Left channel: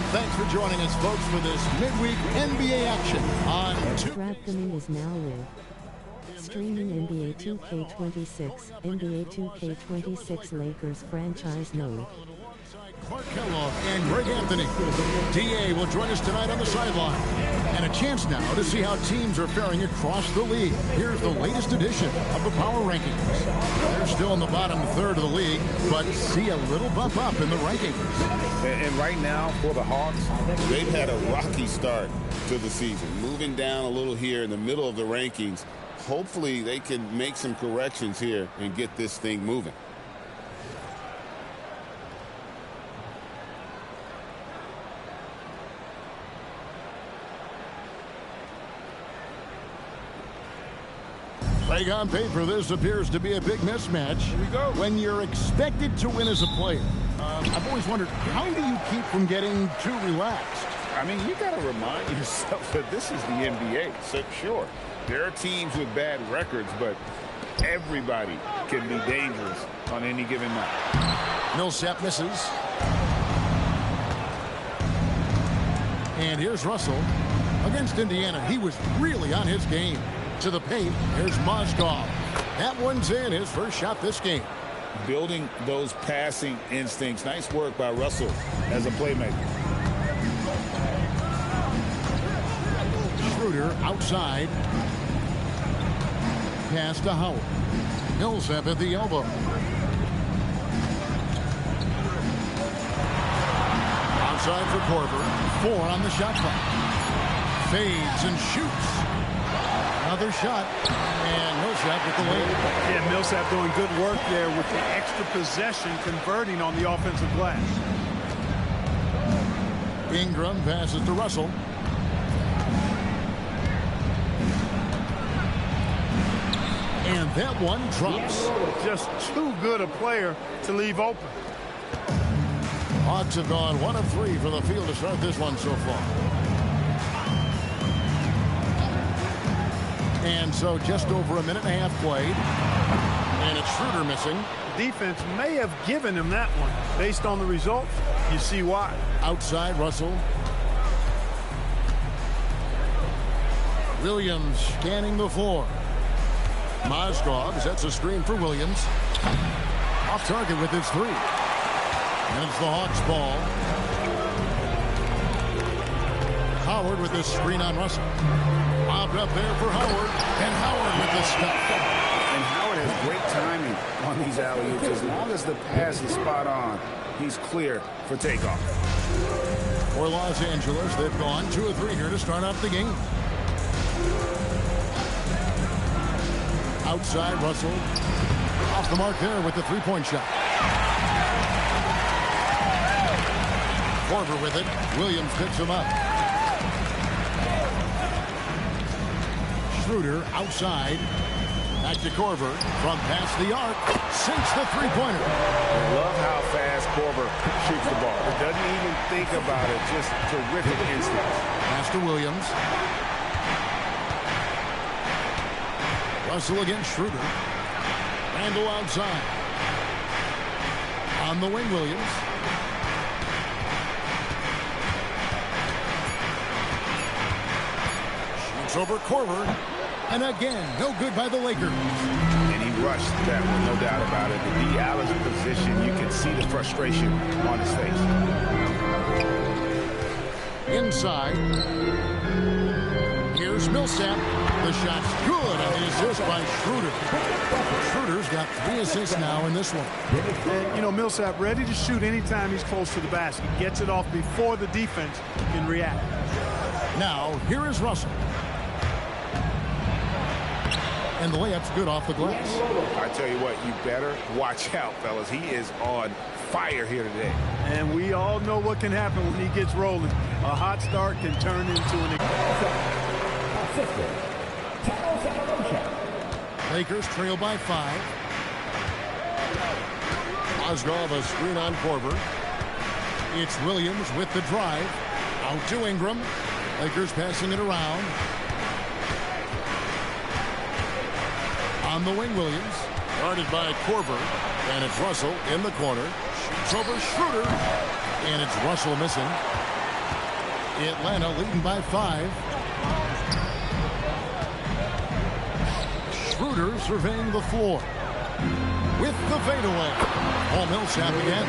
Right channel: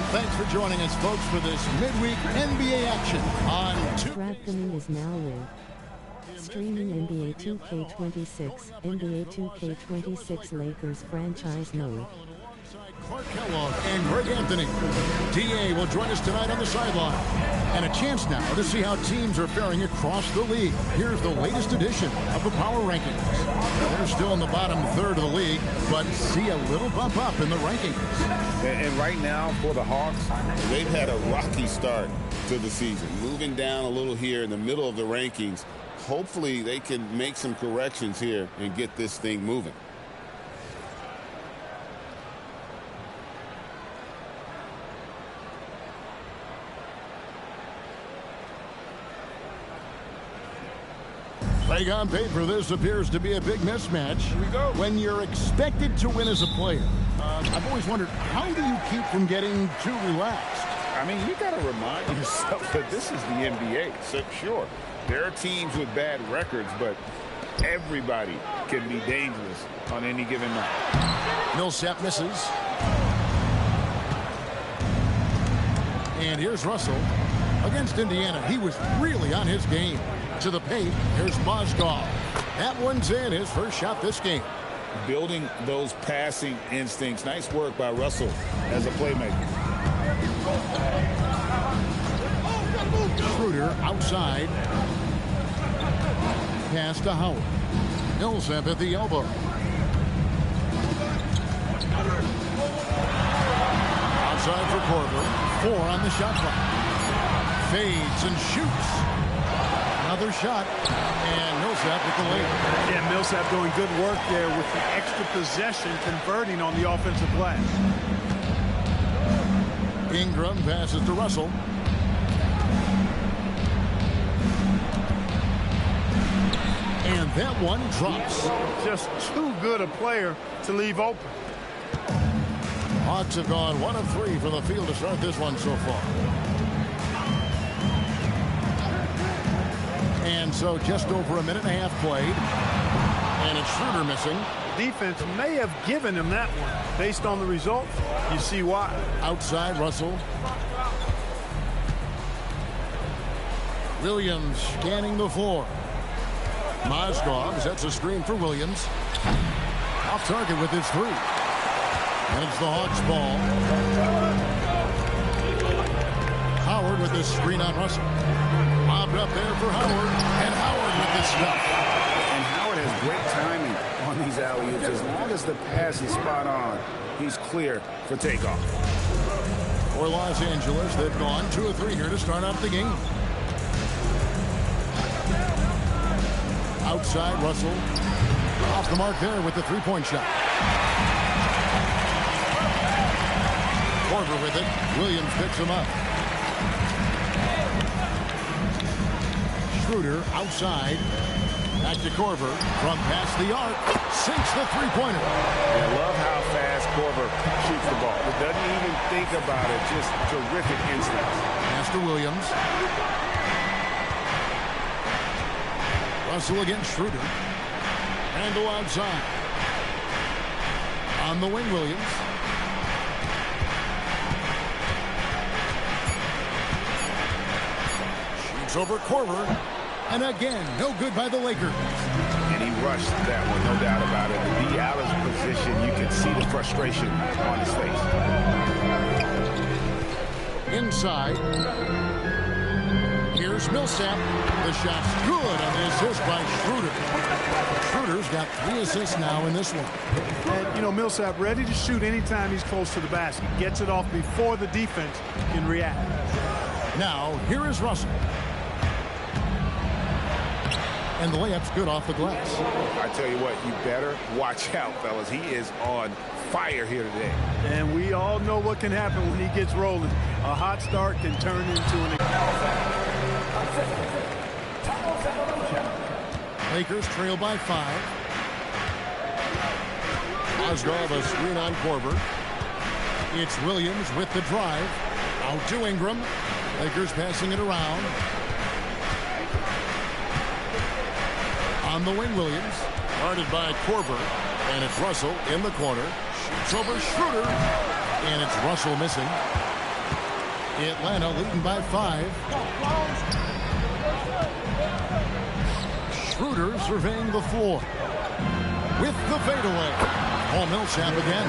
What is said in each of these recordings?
And thanks for joining us, folks, for this midweek NBA action on DraftKings is now live. Streaming NBA 2K26, NBA 2K26 Lakers franchise mode. Clark Kellogg and Greg Anthony. DA will join us tonight on the sideline. And a chance now to see how teams are faring across the league. Here's the latest edition of the Power Rankings. They're still in the bottom third of the league, but see a little bump up in the rankings. And right now, for the Hawks, they've had a rocky start to the season. Moving down a little here in the middle of the rankings. Hopefully, they can make some corrections here and get this thing moving. Like on paper, this appears to be a big mismatch. Here we go. When you're expected to win as a player, I've always wondered, how do you keep from getting too relaxed? I mean, you got to remind yourself that this is the NBA. So, sure, there are teams with bad records, but everybody can be dangerous on any given night. Millsap misses. And here's Russell against Indiana. He was really on his game. To the paint, here's Mozgov. That one's in, his first shot this game. Building those passing instincts. Nice work by Russell as a playmaker. Schroeder outside. Pass to Howard. Millsap at the elbow. Outside for Korver. 4 on the shot clock. Fades and shoots. Another shot, and Millsap with the lead. Yeah, Millsap doing good work there with the extra possession, converting on the offensive glass. Ingram passes to Russell. And that one drops. Just too good a player to leave open. Hawks have gone 1 of 3 from the field to start this one so far. And so just over a minute and a half played. And it's Schroeder missing. Defense may have given him that one. Based on the results, you see why. Outside, Russell. Williams scanning the floor. Mozgov sets a screen for Williams. Off target with his 3. And it's the Hawks' ball. Howard with this screen on Russell. Lobbed up there for Howard, and Howard with the stuff. And Howard has great timing on these alley-oops. As long as the pass is spot on, he's clear for takeoff. For Los Angeles, they've gone 2 of 3 here to start out the game. Outside, Russell. Off the mark there with the 3-point shot. Korver with it. Williams picks him up. Schroeder outside. Back to Korver from past the arc. Sinks the 3-pointer. I love how fast Korver shoots the ball. It doesn't even think about it. Just terrific instincts. Pass to Williams. Russell against Schroeder. Randall outside. On the wing, Williams. Shoots over Korver. And again, no good by the Lakers. And he rushed that one, no doubt about it. The Dallas position, you can see the frustration on his face. Inside. Here's Millsap. The shot's good on the assist by Schroeder. Schroeder's got 3 assists now in this one. And, you know, Millsap ready to shoot anytime he's close to the basket. Gets it off before the defense can react. Now, here is Russell. And the layup's good off the glass. I tell you what, you better watch out, fellas. He is on fire here today. And we all know what can happen when he gets rolling. A hot start can turn into an... Lakers trail by 5. Mozgov a screen on Korver. It's Williams with the drive. Out to Ingram. Lakers passing it around. On the wing, Williams. Guarded by Korver. And it's Russell in the corner. Shoots over Schroeder. And it's Russell missing. Atlanta leading by 5. Schroeder surveying the floor. With the fadeaway. Paul Millsap again.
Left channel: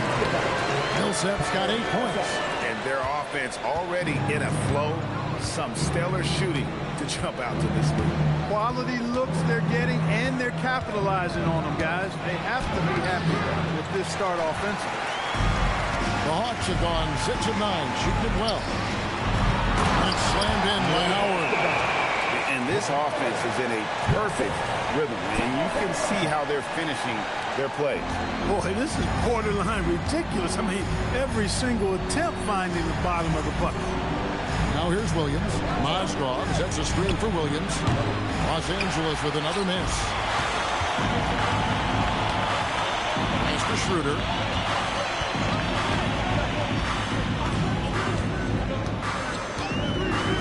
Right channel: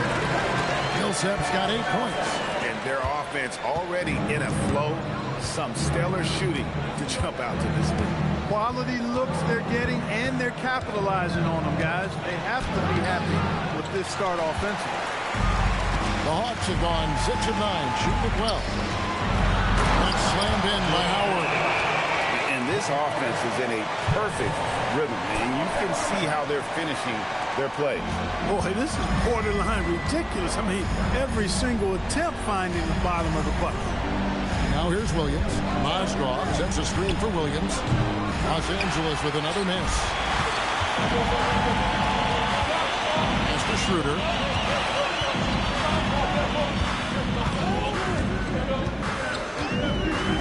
Millsap's got 8 points. And their offense already in a flow. Some stellar shooting to jump out to this lead. Quality looks they're getting, and they're capitalizing on them, guys. They have to be happy with this start offensively. The Hawks have gone 6 of 9, shooting it well. And it's slammed in by Howard. And this offense is in a perfect rhythm, and you can see how they're finishing their plays. Boy, this is borderline ridiculous. I mean, every single attempt finding the bottom of the bucket. Now here's Williams. Mozgov sets a screen for Williams. Los Angeles with another miss. Pass to Schroeder.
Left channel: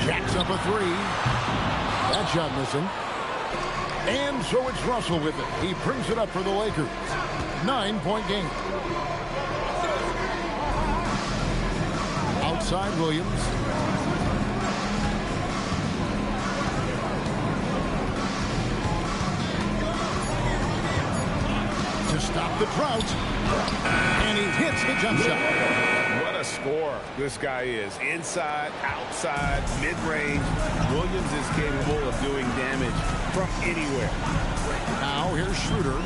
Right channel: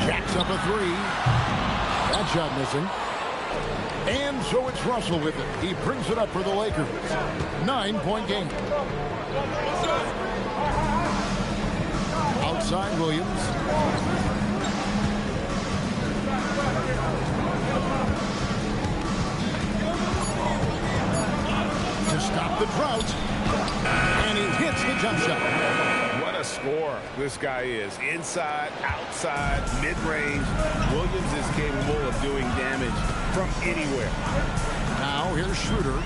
Jacks up a 3. That shot missing. And so it's Russell with it. He brings it up for the Lakers. 9-point game. Outside Williams. To stop the drought. And he hits the jump shot. What a scorer this guy is. Inside, outside, mid-range. Williams is capable of doing damage from anywhere. Now here's Schroeder.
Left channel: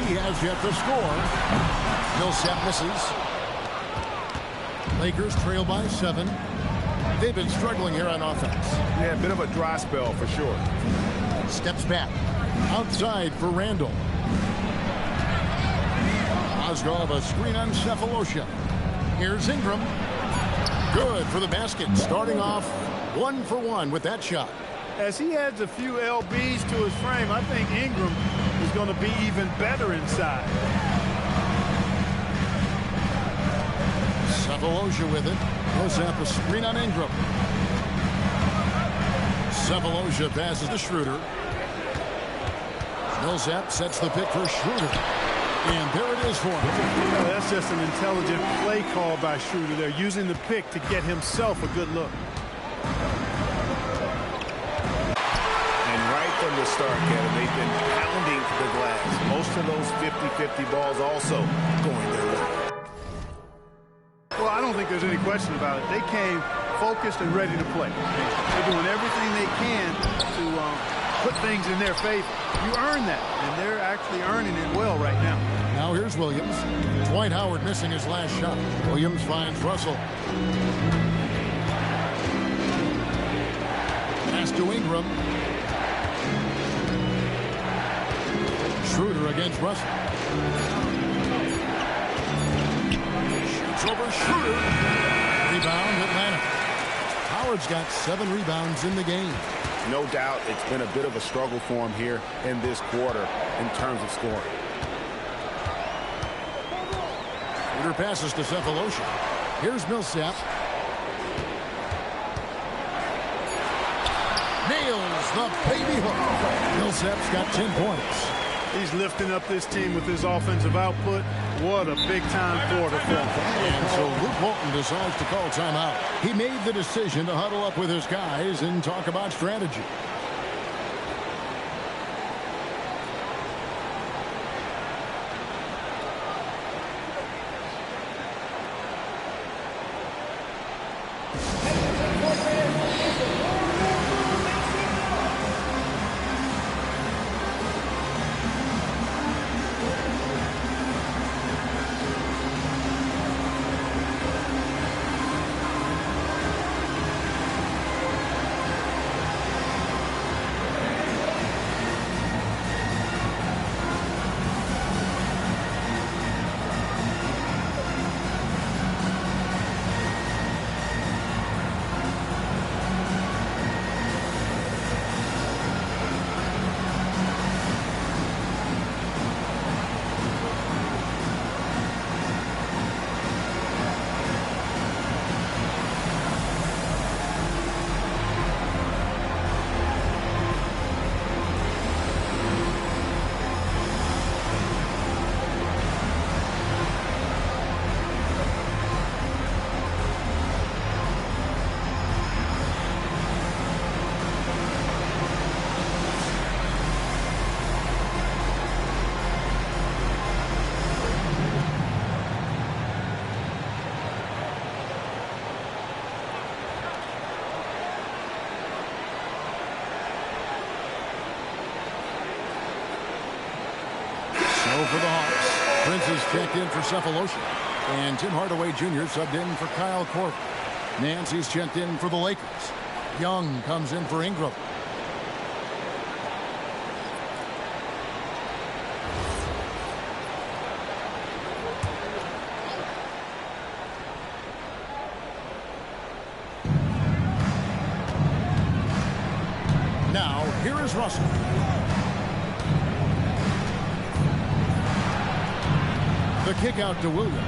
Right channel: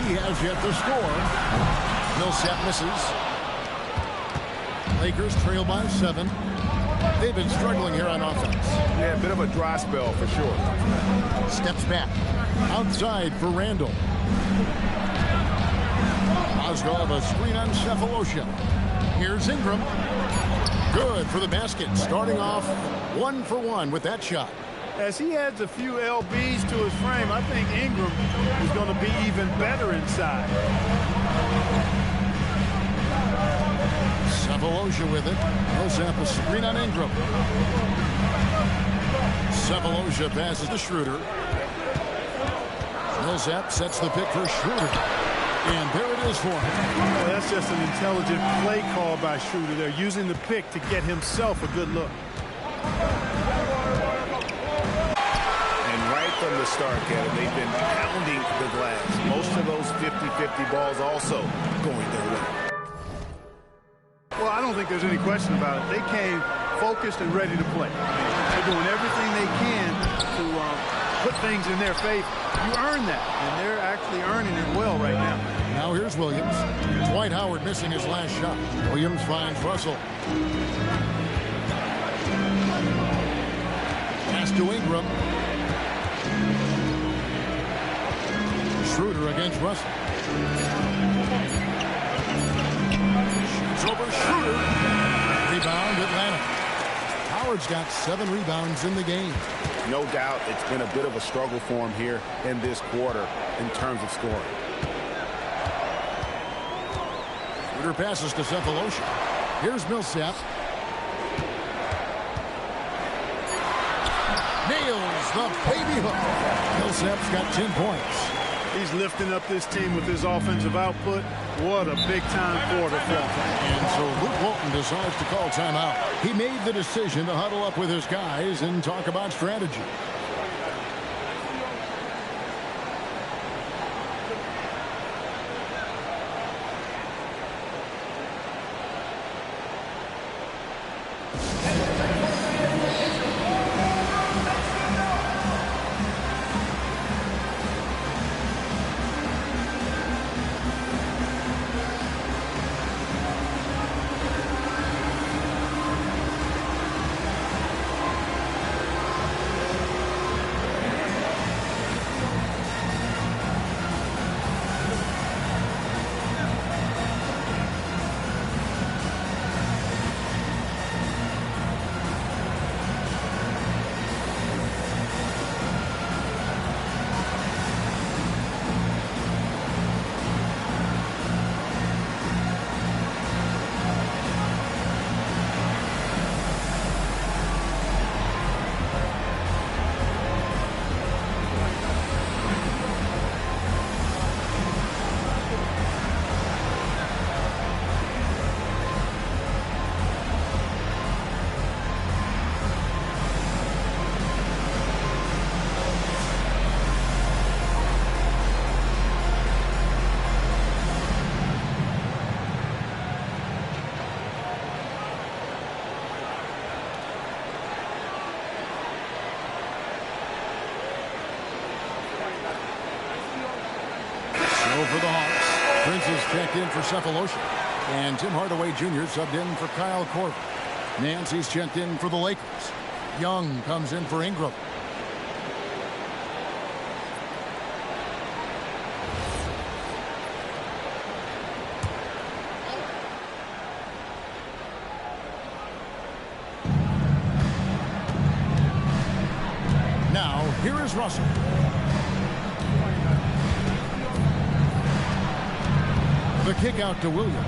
He has yet to score. Millsap misses. Lakers trail by 7. They've been struggling here on offense. Yeah, a bit of a dry spell for sure. Steps back. Outside for Randall. Mozgov a screen on Cephalosha. Here's Ingram. Good for the basket. Starting off 1 for 1 with that shot. As he adds a few LBs to his frame, I think Ingram is going to be even better inside. Cephalosha with it. Millsap a screen on Ingram. Cephalosha passes to Schroeder. Millsap sets the pick for Schroeder. And there it is for him. Well, that's just an intelligent play call by Schroeder. They're using the pick to get himself a good look. And right from the start, Kevin, they've been pounding the glass. Most of those 50-50 balls also going their way. Well, I don't think there's any question about it. They came focused and ready to play. I mean, they're doing everything they can to put things in their favor. You earn that, and they're actually earning it well right now. Now here's Williams. Dwight Howard missing his last shot. Williams finds Russell. Pass to Ingram. Schroeder against Russell. Shoots over Schroeder. Rebound Atlanta. Howard's got 7 rebounds in the game. No doubt it's been a bit of a struggle for him here in this quarter in terms of scoring. Schroeder passes to Cephalosha. Here's Millsap. Nails the baby hook. Millsap's got 10 points. He's lifting up this team with his offensive output. What a big-time quarter for him. And so Luke Walton decides to call timeout. He made the decision to huddle up with his guys and talk about strategy. So for the Hawks, Prince is checked in for Cephalosha. And Tim Hardaway Jr. subbed in for Kyle Korver. Nancy's checked in for the Lakers. Young comes in for Ingram. Now, here is Russell. The kick out to Williams.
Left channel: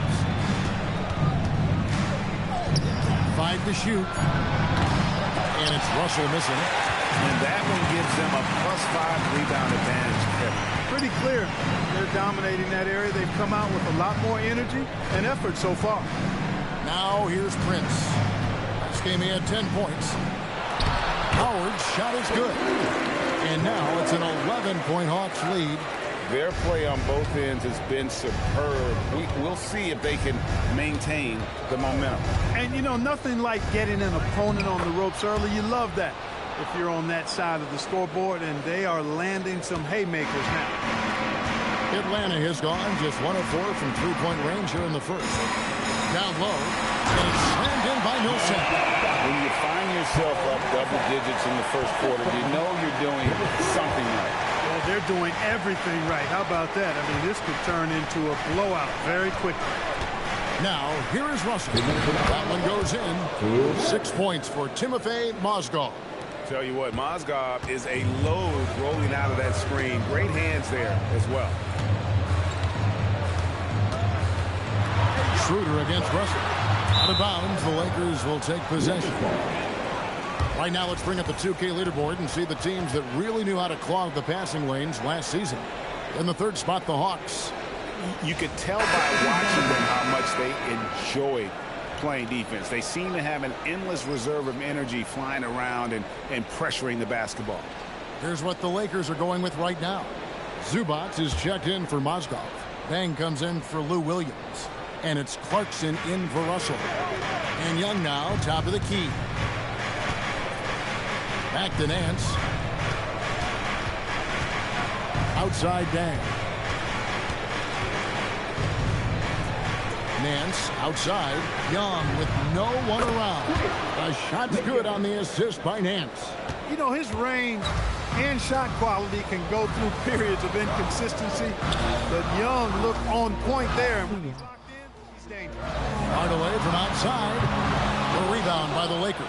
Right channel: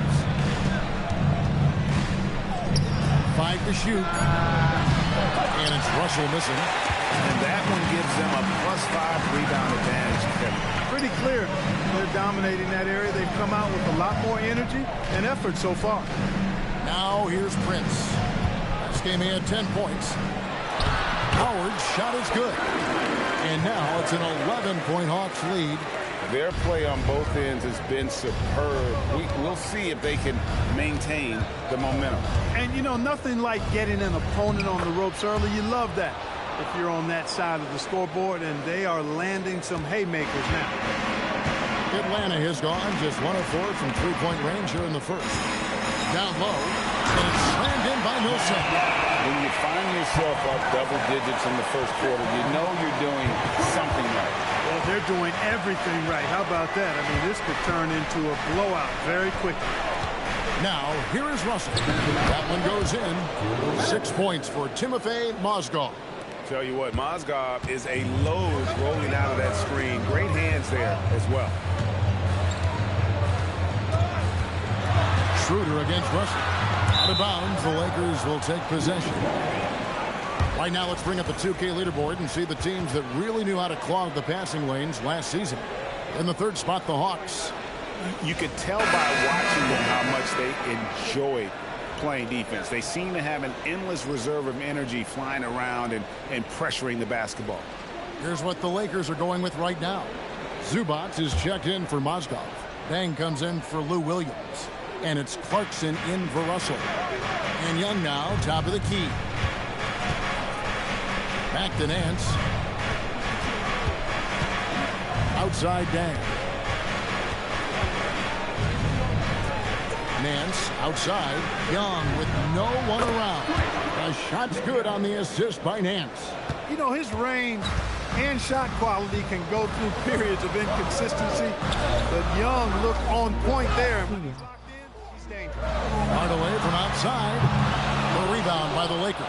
5 to shoot. And it's Russell missing. And that one gives them a +5 rebound advantage, Kevin. Pretty clear. They're dominating that area. They've come out with a lot more energy and effort so far. Now here's Prince. Last game he had 10 points. Howard's shot is good. And now it's an 11-point Hawks lead. Their play on both ends has been superb. We'll see if they can maintain the momentum. And, you know, nothing like getting an opponent on the ropes early. You love that if you're on that side of the scoreboard, and they are landing some haymakers now. Atlanta has gone just 1 of 4 from three-point range here in the first. Down low, and it's slammed in by Millsap. When you find yourself up double digits in the first quarter, you know you're doing something right. Well, they're doing everything right. How about that? I mean, this could turn into a blowout very quickly. Now, here is Russell. That one goes in. 6 points for Timofey Mozgov. Tell you what, Mozgov is a load rolling out of that screen. Great hands there as well. Schroeder against Russell. Out of bounds, the Lakers will take possession. Right now, let's bring up the 2K leaderboard and see the teams that really knew how to clog the passing lanes last season. In the third spot, the Hawks. You could tell by watching them how much they enjoy playing defense. They seem to have an endless reserve of energy flying around and pressuring the basketball. Here's what the Lakers are going with right now. Zubac is checked in for Mozgov. Bang comes in for Lou Williams. And it's Clarkson in for Russell. And Young now, top of the key. Back to Nance. Outside Dang. Nance outside. Young with no one around. A shot's good on the assist by Nance. You know, his range and shot quality can go through periods of inconsistency, but Young looked on point there. He's dangerous. Hardaway from outside. A rebound by the Lakers.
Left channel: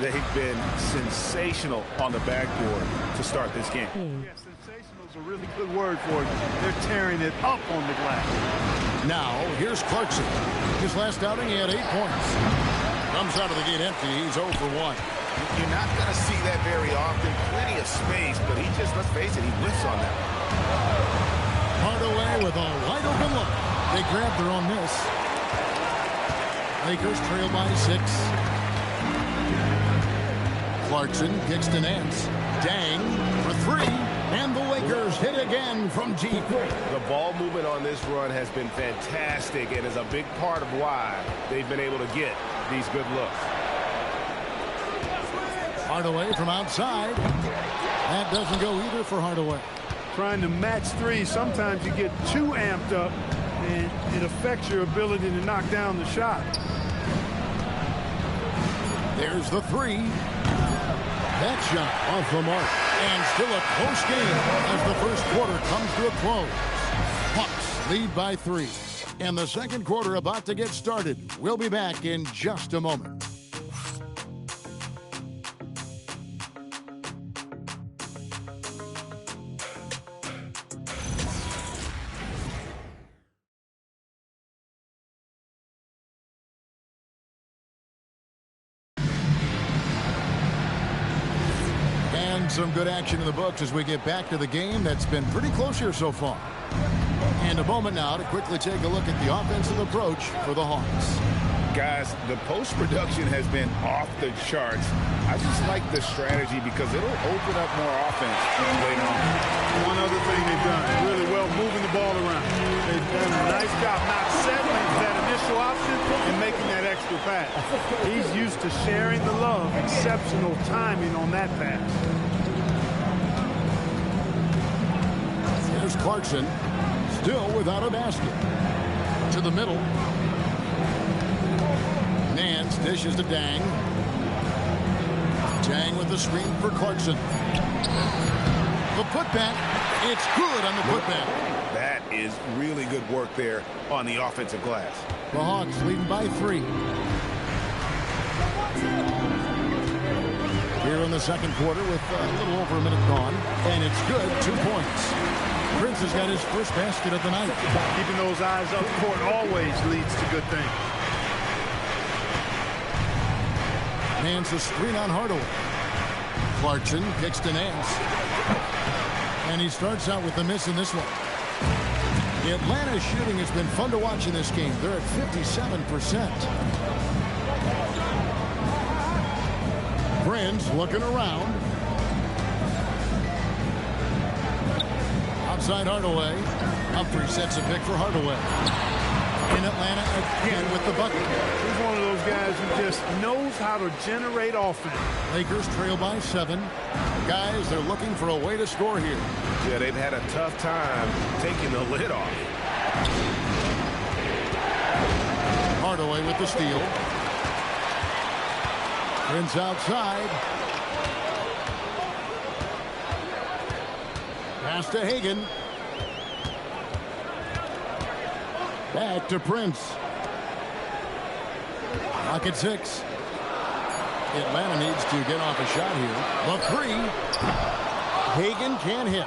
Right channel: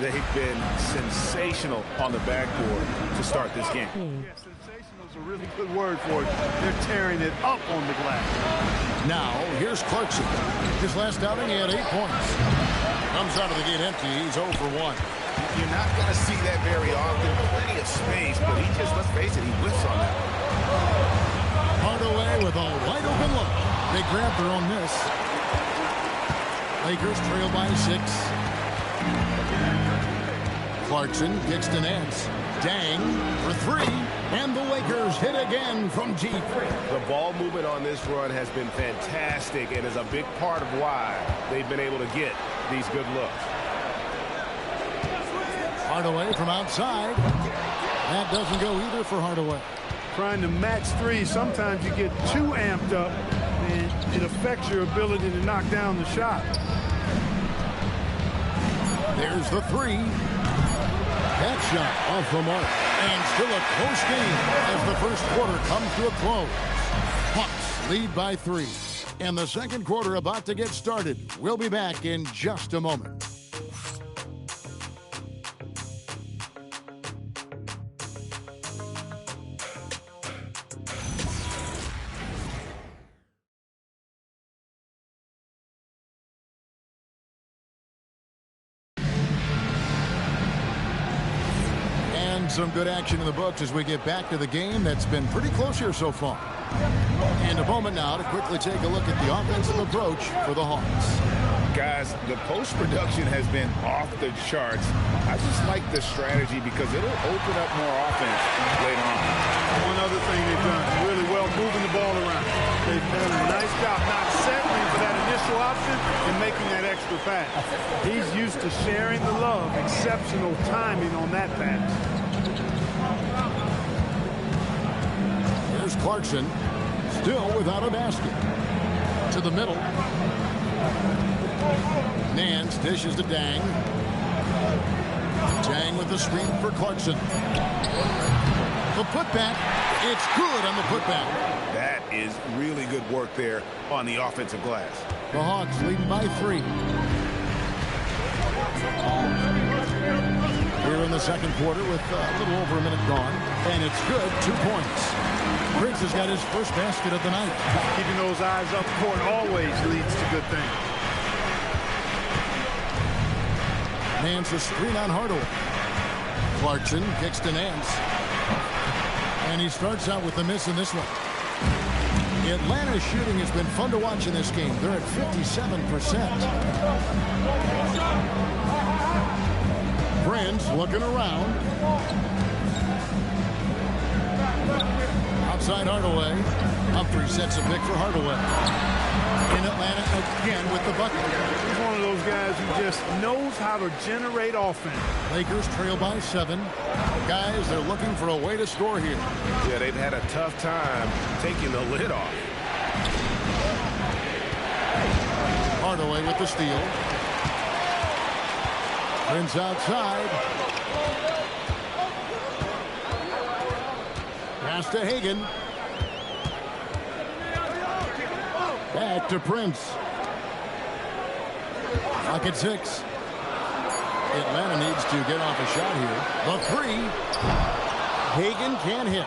They've been sensational on the backboard to start this game. Yeah, sensational is a really good word for it. They're tearing it up on the glass. Now, here's Clarkson. His last outing, he had 8 points. Comes out of the gate empty. He's 0 for 1. You're not going to see that very often. Plenty of space, but he just, let's face it, he whiffs on that one. Hardaway with a wide open look. They grab their own miss. Lakers trail by 6. Clarkson kicks to Nance. Dang for 3. And the Lakers hit again from deep. The ball movement on this run has been fantastic and is a big part of why they've been able to get these good looks. Hardaway from outside. That doesn't go either for Hardaway. Trying to match three, sometimes you get too amped up and it affects your ability to knock down the shot. There's the 3. That shot off the mark. And still a close game as the first quarter comes to a close. Hawks lead by 3. And the second quarter about to get started. We'll be back in just a moment. And some good action in the books as we get back to the game that's been pretty close here so far. And a moment now to quickly take a look at the offensive approach for the Hawks. Guys, the post production has been off the charts. I just like the strategy because it'll open up more offense later on. One other thing they've done really well, moving the ball around. They've done a nice job not settling for that initial option and making that extra pass. He's used to sharing the love. Exceptional timing on that pass. Here's Clarkson. Still without a basket. To the middle. Nance dishes to Dang. Dang with the screen for Clarkson. The putback. It's good on the putback. That is really good work there on the offensive glass. The Hawks leading by 3. Here in the second quarter with a little over a minute gone. And it's good. 2 points. Prince has got his first basket of the night. Keeping those eyes up court always leads to good things. Nance a screen on Hardaway. Clarkson kicks to Nance. And he starts out with the miss in this one. Atlanta's shooting has been fun to watch in this game. They're at 57%. Prince looking around. Outside Hardaway. Humphrey sets a pick for Hardaway. In Atlanta again with the bucket. He's one of those guys who just knows how to generate offense. Lakers trail by 7. Guys, they're looking for a way to score here. Yeah, they've had a tough time taking the lid off. Hardaway with the steal. Prince outside. Pass to Hagan. Back to Prince. Clock at 6. Atlanta needs to get off a shot here. The 3. Hagan can't hit.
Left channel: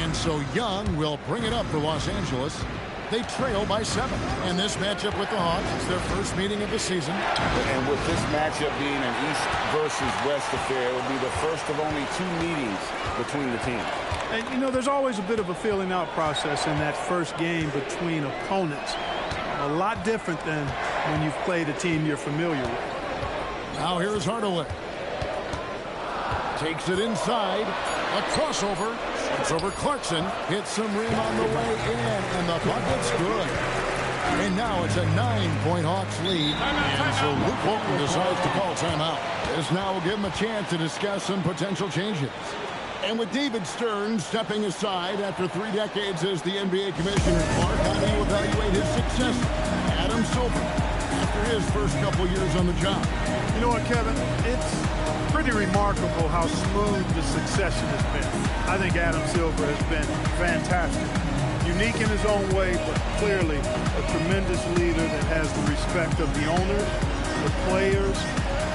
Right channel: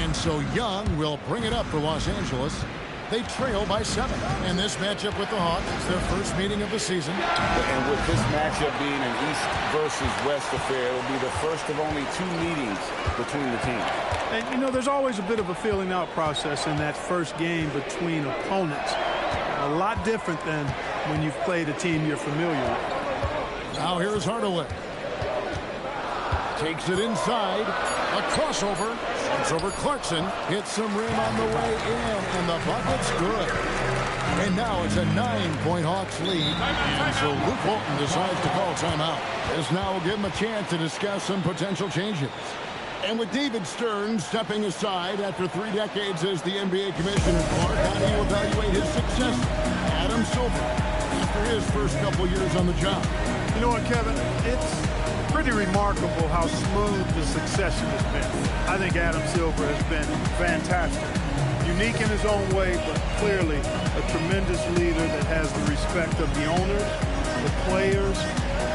And so Young will bring it up for Los Angeles. They trail by 7. And this matchup with the Hawks is their first meeting of the season. And with this matchup being an East versus West affair, it will be the first of only 2 meetings between the teams. And, you know, there's always a bit of a filling out process in that first game between opponents. A lot different than when you've played a team you're familiar with. Now here's Hardaway. Takes it inside. A crossover. Shoots over Clarkson. Hits some rim on the way in. And the bucket's good. And now it's a 9-point Hawks lead. And so Luke Walton decides to call timeout. This now will give him a chance to discuss some potential changes. And with David Stern stepping aside after 3 decades as the NBA commissioner, Clark, how do you evaluate his successor, Adam Silver, after his first couple years on the job? You know what, Kevin? It's pretty remarkable how smooth the succession has been. I think Adam Silver has been fantastic. Unique in his own way, but clearly a tremendous leader that has the respect of the owners, the players,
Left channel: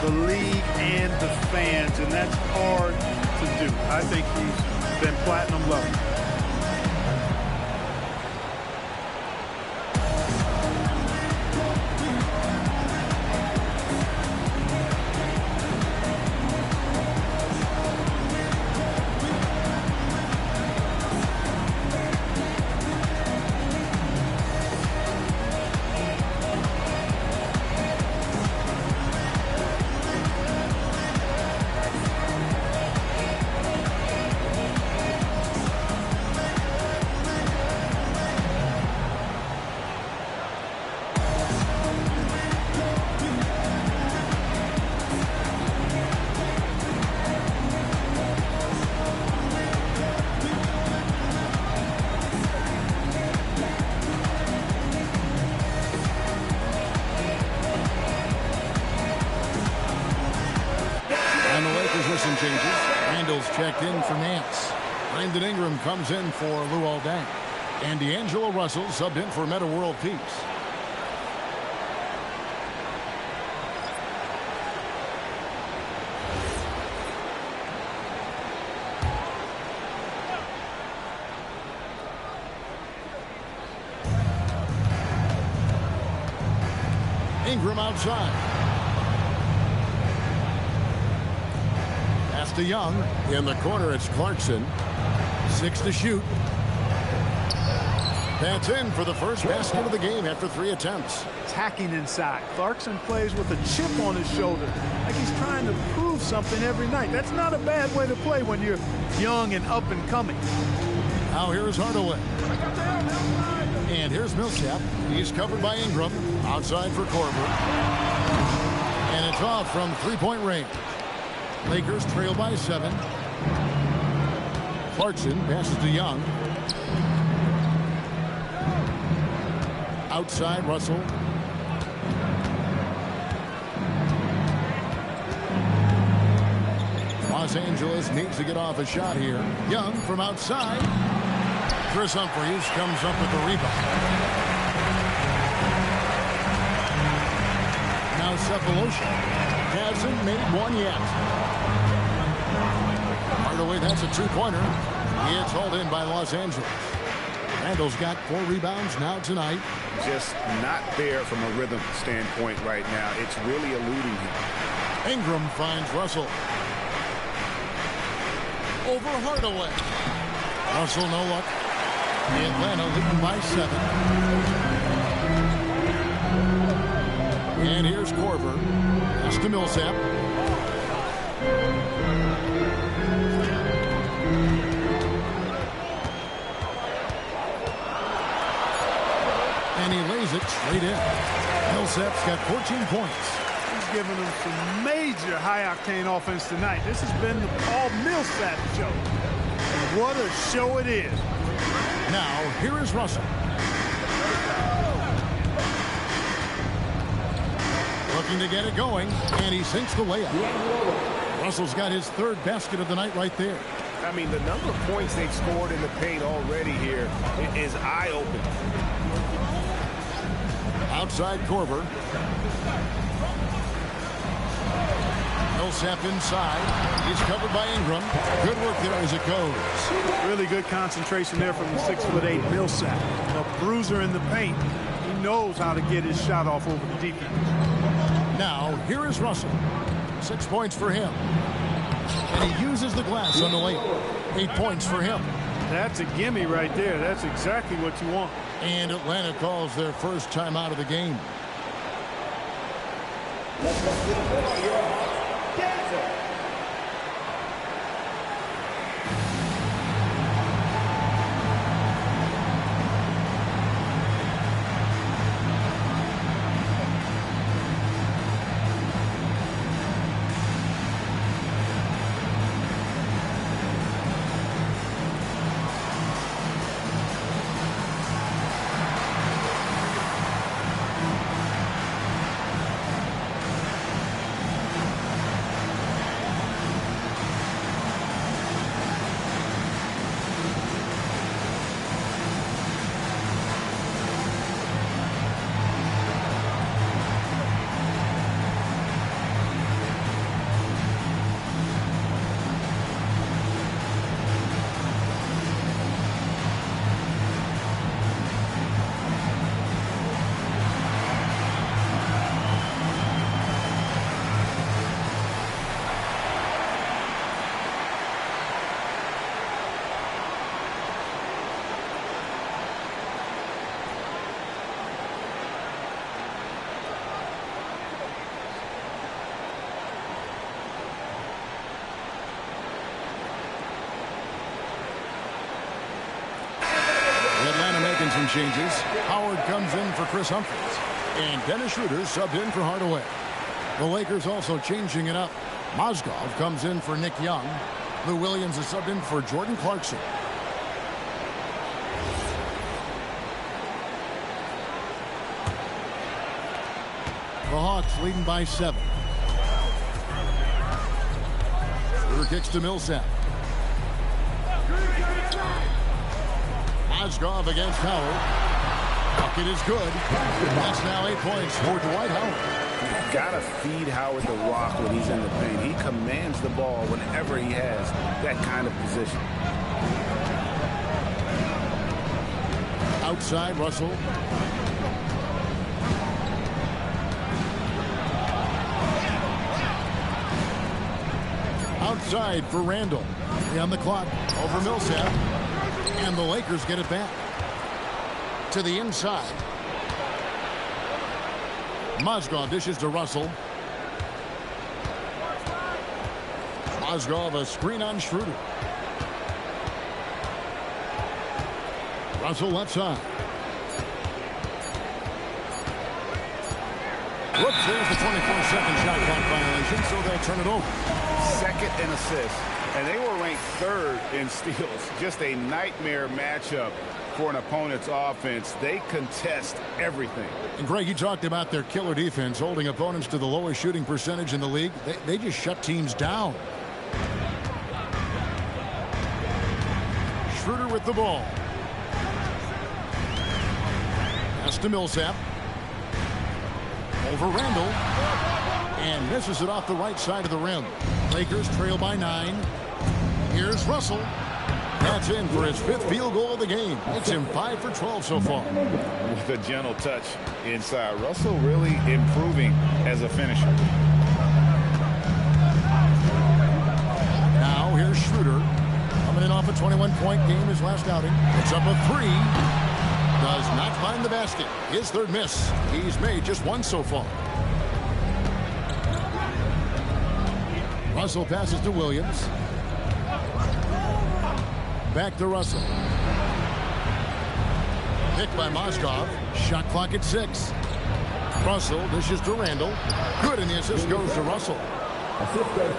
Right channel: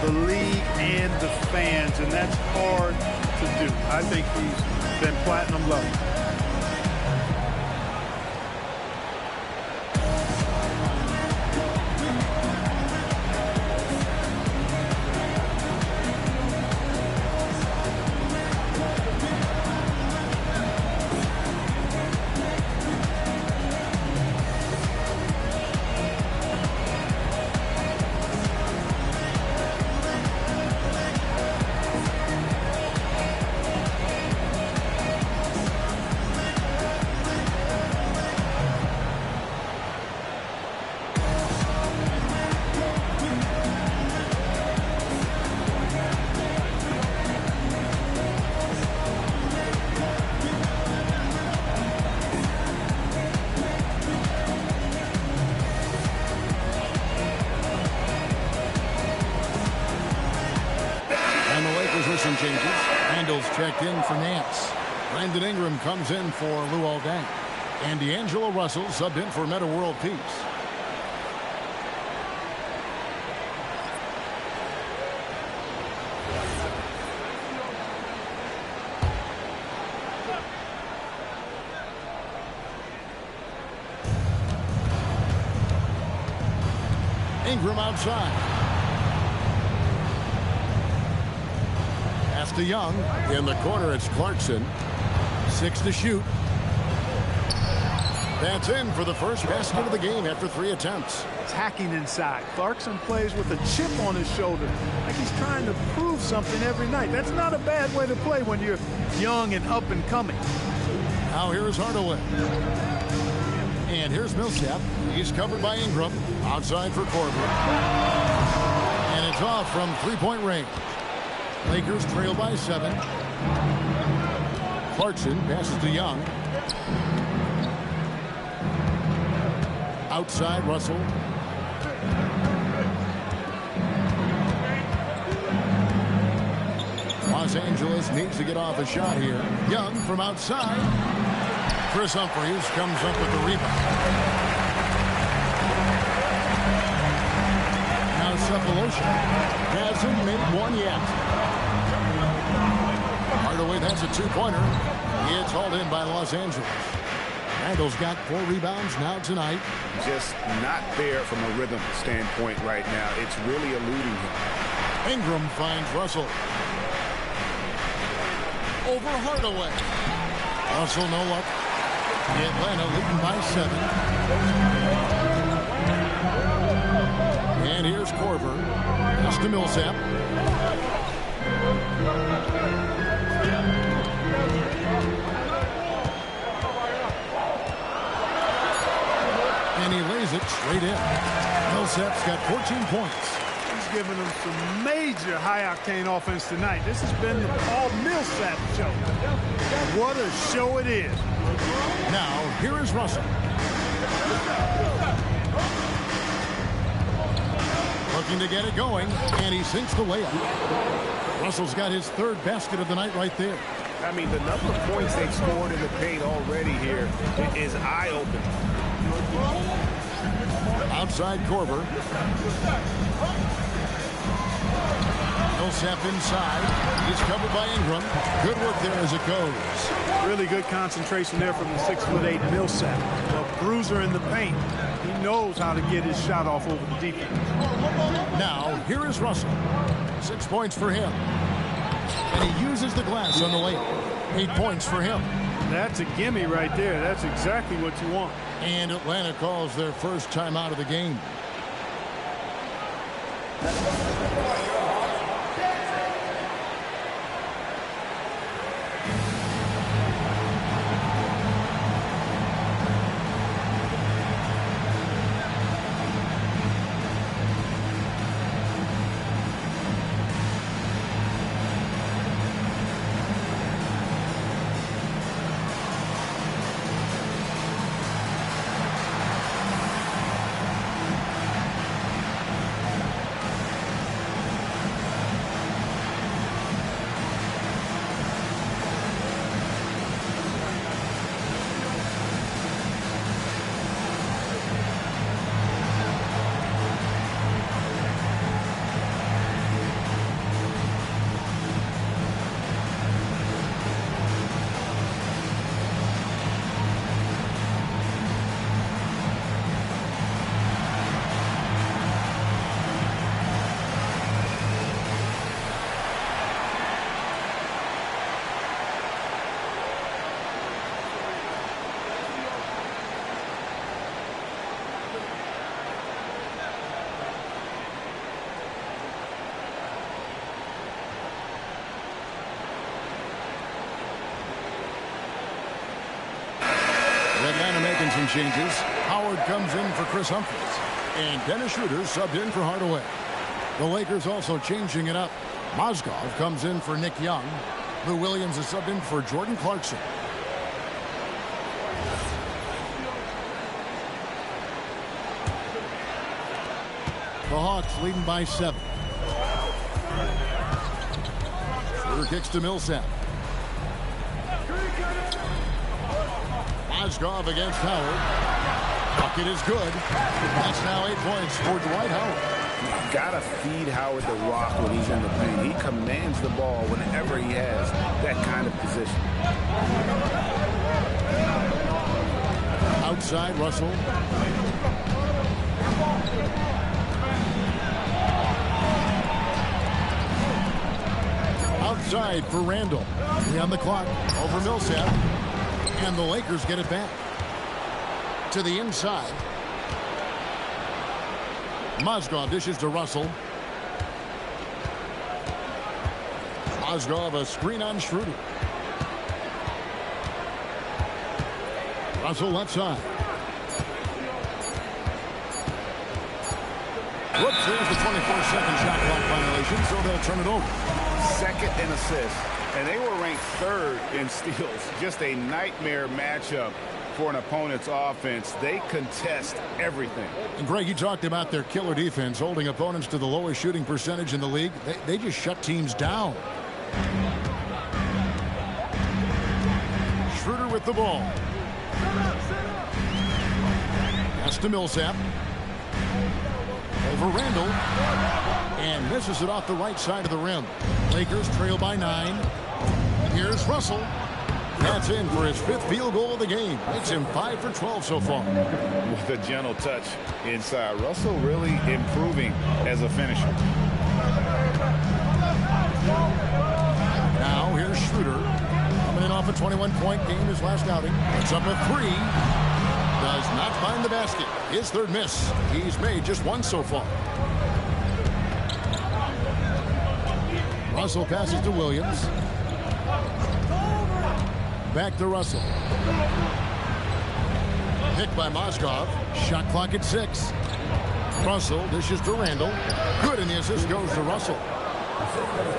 the league, and the fans, and that's hard to do. I think he's been platinum level. Some changes. Randall's checked in for Nance. Brandon Ingram comes in for Luol Deng. And D'Angelo Russell subbed in for Meta World Peace. Ingram outside. Pass to Young. In the corner, it's Clarkson. 6 to shoot. That's in for the first basket of the game after 3 attempts. Attacking inside. Clarkson plays with a chip on his shoulder, like he's trying to prove something every night. That's not a bad way to play when you're young and up and coming. Now here's Hardaway. And here's Millsap. He's covered by Ingram. Outside for Korver. And it's off from 3-point range. Lakers trail by 7. Clarkson passes to Young. Outside, Russell. Los Angeles needs to get off a shot here. Young from outside. Chris Humphries comes up with the rebound. Now Cephalosha hasn't made one yet. Hardaway, that's a two-pointer. It's hauled in by Los Angeles. Randall's got 4 rebounds now tonight. Just not there from a rhythm standpoint right now. It's really eluding him. Ingram finds Russell. Over Hardaway. Russell, no luck. Atlanta leading by 7. And here's Korver. Pass to Millsap. And he lays it straight in. Millsap's got 14 points. He's giving them some major high-octane offense tonight. This has been the Paul Millsap show. What a show it is. Now, here is Russell. Looking to get it going, and he sinks the layup. Russell's got his 3rd basket of the night right there. I mean, the number of points they've scored in the paint already here is eye-opening. Outside Korver. Millsap inside. He's covered by Ingram. Good work there as it goes. Really good concentration there from the 6'8" Millsap. A bruiser in the paint. He knows how to get his shot off over the defense. Now, here is Russell. 6 points for him. And he uses the glass on the layup. 8 points for him. That's a gimme right there. That's exactly what you want. And Atlanta calls their first time out of the game. Atlanta making some changes. Howard comes in for Chris Humphries. And Dennis Schroeder subbed in for Hardaway. The Lakers also changing it up. Mozgov comes in for Nick Young. Lou Williams is subbed in for Jordan Clarkson. The Hawks leading by 7. Schroeder kicks to Millsap. Mozgov against Howard. Bucket is good. That's now 8 points for Dwight Howard. You've got to feed Howard the rock when he's in the paint. He commands the ball whenever he has that kind of position. Outside, Russell. Outside for Randall. 3 on the clock. Over Millsap. And the Lakers get it back. To the inside. Mozgov dishes to Russell. Mozgov a screen on Schroeder. Russell left side. Whoops, there's the 24-second shot clock violation, so they'll turn it over. Second in assists. And they were ranked 3rd in steals. Just a nightmare matchup for an opponent's offense. They contest everything. And Greg, you talked about their killer defense, holding opponents to the lowest shooting percentage in the league. They just shut teams down. Schroeder with the ball. Pass to Millsap. Over Randall. And misses it off the right side of the rim. Lakers trail by 9. Here's Russell. That's in for his 5th field goal of the game. Makes him 5 for 12 so far. With a gentle touch inside. Russell really improving as a finisher. Now here's Schroeder. Coming in off a 21-point game his last outing. It's up a 3. Does not find the basket. His 3rd miss. He's made just 1 so far. Russell passes to Williams. Back to Russell. Picked by Mozgov. Shot clock at 6. Russell dishes to Randall. Good, and the assist goes to Russell.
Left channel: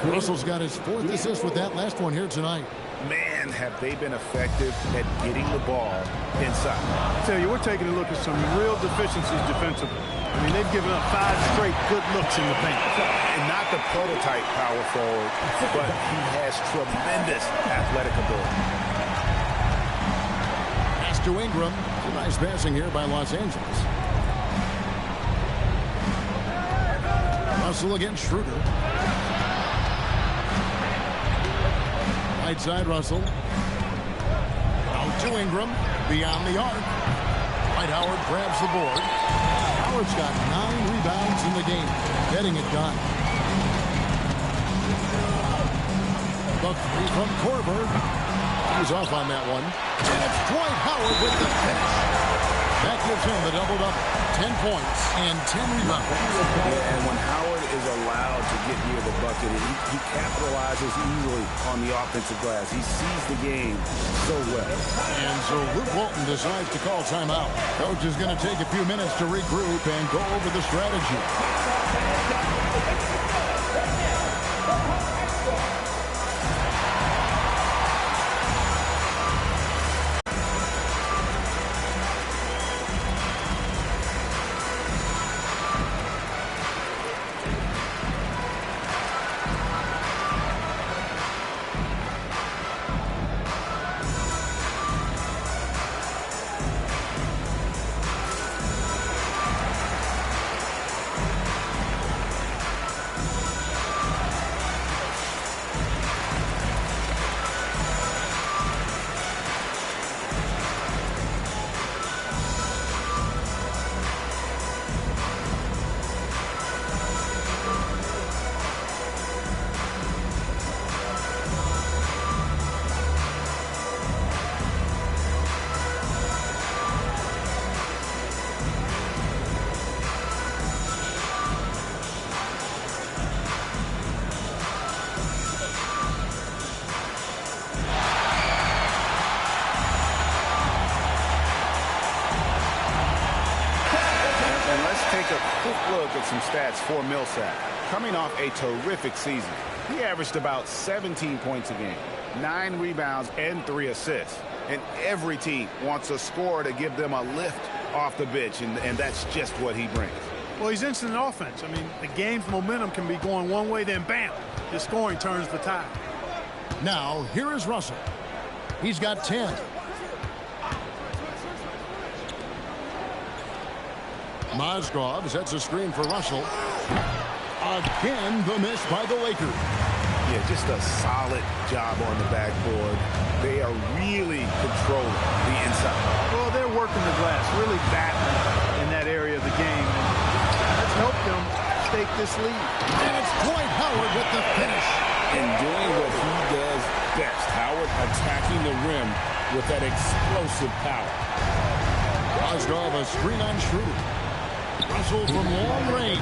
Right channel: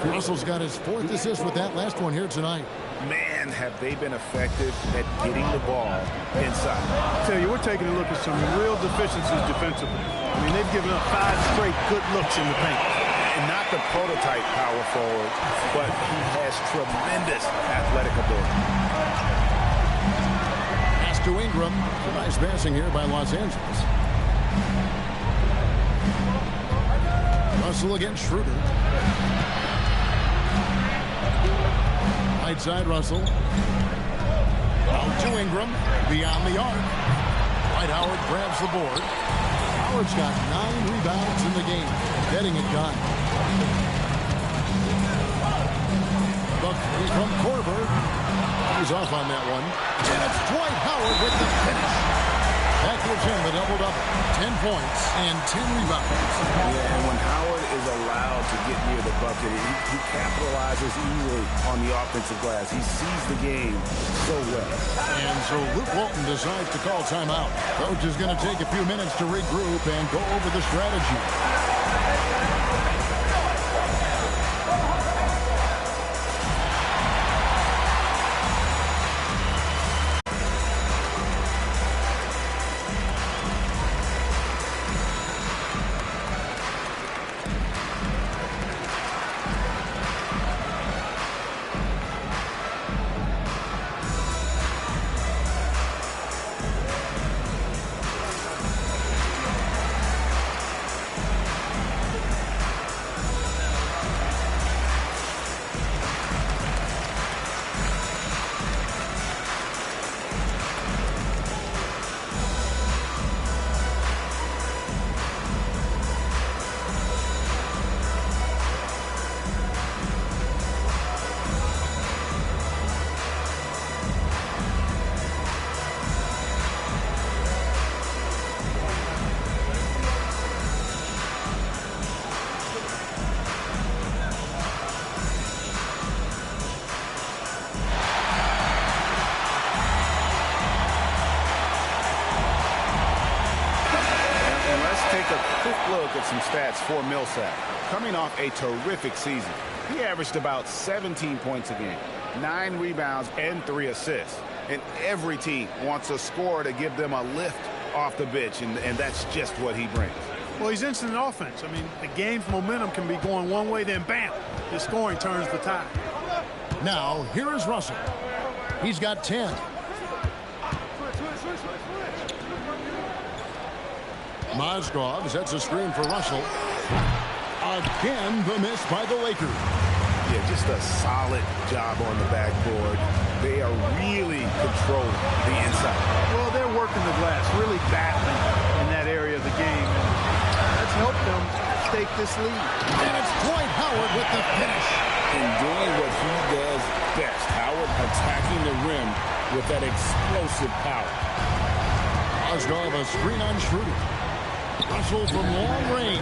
Russell's got his 4th assist with that last one here tonight. Man, have they been effective at getting the ball inside. I tell you, we're taking a look at some real deficiencies defensively. I mean, they've given up 5 straight good looks in the paint. And not the prototype power forward, but he has tremendous athletic ability. Pass to Ingram. It's a nice passing here by Los Angeles. Russell against Schroeder. Right side Russell. Out to Ingram. Beyond the arc. Dwight Howard grabs the board. Howard's got 9 rebounds in the game. Getting it done. The 3 from Korver. He's off on that one. And it's Dwight Howard with the finish. That gives him the double-double. 10 points and 10 rebounds. Yeah, and when Howard is allowed to get near the bucket, he capitalizes easily on the offensive glass. He sees the game so well. And so Luke Walton decides to call timeout. Coach is going to take a few minutes to regroup and go over the strategy. Take a quick look at some stats for Millsap. Coming off a terrific season, he averaged about 17 points a game, 9 rebounds, and 3 assists. And every team wants a scorer to give them a lift off the bench, and that's just what he brings. Well, he's instant offense. I mean, the game's momentum can be going one way, then bam, his scoring turns the tide. Now, here is Russell. He's got 10. Mozgov sets a screen for Russell. Again, the miss by the Lakers. Yeah, just a solid job on the backboard. They are really controlling the inside. Well, they're working the glass, really battling in that area of the game. And that's helped them stake this lead. And it's Dwight Howard with the finish. And doing what he does best. Howard attacking the rim with that explosive power. Mozgov a screen on Schroeder. Russell from long range.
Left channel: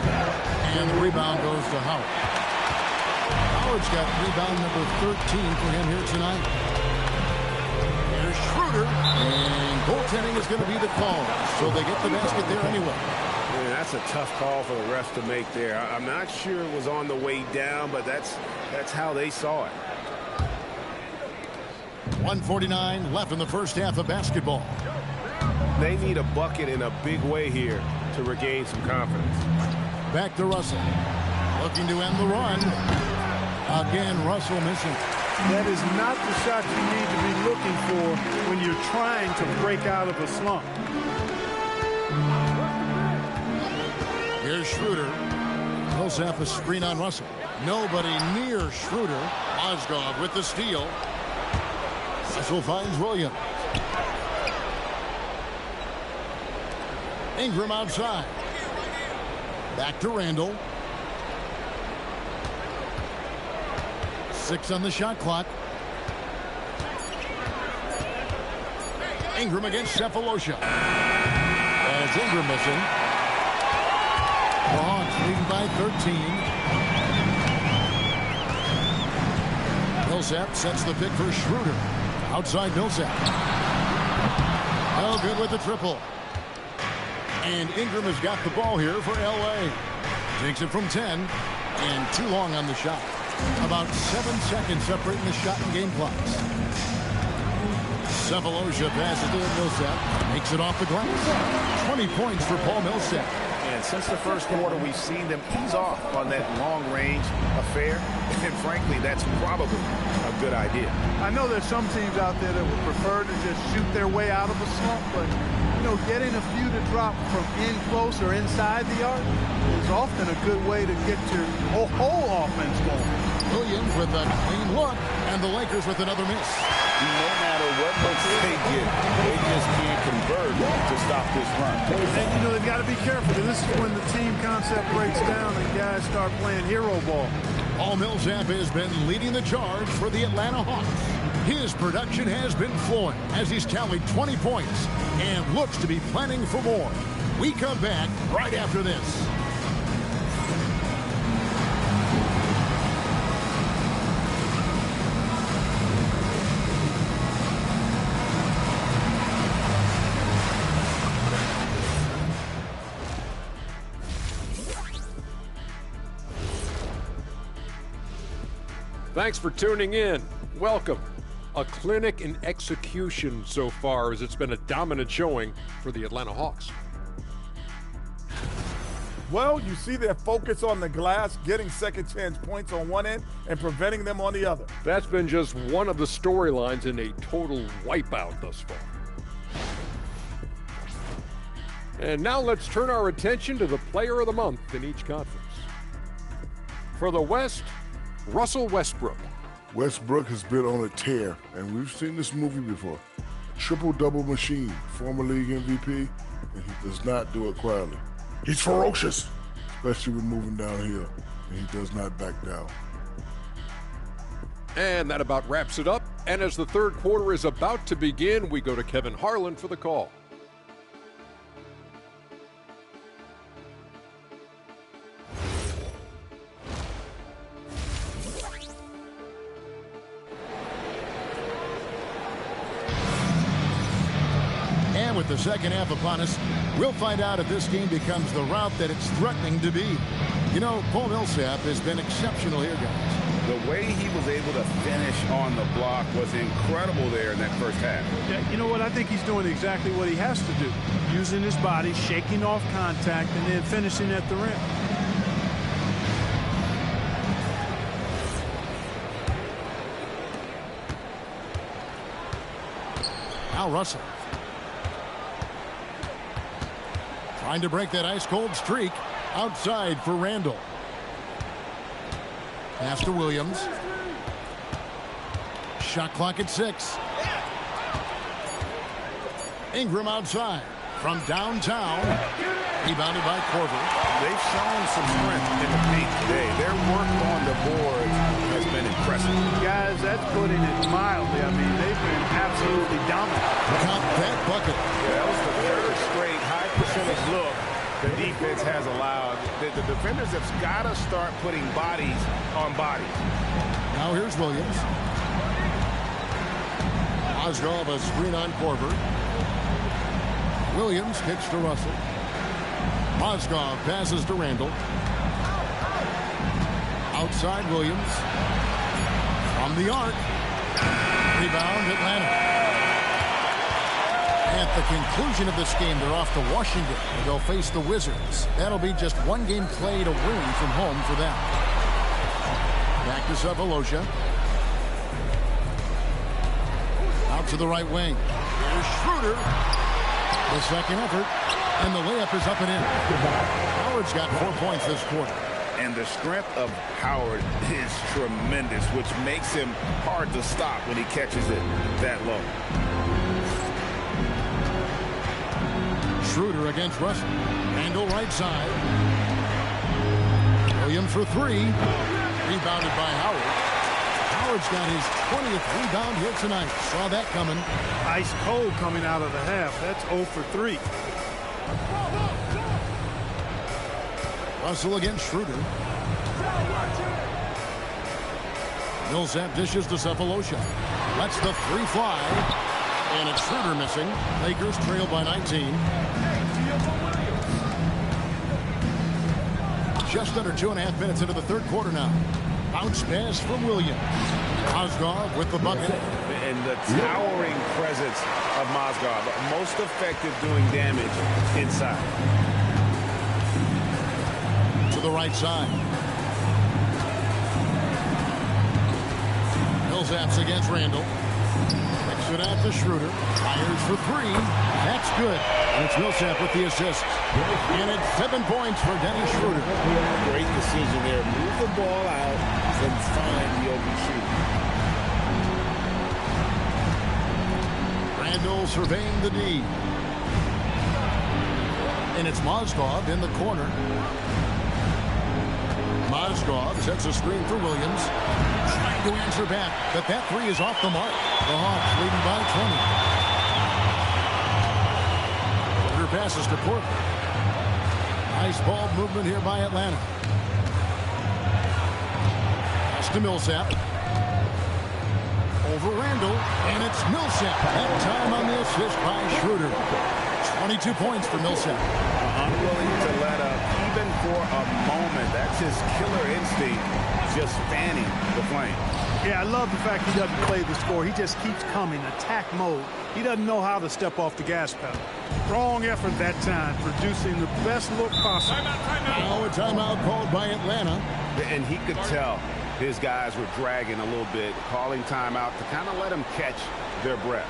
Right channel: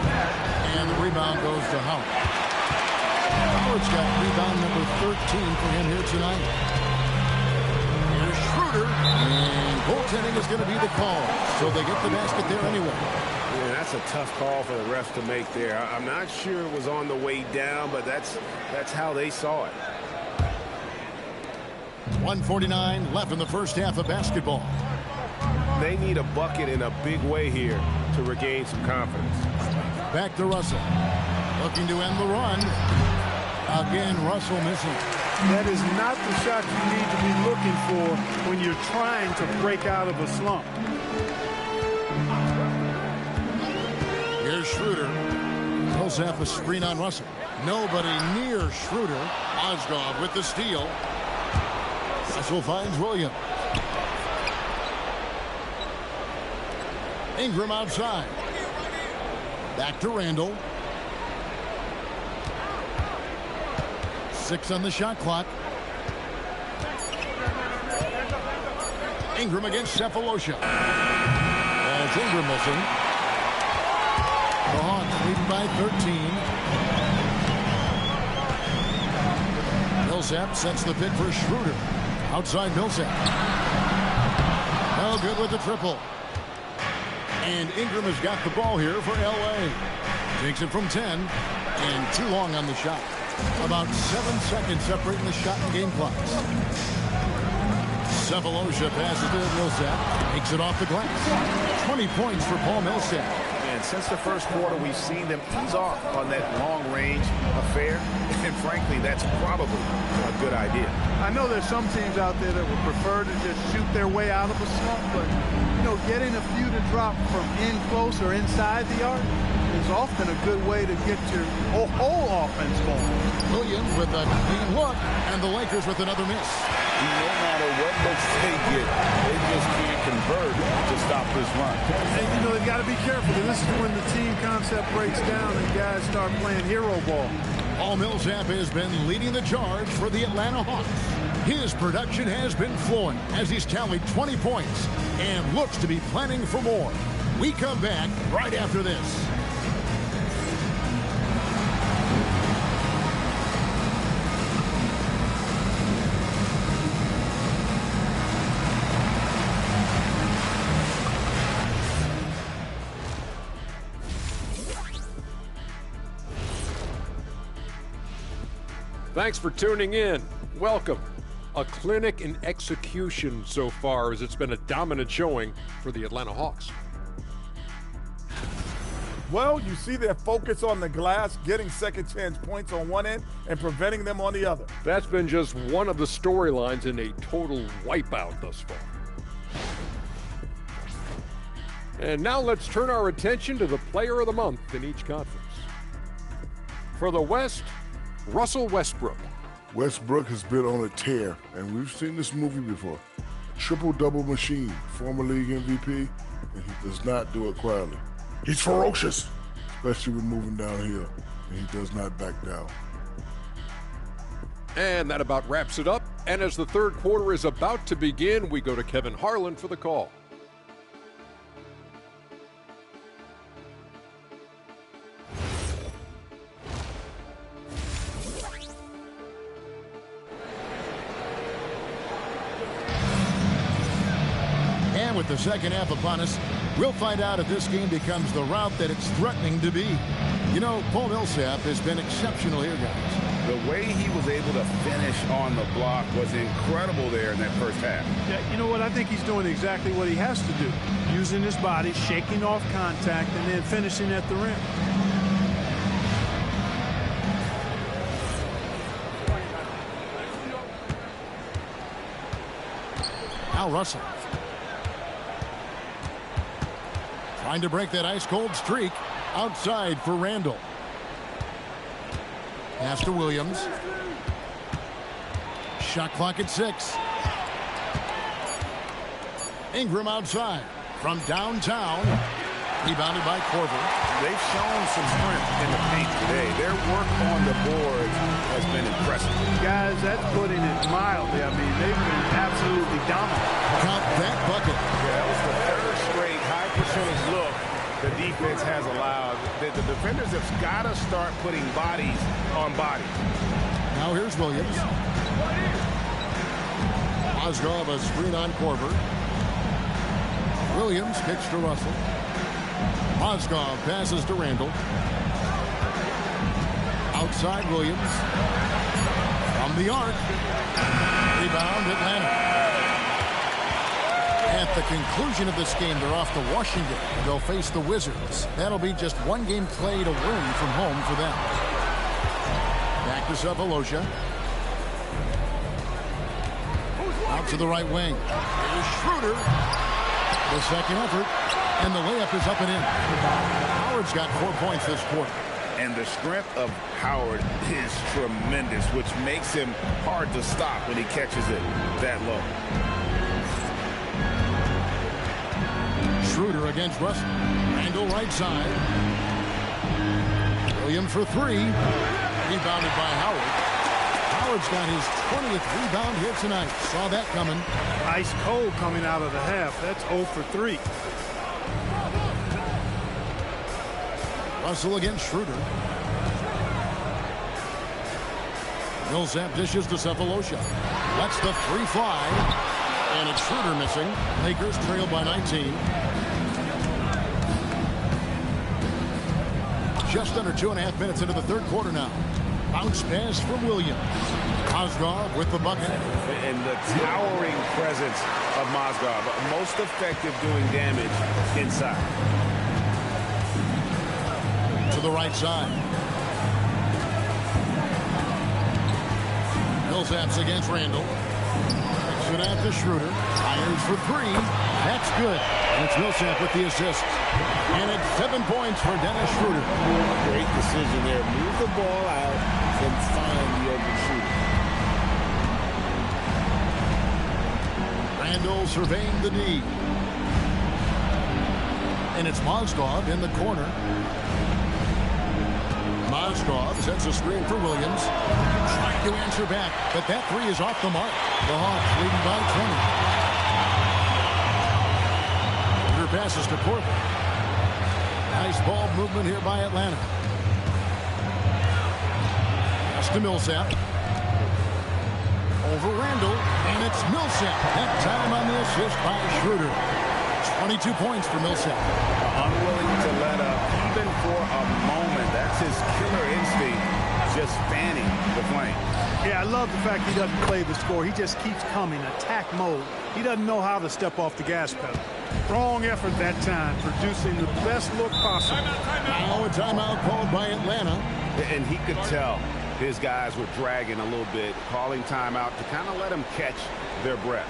And the rebound goes to Howard. Howard's got rebound number 13 for him here tonight. Here's Schroeder. And goaltending is going to be the call. So they get the basket there anyway. Yeah, that's a tough call for the refs to make there. I'm not sure it was on the way down, but that's how they saw it. 1:49 left in the first half of basketball. They need a bucket in a big way here to regain some confidence. Back to Russell. Looking to end the run. Again, Russell missing. That is not the shot you need to be looking for when you're trying to break out of a slump. Here's Schroeder. Millsap a screen on Russell. Nobody near Schroeder. Mozgov with the steal. Russell finds Williams. Ingram outside. Back to Randall. 6 on the shot clock. Ingram against Sefolosha. And it's Ingram missing. The Hawks leading by 13. Millsap sets the pick for Schroeder. Outside Millsap. No good with the triple. And Ingram has got the ball here for L.A. Takes it from 10. And too long on the shot. About 7 seconds separating the shot and game clocks. Sefolosha passes to Millsap. Makes it off the glass. 20 points for Paul Millsap. And since the first quarter, we've seen them ease off on that long-range affair. And frankly, that's probably a good idea. I know there's some teams out there that would prefer to just shoot their way out of a slump, but, you know, getting a few to drop from in close or inside the arc is often a good way to get your whole offense going. Williams with a clean look, and the Lakers with another miss. No matter what looks they get, they just can't convert to stop this run. And, you know, they've got to be careful, because this is when the team concept breaks down and guys start playing hero ball. Paul Millsap has been leading the charge for the Atlanta Hawks. His production has been flowing as he's tallied 20 points and looks to be planning for more. We come back right after this. Thanks for tuning in. Welcome. A clinic in execution so far, as it's been a dominant showing for the Atlanta Hawks. Well, you see their focus on the glass, getting second chance points on one end and preventing them on the other. That's been just one of the storylines in a total wipeout thus far. And now let's turn our attention to the player of the month in each conference. For the West, Russell Westbrook. Westbrook has been on a tear, and we've seen this movie before. Triple-double machine, former league MVP, and he does not do it quietly. He's ferocious, especially when moving downhill, and he does not back down. And that about wraps it up. And as the third quarter is about to begin, we go to Kevin Harlan for the call. And with the second half upon us, we'll find out if this game becomes the route that it's threatening to be. You know, Paul Millsap has been exceptional here, guys. The way he was able to finish on the block was incredible there in that first half. Yeah, you know what? I think he's doing exactly what he has to do. Using his body, shaking off contact, and then finishing at the rim. Now Russell. Trying to break that ice-cold streak. Outside for Randall. Pass to Williams. Shot clock at 6. Ingram outside from downtown. Rebounded by Korver. They've shown some strength in the paint today. Their work on the boards has been impressive. Guys, that's putting it mildly. I mean, they've been absolutely dominant. Count that bucket. Yeah, that was the third straight high percentage look the defense has allowed. The defenders have got to start putting bodies on bodies. Now here's Williams. Mozgov a screen on Korver. Williams kicks to Russell. Mozgov passes to Randall. Outside Williams. From the arc. Rebound Atlanta. At the conclusion of this game, they're off to Washington, and they'll face the Wizards. That'll be just one game played away from home for them. Back to Sefolosha. Out to the right wing. Here's Schroeder. The second effort, and the layup is up and in. Howard's got 4 points this quarter. And the strength of Howard is tremendous, which makes him hard to stop when he catches it that low. Schroeder against Russell. Randall right side. Williams for three. Rebounded by Howard. Howard's got his 20th rebound here tonight. Saw that coming. Ice cold coming out of the half. That's 0 for 3. Russell against Schroeder. Millsap dishes to Sefolosha. Lets the three fly. And it's Schroeder missing. Lakers trail by 19. Just under 2.5 minutes into the third quarter now. Bounce pass from Williams. Mozgov with the bucket. And the towering presence of Mozgov. Most effective doing damage inside. To the right side. Millsap's against Randall. Kicks it out to Schroeder. Fires for three. That's good. And it's Millsap with the assist. And it's 7 points for Dennis Schroeder. Great decision there. Move the ball out and find the open shooter. Randall surveying the D. And it's Mozgov in the corner. Mozgov sets a screen for Williams. Trying to answer back, but that three is off the mark. The Hawks leading by 20. Porter passes to Porter. Nice ball movement here by Atlanta. Pass to Millsap. Over Randall, and it's Millsap. That time on the assist by Schroeder. 22 points for Millsap. Unwilling to let up even for a moment. That's his killer instinct, just fanning the flame. Yeah, I love the fact he doesn't play the score. He just keeps coming, attack mode. He doesn't know how to step off the gas pedal. Strong effort that time, producing the best look possible. Now a timeout called by Atlanta. And he could tell his guys were dragging a little bit, calling timeout to kind of let them catch their breath.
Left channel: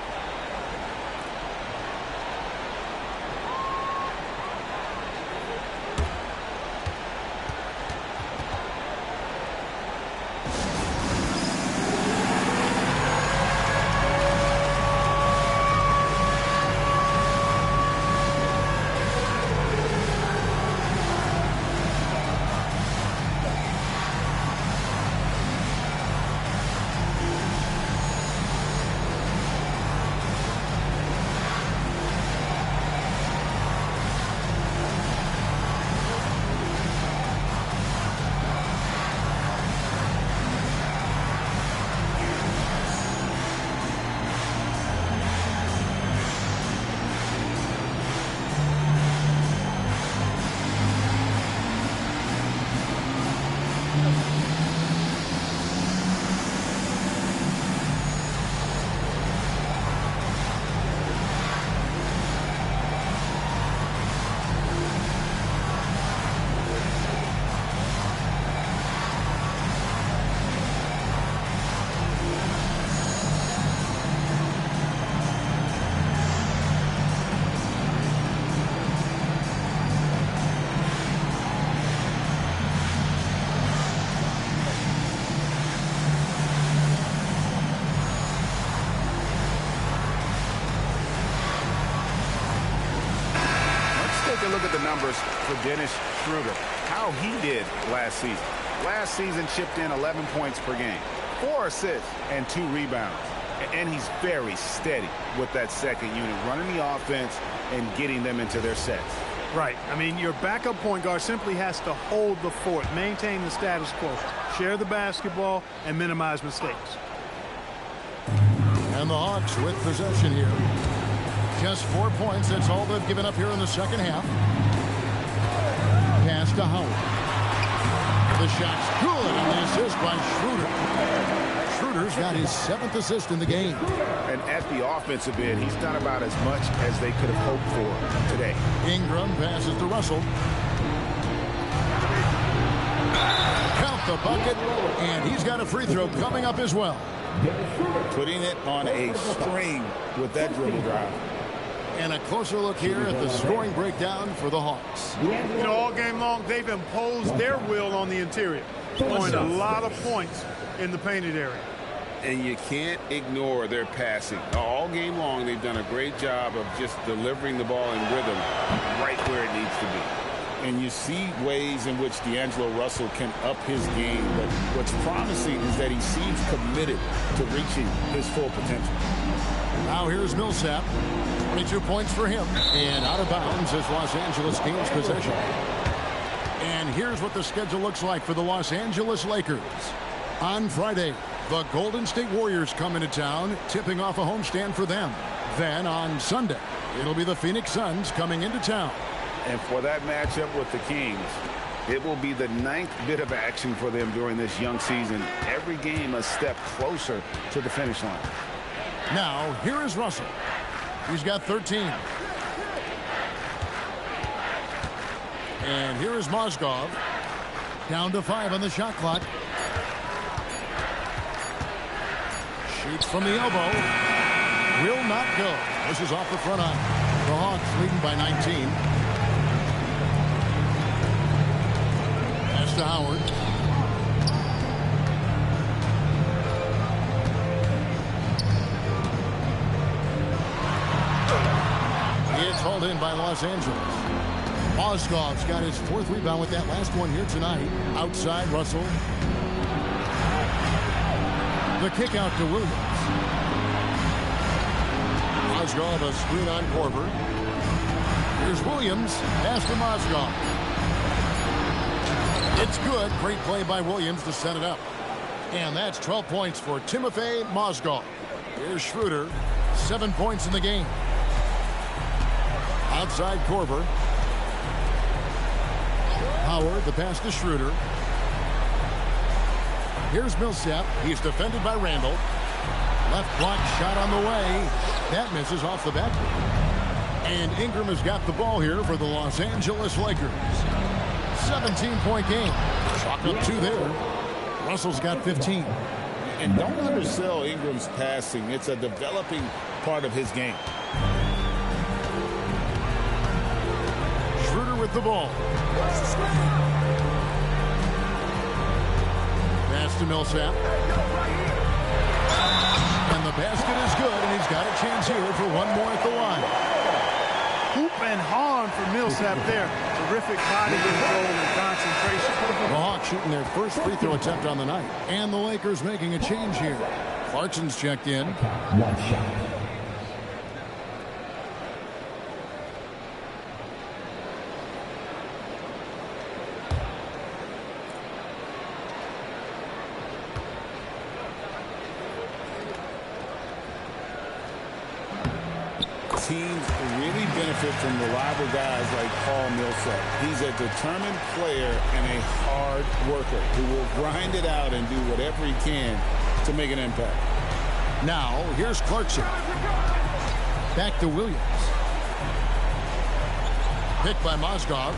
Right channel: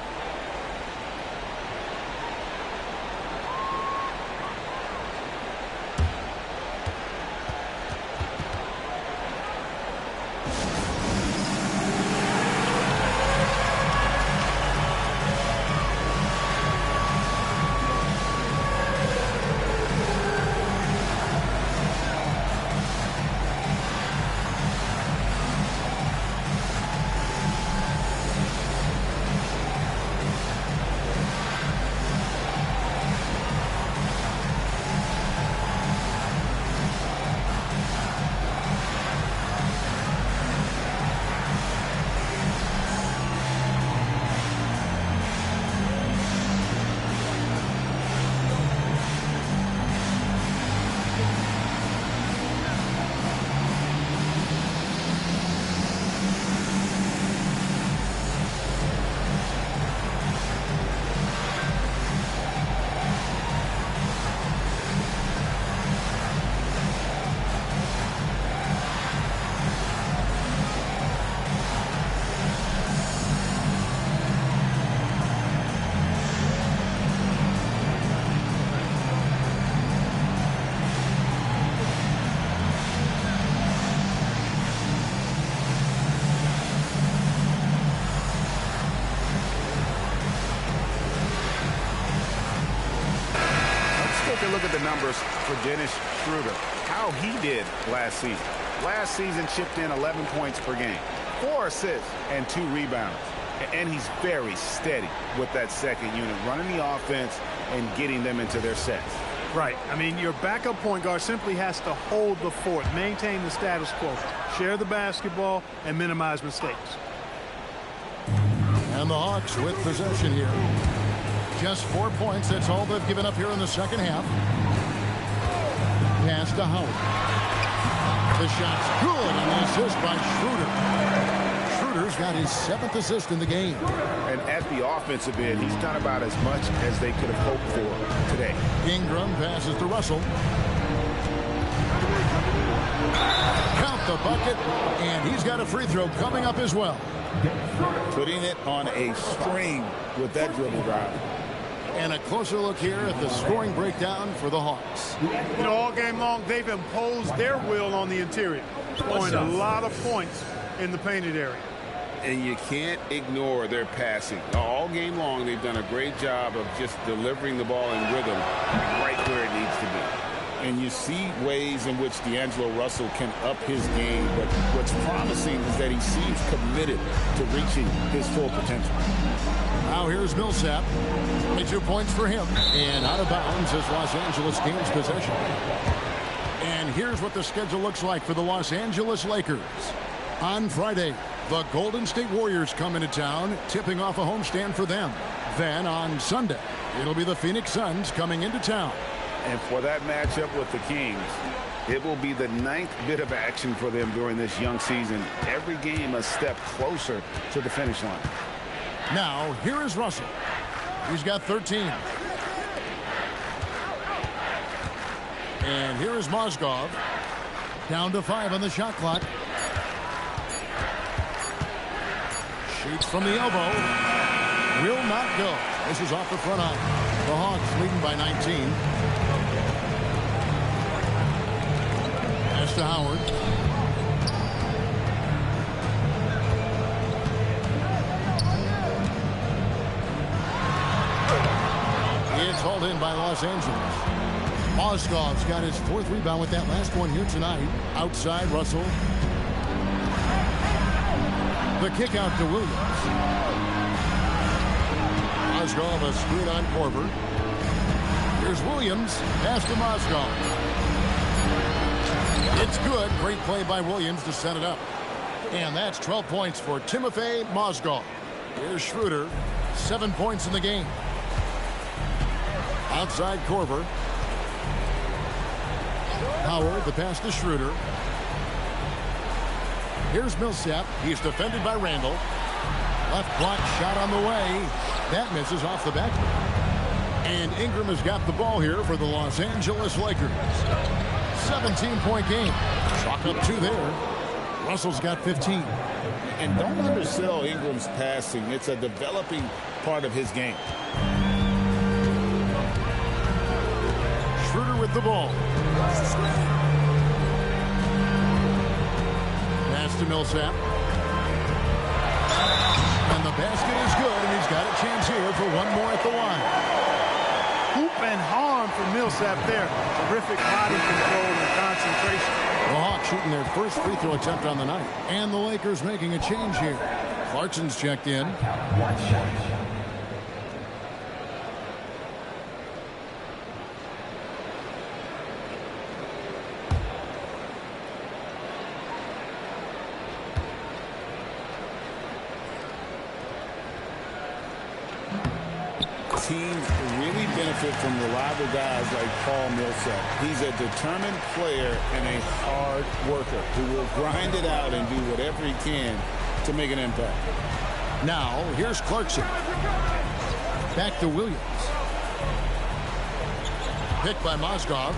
Take a look at the numbers for Dennis Schroeder. How he did last season. Last season chipped in 11 points per game, 4 assists, and 2 rebounds. And he's very steady with that second unit, running the offense and getting them into their sets. Right. I mean, your backup point guard simply has to hold the fort, maintain the status quo, share the basketball, and minimize mistakes. And the Hawks with possession here. Just 4 points. That's all they've given up here in the second half. Pass to Howard. The shot's good on the assist by Schroeder. Schroeder's got his 7th assist in the game. And at the offensive end, he's done about as much as they could have hoped for today. Ingram passes to Russell. Count the bucket, and he's got a free throw coming up as well. Putting it on a string with that dribble drive. And a closer look here at the scoring breakdown for the Hawks. You know, all game long, they've imposed their will on the interior, scoring a lot of points in the painted area. And you can't ignore their passing. All game long, they've done a great job of just delivering the ball in rhythm right where it needs to be. And you see ways in which D'Angelo Russell can up his game. But what's promising is that he seems committed to reaching his full potential. Now here's Millsap. 22 points for him. And out of bounds as Los Angeles gains possession. And here's what the schedule looks like for the Los Angeles Lakers. On Friday, the Golden State Warriors come into town, tipping off a homestand for them. Then on Sunday, it'll be the Phoenix Suns coming into town. And for that matchup with the Kings, it will be the 9th bit of action for them during this young season. Every game a step closer to the finish line. Now, here is Russell. He's got 13. And here is Mozgov. Down to 5 on the shot clock. Shoots from the elbow. Will not go. This is off the front eye. The Hawks leading by 19. Pass to Howard. It's hauled in by Los Angeles. Mozgov's got his 4th rebound with that last one here tonight. Outside Russell. The kick out to Williams. Mozgov a screen on Korver. Here's Williams. Pass to Mozgov. It's good. Great play by Williams to set it up. And that's 12 points for Timofey Mozgov. Here's Schroeder. 7 points in the game. Outside Korver. Howard, the pass to Schroeder. Here's Millsap. He's defended by Randall. Left block shot on the way. That misses off the backboard. And Ingram has got the ball here for the Los Angeles Lakers. 17-point game. Chalk up 2 there. Russell's got 15. And don't undersell Ingram's passing. It's a developing part of his game. Schroeder with the ball. Pass to Millsap. And the basket is good, and he's got a chance here for one more at the line. Hoop and harm for Millsap there. Terrific body control and concentration. The Hawks shooting their first free throw attempt on the night. And the Lakers making a change here. Clarkson's checked in. One shot. Teams really benefit from reliable guys like Paul Millsap. He's a determined player and a hard worker who will grind it out and do whatever he can to make an impact. Now, here's Clarkson. Back to Williams. Picked by Mozgov.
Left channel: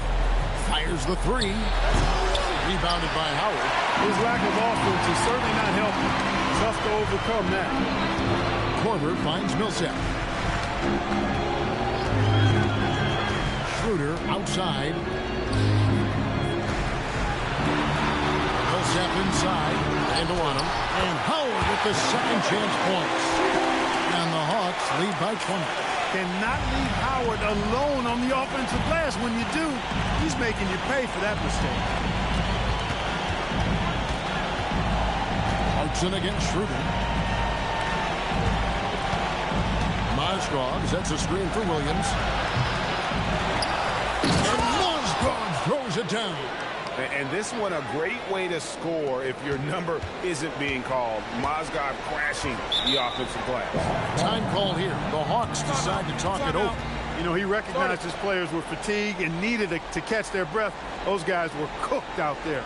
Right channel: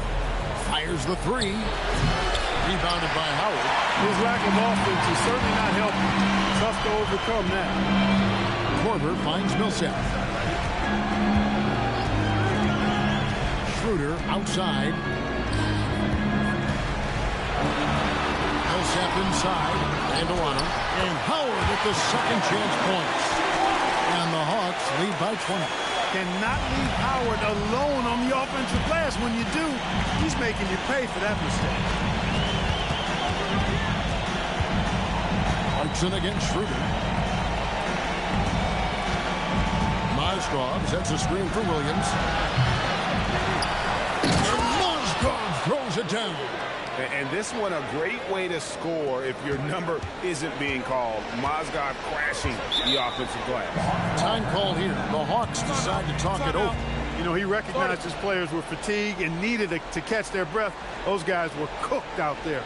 Fires the 3. Rebounded by Howard. His lack of offense is certainly not helping. Tough to overcome that. Korver finds Millsap. Schroeder outside. Millsap inside. Randall on him. And Howard with the second chance points. And the Hawks lead by 20. Cannot leave Howard alone on the offensive glass. When you do, he's making you pay for that mistake. Clarkson against Schroeder. Mozgov sets a screen for Williams. And Mozgov throws it down. And this one a great way to score if your number isn't being called. Mozgov crashing the offensive glass. Time call here. The Hawks decide to talk it over. You know, he recognized his players were fatigued and needed to catch their breath. Those guys were cooked out there.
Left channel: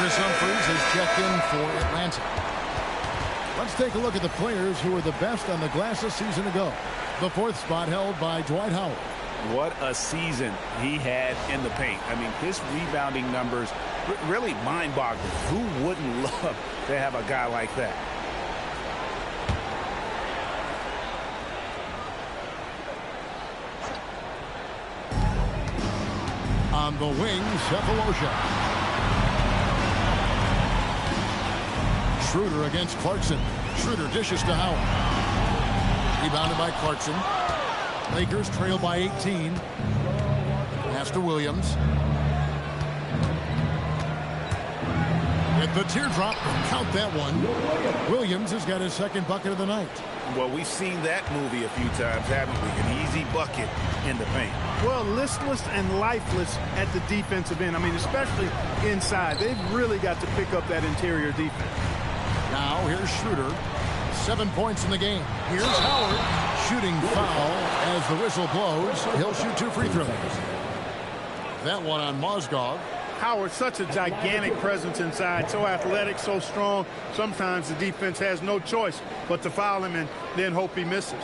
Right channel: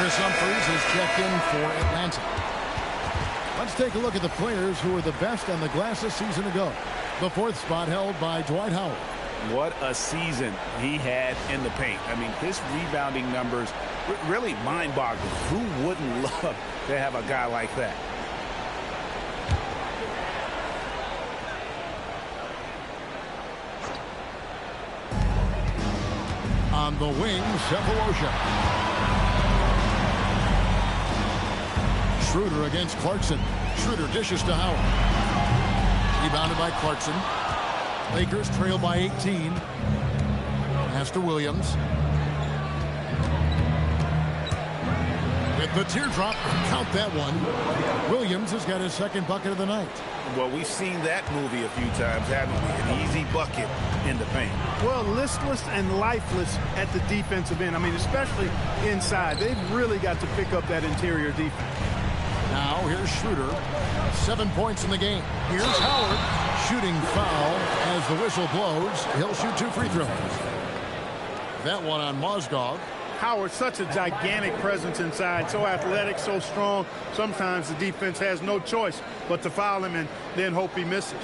Chris Humphries has checked in for Atlanta. Let's take a look at the players who were the best on the glass a season ago. The fourth spot held by Dwight Howard. What a season he had in the paint. I mean, his rebounding numbers really mind-boggling. Who wouldn't love to have a guy like that? On the wing, Sefolosha. Schroeder against Clarkson. Schroeder dishes to Howard. Rebounded by Clarkson. Lakers trail by 18. Pass to Williams. With the teardrop, count that one. Williams has got his second bucket of the night. Well, we've seen that movie a few times, haven't we? An easy bucket in the paint. Well, listless and lifeless at the defensive end. I mean, especially inside. They've really got to pick up that interior defense. Now, here's Schroeder. 7 points in the game. Here's Howard. Shooting foul as the whistle blows. He'll shoot 2 free throws. That one on Mozgov. Howard, such a gigantic presence inside. So athletic, so strong. Sometimes the defense has no choice but to foul him and then hope he misses.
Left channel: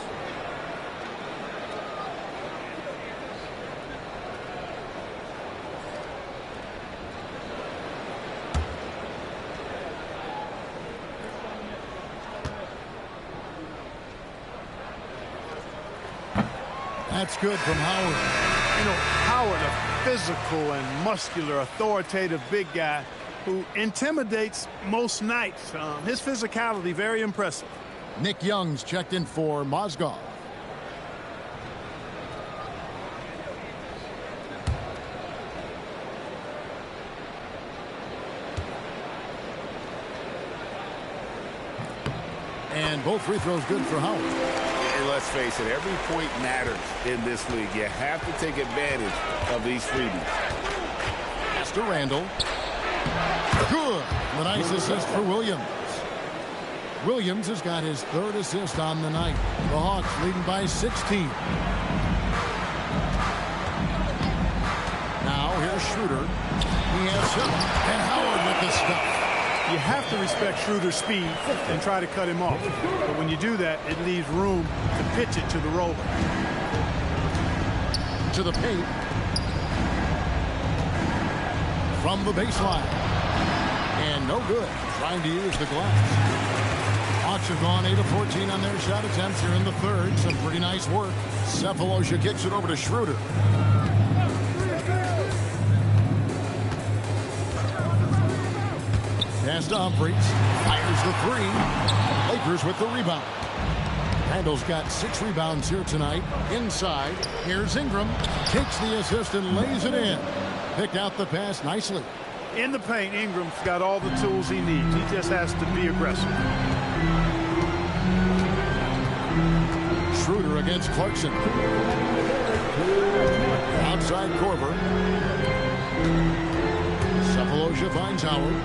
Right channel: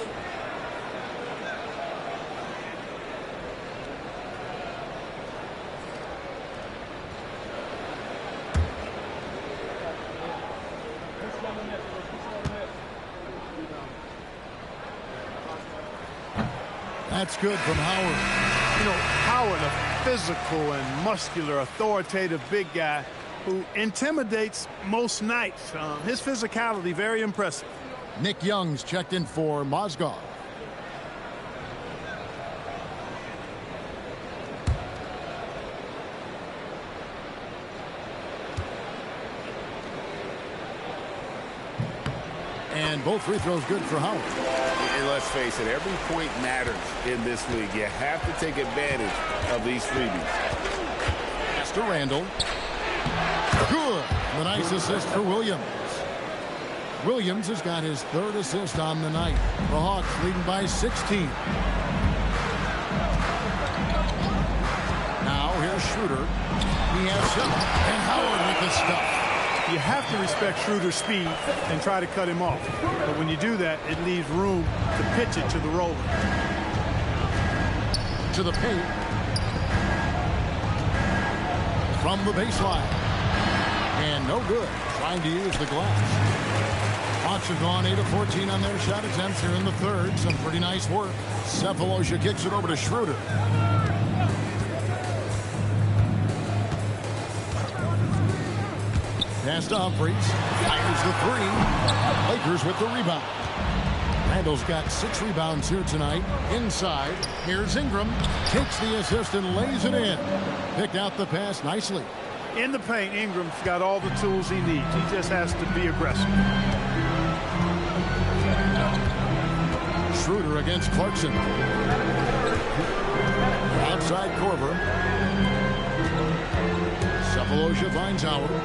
That's good from Howard. You know, Howard, a physical and muscular, authoritative big guy who intimidates most nights. His physicality, very impressive. Nick Young's checked in for Mozgov. And both free throws good for Howard. And let's face it, every point matters in this league. You have to take advantage of these freebies. Pass to Randall. Good. The nice assist for Williams. Williams has got his third assist on the night. The Hawks leading by 16. Now here's Schroeder. He has 7. And Howard with the stuff. You have to respect Schroeder's speed and try to cut him off. But when you do that, it leaves room to pitch it to the roller. To the paint. From the baseline. And no good. Trying to use the glass. Hawks have gone 8 of 14 on their shot attempts here in the third. Some pretty nice work. Sefolosha kicks it over to Schroeder. Pass to Humphries. Fires the 3. Lakers with the rebound. Randall's got 6 rebounds here tonight. Inside, here's Ingram. Takes the assist and lays it in. Picked out the pass nicely. In the paint, Ingram's got all the tools he needs. He just has to be aggressive. Schroeder against Clarkson. Outside Korver. Sefolosha finds Howard.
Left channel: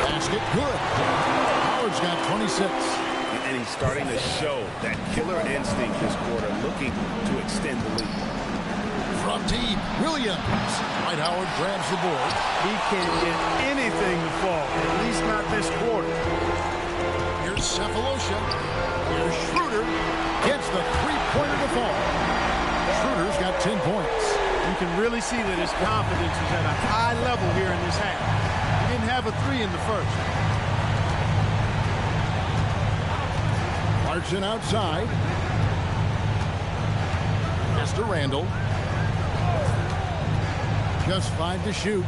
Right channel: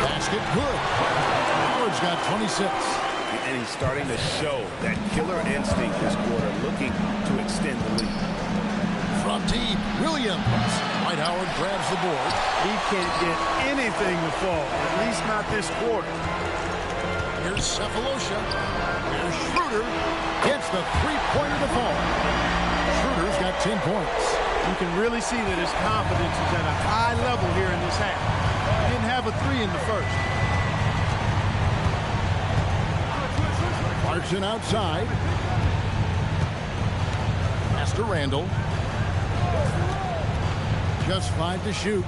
Basket good. Howard's got 26. And he's starting to show that killer instinct this quarter, looking to extend the lead. From deep, Williams. Dwight Howard grabs the board. He can't get anything to fall, at least not this quarter. Here's Sefolosha. Here's Schroeder. Gets the three-pointer to fall. Schroeder's got 10 points. You can really see that his confidence is at a high level here in this half. He didn't have a three in the first. Clarkson outside. Pass to Randall. Just 5 to shoot.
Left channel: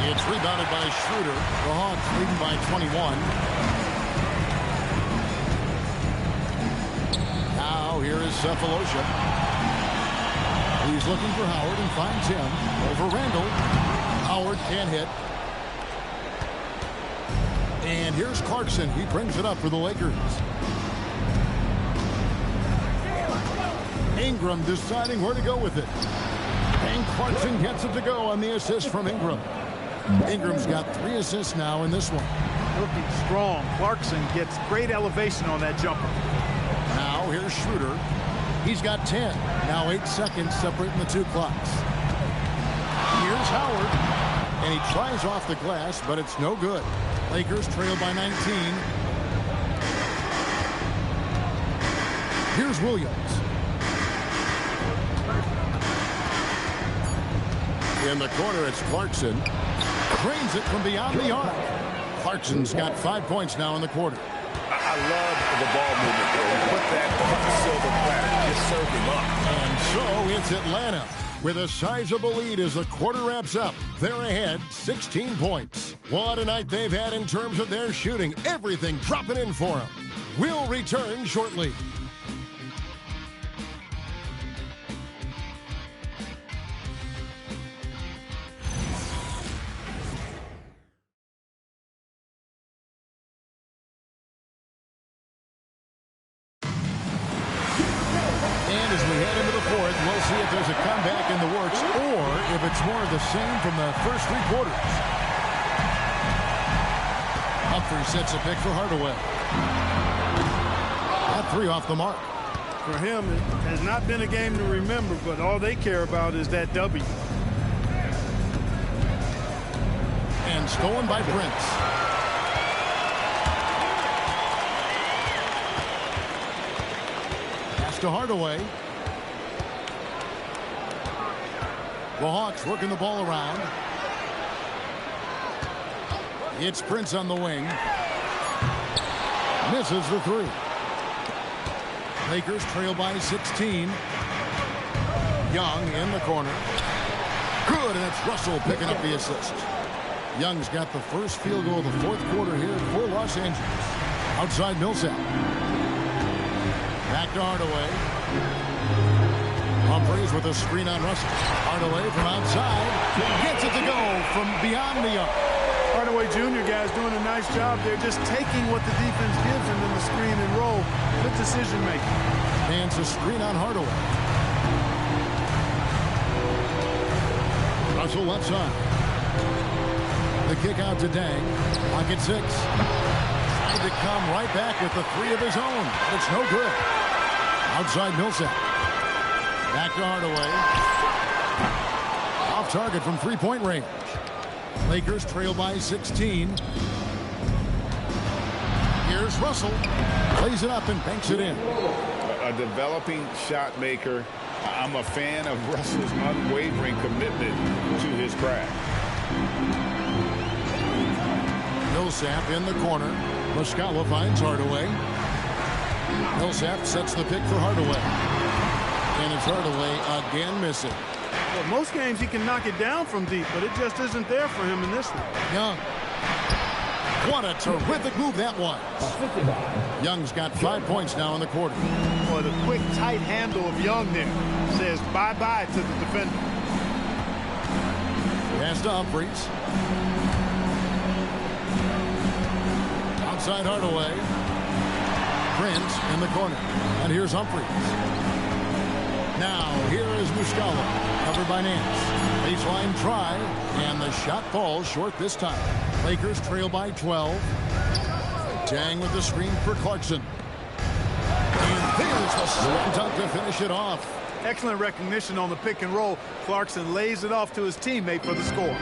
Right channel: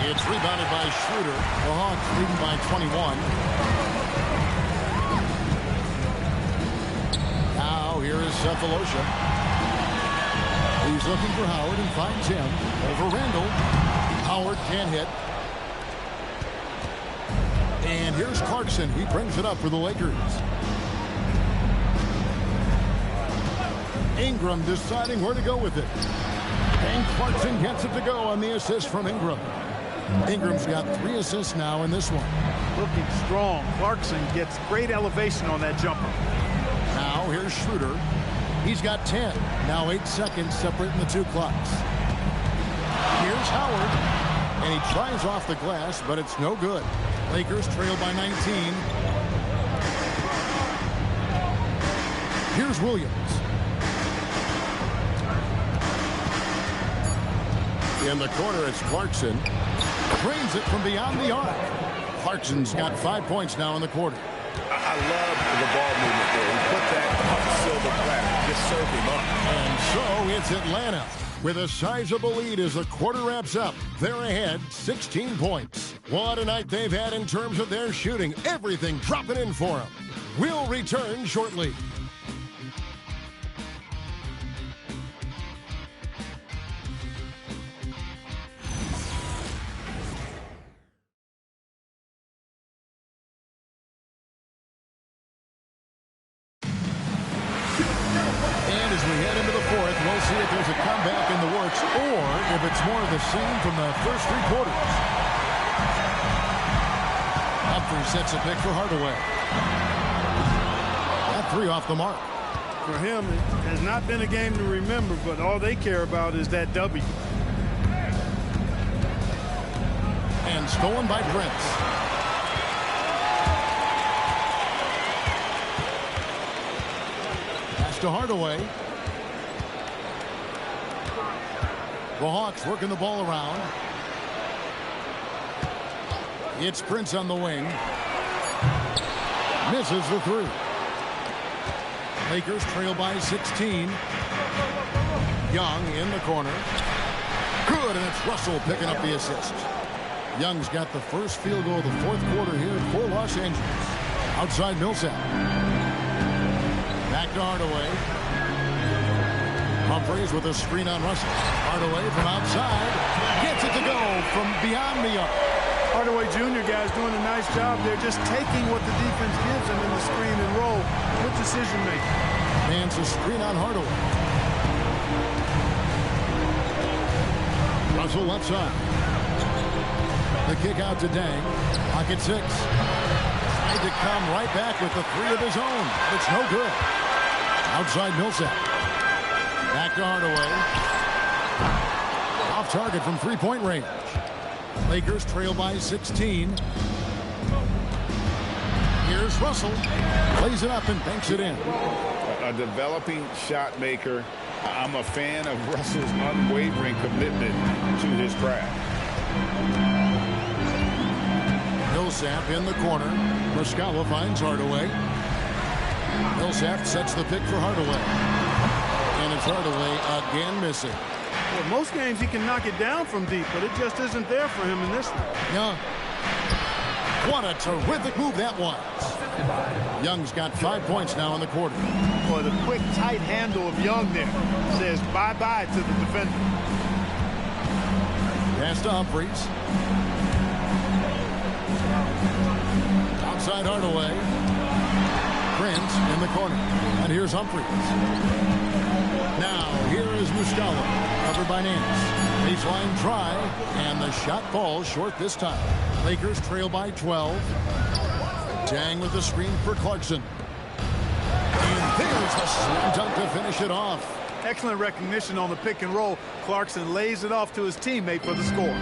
It's rebounded by Schroeder. The Hawks leading by 21. Now here is Sefolosha. He's looking for Howard and finds him over Randall. Howard can't hit. And here's Clarkson. He brings it up for the Lakers. Ingram deciding where to go with it. And Clarkson gets it to go on the assist from Ingram. Ingram's got 3 assists now in this one. Looking strong. Clarkson gets great elevation on that jumper. Now here's Schroeder. He's got 10. Now 8 seconds separating the 2 clocks. Here's Howard. And he tries off the glass, but it's no good. Lakers trail by 19. Here's Williams. In the corner, it's Clarkson. Drains it from beyond the arc. Clarkson's got 5 points now in the quarter. I love the ball movement there. He put that on the silver platter. Just served him up. And so it's Atlanta with a sizable lead as the quarter wraps up. They're ahead 16 points. What a night they've had in terms of their shooting. Everything dropping in for them. We'll return shortly. And as we head into the fourth, we'll see if there's a comeback in the works or if it's more of the same from the first 3 quarters. Humphrey sets a pick for Hardaway. That 3 off the mark. For him, it has not been a game to remember, but all they care about is that W. And stolen by Prince. To Hardaway. The Hawks working the ball around. It's Prince on the wing. Misses the 3. Lakers trail by 16. Young in the corner. Good, and it's Russell picking up the assist. Young's got the first field goal of the 4th quarter here for Los Angeles. Outside Millsap. Back to Hardaway. Humphreys with a screen on Russell. Hardaway from outside. Gets it to go from beyond the arc. Hardaway Jr. guys doing a nice job. They're just taking what the defense gives them in the screen and roll. Good decision making. Man's a screen on Hardaway. Russell left side. The kick out to Dang. Pocket 6. Tried to come right back with the 3 of his own, but it's no good. Outside Millsap. Back to Hardaway. Off target from 3-point range. Lakers trail by 16. Here's Russell. Plays it up and banks it in. A developing shot maker. I'm a fan of Russell's unwavering commitment to his craft. Millsap in the corner. Muscala finds Hardaway. Millsap sets the pick for Hardaway. And it's Hardaway again missing. Well, most games he can knock it down from deep, but it just isn't there for him in this one. Young. What a terrific move that was. Young's got 5 points now in the quarter. Boy, the quick, tight handle of Young there says bye-bye to the defender. Pass to Humphreys. Outside Hardaway. Prince in the corner. And here's Humphreys. Now, here is Muscala. Covered by Nance. Baseline try. And the shot falls short this time. Lakers trail by 12. Dang with the screen for Clarkson. And there's the slam dunk to finish it off. Excellent recognition on the pick and roll. Clarkson lays it off to his teammate for the score.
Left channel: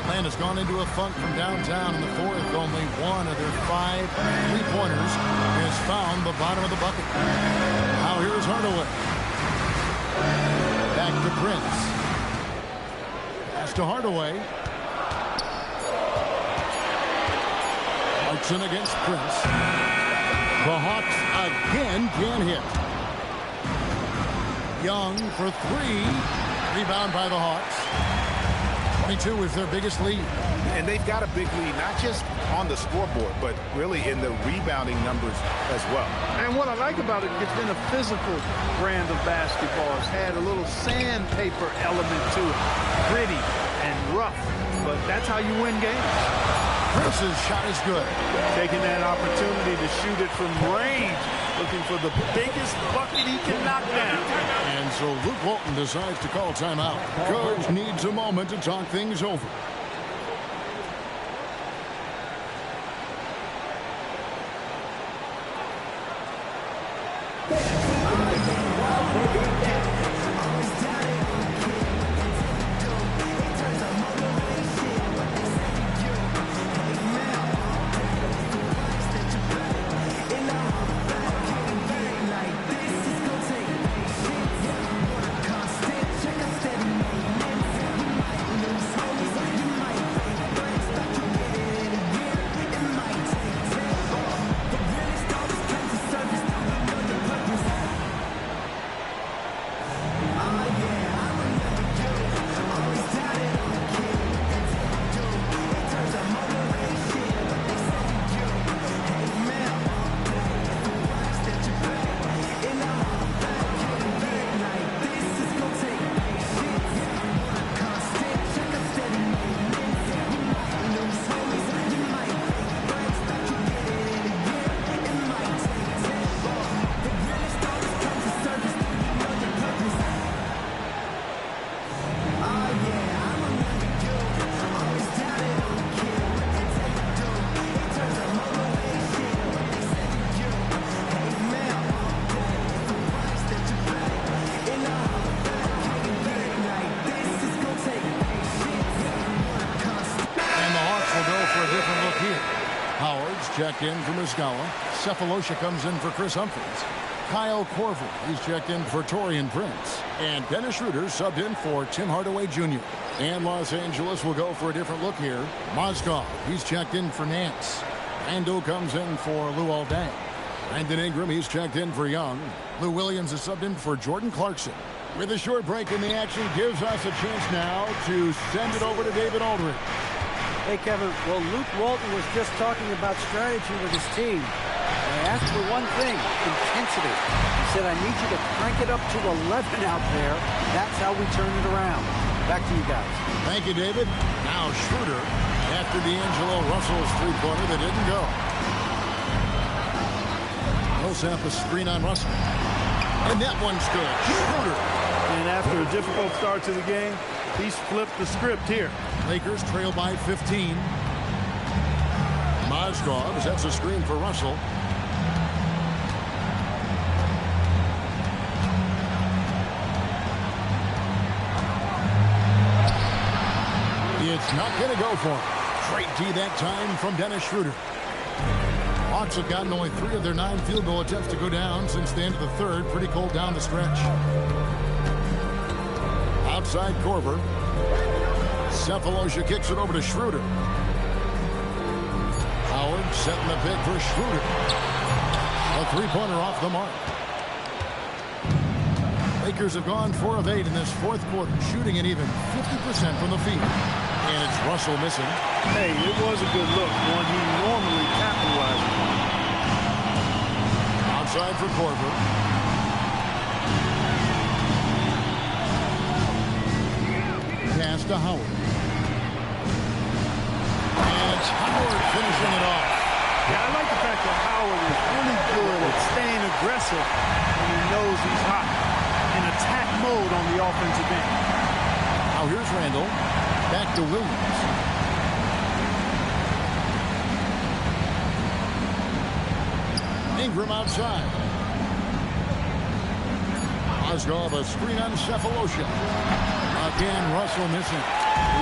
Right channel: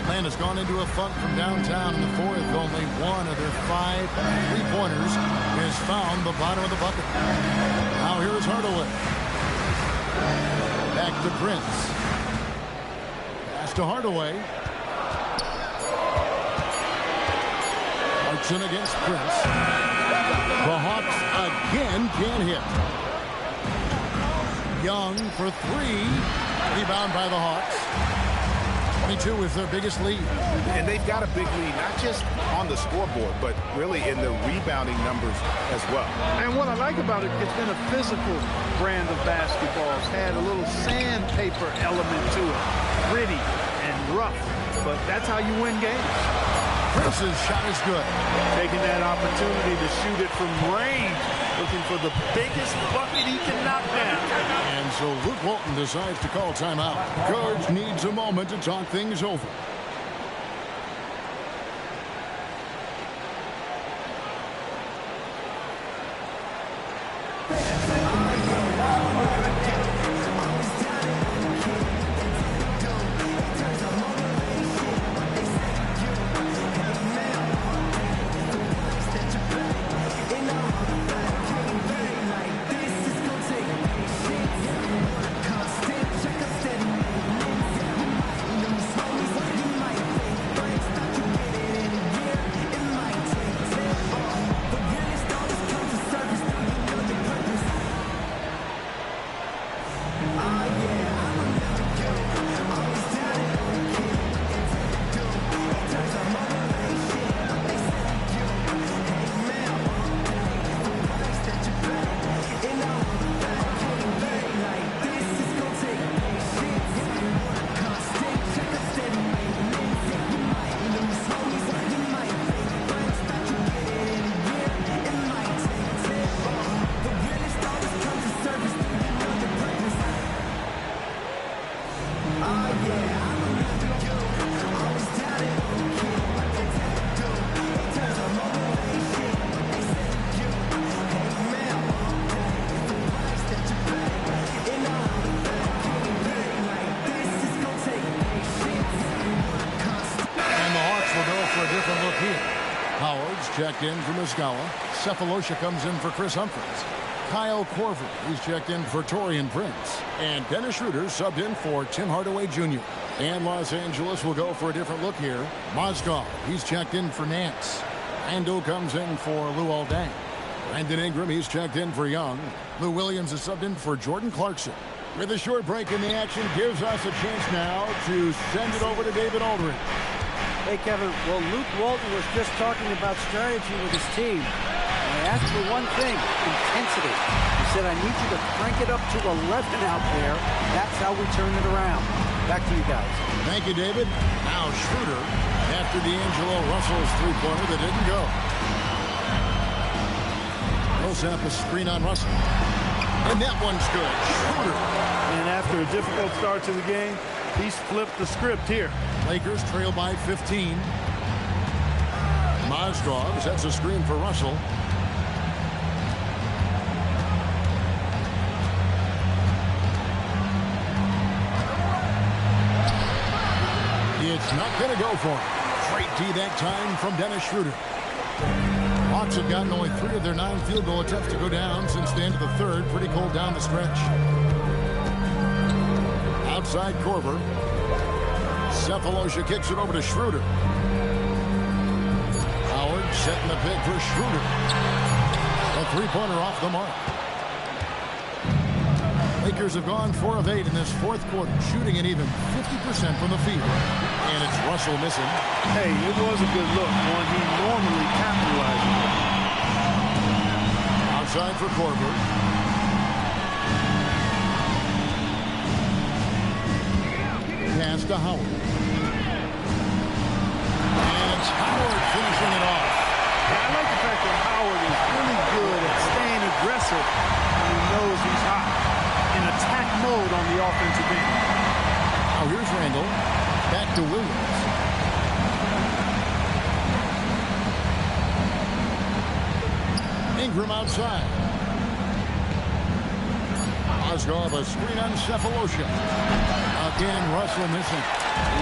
Atlanta's gone into a funk from downtown in the fourth. Only one of their 5 3-pointers has found the bottom of the bucket. Now here's Hardaway. Back to Prince. Pass to Hardaway. Clarkson against Prince. The Hawks again can't hit. Young for 3. Rebound by the Hawks. 22 is their biggest lead. And they've got a big lead, not just on the scoreboard, but really in the rebounding numbers as well. And what I like about it, it's been a physical brand of basketball. It's had a little sandpaper element to it. Gritty and rough, but that's how you win games. Prince's shot is good. Taking that opportunity to shoot it from range, looking for the biggest bucket he can knock down. And so Luke Walton decides to call timeout. Coach needs a moment to talk things over. Checked in for Muscala. Cephalosha comes in for Chris Humphries. Kyle Korver, he's checked in for Taurean Prince. And Dennis Schroeder subbed in for Tim Hardaway Jr. And Los Angeles will go for a different look here. Mozgov, he's checked in for Nance. Randall comes in for Luol Deng. Brandon Ingram, he's checked in for Young. Lou Williams is subbed in for Jordan Clarkson. With a short break in the action, gives us a chance now to send it over to David Aldridge. Hey, Kevin, well, Luke Walton was just talking about strategy with his team. I asked for one thing, intensity. He said, I need you to crank it up to 11 out there. That's how we turn it around. Back to you guys. Thank you, David. Now Schroeder after D'Angelo Russell's three-pointer that didn't go. Millsap a screen on Russell. And that one's good. Schroeder. And after a difficult start to the game, he's flipped the script here. Lakers trail by 15. Mozgov sets a screen for Russell. It's not going to go for him. Straight D that time from Dennis Schroeder. Hawks have gotten only 3 of their 9 field goal attempts to go down since the end of the third. Pretty cold down the stretch. Outside Korver. Cephalosha kicks it over to Schroeder. Howard setting the pick for Schroeder. A three-pointer off the mark. Lakers have gone 4 of 8 in this fourth quarter, shooting an even 50% from the field. And it's Russell missing. Hey, it was a good look, one he normally capitalizes on. Outside for Korver. Pass to Howard. And it's Howard finishing it off. Yeah, I like the fact that Howard is really good at staying aggressive when he knows he's hot. In attack mode on the offensive end. Now here's Randall. Back to Williams. Ingram outside. Mozgov, a screen on Cephalosha. Again, Russell missing.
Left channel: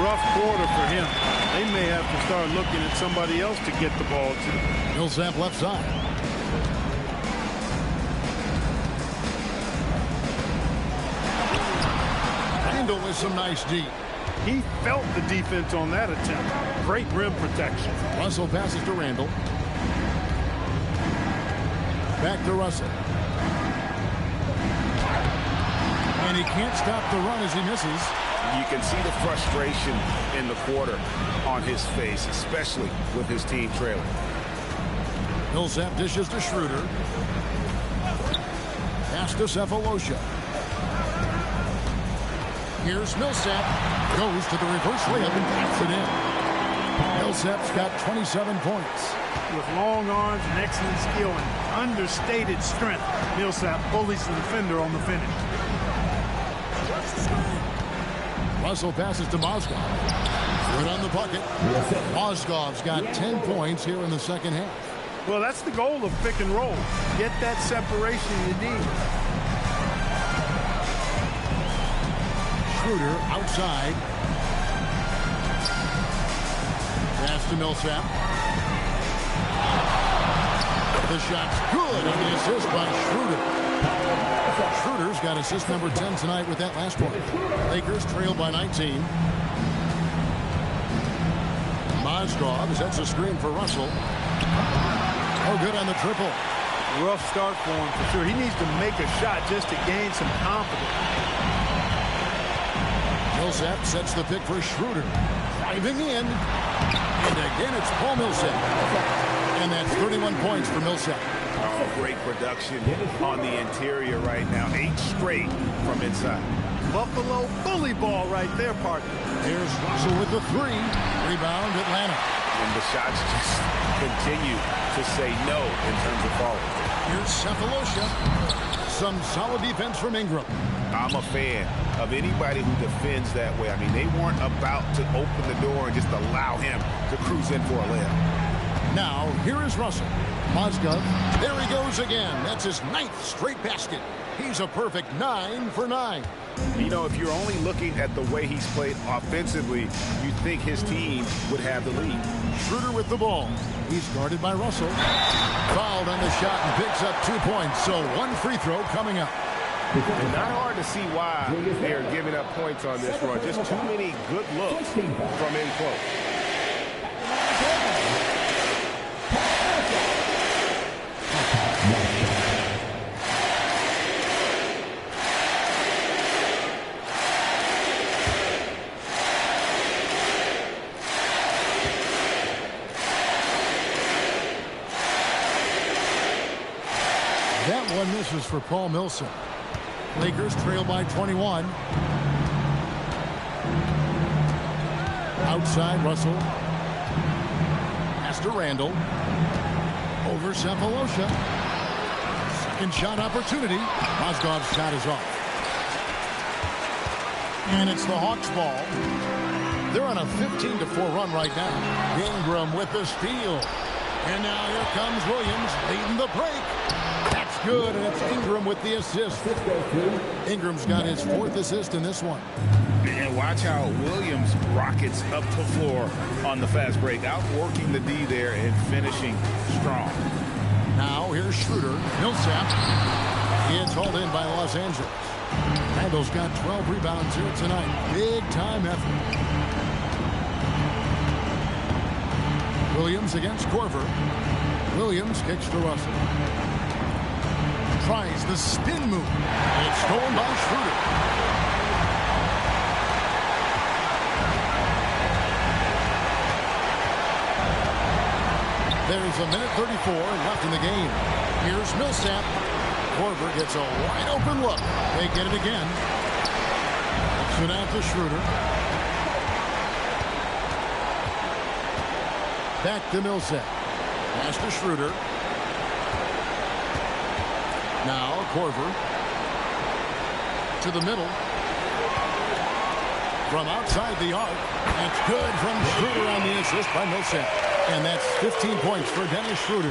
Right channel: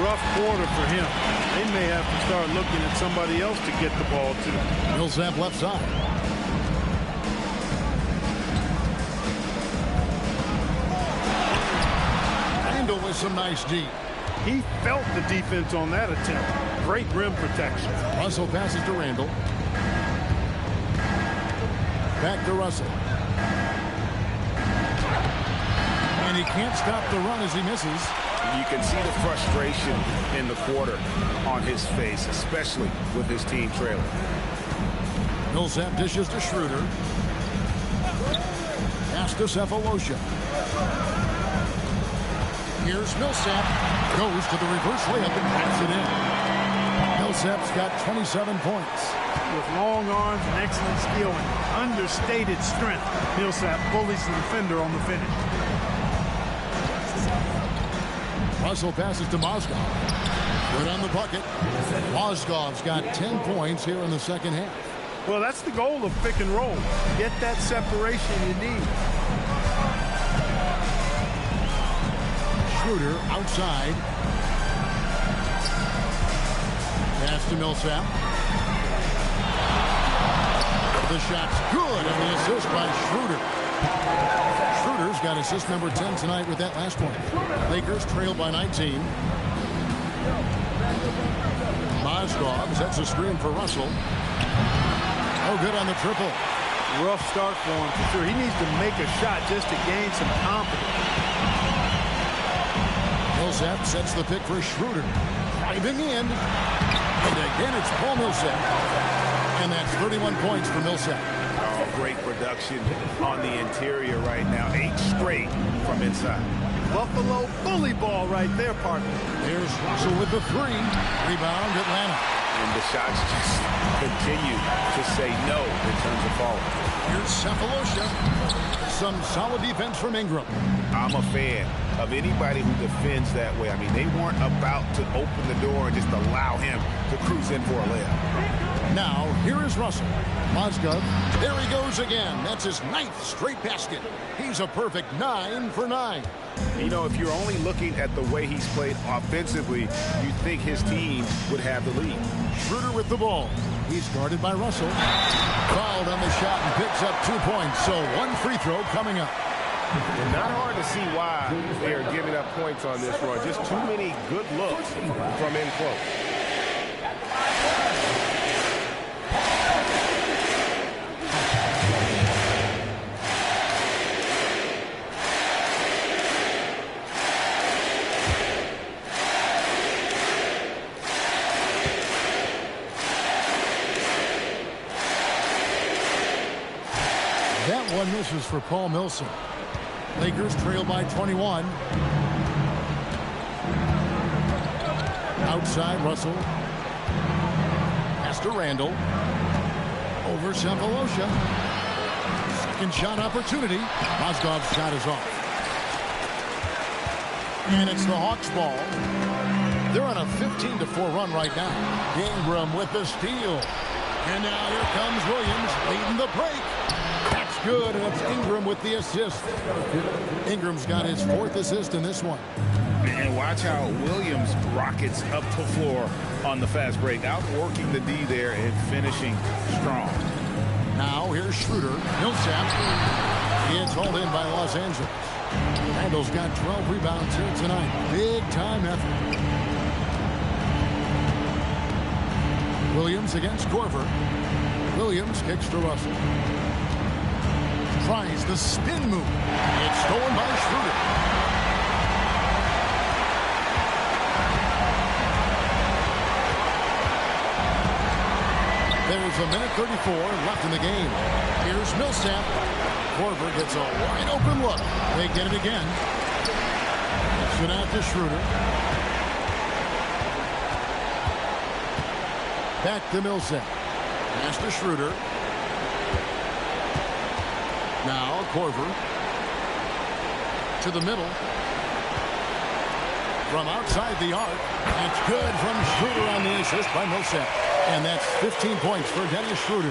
Rough quarter for him. They may have to start looking at somebody else to get the ball to. Millsap left side. Randall with some nice D. He felt the defense on that attempt. Great rim protection. Russell passes to Randall. Back to Russell. And he can't stop the run as he misses. You can see the frustration in the quarter on his face, especially with his team trailing. Millsap dishes to Schroeder. Pass to Cephalosha. Here's Millsap. Goes to the reverse layup and taps it in. Millsap's got 27 points. With long arms and excellent skill and understated strength, Millsap bullies the defender on the finish. Russell passes to Mozgov. Good on the bucket. Mozgov's got 10 points here in the second half. Well, that's the goal of pick and roll. Get that separation you need. Schroeder outside. Pass to Millsap. The shot's good on the assist by Schroeder. Schroeder's got assist number 10 tonight with that last one. Lakers trail by 19. Mozgov sets a screen for Russell. Oh, good on the triple. Rough start for him for sure. He needs to make a shot just to gain some confidence. Millsap sets the pick for Schroeder. Driving in. And again, it's Paul Millsap. And that's 31 points for Millsap. Oh, great production on the interior right now. 8 straight from inside. Buffalo bully ball right there, partner. There's Russell with the 3. Rebound, Atlanta. And the shots just continue to say no in terms of falling. Here's Cephalosha. Some solid defense from Ingram. I'm a fan of anybody who defends that way. I mean, they weren't about to open the door and just allow him to cruise in for a layup. Now, here is Russell. Mozgov, there he goes again. That's his 9th straight basket. He's a perfect 9 for 9. You know, if you're only looking at the way he's played offensively, you'd think his team would have the lead. Schroeder with the ball. He's guarded by Russell. Fouled on the shot and picks up 2 points. So 1 free throw coming up. And not hard to see why they are giving up points on this run. Just too many good looks from in close. That one misses for Paul Millsap. Lakers trail by 21. Outside, Russell. Pass to Randall. Over Cephalosha. Second shot opportunity. Mozgov's shot is off. And it's the Hawks ball. They're on a 15-4 run right now. Ingram with the steal. And now here comes Williams leading the break. That's good, and it's Ingram with the assist. Ingram's got his 4th assist in this one. And watch how Williams rockets up the floor on the fast break, outworking the D there and finishing strong. Now here's Schroeder. Millsap. It's hauled in by Los Angeles. Randall's got 12 rebounds here tonight. Big time effort. Williams against Korver. Williams kicks to Russell. Tries the spin move. It's stolen by Schroeder. There's a minute 34 left in the game. Here's Millsap. Korver gets a wide open look. They get it again. Kicks it out to Schroeder. Back to Millsap. Pass to Schroeder. Now Korver to the middle. From outside the arc. That's good from Schroeder on the assist by Millsap. And that's 15 points for Dennis Schroeder.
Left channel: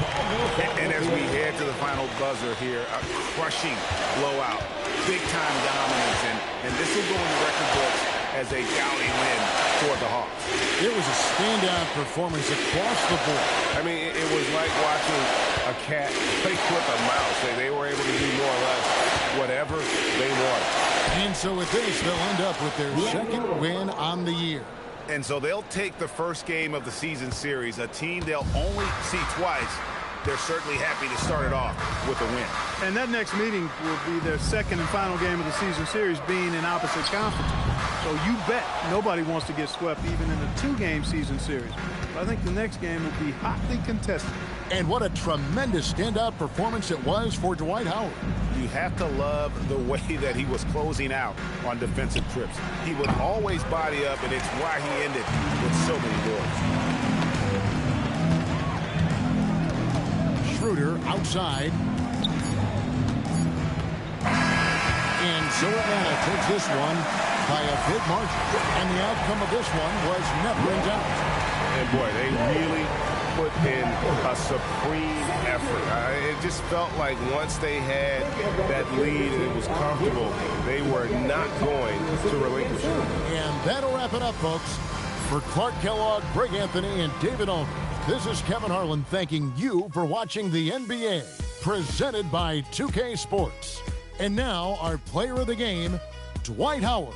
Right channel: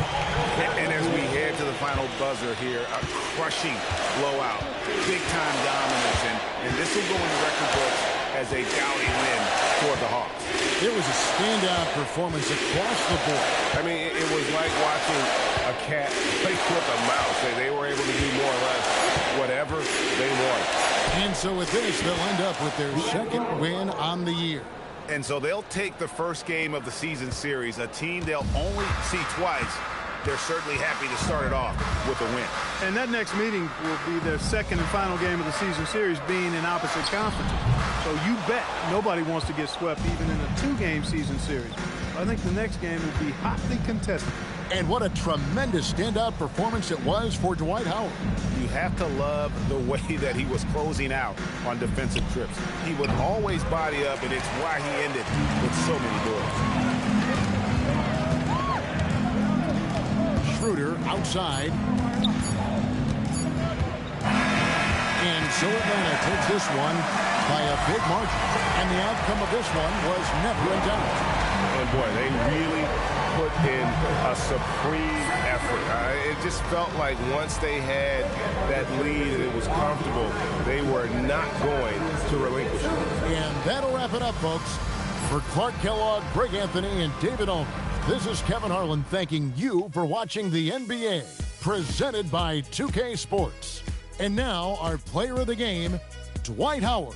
And as we head to the final buzzer here, a crushing blowout, big-time dominance, and this will go in the record books as a gaudy win for the Hawks. It was a standout performance across the board. I mean, it was like watching a cat play with a mouse. They were able to do more or less whatever they wanted. And so with this, they'll end up with their second win on the year. And so they'll take the first game of the season series, a team they'll only see twice. They're certainly happy to start it off with a win. And that next meeting will be their second and final game of the season series, being in opposite conferences. So you bet nobody wants to get swept even in a 2-game season series. But I think the next game will be hotly contested. And what a tremendous standout performance it was for Dwight Howard. You have to love the way that he was closing out on defensive trips. He would always body up, and it's why he ended with so many doors. Schroeder outside. And so Atlanta takes this one by a big margin. And the outcome of this one was never in doubt. And boy, they really put in a supreme effort. It just felt like once they had that lead and it was comfortable, they were not going to relinquish it. And that'll wrap it up, folks. For Clark Kellogg, Greg Anthony, and David Olney, this is Kevin Harlan thanking you for watching the NBA, presented by 2K Sports. And now, our player of the game, Dwight Howard.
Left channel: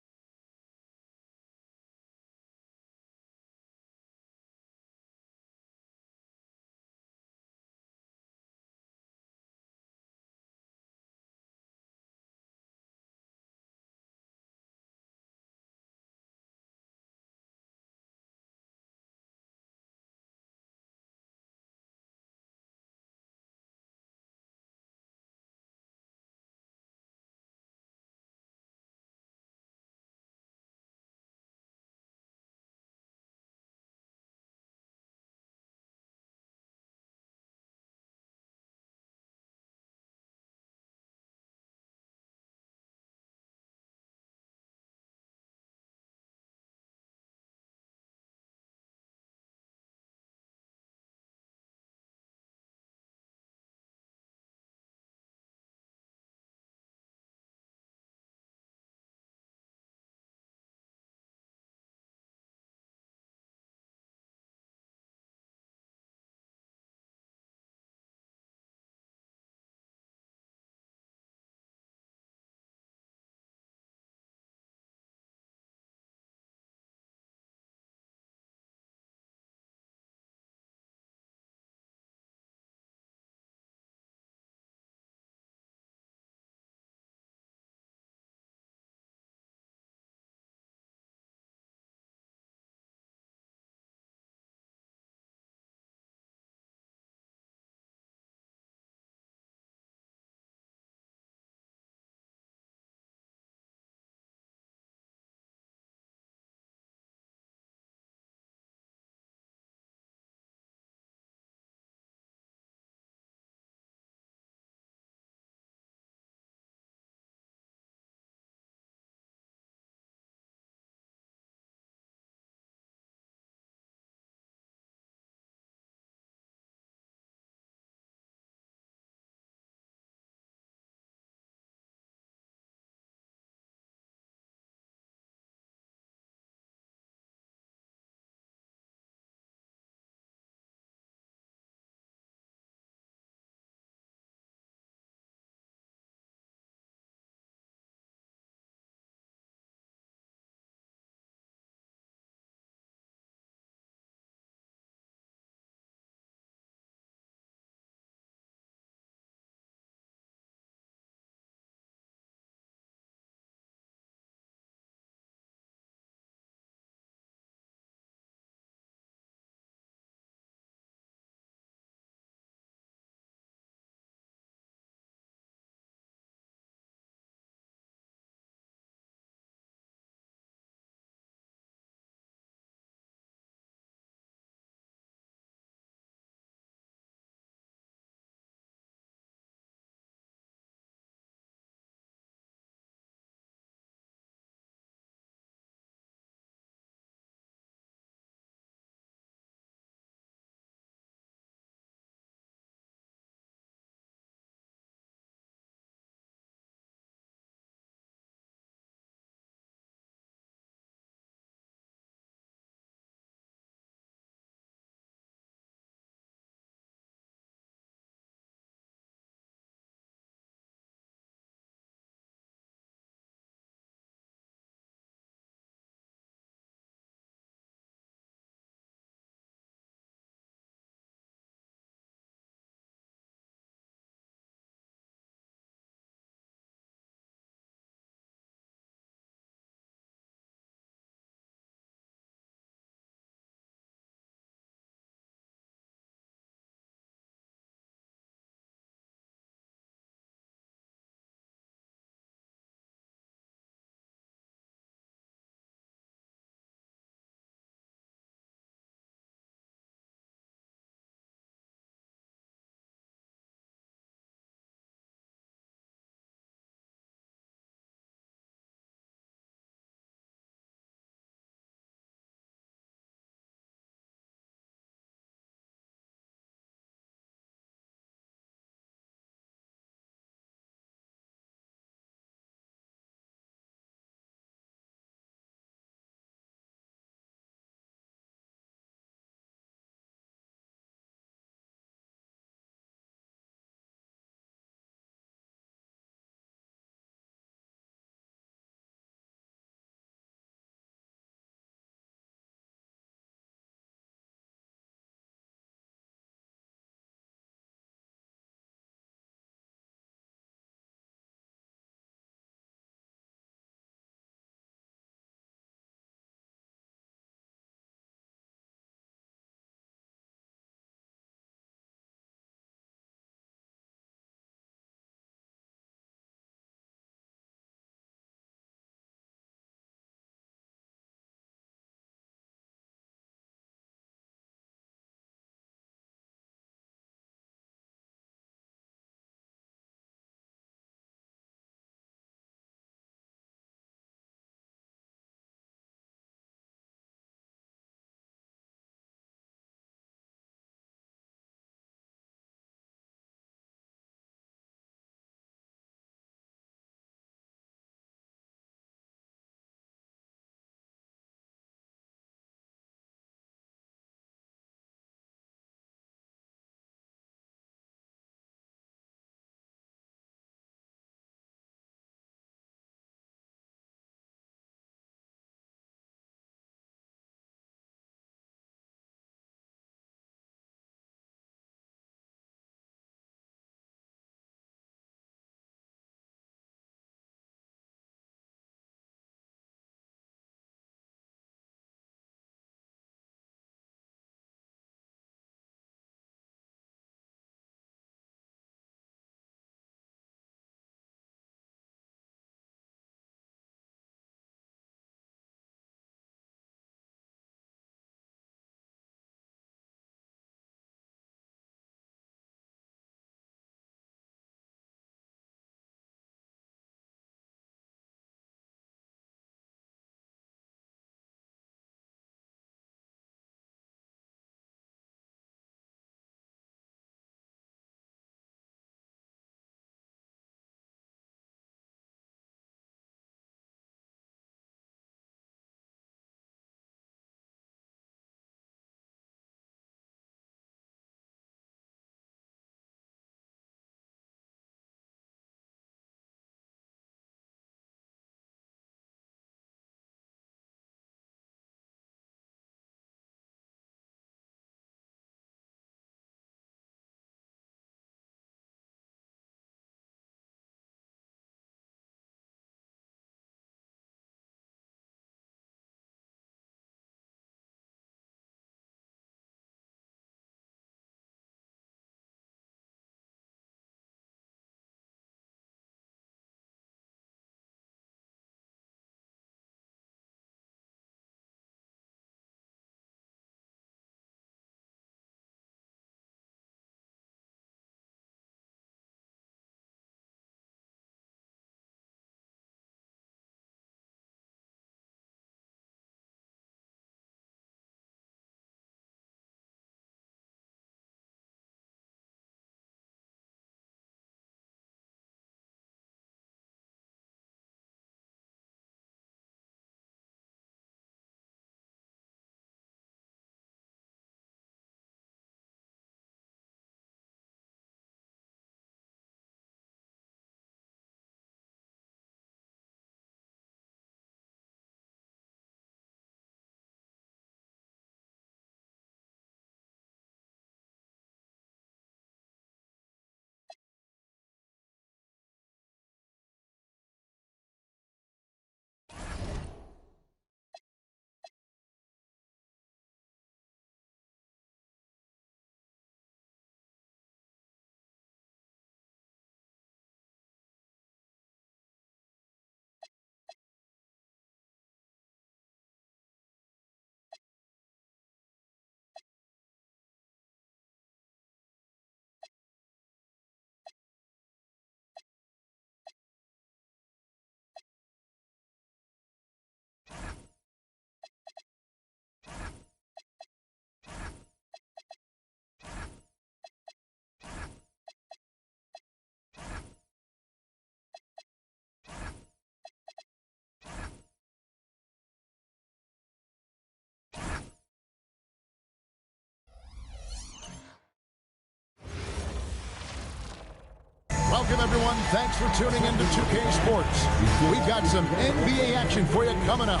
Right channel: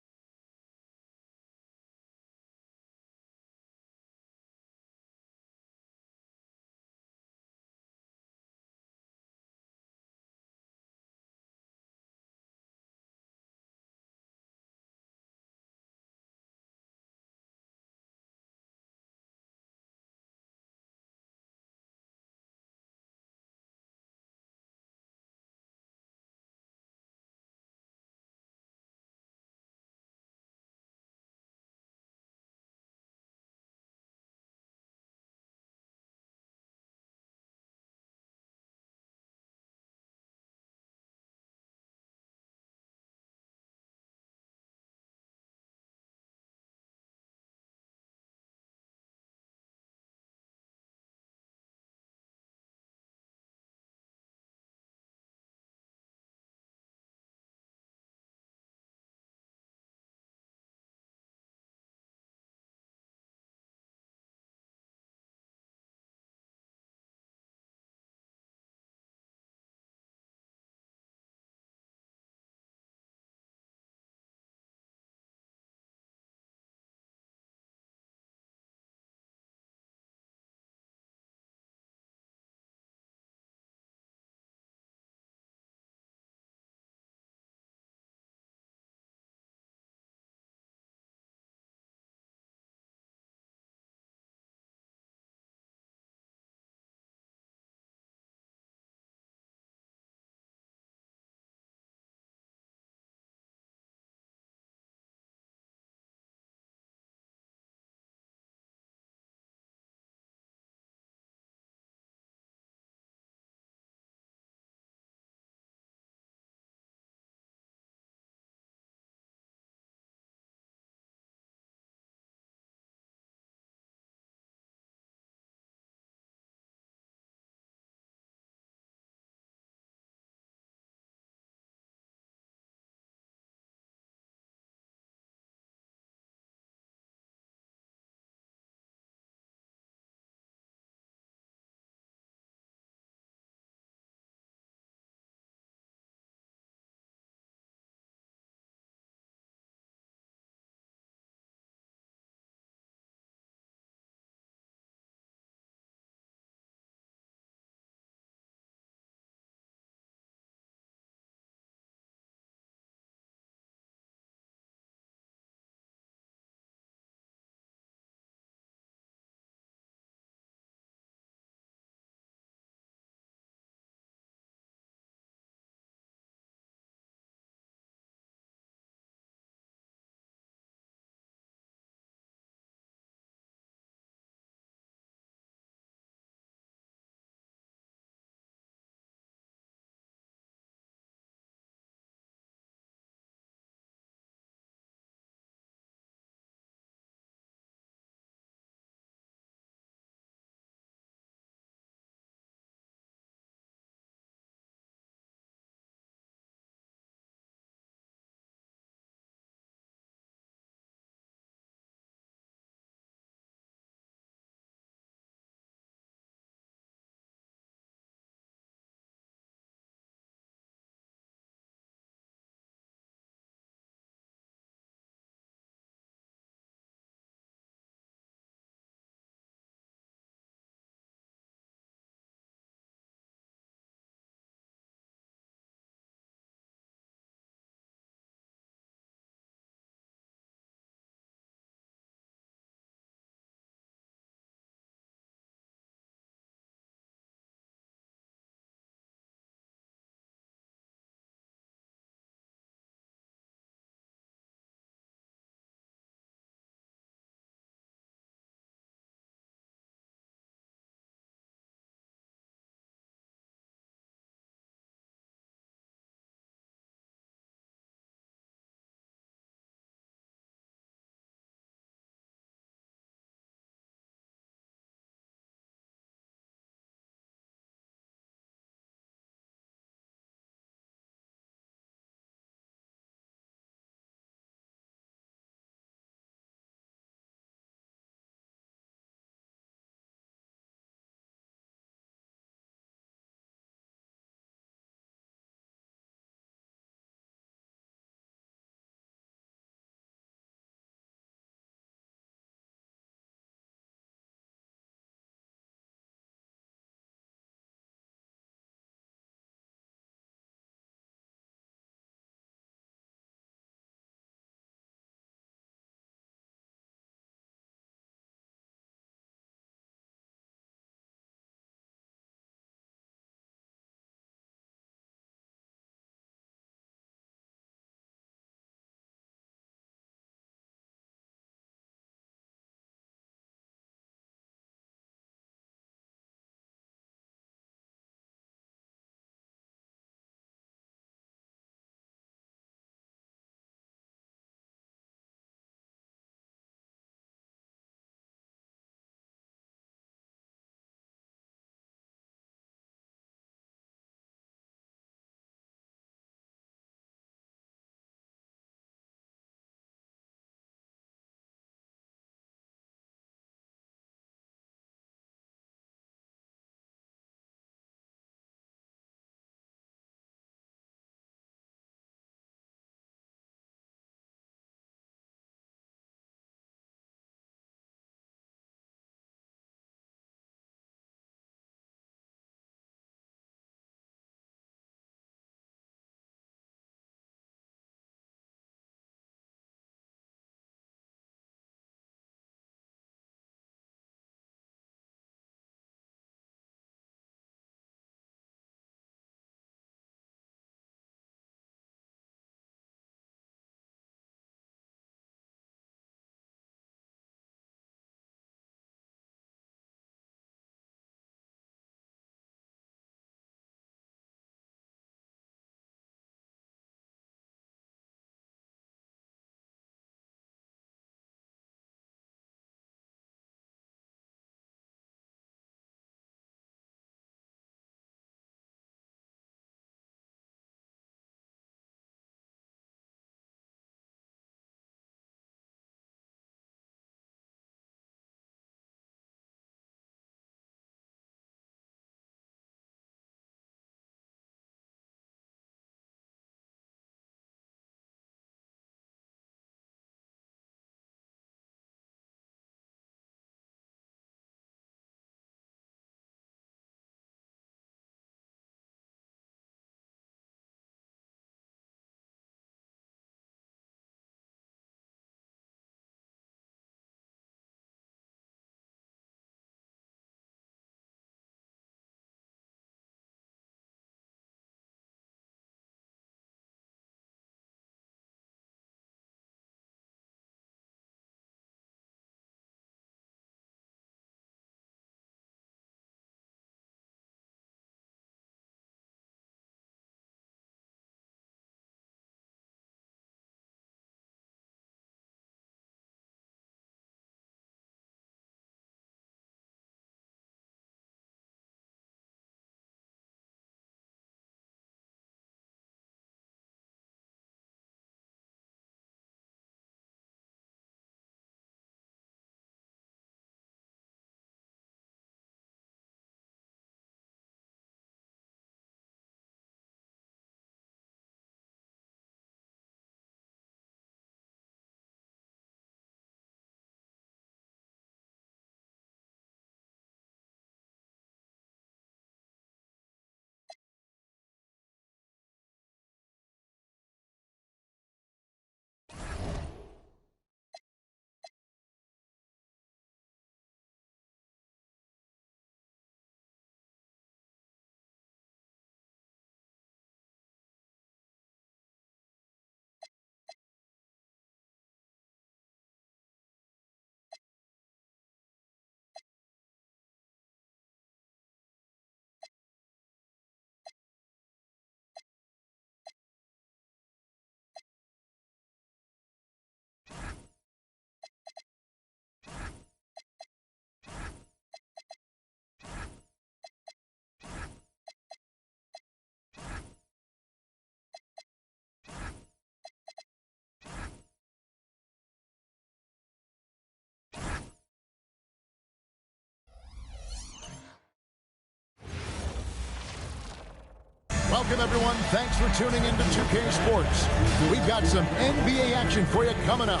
Welcome, everyone. Thanks for tuning in to 2K Sports. We've got some NBA action for you coming up.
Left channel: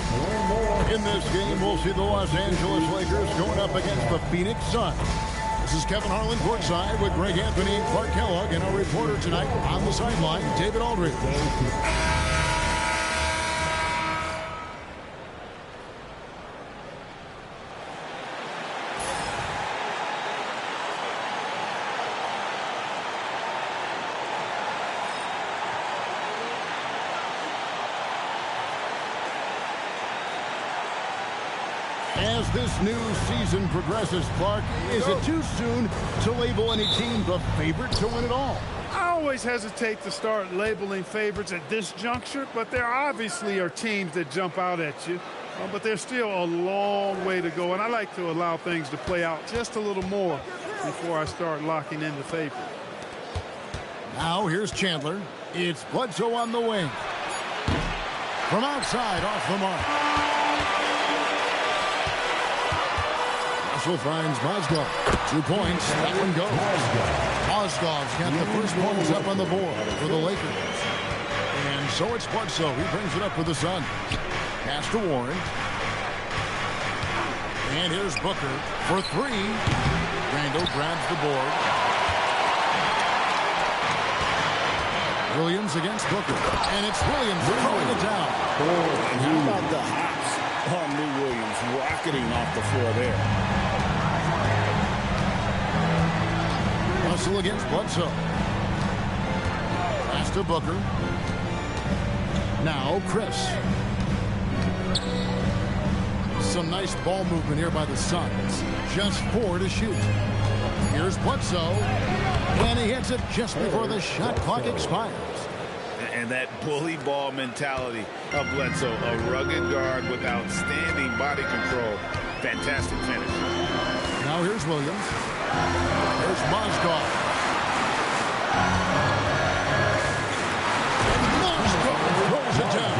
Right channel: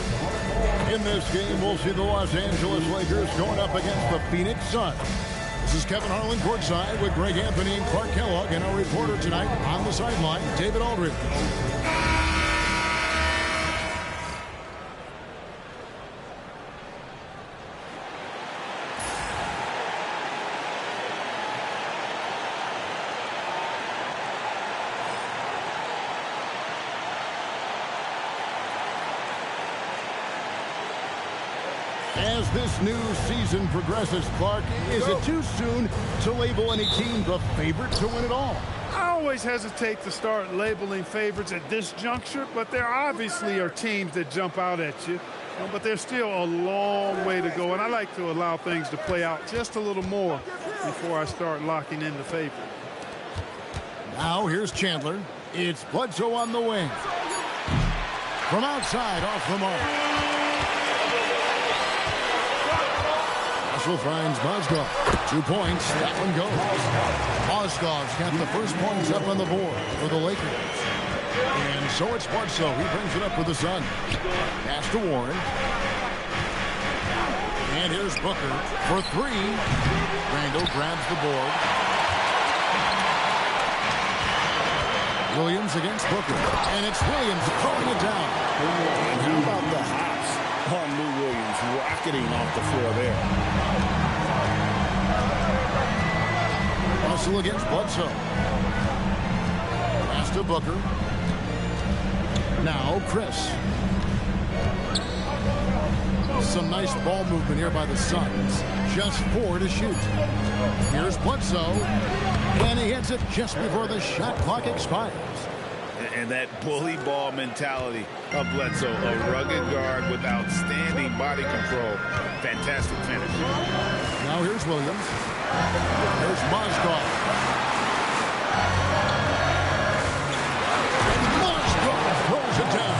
In this game, we'll see the Los Angeles Lakers going up against the Phoenix Suns. This is Kevin Harlan courtside with Greg Anthony and Clark Kellogg, and our reporter tonight on the sideline, David Aldridge. As this new season progresses, Clark, is it too soon to label any team the favorite to win it all? I always hesitate to start labeling favorites at this juncture, but there obviously are teams that jump out at you. But there's still a long way to go, and I like to allow things to play out just a little more before I start locking in the favorite. Now here's Chandler. It's Bledsoe on the wing. From outside, off the mark. Russell finds Mozgov. 2 points. That one goes. Mozgov's got the first points up on the board for the Lakers. And so it's Bledsoe. He brings it up for the Suns. Pass to Warren. And here's Booker for 3. Randall grabs the board. Williams against Booker. And it's Williams throwing it down. And how about the hops on Lou Williams, rocketing off the floor there. Russell against Bledsoe. Pass to Booker. Now Chris. Some nice ball movement here by the Suns. Just 4 to shoot. Here's Bledsoe. And he hits it just before the shot clock expires. And that bully ball mentality of Bledsoe, a rugged guard with outstanding body control. Fantastic finish. Now here's Williams. There's Mozgov. And Mozgov throws it down.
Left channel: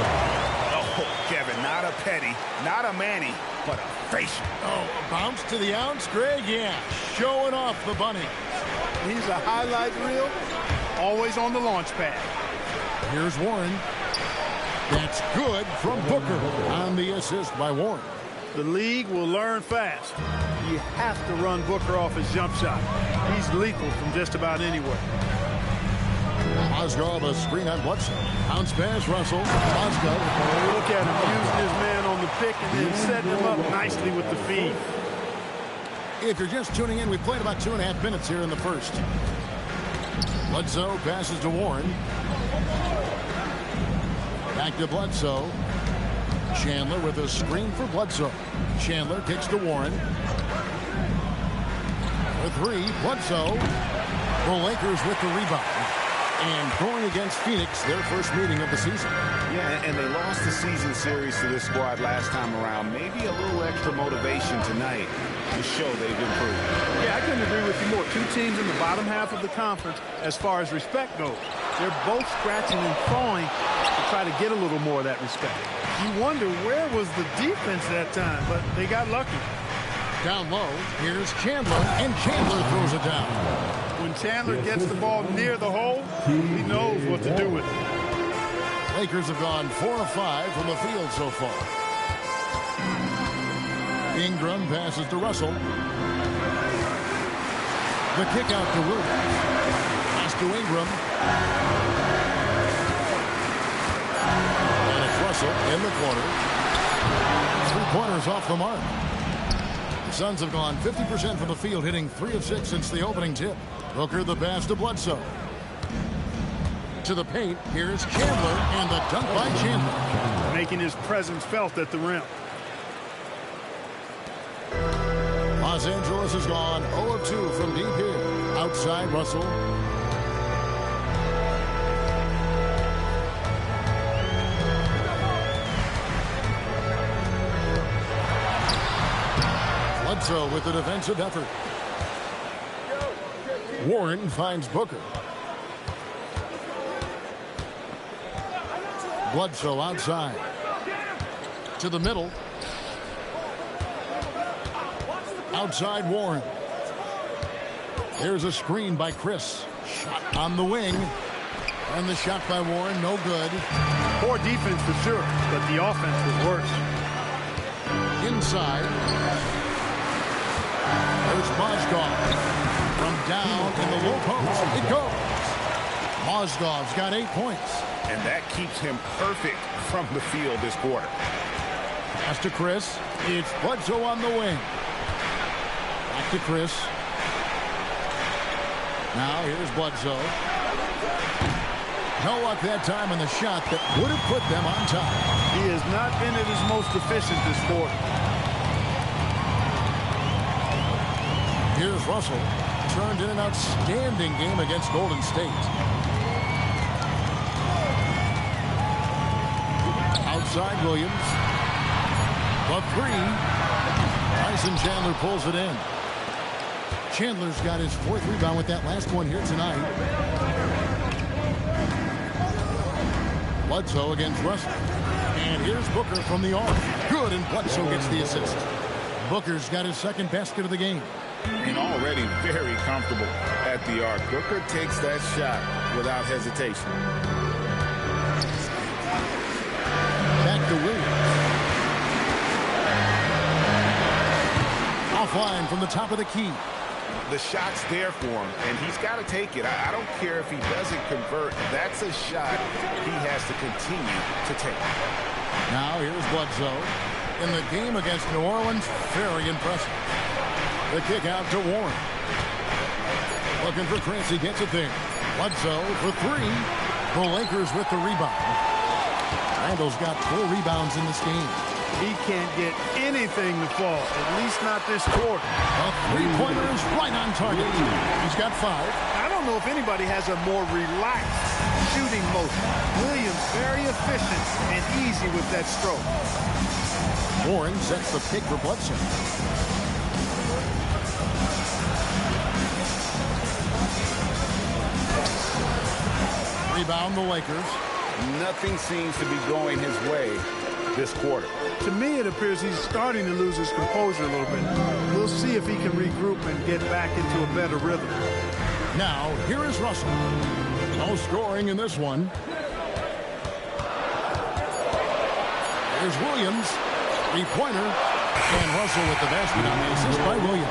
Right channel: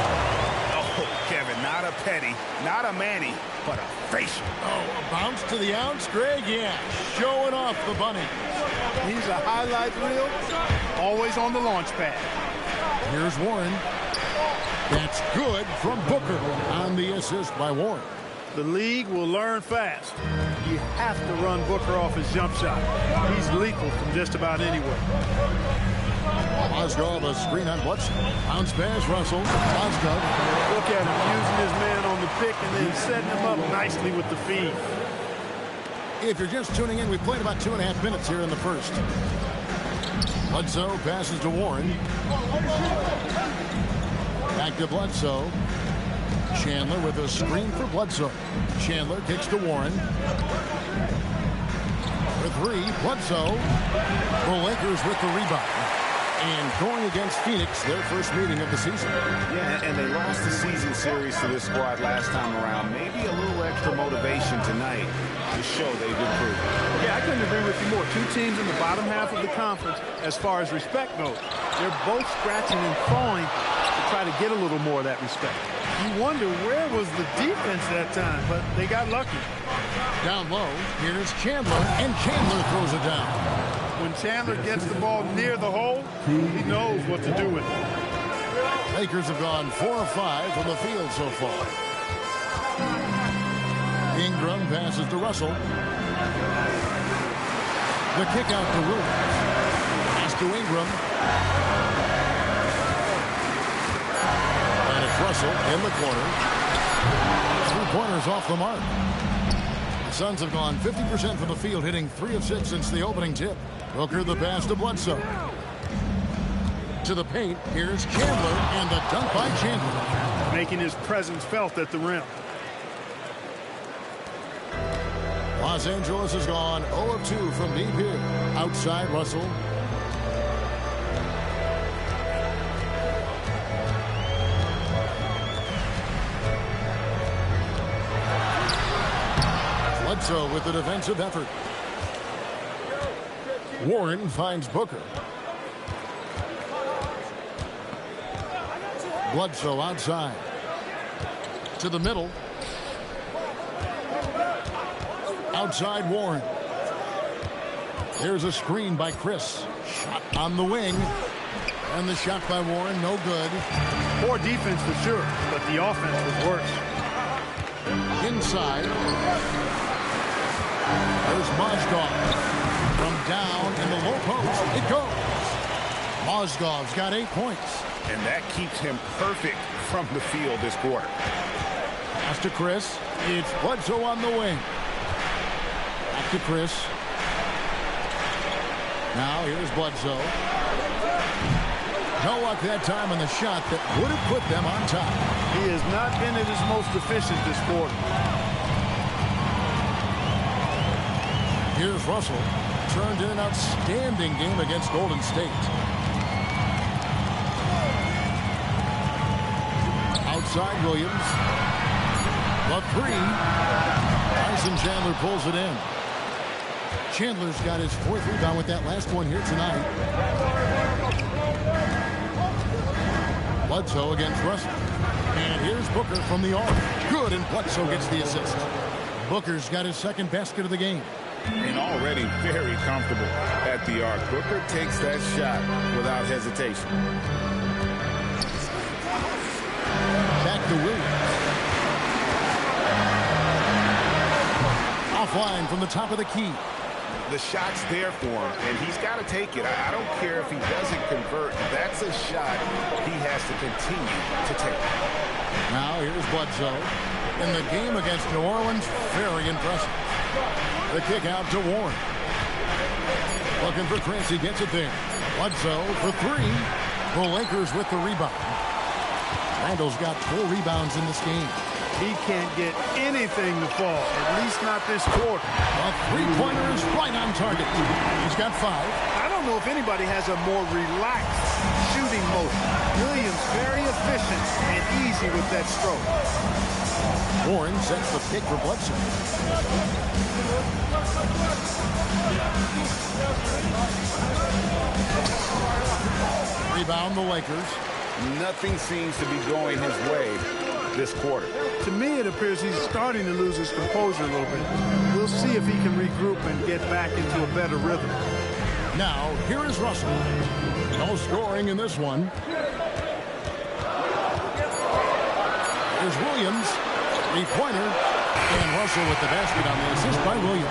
Oh, Kevin, not a petty, not a Manny, but a facial. Oh, a bounce to the ounce, Greg? Yeah, showing off the bunny. He's a highlight reel, always on the launch pad. Here's Warren. That's good from Booker on the assist by Warren. The league will learn fast. You have to run Booker off his jump shot. He's lethal from just about anywhere. Mozgov, a screen on Bledsoe. Bounce pass, Russell. Mozgov. Look at him using his man on the pick and then setting him up nicely with the feed. If you're just tuning in, we played about 2.5 minutes here in the first. Bledsoe passes to Warren. Back to Bledsoe. Chandler with a screen for Bledsoe. Chandler kicks to Warren. For 3, Bledsoe. The Lakers with the rebound. And going against Phoenix, their first meeting of the season. Yeah, and they lost the season series to this squad last time around. Maybe a little extra motivation tonight to show they've improved. Yeah, I couldn't agree with you more. 2 teams in the bottom half of the conference as far as respect goes. They're both scratching and clawing to try to get a little more of that respect. You wonder where was the defense that time, but they got lucky. Down low, here's Chandler, and Chandler throws it down. When Chandler gets the ball near the hole, he knows what to do with it. Lakers have gone 4 of 5 from the field so far. Ingram passes to Russell. The kick out to Williams. Pass to Ingram. And it's Russell in the corner. 3-pointers off the mark. The Suns have gone 50% from the field, hitting 3 of 6 since the opening tip. Booker the pass to Bledsoe. To the paint, here's Chandler, and the dunk by Chandler. Making his presence felt at the rim. Los Angeles has gone 0 of 2 from deep here. Outside, Russell. Bledsoe with the defensive effort. Warren finds Booker. Bledsoe outside. To the middle. Outside Warren. Here's a screen by Chris. Shot on the wing. And the shot by Warren, no good. Poor defense for sure, but the offense was worse. Inside. There's Mozgov. From down in the low post, it goes. Mozgov's got 8 points. And that keeps him perfect from the field this quarter. Pass to Chris. It's Bledsoe on the wing. Back to Chris. Now here's Bledsoe. No luck that time on the shot that would have put them on top. He has not been at his most efficient this quarter. Here's Russell. Turned in an outstanding game against Golden State. Outside Williams. The three. Tyson Chandler pulls it in. Chandler's got his 4th rebound with that last one here tonight. Bledsoe against Russell. And here's Booker from the arc. Good, and Bledsoe gets the assist. Booker's got his 2nd basket of the game. And already very comfortable at the arc. Booker takes that shot without hesitation. Back to Williams. Offline from the top of the key. The shot's there for him, and he's got to take it. I don't care if he doesn't convert. That's a shot he has to continue to take. Now here's Bledsoe. In the game against New Orleans, very impressive. The kick out to Warren. Looking for Chris, he gets it there. Bledsoe for 3. The Lakers with the rebound. Randall's got 4 rebounds in this game. He can't get anything to fall, at least not this quarter. A 3-pointer is right on target. He's got 5. I don't know if anybody has a more relaxed shooting motion. Williams very efficient and easy with that stroke. Warren sets the pick for Bledsoe. Rebound the Lakers. Nothing seems to be going his way this quarter. To me, it appears he's starting to lose his composure a little bit. We'll see if he can regroup and get back into a better rhythm. Now, here is Russell. No scoring in this one. Here's Williams. 3-pointer. And Russell with the basket on the assist by Williams.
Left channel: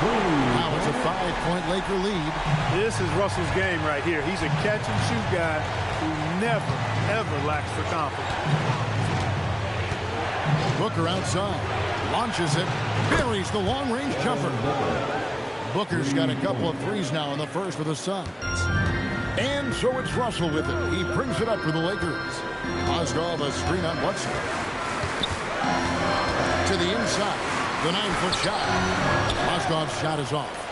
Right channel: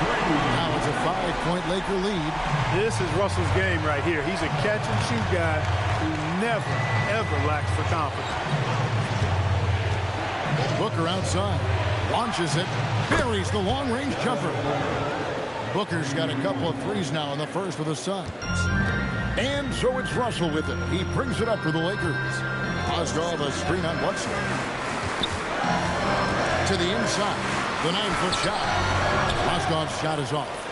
Now it's a 5-point Laker lead. This is Russell's game right here. He's a catch-and-shoot guy who never, ever lacks for confidence. Booker outside. Launches it. Buries the long-range jumper. Booker's got a couple of threes now in the first for the Suns. And so it's Russell with it. He brings it up for the Lakers. Mozgov a screen on Bledsoe. To the inside. The 9-foot shot. Mozgov's shot is off.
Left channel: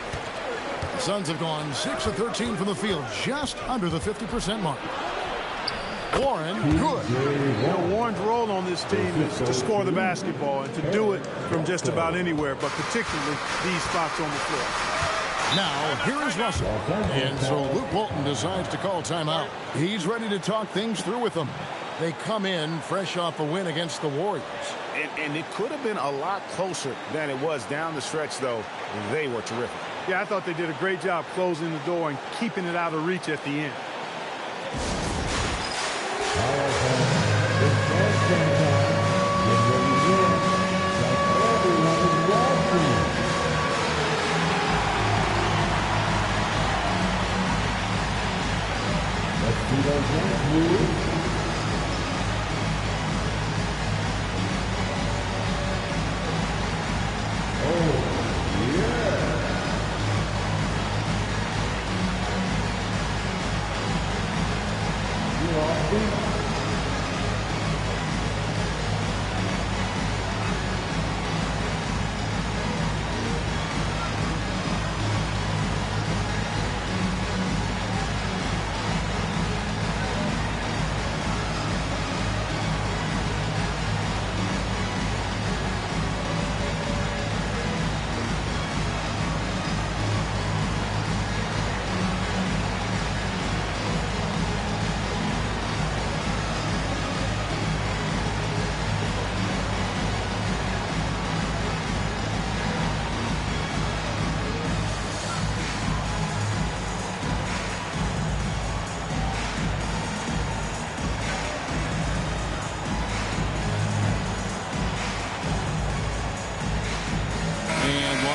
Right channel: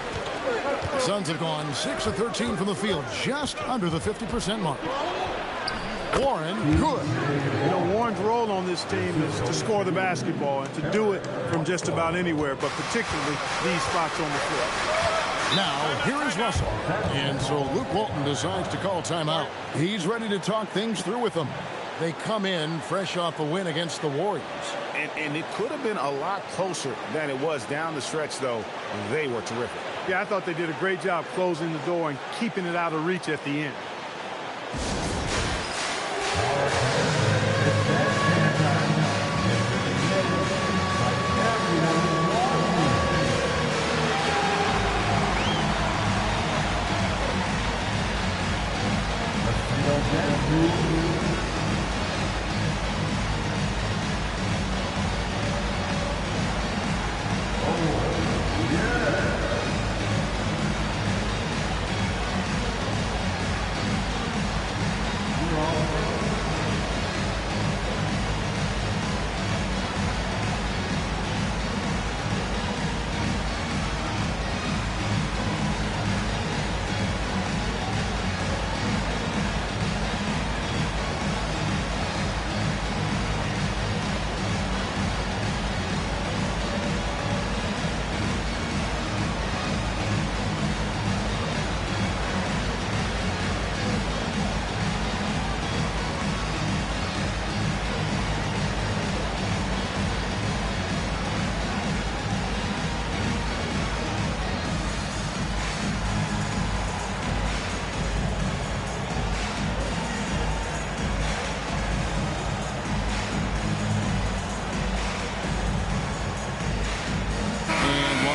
The Suns have gone 6 of 13 from the field, just under the 50% mark. Warren, good. You know, Warren's role on this team is to score the basketball and to do it from just about anywhere, but particularly these spots on the floor. Now, here is Russell. And so Luke Walton decides to call timeout. He's ready to talk things through with them. They come in fresh off a win against the Warriors. And it could have been a lot closer than it was down the stretch, though. They were terrific. Yeah, I thought they did a great job closing the door and keeping it out of reach at the end.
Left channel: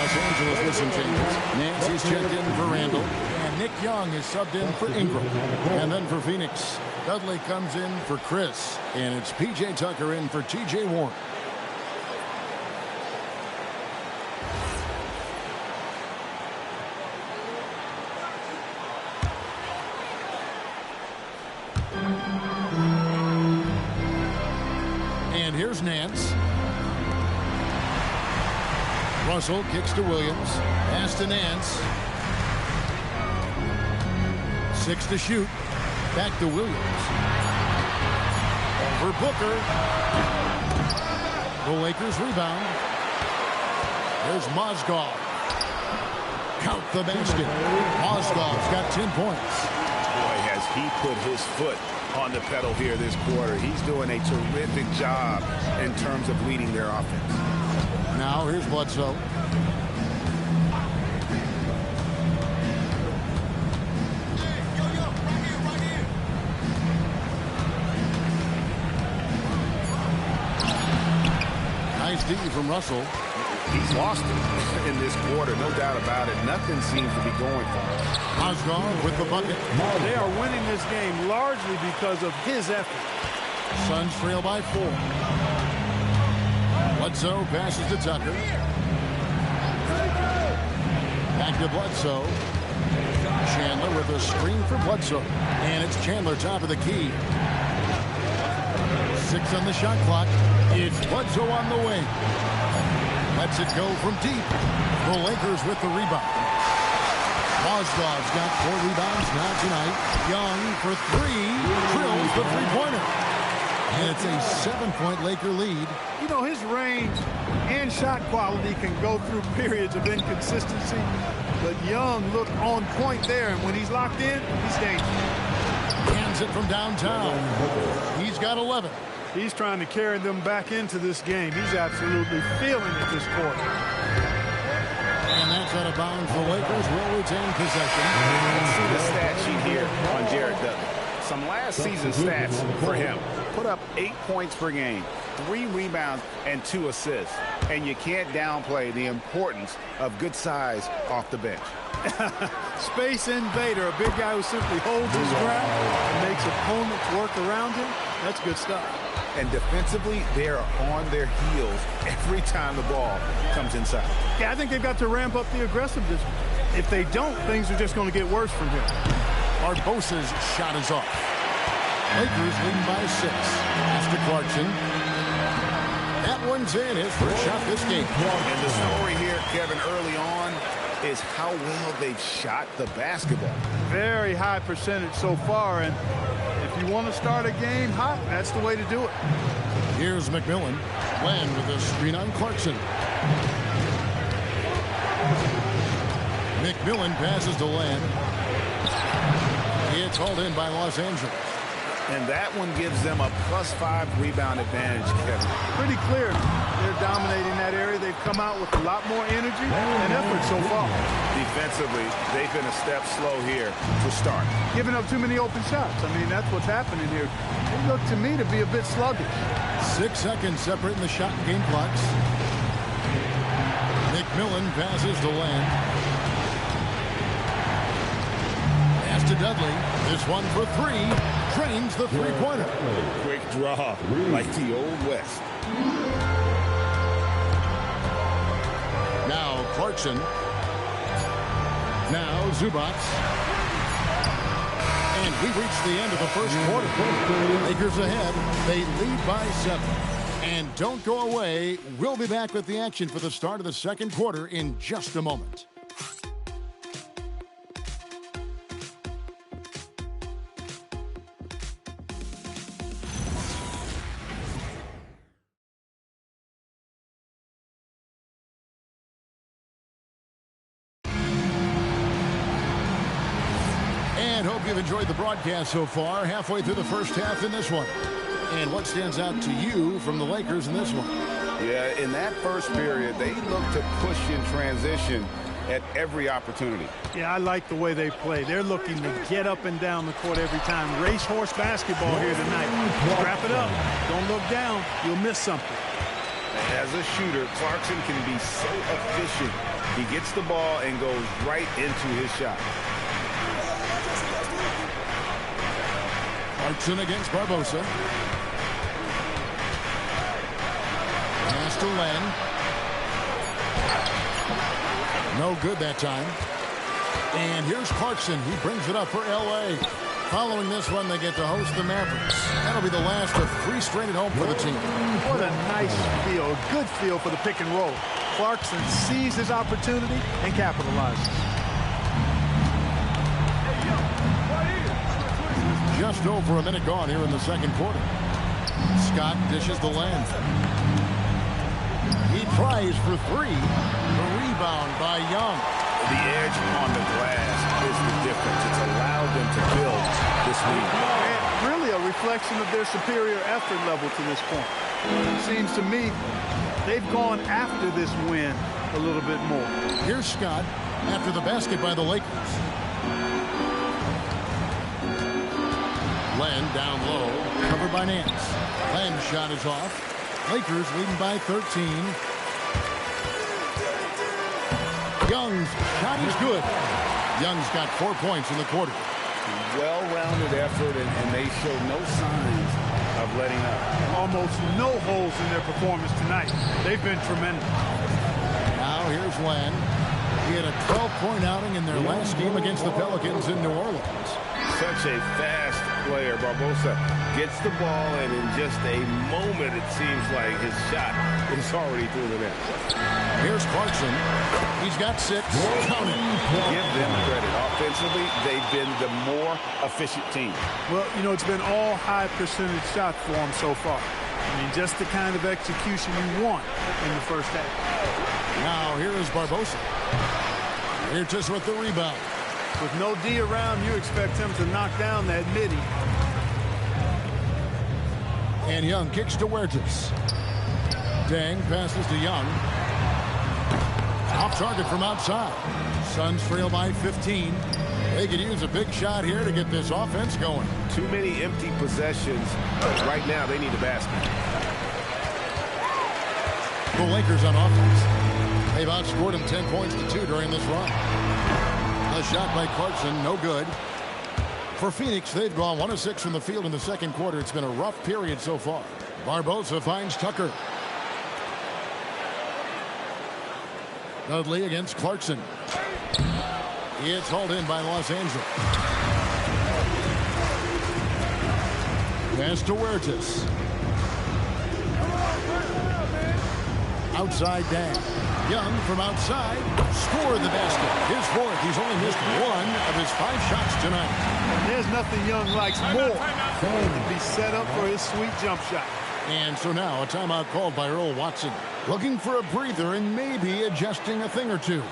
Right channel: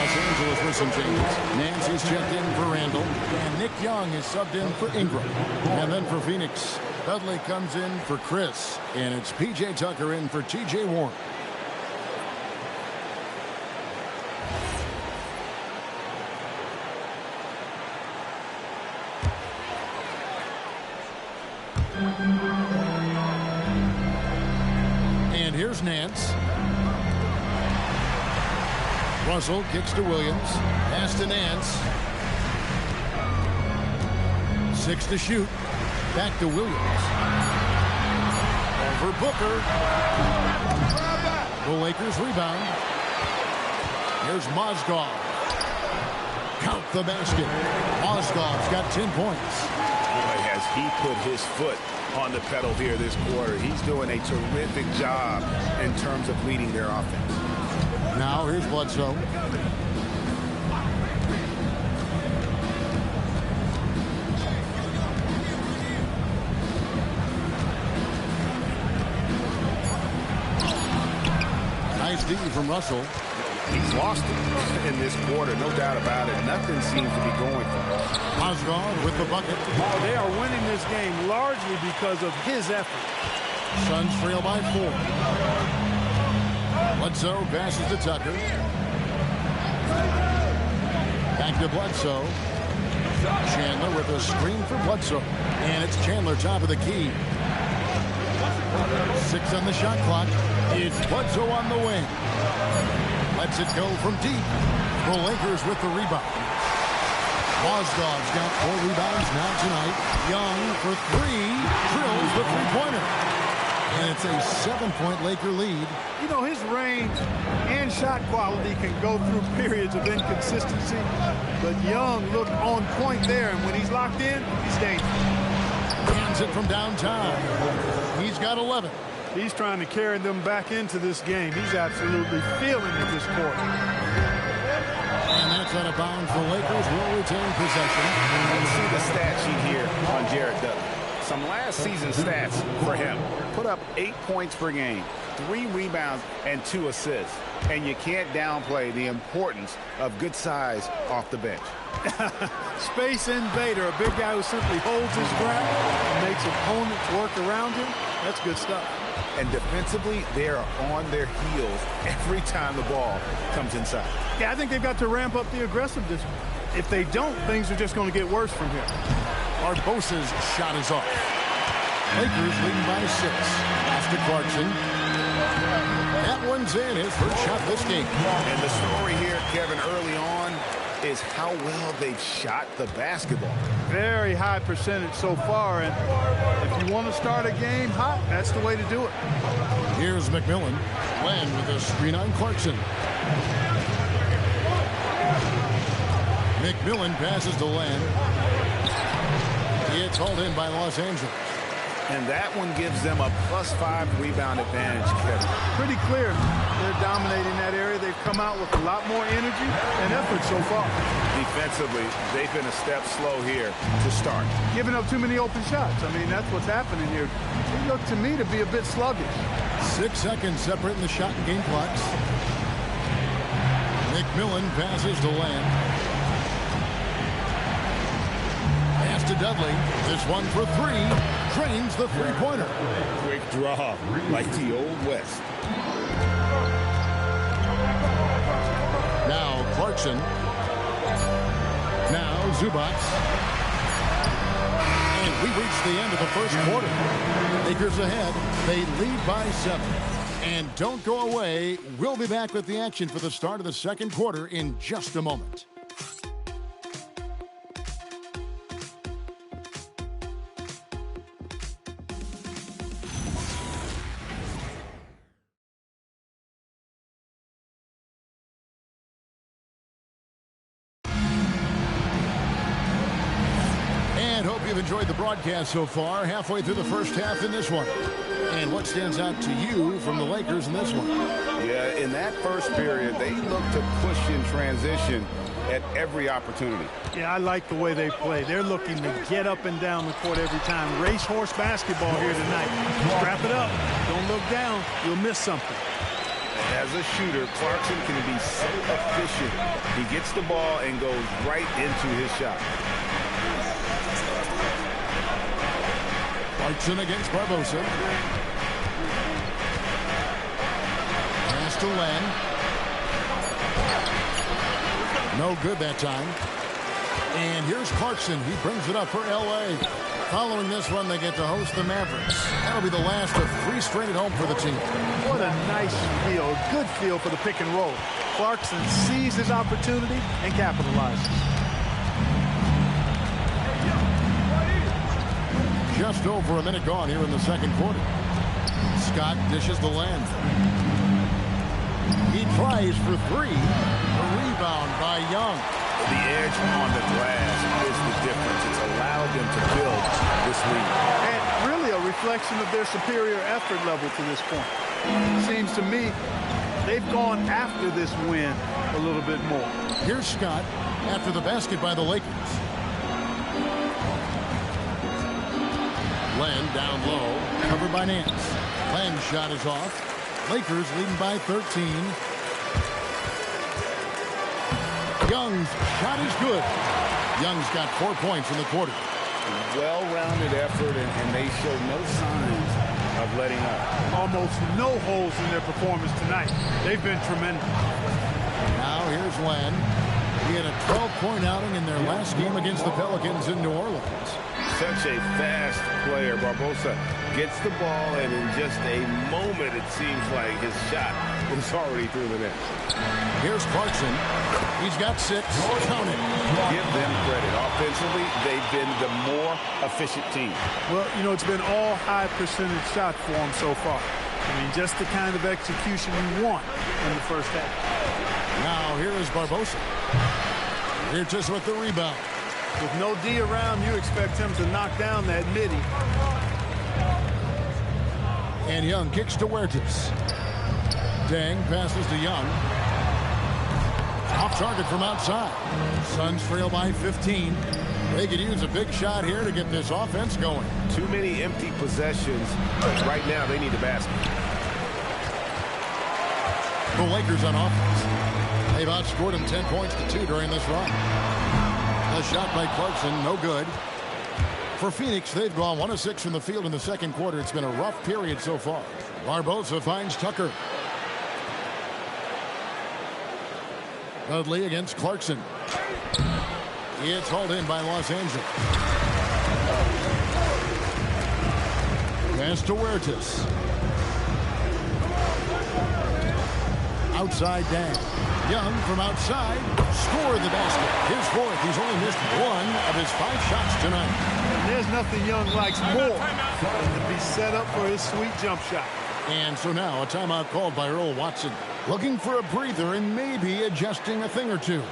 Los Angeles with some changes. Nancy's checked in for Randall, and Nick Young is subbed in for Ingram. And then for Phoenix, Dudley comes in for Chris, and it's P.J. Tucker in for T.J. Warren. And here's Nance. Russell kicks to Williams. Pass to Nance. 6 to shoot. Back to Williams. Over Booker. The Lakers rebound. Here's Mozgov. Count the basket. Mozgov's got 10 points. Boy, has he put his foot on the pedal here this quarter. He's doing a terrific job in terms of leading their offense. Now here's Bledsoe. Nice D from Russell. He's lost it in this quarter, no doubt about it. Nothing seems to be going for him. Mozgov with the bucket. Oh, they are winning this game largely because of his effort. Suns trail by 4. Bledsoe passes to Tucker. Back to Bledsoe. Chandler with a screen for Bledsoe. And it's Chandler top of the key. 6 on the shot clock. It's Bledsoe on the wing. Lets it go from deep. The Lakers with the rebound. Mozgov's got 4 rebounds now tonight. Young for 3. Drills the three-pointer. And it's a 7-point Laker lead. You know, his range and shot quality can go through periods of inconsistency. But Young looked on point there. And when he's locked in, he's dangerous. Hands it from downtown. He's got 11. He's trying to carry them back into this game. He's absolutely feeling it this quarter. And that's out of bounds. The Lakers will retain possession. Let's see the stat sheet here on Jared Dudley. Some last season stats for him. Put up 8 points per game, 3 rebounds, and 2 assists. And you can't downplay the importance of good size off the bench. Space invader, a big guy who simply holds his ground and makes opponents work around him. That's good stuff. And defensively, they are on their heels every time the ball comes inside. Yeah, I think they've got to ramp up the aggressiveness. If they don't, things are just going to get worse from here. Barbosa's shot is off. Lakers leading by 6. Pass to Clarkson. That one's in, his first shot this game. And the story here, Kevin, early on is how well they've shot the basketball. Very high percentage so far, and if you want to start a game hot, that's the way to do it. Here's McMillan. Len with a screen on Clarkson. McMillan passes to Len. It's hauled in by Los Angeles. And that one gives them a +5 rebound advantage, Kevin. Pretty clear. They're dominating that area. They've come out with a lot more energy and effort so far. Defensively, they've been a step slow here to start. Giving up too many open shots. I mean, that's what's happening here. They look to me to be a bit sluggish. 6 seconds separating the shot and game clocks. McMillan passes to Len. Pass to Dudley. This one for 3. Drains the three-pointer. Quick draw, like the old West. Now Clarkson. Now Zubac. And we reach the end of the first quarter. Lakers ahead. They lead by 7. And don't go away. We'll be back with the action for the start of the second quarter in just a moment. And hope you've enjoyed the broadcast so far. Halfway through the first half in this one. And what stands out to you from the Lakers in this one? Yeah, in that first period, they looked to push in transition at every opportunity. Yeah, I like the way they play. They're looking to get up and down the court every time. Racehorse basketball here tonight. Strap it up. Don't look down. You'll miss something. As a shooter, Clarkson can be so efficient. He gets the ball and goes right into his shot. Clarkson against Barbosa. Pass to Len. No good that time. And here's Clarkson. He brings it up for L.A. Following this one, they get to host the Mavericks. That'll be the last of 3 straight at home for the team. What a nice feel, a good feel for the pick and roll. Clarkson sees his opportunity and capitalizes. Just over a minute gone here in the second quarter. Scott dishes the Len. He tries for 3. The rebound by Young. The edge on the glass is the difference. It's allowed them to build this lead. And really a reflection of their superior effort level to this point. It seems to me they've gone after this win a little bit more. Here's Scott after the basket by the Lakers. Len down low, covered by Nance. Len's shot is off. Lakers leading by 13. Young's shot is good. Young's got 4 points in the quarter. Well-rounded effort, and they show no signs of letting up. Almost no holes in their performance tonight. They've been tremendous. Now here's Len. He had a 12-point outing in their last game against the Pelicans in New Orleans. Such a fast player. Barbosa gets the ball, and in just a moment, it seems like his shot is already through the net. Here's Clarkson. He's got 6. Count it. Give them credit. Offensively, they've been the more efficient team. Well, you know, it's been all high percentage shots for them so far. I mean, just the kind of execution you want in the first half. Now here is Barbosa. Here just with the rebound. With no D around, you expect him to knock down that midi. And Young kicks to Huertas. Deng passes to Young. Off target from outside. Suns trail by 15. They could use a big shot here to get this offense going. Too many empty possessions. Right now, they need a basket. The Lakers on offense. They've outscored them 10 points to 2 during this run. A shot by Clarkson, no good. For Phoenix, they've gone 1 of 6 from the field in the second quarter. It's been a rough period so far. Barbosa finds Tucker. Dudley against Clarkson. It's hauled in by Los Angeles. Pass to Huertas. Outside Deng. Young from outside scored the basket. His 4th. He's only missed 1 of his 5 shots tonight. And there's nothing Young likes more than to be set up for his sweet jump shot. And so now a timeout called by Earl Watson. Looking for a breather and maybe adjusting a thing or two.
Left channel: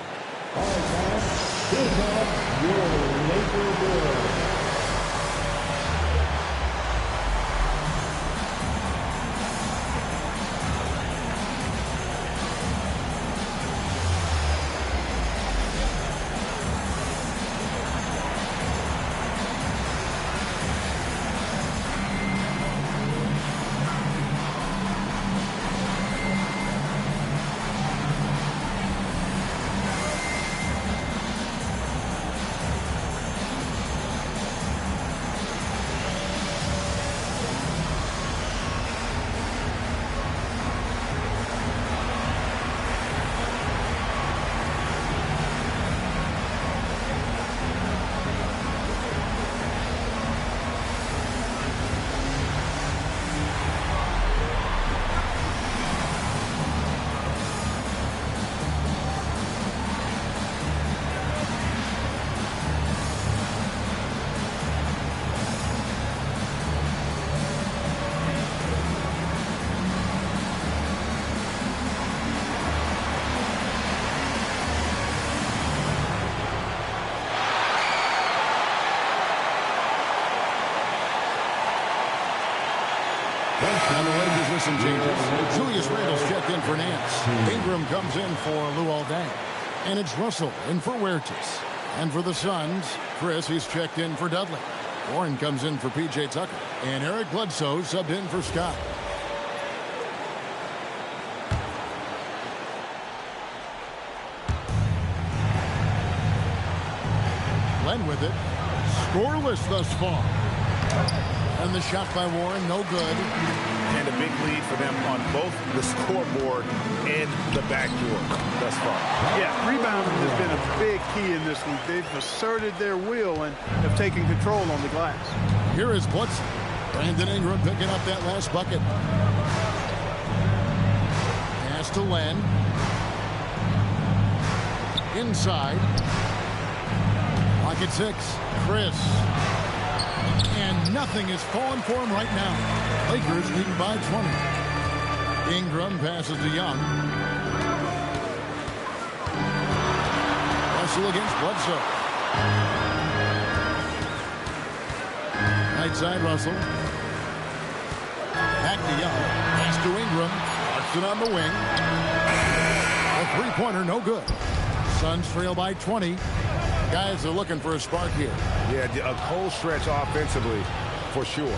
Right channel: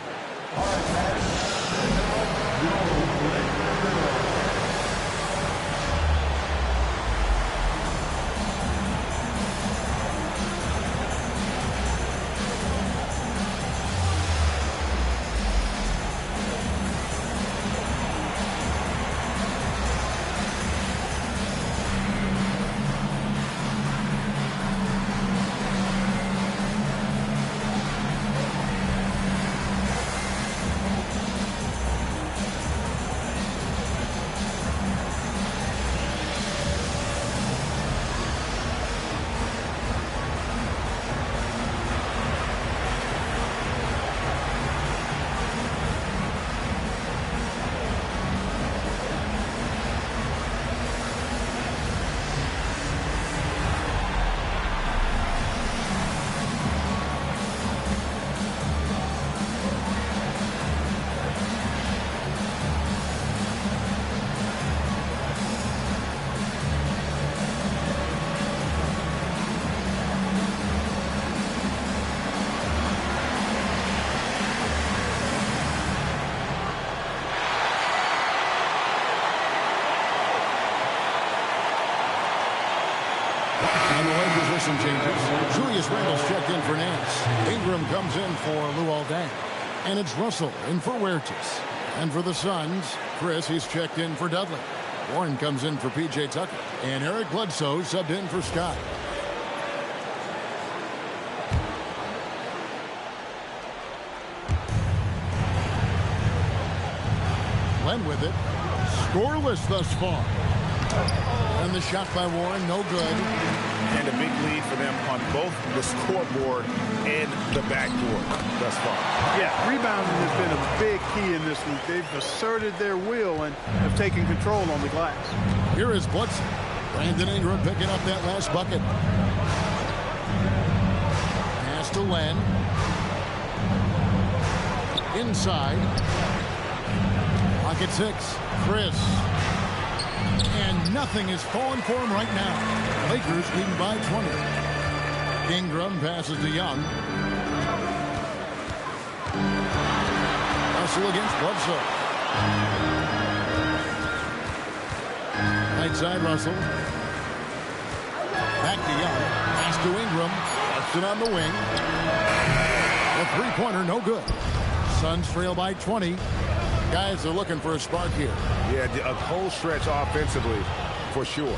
And the Lakers with some changes. Julius Randle's checked in for Nance. Ingram comes in for Luol Deng. And it's Russell in for Huertas. And for the Suns, Chris, he's checked in for Dudley. Warren comes in for P.J. Tucker. And Eric Bledsoe subbed in for Scott. Len with it. Scoreless thus far. And the shot by Warren, no good. And a big lead for them on both the scoreboard and the backboard thus far. Yeah, rebounding has been a big key in this one. They've asserted their will and have taken control on the glass. Here is Bledsoe. Brandon Ingram picking up that last bucket. Pass to Len. Inside. Lock at 6. Chris. And nothing is falling for him right now. Lakers leading by 20. Ingram passes to Young. Russell against Bledsoe. Right side, Russell. Back to Young. Pass to Ingram. Clarkson on the wing. A three-pointer, no good. Suns trail by 20. Guys are looking for a spark here. Yeah, a cold stretch offensively, for sure.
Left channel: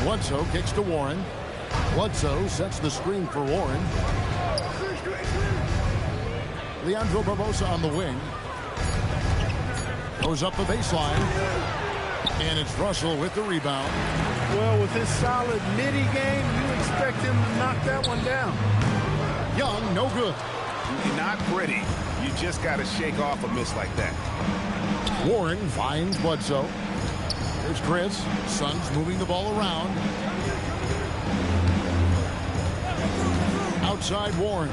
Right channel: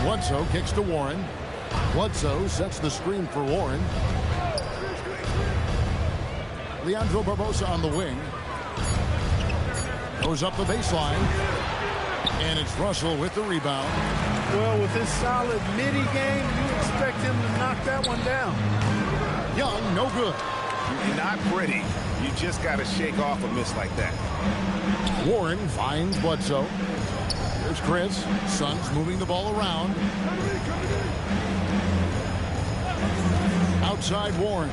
Bledsoe kicks to Warren. Bledsoe sets the screen for Warren. Leandro Barbosa on the wing. Goes up the baseline. And it's Russell with the rebound. Well, with his solid midi game, you expect him to knock that one down. Young, no good. Not pretty. You just got to shake off a miss like that. Warren finds Bledsoe. Here's Chris. Suns moving the ball around. Outside Warren.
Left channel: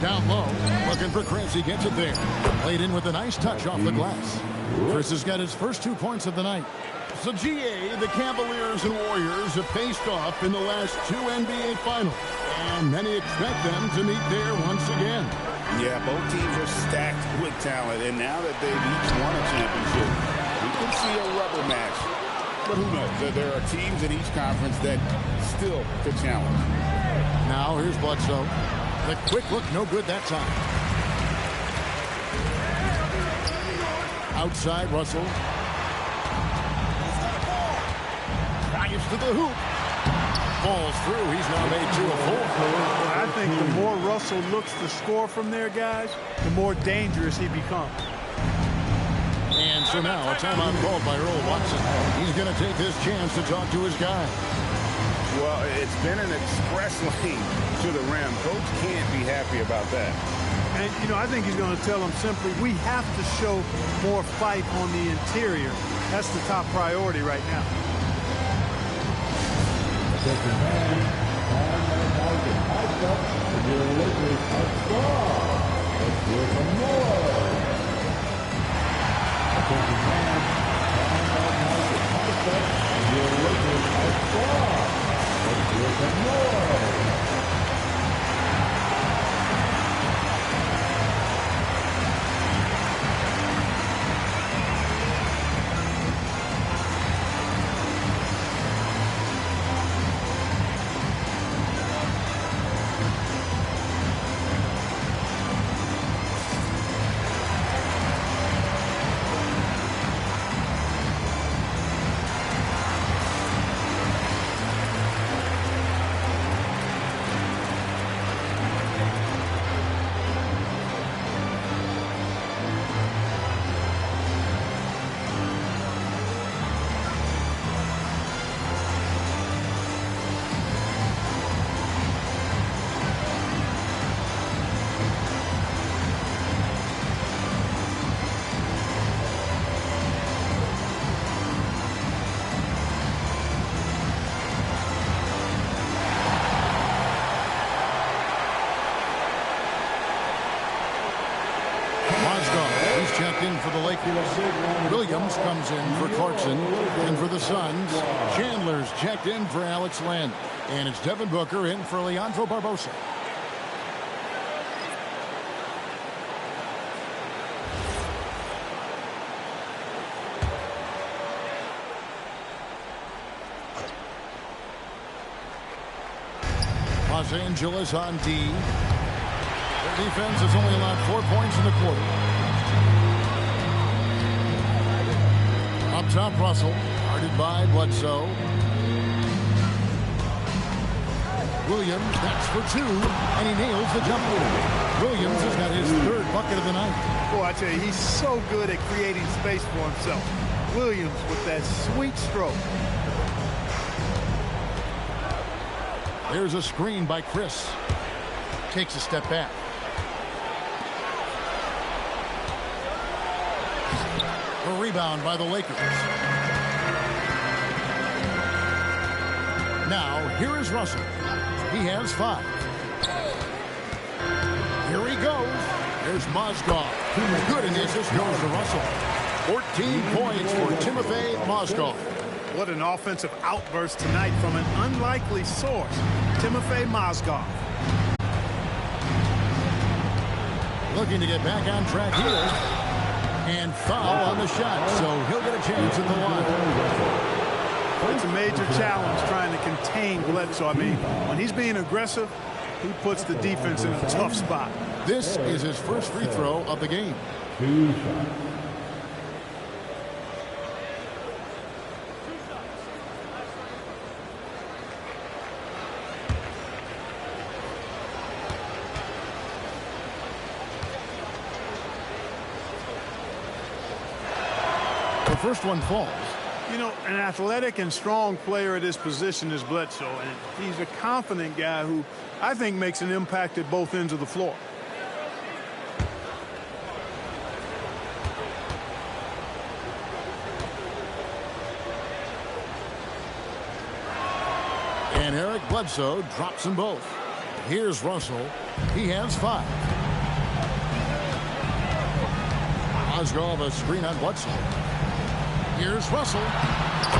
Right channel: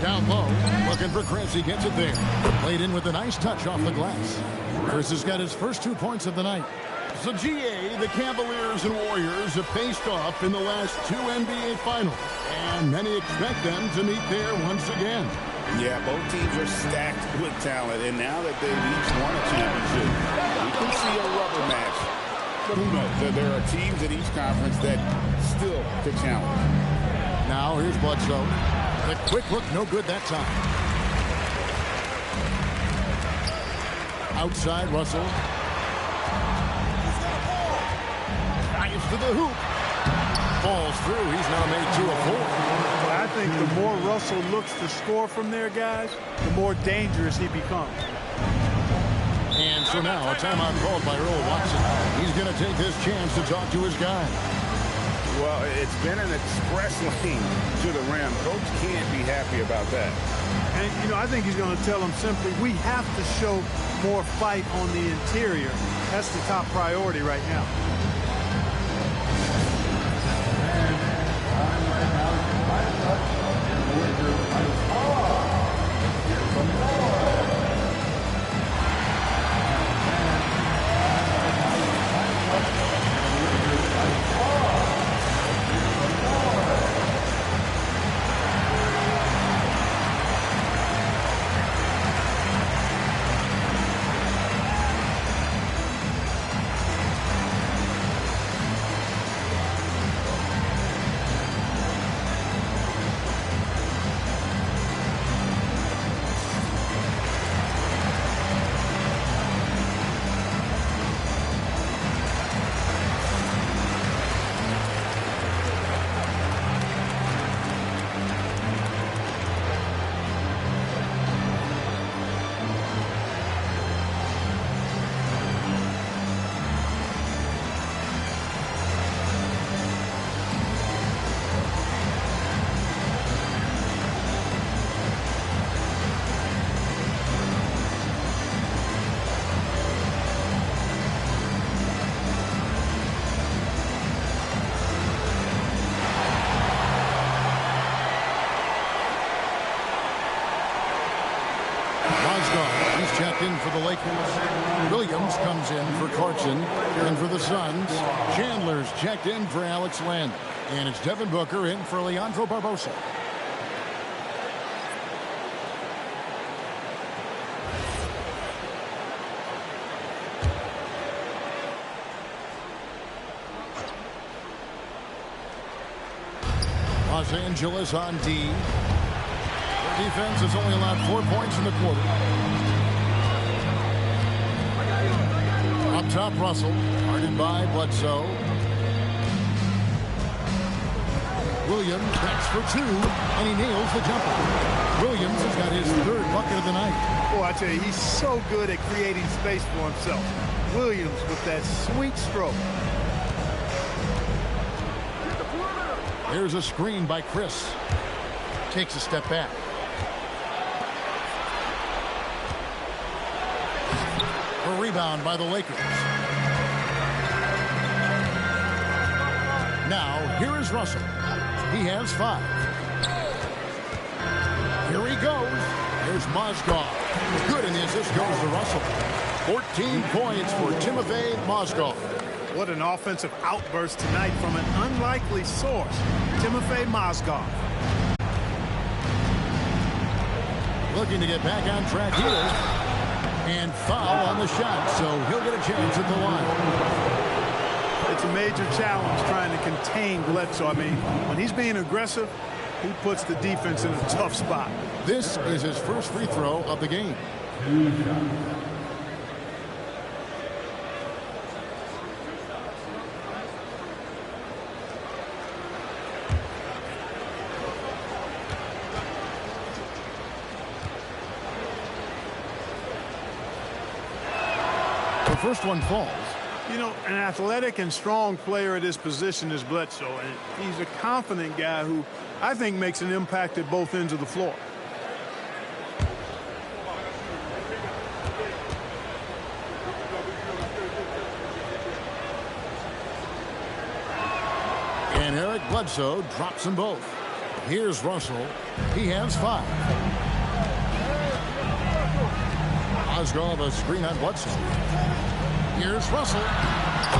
Down low. Looking for Chris. He gets it there. Played in with a nice touch off the glass. Chris has got his first 2 points of the night. So GA, the Cavaliers and Warriors have faced off in the last 2 NBA Finals. And many expect them to meet there once again. Yeah, both teams are stacked with talent, and now that they've each won a championship, we can see a rubber match. But who knows? There are teams in each conference that still could challenge. Now here's Bledsoe. The quick look, no good that time. Outside Russell. Drives to the hoop. Falls through. He's now made 2 of 4. Well, I think the more Russell looks to score from there, guys, the more dangerous he becomes. And so now a timeout called by Earl Watson. He's going to take this chance to talk to his guy. Well, it's been an express lane to the rim. Coach can't be happy about that. And, you know, I think he's going to tell them simply, we have to show more fight on the interior. That's the top priority right now. He's checked in for the Lakers. Williams comes in for Clarkson. And for the Suns, Chandler's checked in for Alex Len. And it's Devin Booker in for Leandro Barbosa. Los Angeles on D. Their defense has only allowed 4 points in the quarter. Up top, Russell, guarded by Bledsoe. Williams, that's for 2, and he nails the jumper. Williams has got his 3rd bucket of the night. Boy, I tell you, he's so good at creating space for himself. Williams with that sweet stroke. There's a screen by Chris. Takes a step back. A rebound by the Lakers. Now, here is Russell. He has 5. Here he goes. There's Mozgov. Good, and the assist goes to Russell. 14 points for Timofey Mozgov. What an offensive outburst tonight from an unlikely source, Timofey Mozgov. Looking to get back on track here. And foul on the shot, so he'll get a chance at the line. It's a major challenge trying to contain Bledsoe. I mean, when he's being aggressive, he puts the defense in a tough spot. This is his first free throw of the game. The first one falls. You know, an athletic and strong player at his position is Bledsoe, and he's a confident guy who I think makes an impact at both ends of the floor. And Eric Bledsoe drops them both. Here's Russell. He has 5. Mozgov, a screen on Bledsoe. Here's Russell.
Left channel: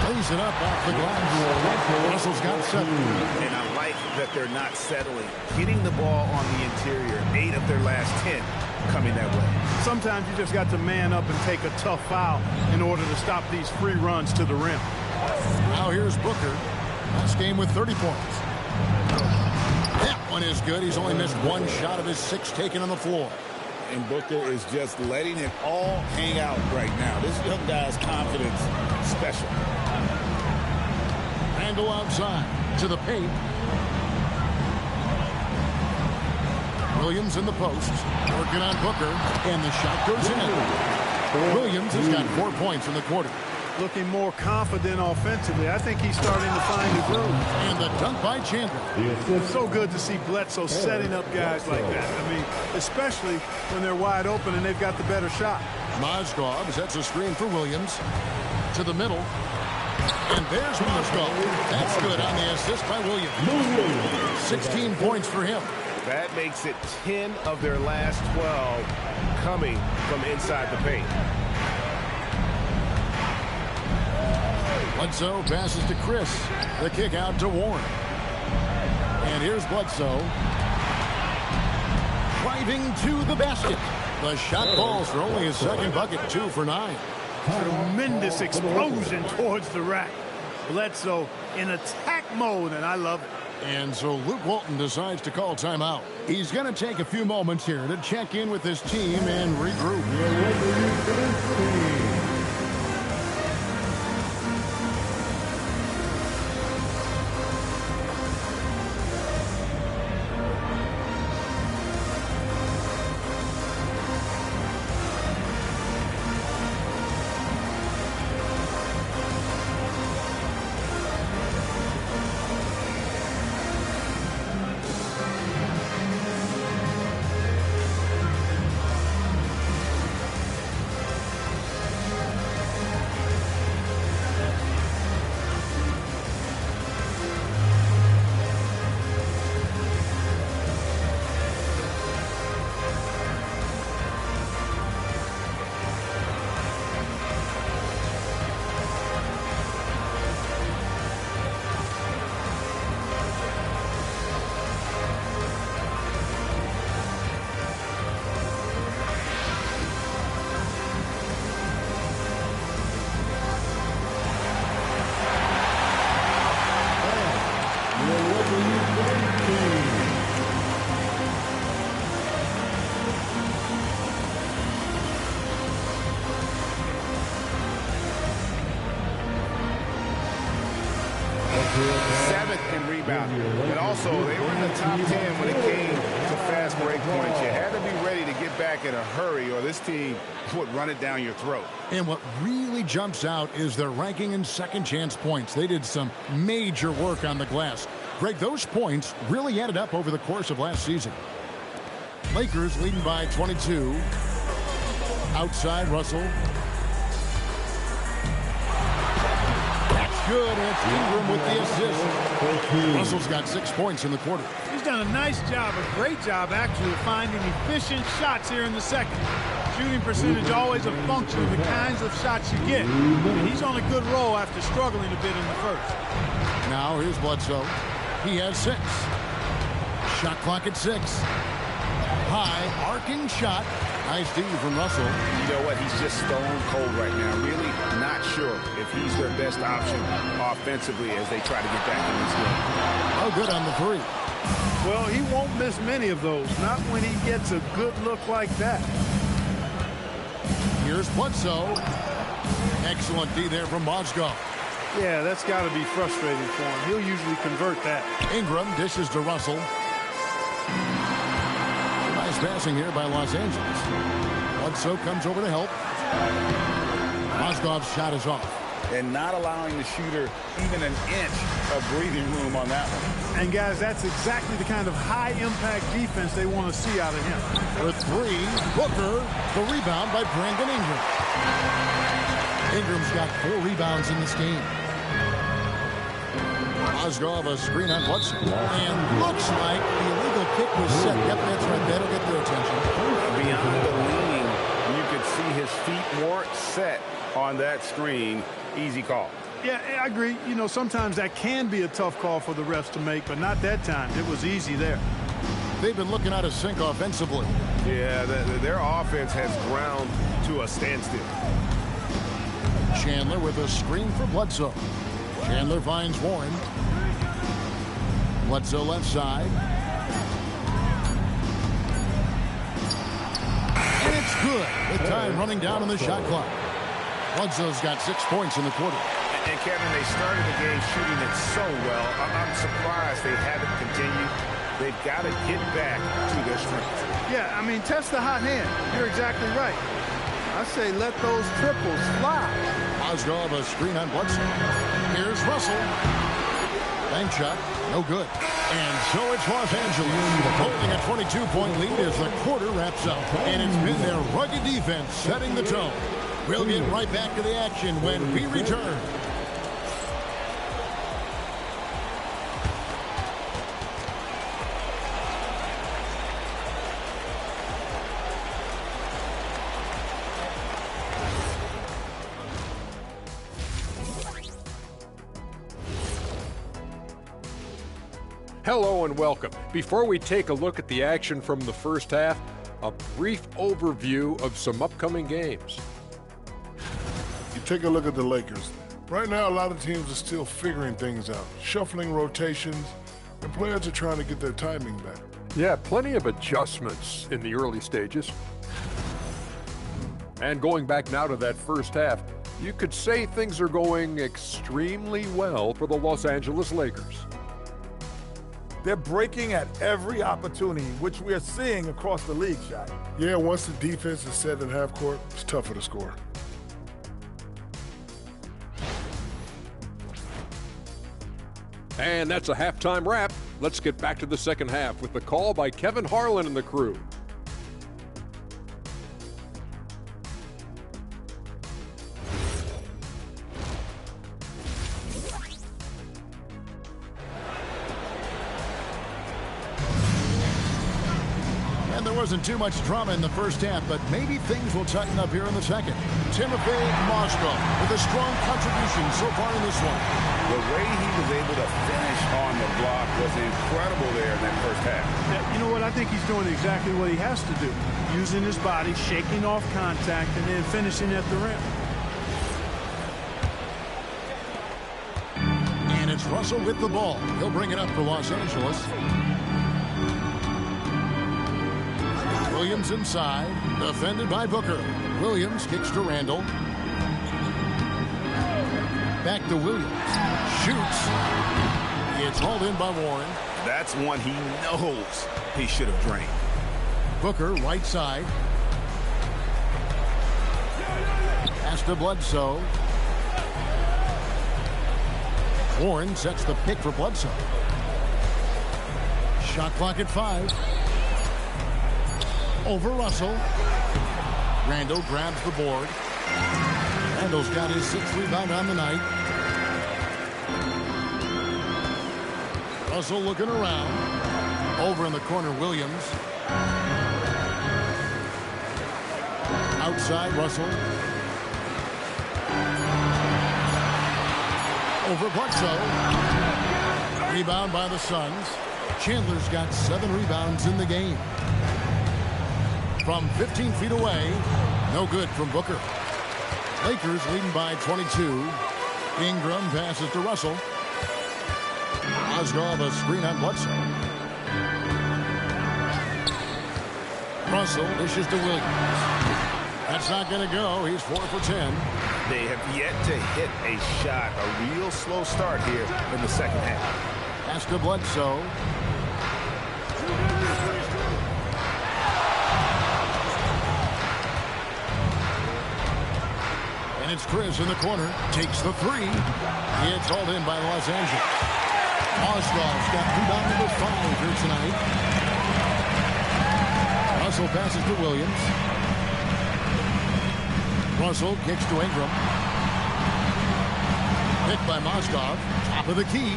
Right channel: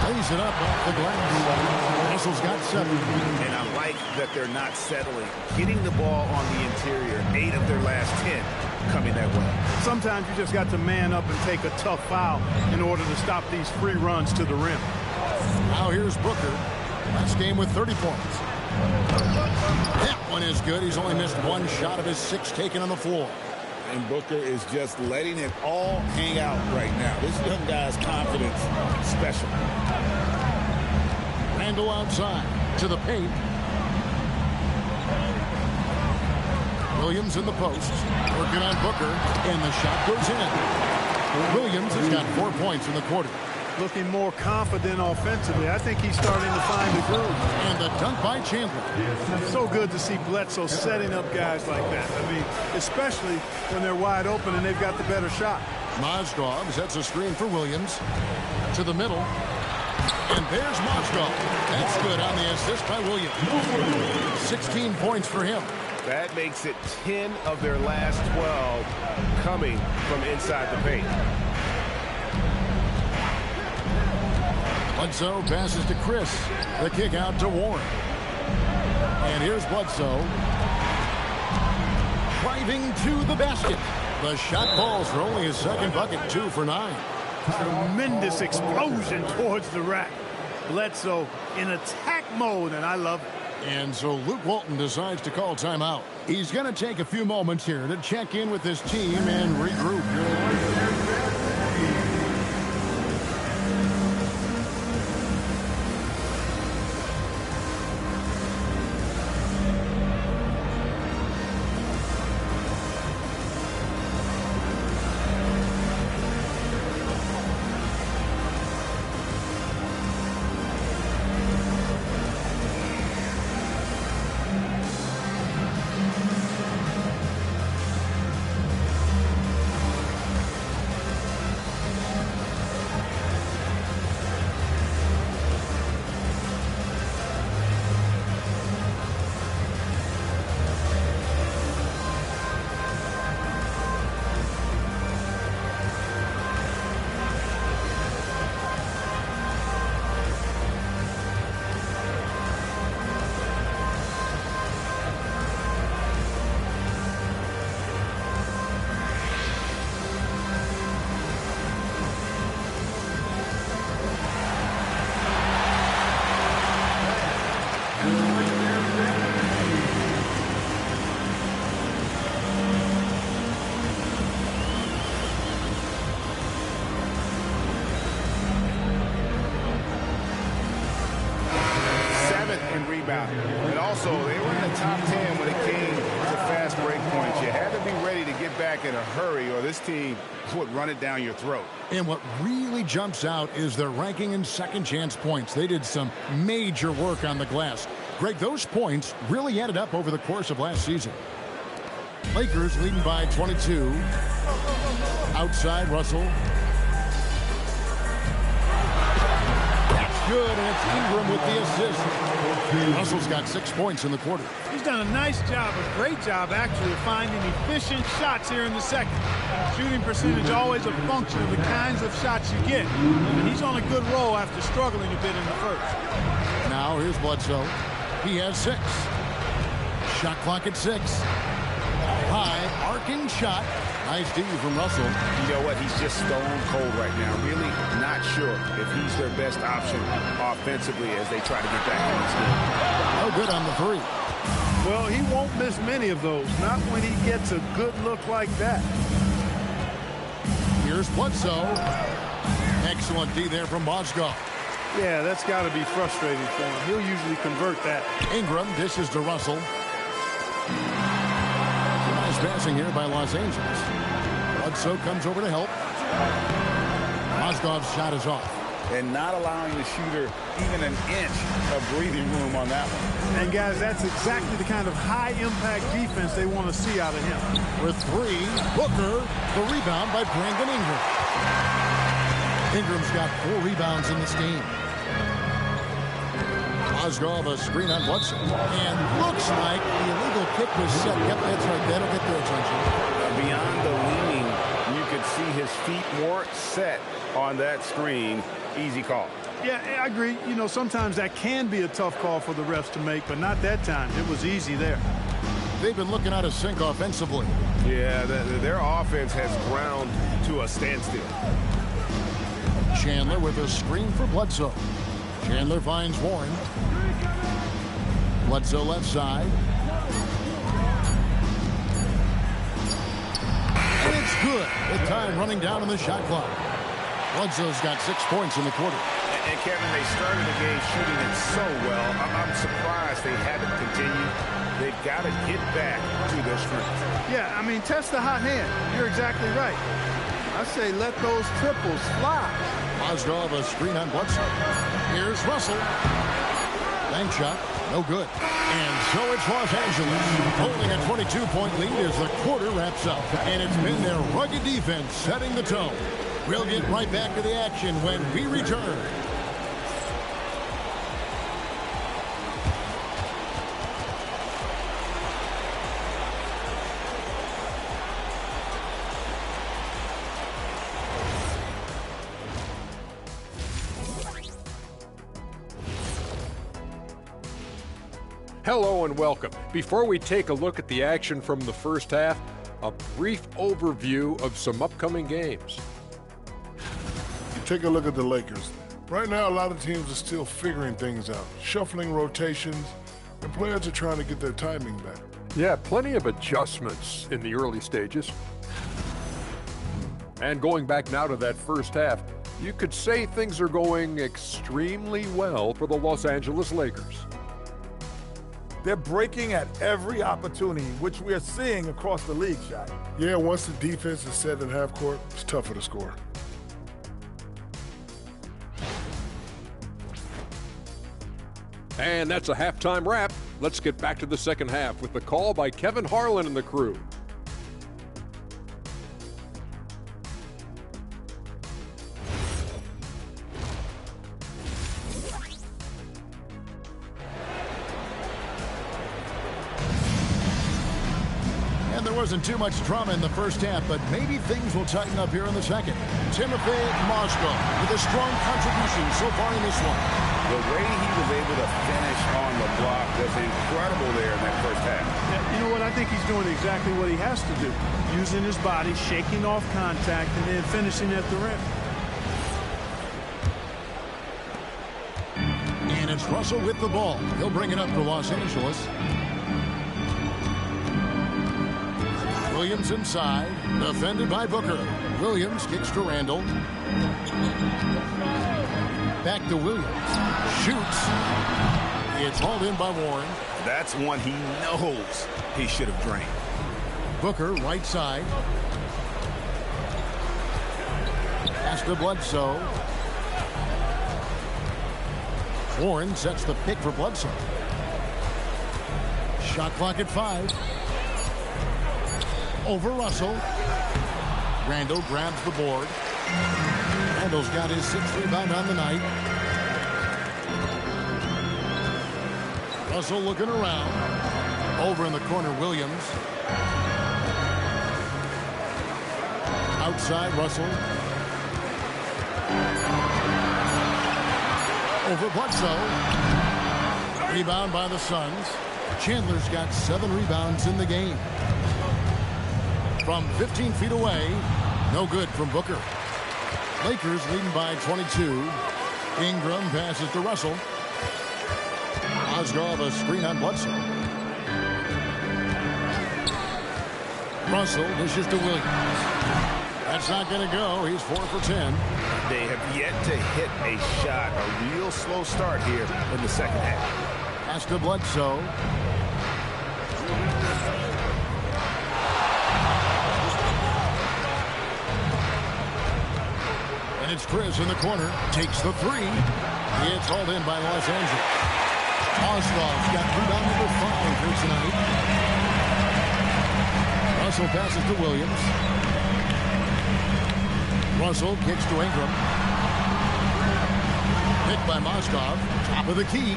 Lays it up off the glass. Russell's got 7. And I like that they're not settling. Getting the ball on the interior, 8 of their last 10 coming that way. Sometimes you just got to man up and take a tough foul in order to stop these free runs to the rim. Now here's Booker. Last game with 30 points. That one is good. He's only missed 1 shot of his 6 taken on the floor. And Booker is just letting it all hang out right now. This young guy's confidence special. Randall outside to the paint. Williams in the post. Working on Booker. And the shot goes in. Williams has got 4 points in the quarter. Looking more confident offensively. I think he's starting to find the groove. And the dunk by Chandler. It's so good to see Bledsoe setting up guys like that. I mean, especially when they're wide open and they've got the better shot. Mozgov sets a screen for Williams. To the middle. And there's Mozgov. That's good on the assist by Williams. 16 points for him. That makes it 10 of their last 12 coming from inside the paint. Bledsoe passes to Chris. The kick out to Warren. And here's Bledsoe. Driving to the basket. The shot falls for only his 2nd bucket, 2 for 9. Tremendous explosion towards the rack. Bledsoe in attack mode, and I love it. And so Luke Walton decides to call timeout. He's going to take a few moments here to check in with his team and regroup. rebounding. And also, they were in the top 10 when it came to fast break points. You had to be ready to get back in a hurry, or this team would run it down your throat. And what really jumps out is their ranking in second chance points. They did some major work on the glass. Greg, those points really added up over the course of last season. Lakers leading by 22. Outside, Russell. That's good, and it's Ingram with the assist. Russell's got 6 points in the quarter. He's done a nice job, a great job actually, of finding efficient shots here in the second. Shooting percentage always a function of the kinds of shots you get. And he's on a good roll after struggling a bit in the first. Now here's Bledsoe. He has 6. Shot clock at 6. High arcing shot. Nice D from Russell. You know what? He's just stone cold right now. Really not sure if he's their best option offensively as they try to get back in this game. No good on the 3. Well, he won't miss many of those. Not when he gets a good look like that. Here's Bledsoe. Excellent D there from Mozgov. Yeah, that's got to be frustrating for him. He'll usually convert that. Ingram dishes to Russell. Nice passing here by Los Angeles. Bledsoe comes over to help. Mozgov's shot is off. And not allowing the shooter even an inch of breathing room on that one. And, guys, that's exactly the kind of high-impact defense they want to see out of him. For 3, Booker, the rebound by Brandon Ingram. Ingram's got 4 rebounds in this game. Mozgov a screen on Bledsoe. And looks like the illegal kick was set. Yep, that's right. That'll get their attention. Beyond the leaning, you could see his feet more set on that screen. Easy call. Yeah, I agree. You know, sometimes that can be a tough call for the refs to make, but not that time. It was easy there. They've been looking out of sync offensively. Yeah, their offense has ground to a standstill. Chandler with a screen for Bledsoe. Chandler finds Warren. Bledsoe left side. And it's good with time running down on the shot clock. Bledsoe's got 6 points in the quarter. And Kevin, they started the game shooting it so well. I'm surprised they haven't continued. They've got to get back to their strength. Yeah, I mean, test the hot hand. You're exactly right. I say let those triples fly. Mozgov a screen on Bledsoe. Here's Russell. Bank shot, no good. And so it's Los Angeles holding a 22-point lead as the quarter wraps up. And it's been their rugged defense setting the tone. We'll get right back to the action when we return. Hello and welcome. Before we take a look at the action from the first half, a brief overview of some upcoming games. You take a look at the Lakers. Right now, a lot of teams are still figuring things out, shuffling rotations, and players are trying to get their timing back. Yeah, plenty of adjustments in the early stages. And going back now to that first half, you could say things are going extremely well for the Los Angeles Lakers. They're breaking at every opportunity, which we are seeing across the league, Shaq. Yeah, once the defense is set in half court, it's tougher to score. And that's a halftime wrap. Let's get back to the second half with the call by Kevin Harlan and the crew. And there wasn't too much drama in the first half, but maybe things will tighten up here in the second. Timofey Mozgov with a strong contribution so far in this one. The way he was able to finish on the block was incredible there in that first half. Yeah, you know what? I think he's doing exactly what he has to do. Using his body, shaking off contact, and then finishing at the rim. And it's Russell with the ball. He'll bring it up for Los Angeles. Williams inside, defended by Booker. Williams kicks to Randall. Back to Williams. Shoots. It's hauled in by Warren. That's one he knows he should have drained. Booker, right side. Pass to Bledsoe. Warren sets the pick for Bledsoe. Shot clock at 5. Over Russell. Randall grabs the board. Randall's got his 6th rebound on the night. Russell looking around. Over in the corner, Williams. Outside, Russell. Over Bledsoe. Rebound by the Suns. Chandler's got 7 rebounds in the game. From 15 feet away, no good from Booker. Lakers leading by 22. Ingram passes to Russell. Mozgov a screen on Bledsoe. Russell dishes to Williams. That's not going to go. He's 4 for 10. They have yet to hit a shot. A real slow start here in the second half. Pass to Bledsoe. And it's Chris in the corner. Takes the 3. It's hauled in by Los Angeles. Mozgov's got rebound number 5 here tonight. Russell passes to Williams. Russell kicks to Ingram. Picked by Mozgov. Top of the key.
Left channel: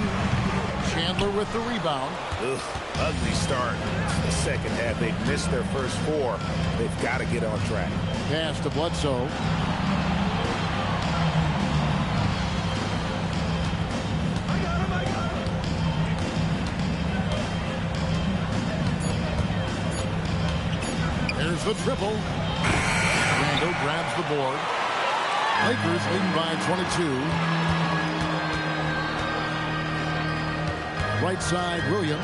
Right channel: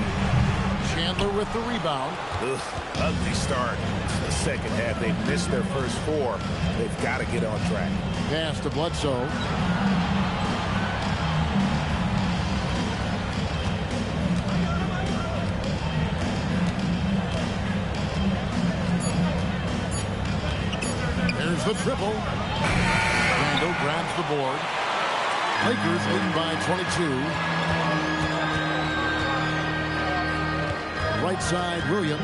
Chandler with the rebound. Ugh, ugly start. The second half, they've missed their first 4. They've got to get on track. Pass to Bledsoe. There's the triple. Randall grabs the board. Lakers leading by 22. Right side, Williams.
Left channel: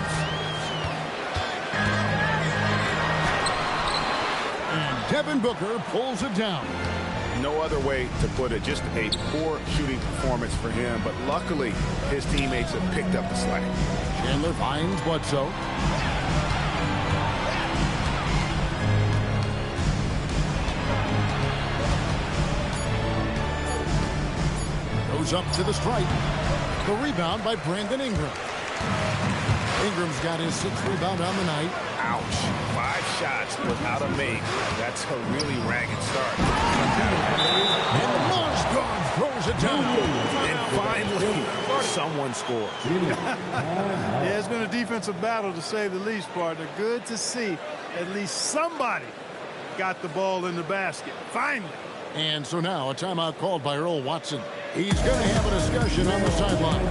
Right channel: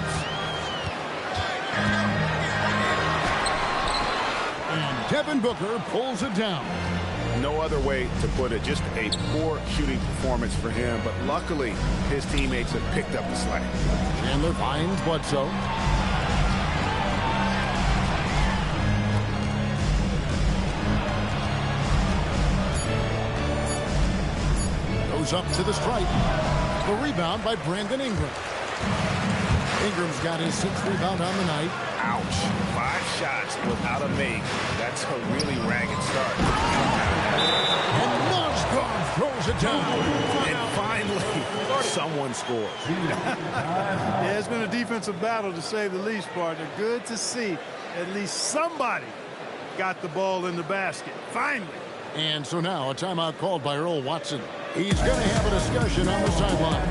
And Devin Booker pulls it down. No other way to put it. Just a poor shooting performance for him. But luckily, his teammates have picked up the slack. Chandler finds Bledsoe. Goes up to the stripe. The rebound by Brandon Ingram. Ingram's got his 6th rebound on the night. Ouch. 5 shots without a make. That's a really ragged start. And Mozgov throws it down. And finally, someone scores. Yeah, it's been a defensive battle to say the least, partner. Good to see at least somebody got the ball in the basket. Finally. And so now a timeout called by Earl Watson. He's going to have a discussion on the sideline.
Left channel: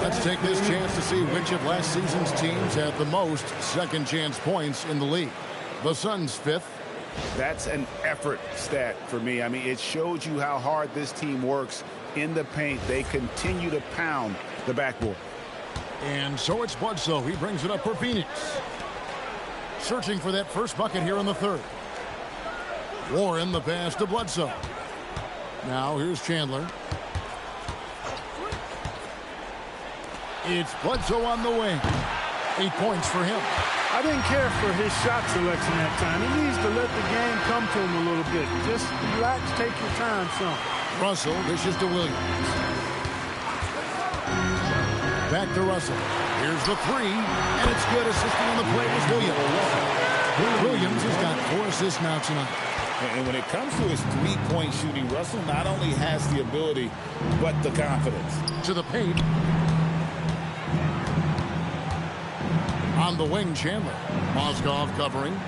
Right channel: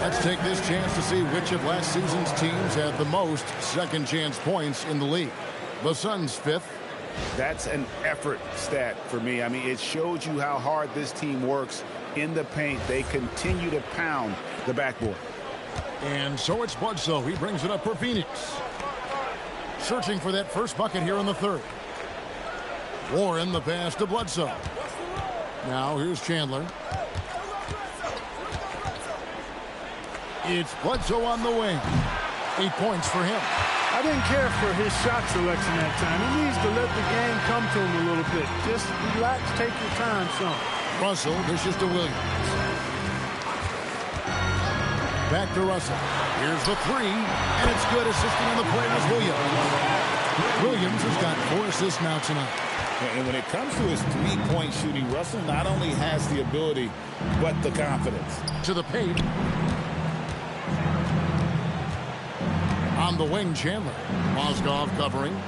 Let's take this chance to see which of last season's teams had the most second chance points in the league. The Suns 5th. That's an effort stat for me. I mean, it shows you how hard this team works in the paint. They continue to pound the backboard. And so it's Bledsoe. He brings it up for Phoenix. Searching for that first bucket here in the third. Warren the pass to Bledsoe. Now here's Chandler. It's Bledsoe on the wing. 8 points for him. I didn't care for his shot selection that time. He needs to let the game come to him a little bit. Just relax, take your time, son. Russell dishes to Williams. Back to Russell. Here's the three, and it's good. Assisting on the play was Williams. Williams has got 4 assists now tonight. And when it comes to his three-point shooting, Russell not only has the ability, but the confidence. To the paint. On the wing, Chandler. Mozgov covering.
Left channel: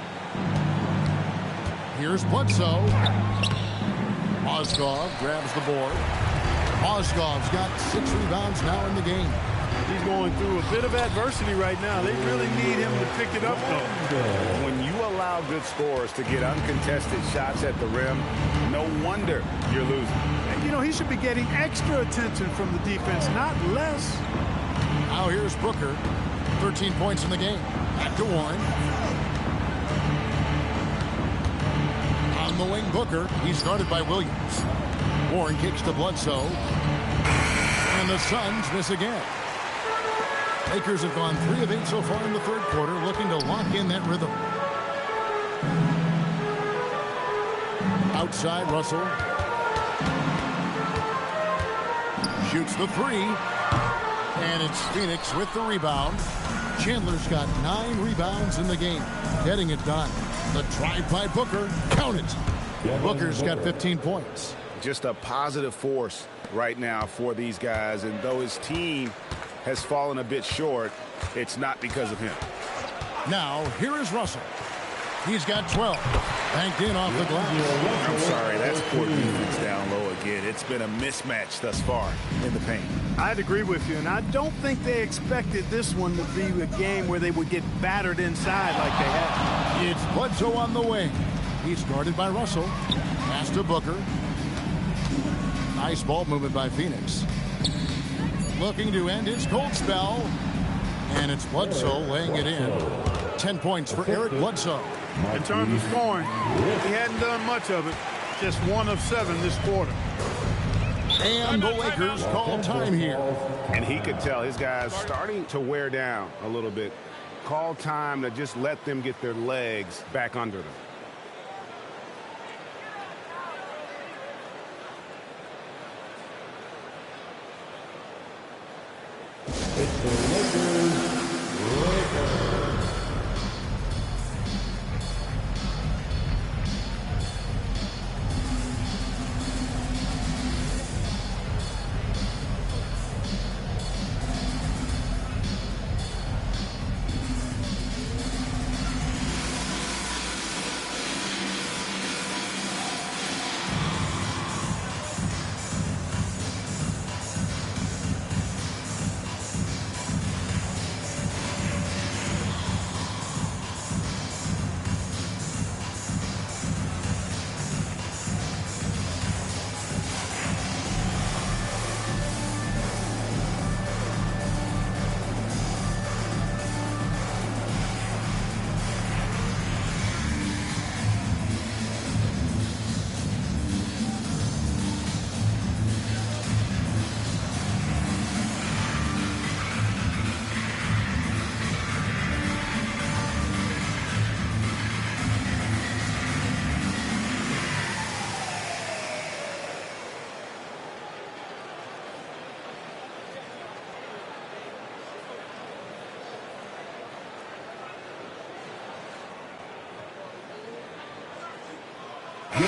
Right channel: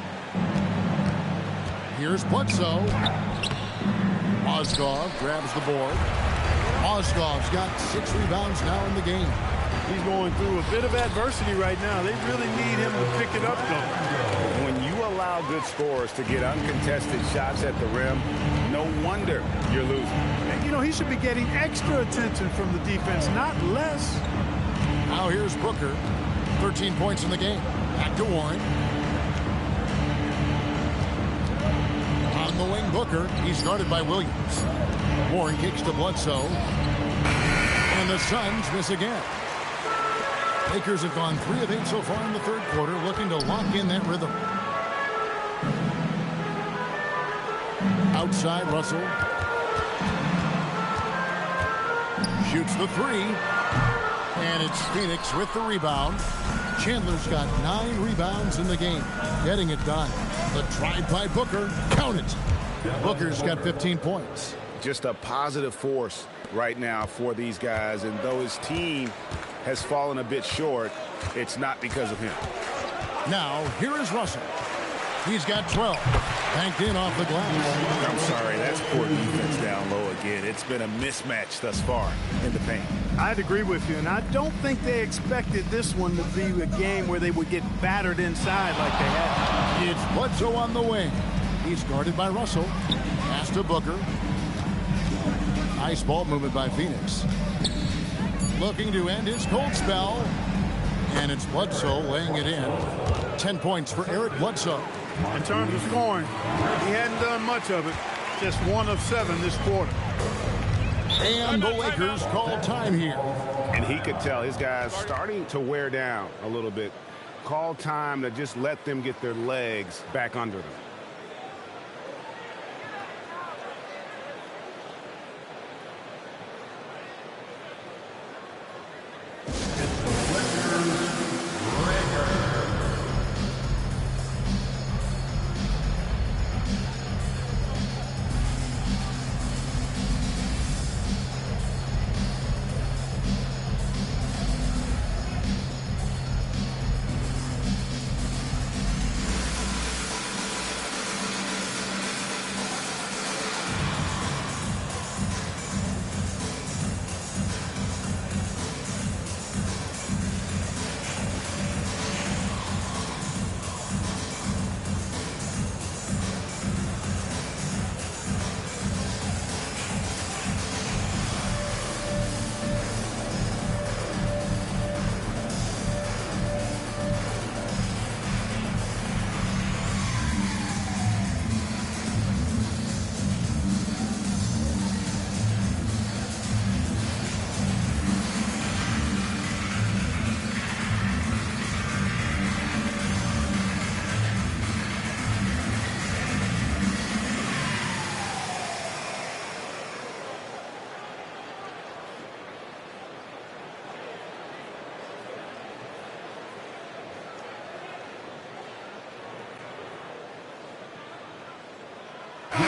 Here's Bledsoe. Mozgov grabs the board. Mozgov's got 6 rebounds now in the game. He's going through a bit of adversity right now. They really need him to pick it up, though. When you allow good scorers to get uncontested shots at the rim, no wonder you're losing. You know, he should be getting extra attention from the defense, not less. Now here's Booker. 13 points in the game. Back to Warren. On the wing, Booker. He's guarded by Williams. Warren kicks to Bledsoe. And the Suns miss again. Lakers have gone 3 of 8 so far in the third quarter, looking to lock in that rhythm. Outside, Russell. Shoots the 3. And it's Phoenix with the rebound. Chandler's got 9 rebounds in the game. Getting it done. The drive by Booker. Count it. Booker's got 15 points. Just a positive force right now for these guys. And though his team has fallen a bit short, it's not because of him. Now, here is Russell. He's got 12. Banked in off the glass. I'm sorry, that's poor defense down low again. It's been a mismatch thus far in the paint. I'd agree with you, and I don't think they expected this one to be a game where they would get battered inside like they had. It's Bledsoe on the wing. He's guarded by Russell. Pass to Booker. Nice ball movement by Phoenix. Looking to end his cold spell. And it's Bledsoe laying it in. 10 points for Eric Bledsoe. In terms of scoring, he hadn't done much of it. Just 1 of 7 this quarter. And the Lakers call time here. And he could tell his guys starting to wear down a little bit. Call time to just let them get their legs back under them.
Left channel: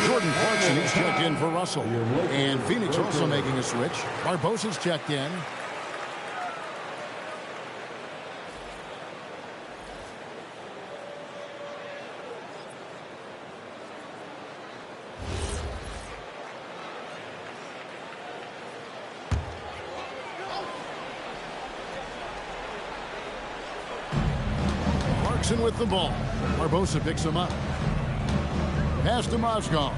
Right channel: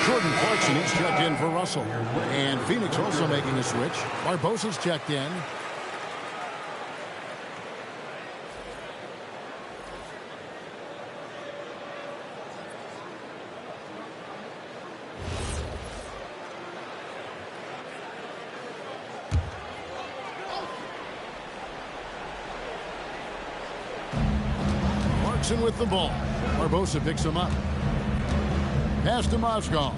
Jordan Clarkson is checked in for Russell. And Phoenix also making a switch. Barbosa's checked in. Clarkson with the ball. Barbosa picks him up. Pass to Mozgov.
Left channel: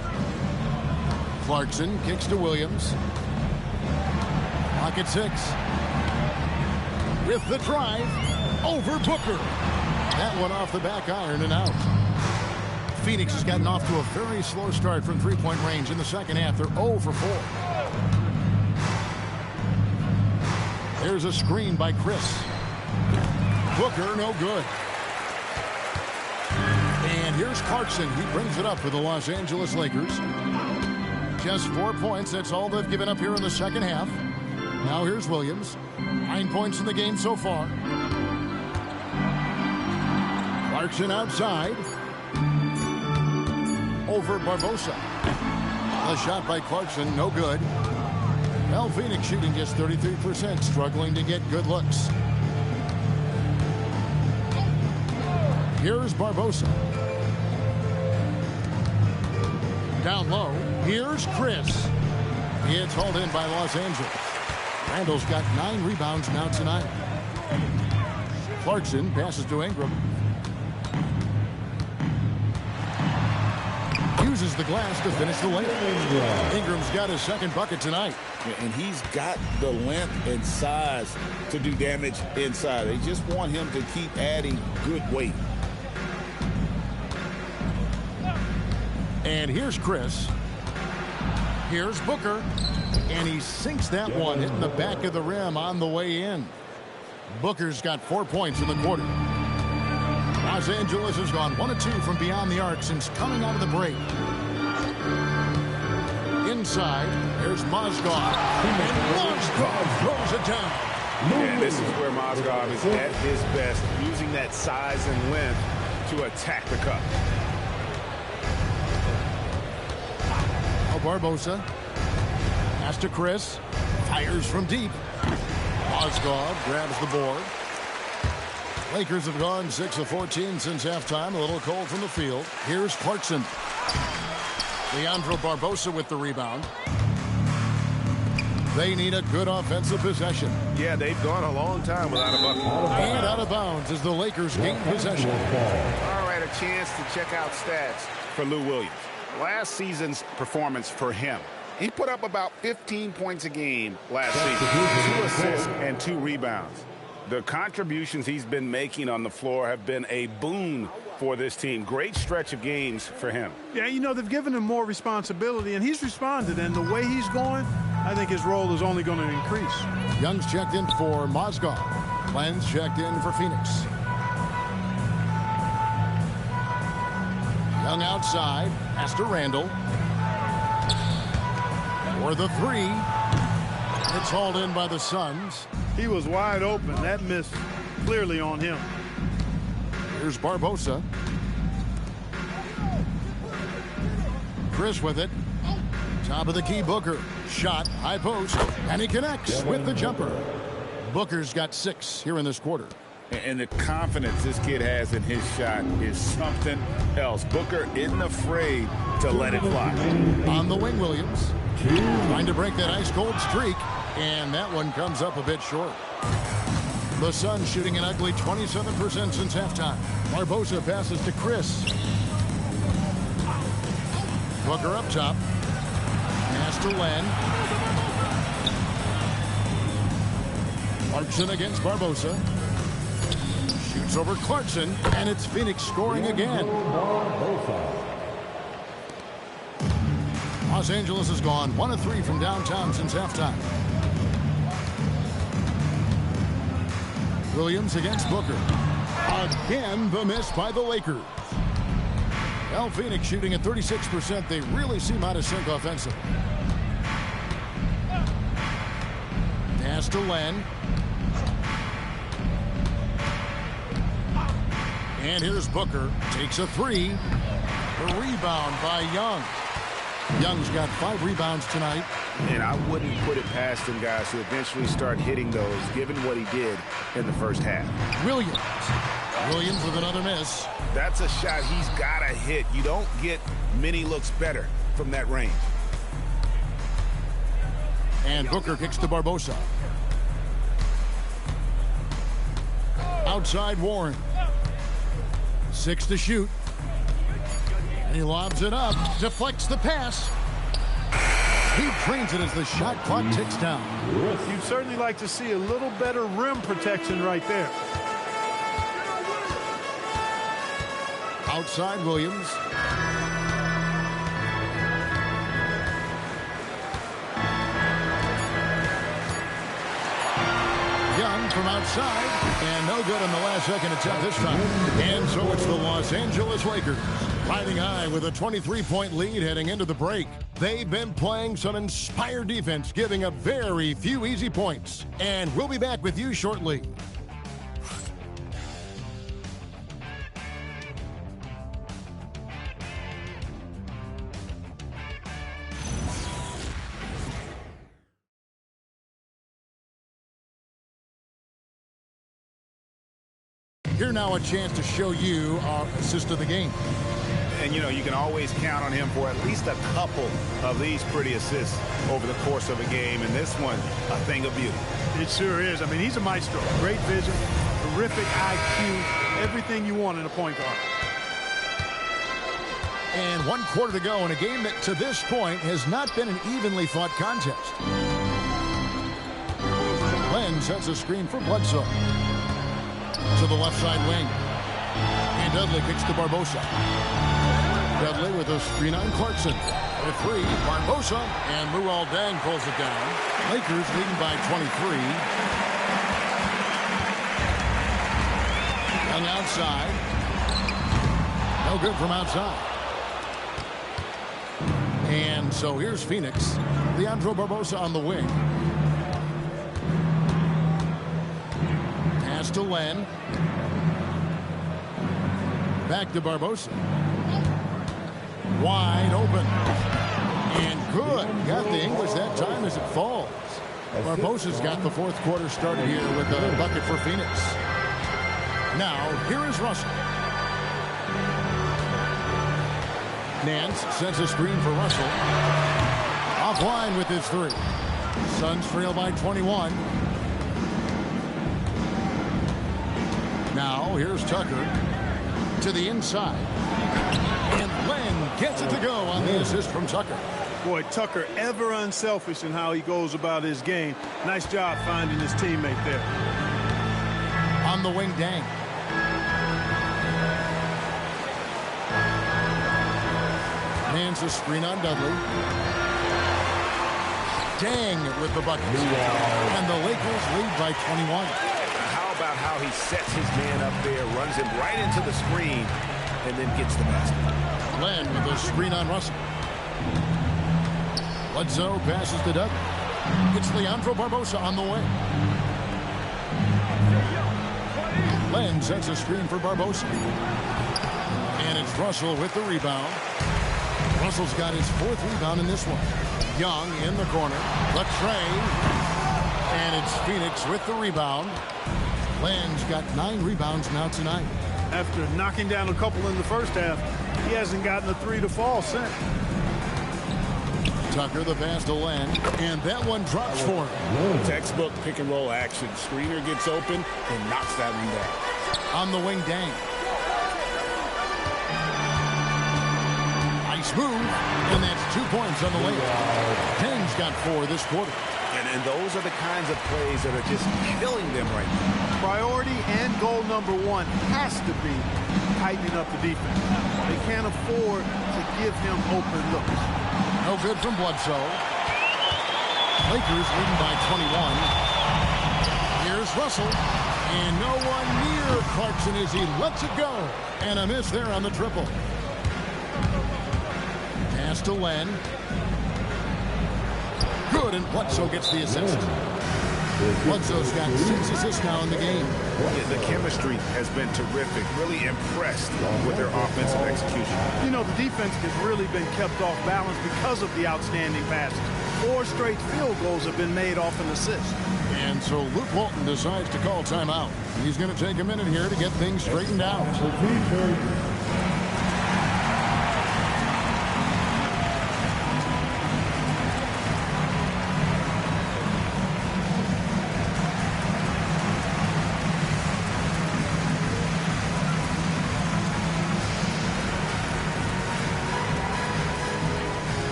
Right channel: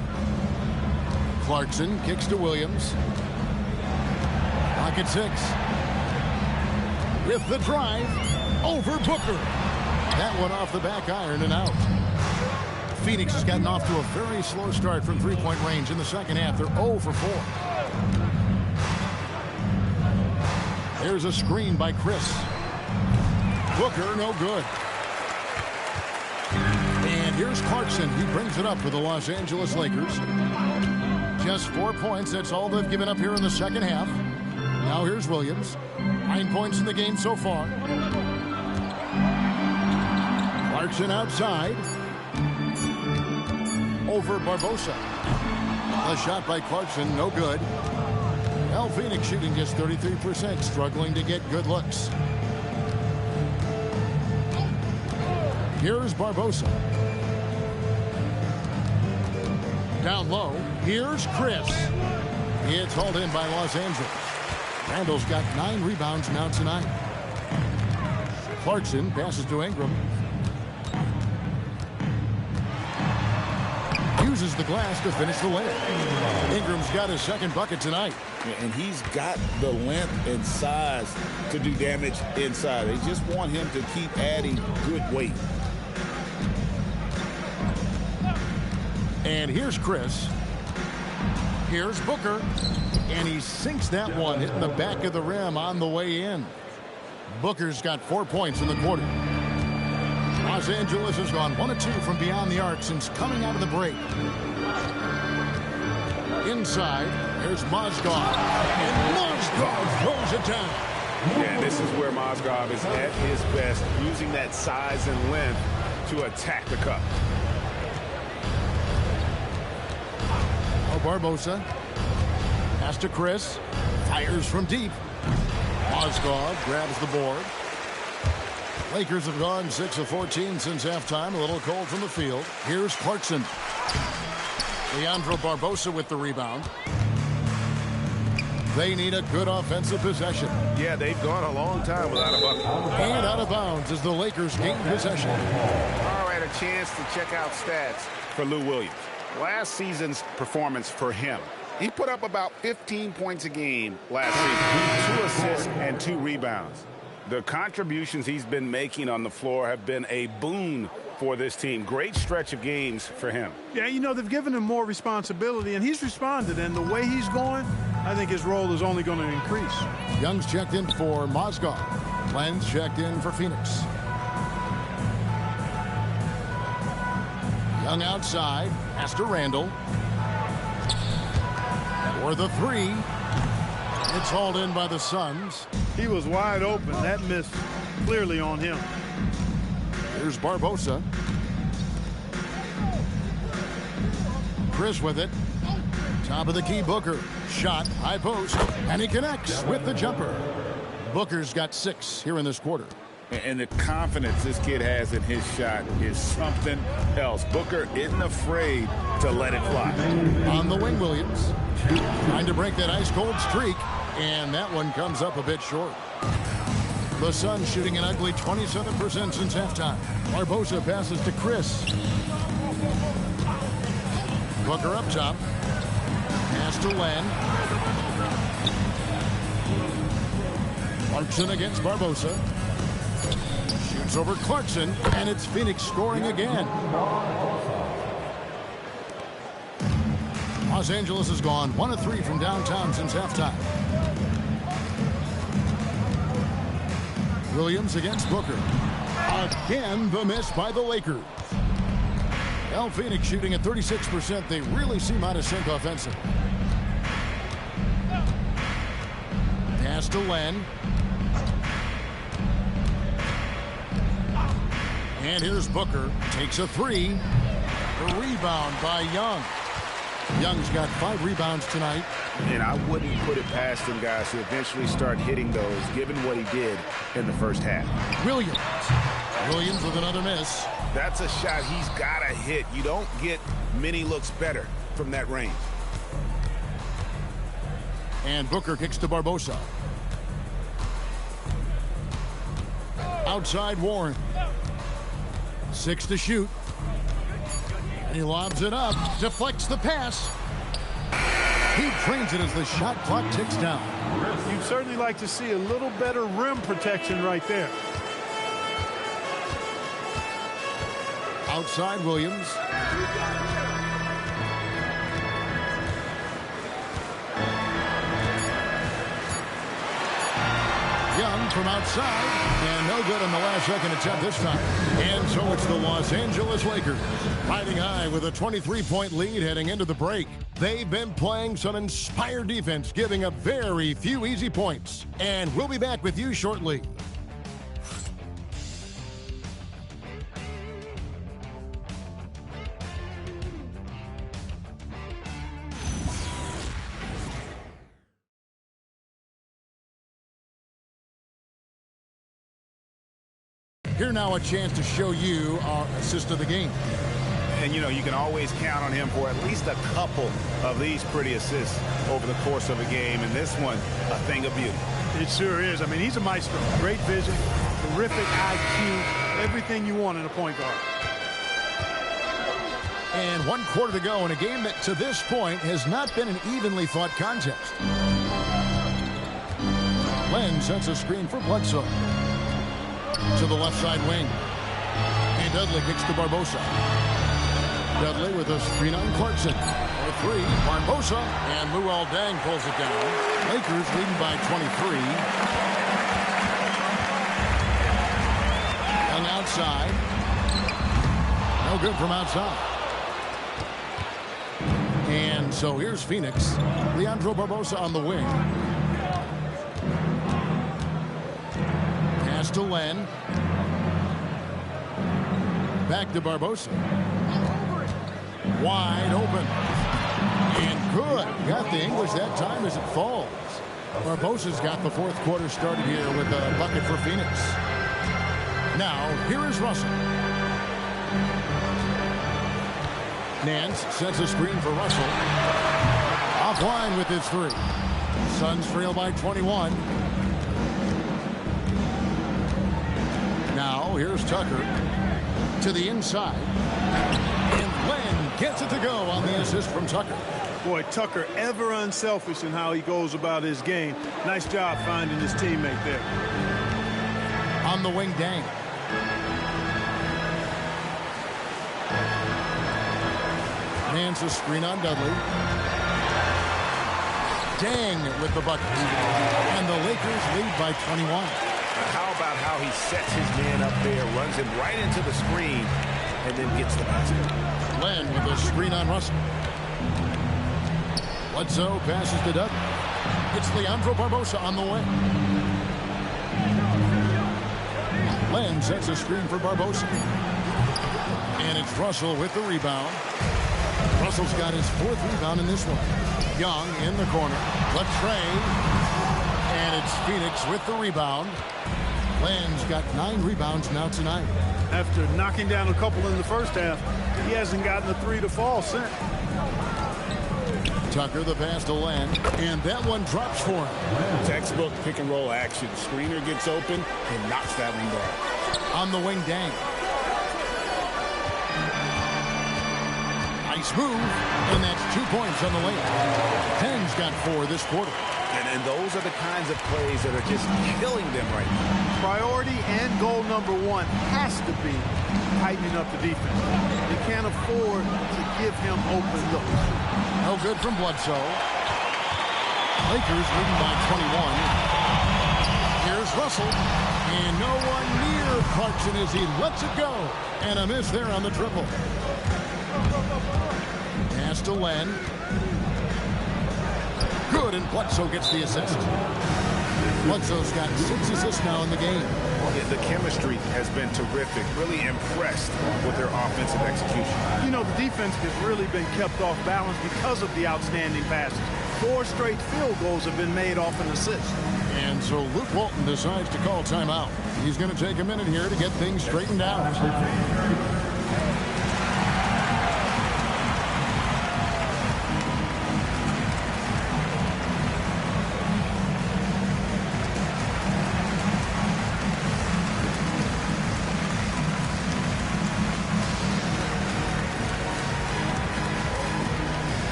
Clarkson kicks to Williams. Clock at 6. With the drive, over Booker. That one off the back iron and out. Phoenix has gotten off to a very slow start from three-point range in the second half. They're 0 for 4. There's a screen by Chris. Booker, no good. And here's Clarkson. He brings it up for the Los Angeles Lakers. Just 4 points. That's all they've given up here in the second half. Now here's Williams. 9 points in the game so far. Clarkson outside. Over Barbosa. A shot by Clarkson, no good. Well, Phoenix shooting just 33%, struggling to get good looks. Here's Barbosa. Down low, here's Chris. It's hauled in by Los Angeles. Randall's got 9 rebounds now tonight. Clarkson passes to Ingram. Uses the glass to finish the layup. Ingram's got his second bucket tonight. And he's got the length and size to do damage inside. They just want him to keep adding good weight. And here's Chris. Here's Booker. And he sinks that one, hitting the back of the rim on the way in. Booker's got 4 points in the quarter. Los Angeles has gone 1 of 2 from beyond the arc since coming out of the break. Inside, there's Mozgov. And Mozgov throws it down. Yeah, this is where Mozgov is at his best, using that size and length to attack the cup. Oh, Barbosa. Pass to Chris. Fires from deep. Mozgov grabs the board. Lakers have gone 6 of 14 since halftime. A little cold from the field. Here's Clarkson. Leandro Barbosa with the rebound. They need a good offensive possession. Yeah, they've gone a long time without a bucket. And out of bounds as the Lakers gain possession. All right, a chance to check out stats for Lou Williams. Last season's performance for him. He put up about 15 points a game last season. 2 assists and 2 rebounds. The contributions he's been making on the floor have been a boon for this team. Great stretch of games for him. Yeah, you know, they've given him more responsibility, and he's responded. And the way he's going, I think his role is only going to increase. Young's checked in for Mozgov. Lenz checked in for Phoenix. Young outside. Pass to Randall. For the 3. It's hauled in by the Suns. He was wide open. That miss clearly on him. Here's Barbosa. Chris with it. Top of the key, Booker. Shot, high post, and he connects with the jumper. Booker's got 6 here in this quarter. And the confidence this kid has in his shot is something else. Booker isn't afraid to let it fly. On the wing, Williams. Trying to break that ice-cold streak, and that one comes up a bit short. The Suns shooting an ugly 27% since halftime. Barbosa passes to Chris. Booker up top. Pass to Len. Clarkson against Barbosa. Shoots over Clarkson, and it's Phoenix scoring again. Los Angeles has gone 1 of 3 from downtown since halftime. Williams against Booker. Again, the miss by the Lakers. Well, Phoenix shooting at 36%. They really seem out of sync offensively. Pass to Len. And here's Booker. Takes a 3. A rebound by Young. Young's got 5 rebounds tonight. And I wouldn't put it past him, guys, to eventually start hitting those, given what he did in the first half. Williams with another miss. That's a shot he's got to hit. You don't get many looks better from that range. And Booker kicks to Barbosa. Outside Warren. 6 to shoot. And he lobs it up. Deflects the pass. He trains it as the shot clock ticks down. You'd certainly like to see a little better rim protection right there. Outside Williams. Young from outside, and no good on the last second attempt this time. And so it's the Los Angeles Lakers riding high with a 23-point lead heading into the break. They've been playing some inspired defense, giving up very few easy points. And we'll be back with you shortly. Here now a chance to show you our assist of the game. And, you know, you can always count on him for at least a couple of these pretty assists over the course of a game. And this one, a thing of beauty. It sure is. I mean, he's a maestro. Great vision, terrific IQ, everything you want in a point guard. And 1 quarter to go in a game that to this point has not been an evenly fought contest. Len sets a screen for Bledsoe. To the left side wing. And Dudley kicks to Barbosa. Dudley with a screen on Clarkson. For 3, Barbosa, and Luol Deng pulls it down. Lakers leading by 23. Young outside. No good from outside. And so here's Phoenix. Leandro Barbosa on the wing. Pass to Len. Back to Barbosa. Wide open. And good. Got the English that time as it falls. Barbosa's got the 4th quarter started here with a bucket for Phoenix. Now, here is Russell. Nance sets a screen for Russell. Offline with his 3. Suns trail by 21. Now, here's Tucker to the inside. And Len gets it to go on the assist from Tucker. Boy, Tucker ever unselfish in how he goes about his game. Nice job finding his teammate there. On the wing, Deng. Nance a screen on Dudley. Deng with the bucket. And the Lakers lead by 21. Now, how about how he sets his man up there, runs him right into the screen, and then gets the basket. Len with a screen on Russell. Bledsoe passes to Dudley. It's Leandro Barbosa on the wing. Len sets a screen for Barbosa. And it's Russell with the rebound. Russell's got his 4th rebound in this one. Young in the corner. Latrey. And it's Phoenix with the rebound. Len's got 9 rebounds now tonight. After knocking down a couple in the first half, he hasn't gotten a 3 to fall since. Tucker the pass to Len, and that one drops for him. Textbook pick and roll action. Screener gets open and knocks that one down. On the wing, Deng. Nice move, and that's 2 points on the layup. Deng's got 4 this quarter. And those are the kinds of plays that are just killing them right now. Priority and goal number 1 has to be tightening up the defense. They can't afford to give him open looks. No good from Bledsoe. Lakers leading by 21. Here's Russell. And no one near Clarkson as he lets it go. And a miss there on the triple. Pass to Len. Good, and Bledsoe gets the assist. Bledsoe's got 6 assists now in the game. The chemistry has been terrific. Really impressed with their offensive execution. You know, the defense has really been kept off balance because of the outstanding passes. 4 straight field goals have been made off an assist. And so Luke Walton decides to call timeout. He's going to take a minute here to get things straightened out.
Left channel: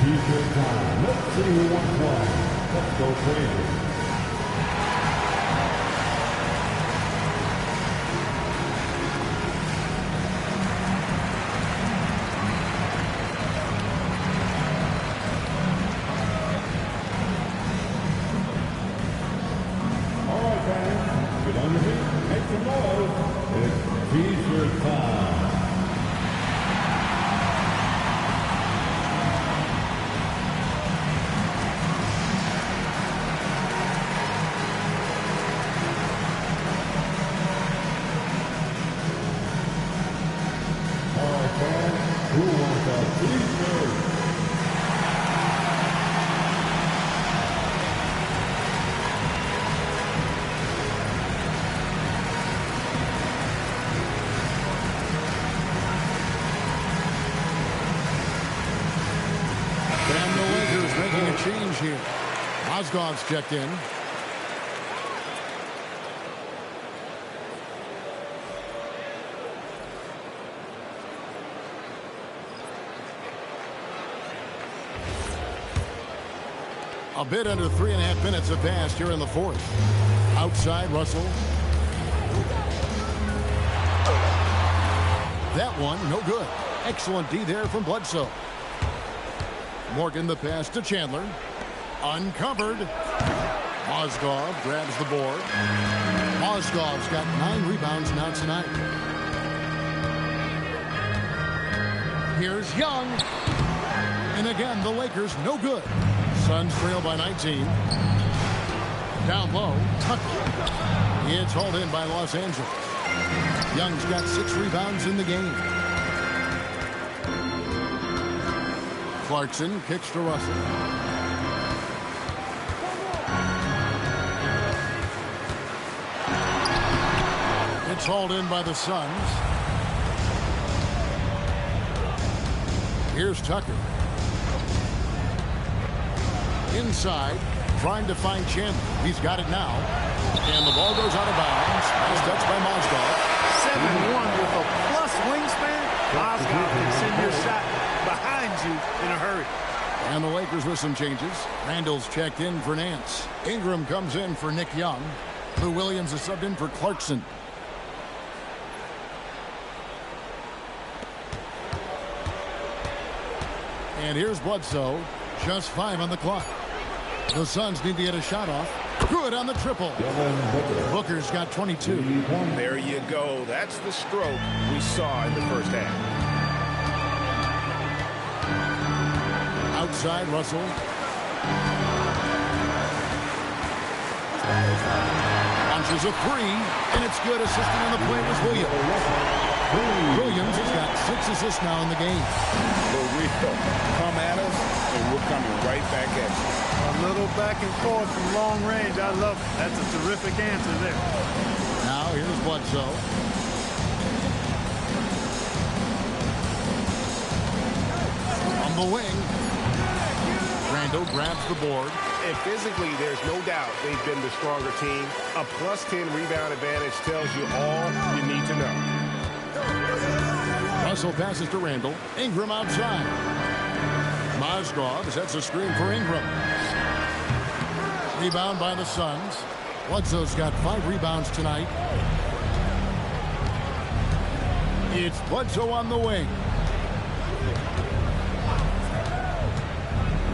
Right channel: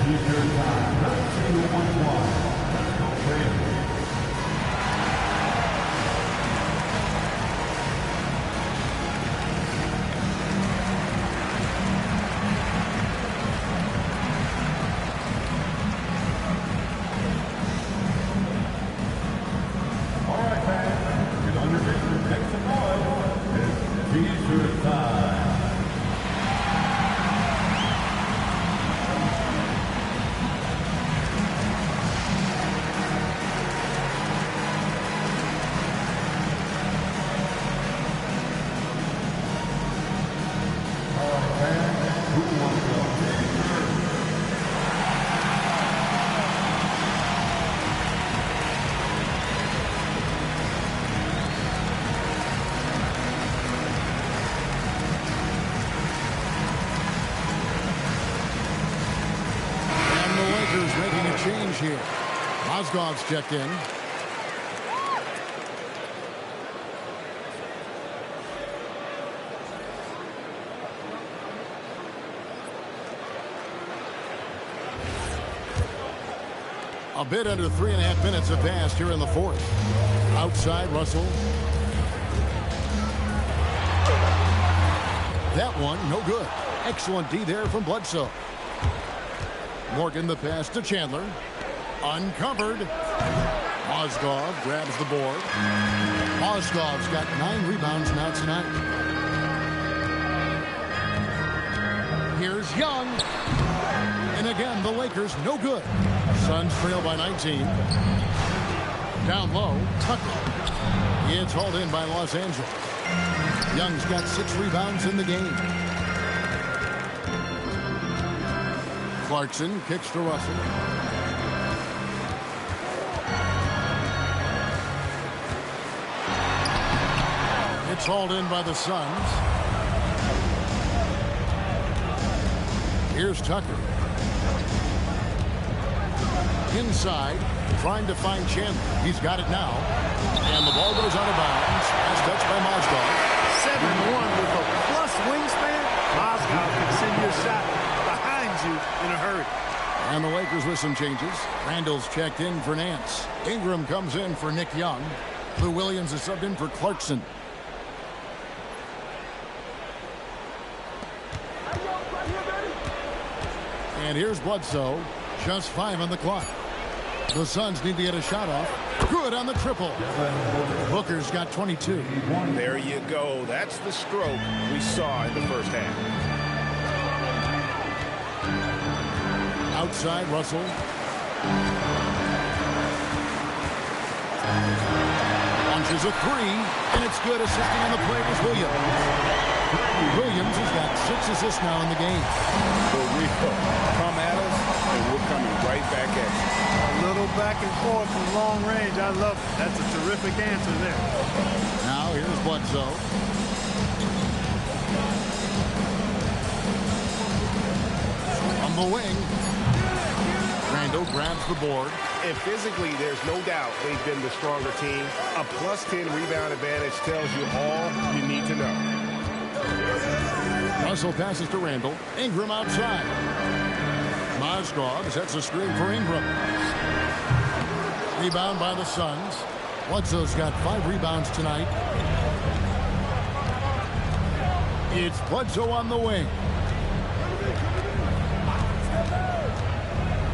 T-shirt time. Let's see who wants one. Let's go crazy. change here. Mozgov's checked in. A bit under 3.5 minutes have passed here in the fourth. Outside, Russell. That one, no good. Excellent D there from Bledsoe. Morgan the pass to Chandler. Uncovered. Mozgov grabs the board. Mozgov's got 9 rebounds now tonight. Here's Young. And again, the Lakers no good. Suns trail by 19. Down low, Tucker. It's hauled in by Los Angeles. Young's got 6 rebounds in the game. Clarkson kicks to Russell. It's hauled in by the Suns. Here's Tucker. Inside, trying to find Chandler. He's got it now. And the ball goes out of bounds. Last touch by Mozgov. 7-1 with a plus wingspan. Mozgov can send your shot behind you in a hurry. And the Lakers with some changes. Randall's checked in for Nance. Ingram comes in for Nick Young. Lou Williams is subbed in for Clarkson. And here's Bledsoe. Just 5 on the clock. The Suns need to get a shot off. Good on the triple. Booker's got 22. There you go. That's the stroke we saw in the first half. Outside, Russell. Launches a 3, and it's good. Assisting on the play was Williams. Williams has got 6 assists now in the game. The real come at us, and we're coming right back at you. A little back and forth from long range. I love it. That's a terrific answer there. Now here's Bledsoe. On the wing. Randall grabs the board. And physically, there's no doubt they've been the stronger team. A plus 10 rebound advantage tells you all you need to know. Russell passes to Randall. Ingram outside. Mozgov sets a screen for Ingram. Rebound by the Suns. Bledsoe's got 5 rebounds tonight. It's Bledsoe on the wing.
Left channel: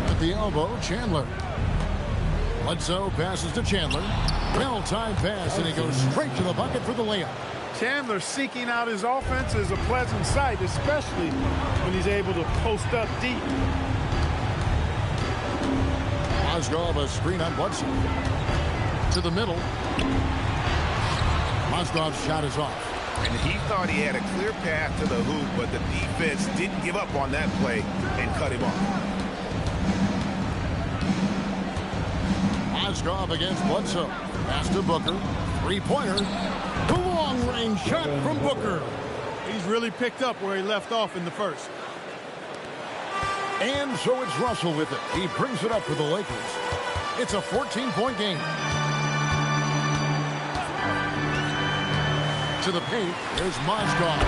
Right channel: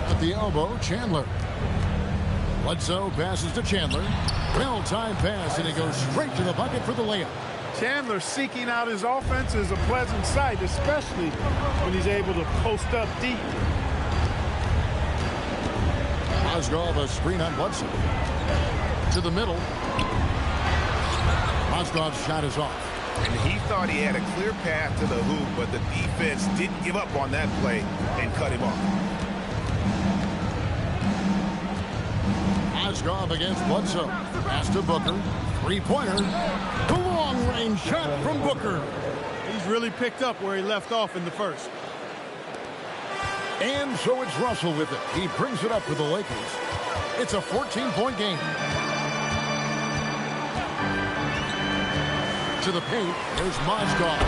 At the elbow, Chandler. Bledsoe passes to Chandler. Well-timed pass, and he goes straight to the bucket for the layup. Chandler seeking out his offense is a pleasant sight, especially when he's able to post up deep. Mozgov a screen on Bledsoe. To the middle. Mozgov's shot is off. And he thought he had a clear path to the hoop, but the defense didn't give up on that play and cut him off. Mozgov against Bledsoe. Pass to Booker. Three-pointer. The long-range shot from Booker. He's really picked up where he left off in the first. And so it's Russell with it. He brings it up for the Lakers. It's a 14-point game. To the paint, there's Mozgov.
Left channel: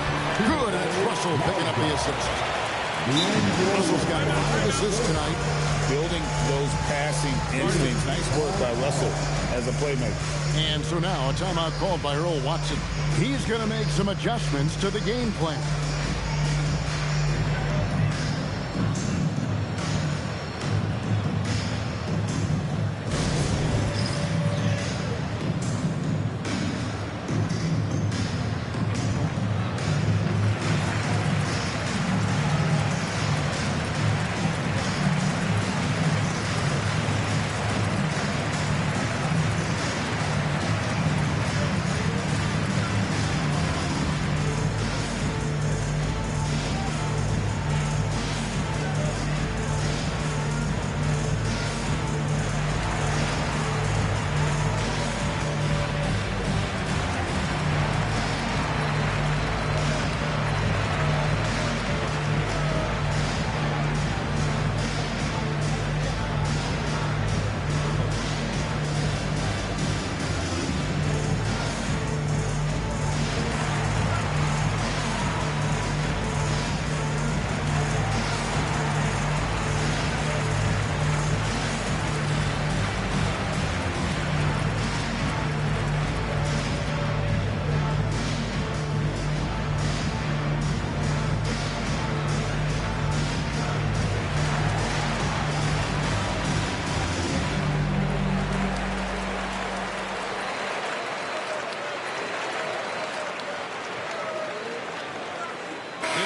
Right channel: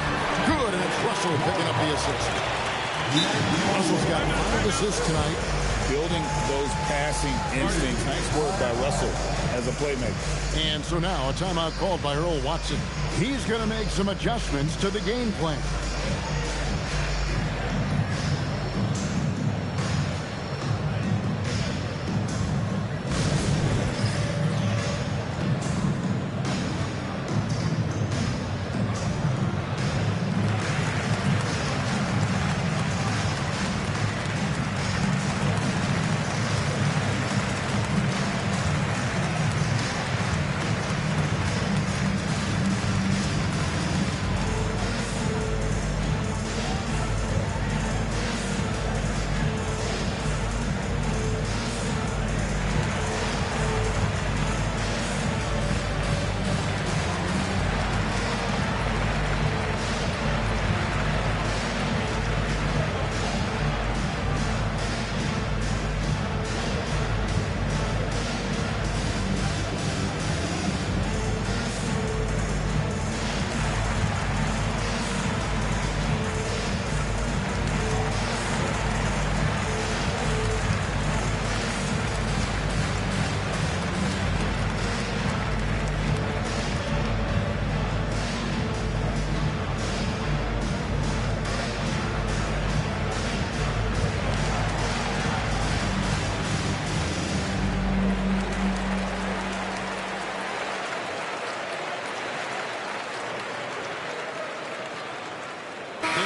Good, and it's Russell picking up the assist. Russell's got 5 assists tonight. Building those passing instincts. Nice work by Russell as a playmaker. And so now a timeout called by Earl Watson. He's going to make some adjustments to the game plan.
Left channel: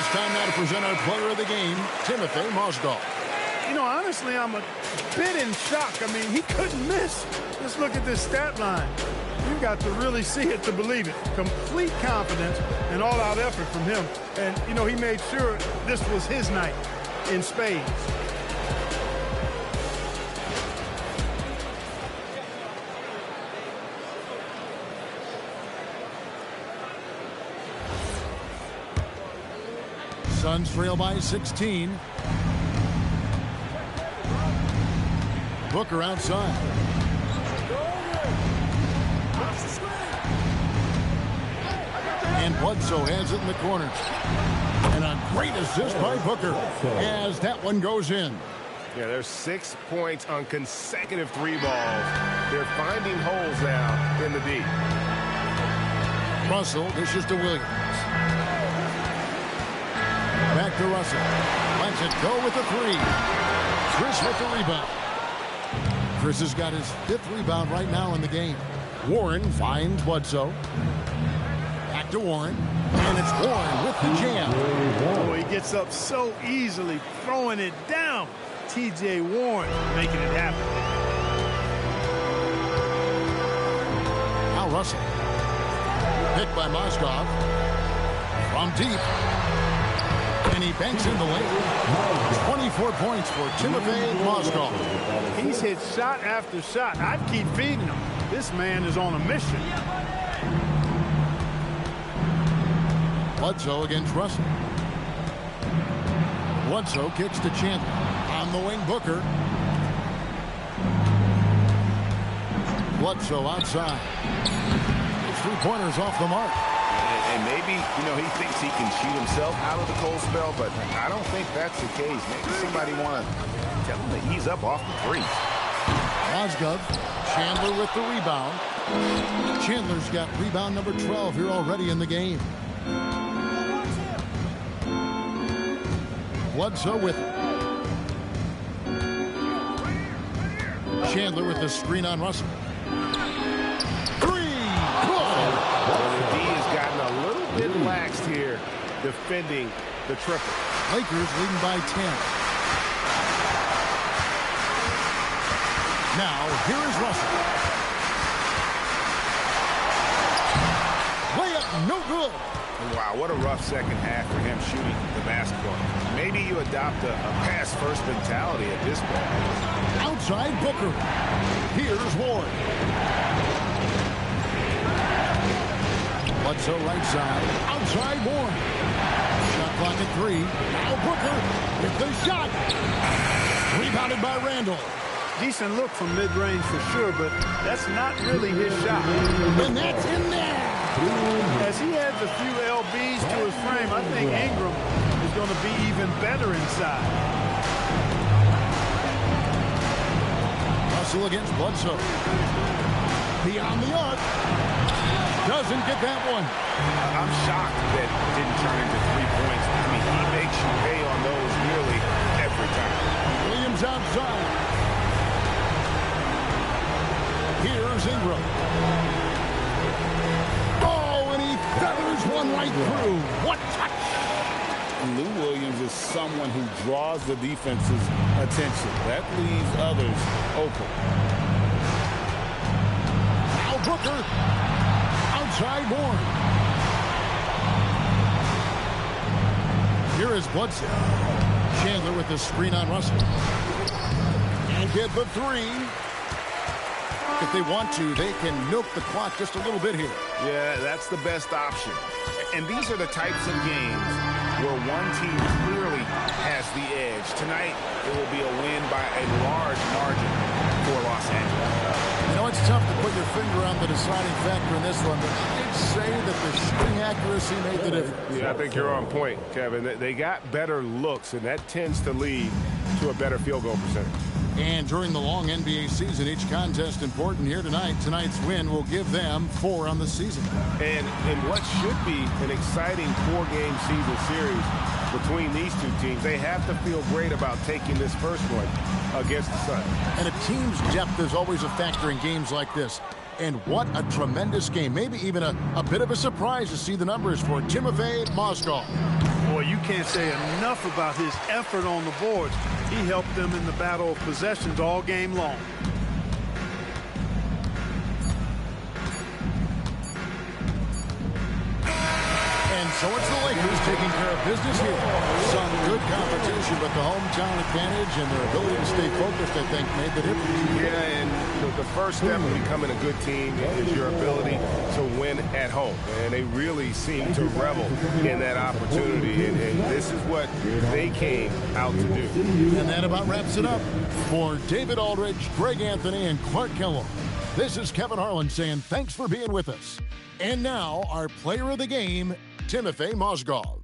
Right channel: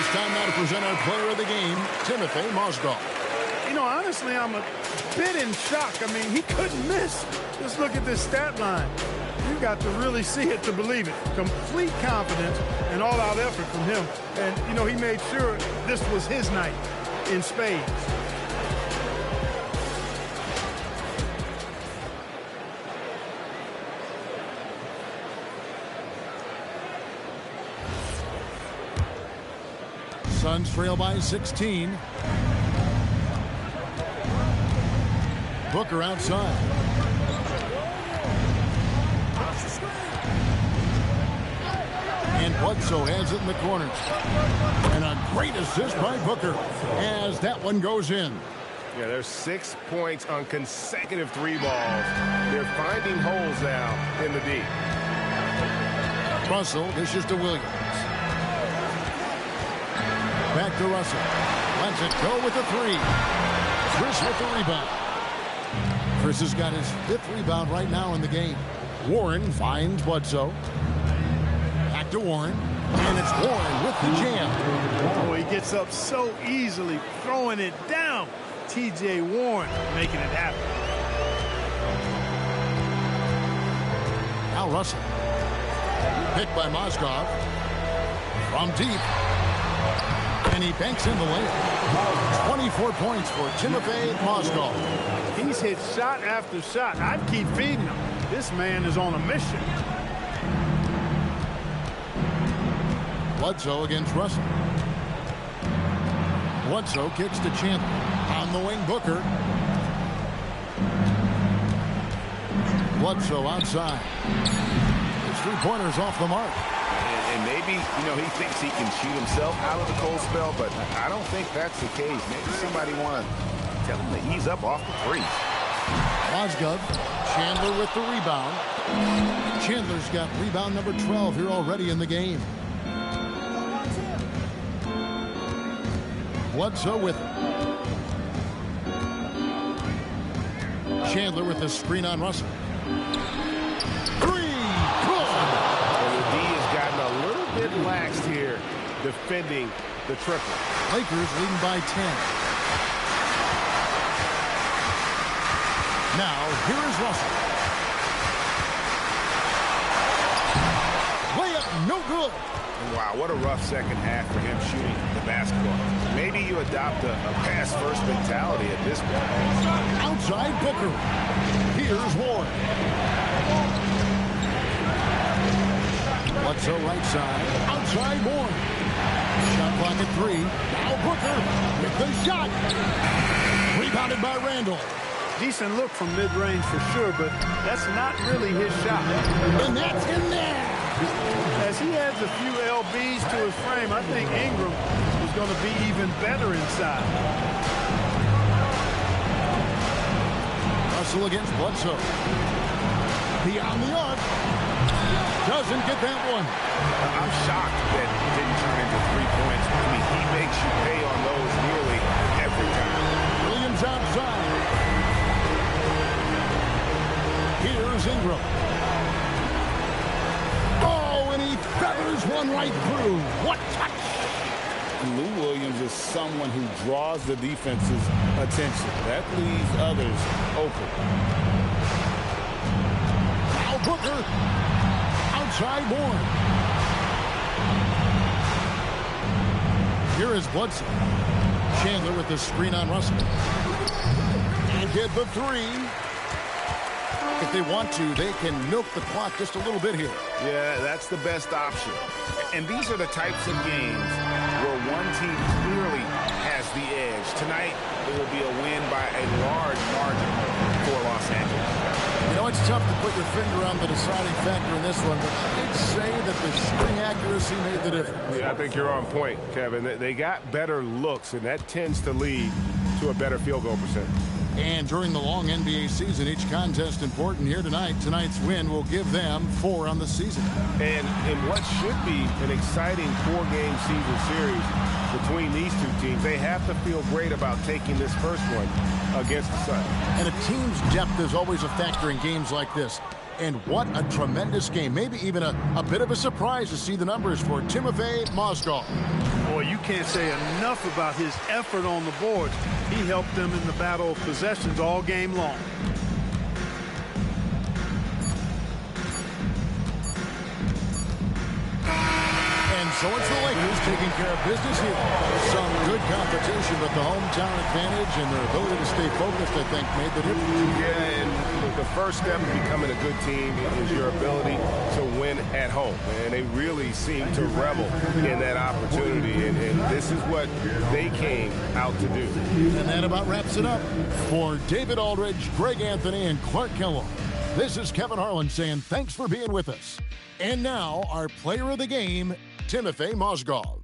It's time now to present our player of the game, Timofey Mozgov. You know, honestly, I'm a bit in shock. I mean, he couldn't miss. Just look at this stat line. You got to really see it to believe it. Complete confidence and all-out effort from him. And, you know, he made sure this was his night in spades. Suns trail by 16. Booker outside. And Bledsoe has it in the corner. And a great assist by Booker as that one goes in. Yeah, there's 6 points on consecutive 3 balls. They're finding holes now in the D. Russell dishes to Williams. Back to Russell. Lets it go with the 3. Chris with the rebound. Chris has got his 5th rebound right now in the game. Warren finds Bledsoe. Back to Warren. And it's Warren with the jam. Oh, he gets up so easily, throwing it down. T.J. Warren making it happen. Now Russell. Picked by Mozgov. From deep. And he banks in the layup. 24 points for Timofey Mozgov. He's hit shot after shot. I'd keep feeding him. This man is on a mission. Bledsoe against Russell. Bledsoe kicks to Chandler. On the wing, Booker. Bledsoe outside. His 3-pointer's off the mark. And maybe, you know, he thinks he can shoot himself out of the cold spell, but I don't think that's the case. Maybe somebody want to tell him to ease up off the threes. Mozgov, Chandler with the rebound. Chandler's got rebound number 12 here already in the game. Bledsoe with it. Chandler with the screen on Russell. 3, good! And the D has gotten a little bit laxed here defending the triple. Lakers leading by 10. Now, here is Russell. Layup, no good. Wow, what a rough second half for him shooting the basketball. Maybe you adopt a pass-first mentality at this point. Outside Booker. Here's Warren. Bledsoe right side. Outside Warren. Shot clock at 3. Now Booker with the shot. Rebounded by Randall. Decent look from mid-range for sure, but that's not really his shot. And that's in there. As he adds a few LBs to his frame, I think Ingram is going to be even better inside. Russell against Bledsoe. Beyond the arc. Doesn't get that one. I'm shocked that didn't turn into 3 points. I mean, he makes you pay on those nearly every time. Williams outside. Here's Ingram. Oh, and he feathers one right through. What touch! Lou Williams is someone who draws the defense's attention. That leaves others open. Now Booker. Outside Warren. Here is Bledsoe. Chandler with the screen on Russell. And get the 3. If they want to, they can milk the clock just a little bit here. Yeah, that's the best option. And these are the types of games where one team clearly has the edge. Tonight, it will be a win by a large margin for Los Angeles. You know, it's tough to put your finger on the deciding factor in this one, but I'd say that the shooting accuracy made the difference. Yeah, I think you're on point, Kevin. They got better looks, and that tends to lead to a better field goal percentage. And during the long NBA season, each contest important here tonight. Tonight's win will give them 4 on the season. And in what should be an exciting 4-game season series between these two teams, they have to feel great about taking this first one against the Suns. And a team's depth is always a factor in games like this. And what a tremendous game. Maybe even a bit of a surprise to see the numbers for Timofey Mozgov. Boy, you can't say enough about his effort on the boards. He helped them in the battle of possessions all game long. And so it's the Lakers taking care of business here. Some good competition, but the hometown advantage and their ability to stay focused, I think, made the difference. Yeah, and the first step in becoming a good team is your ability to win at home. And they really seem to revel in that opportunity. And this is what they came out to do. And that about wraps it up. For David Aldridge, Greg Anthony, and Clark Kellogg, this is Kevin Harlan saying thanks for being with us. And now, our player of the game, Timofey Mozgov.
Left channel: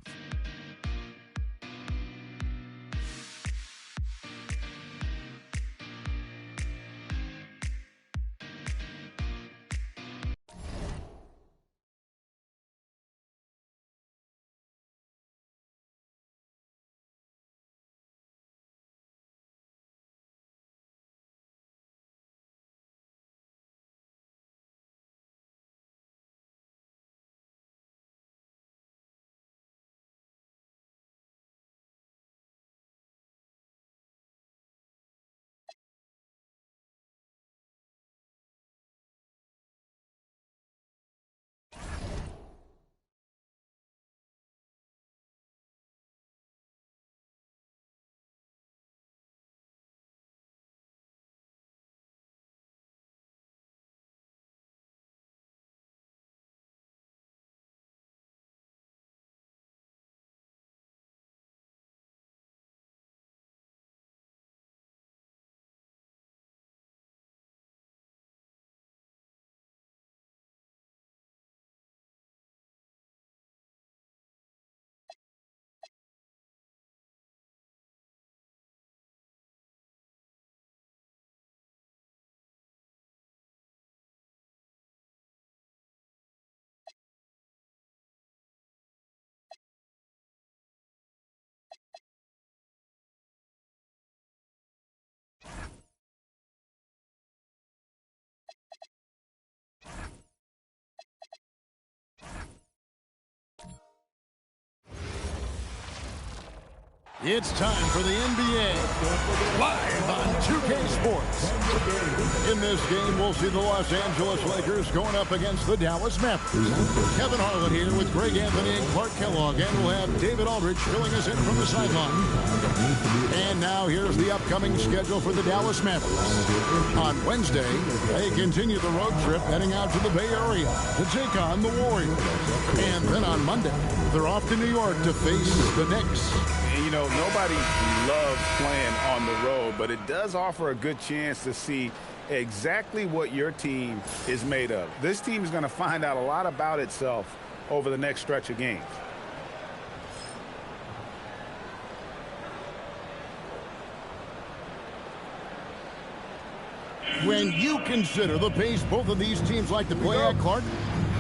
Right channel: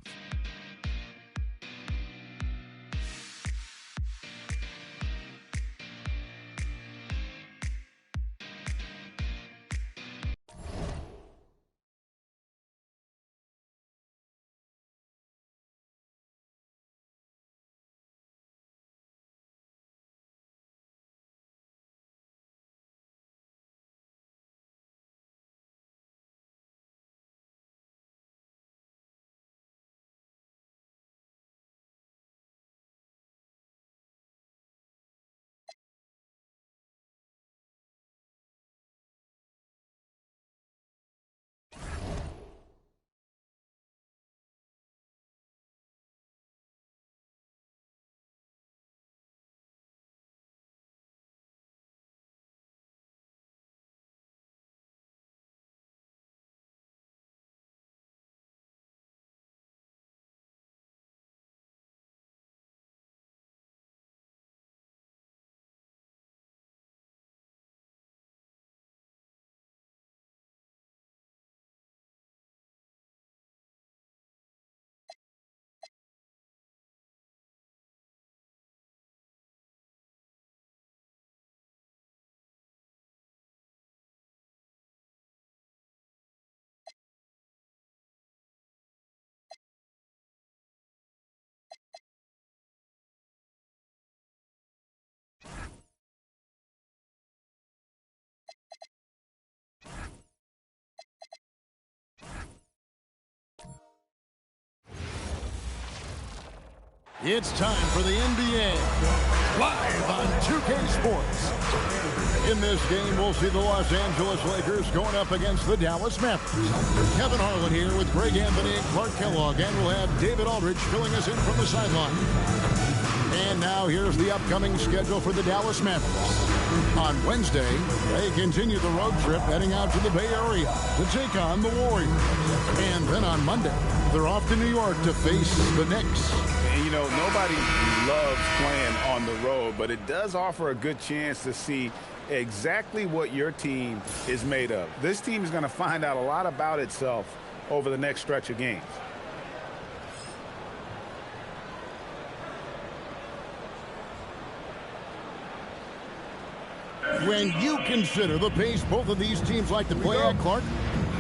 It's time for the NBA, live on 2K Sports. In this game, we'll see the Los Angeles Lakers going up against the Dallas Mavericks. Kevin Harlan here with Greg Anthony and Clark Kellogg, and we'll have David Aldridge filling us in from the sideline. And now here's the upcoming schedule for the Dallas Mavericks. On Wednesday, they continue the road trip heading out to the Bay Area to take on the Warriors. And then on Monday, they're off to New York to face the Knicks. And, you know, nobody loves playing on the road, but it does offer a good chance to see exactly what your team is made of. This team is going to find out a lot about itself over the next stretch of games. When you consider the pace both of these teams like to play at, Clark,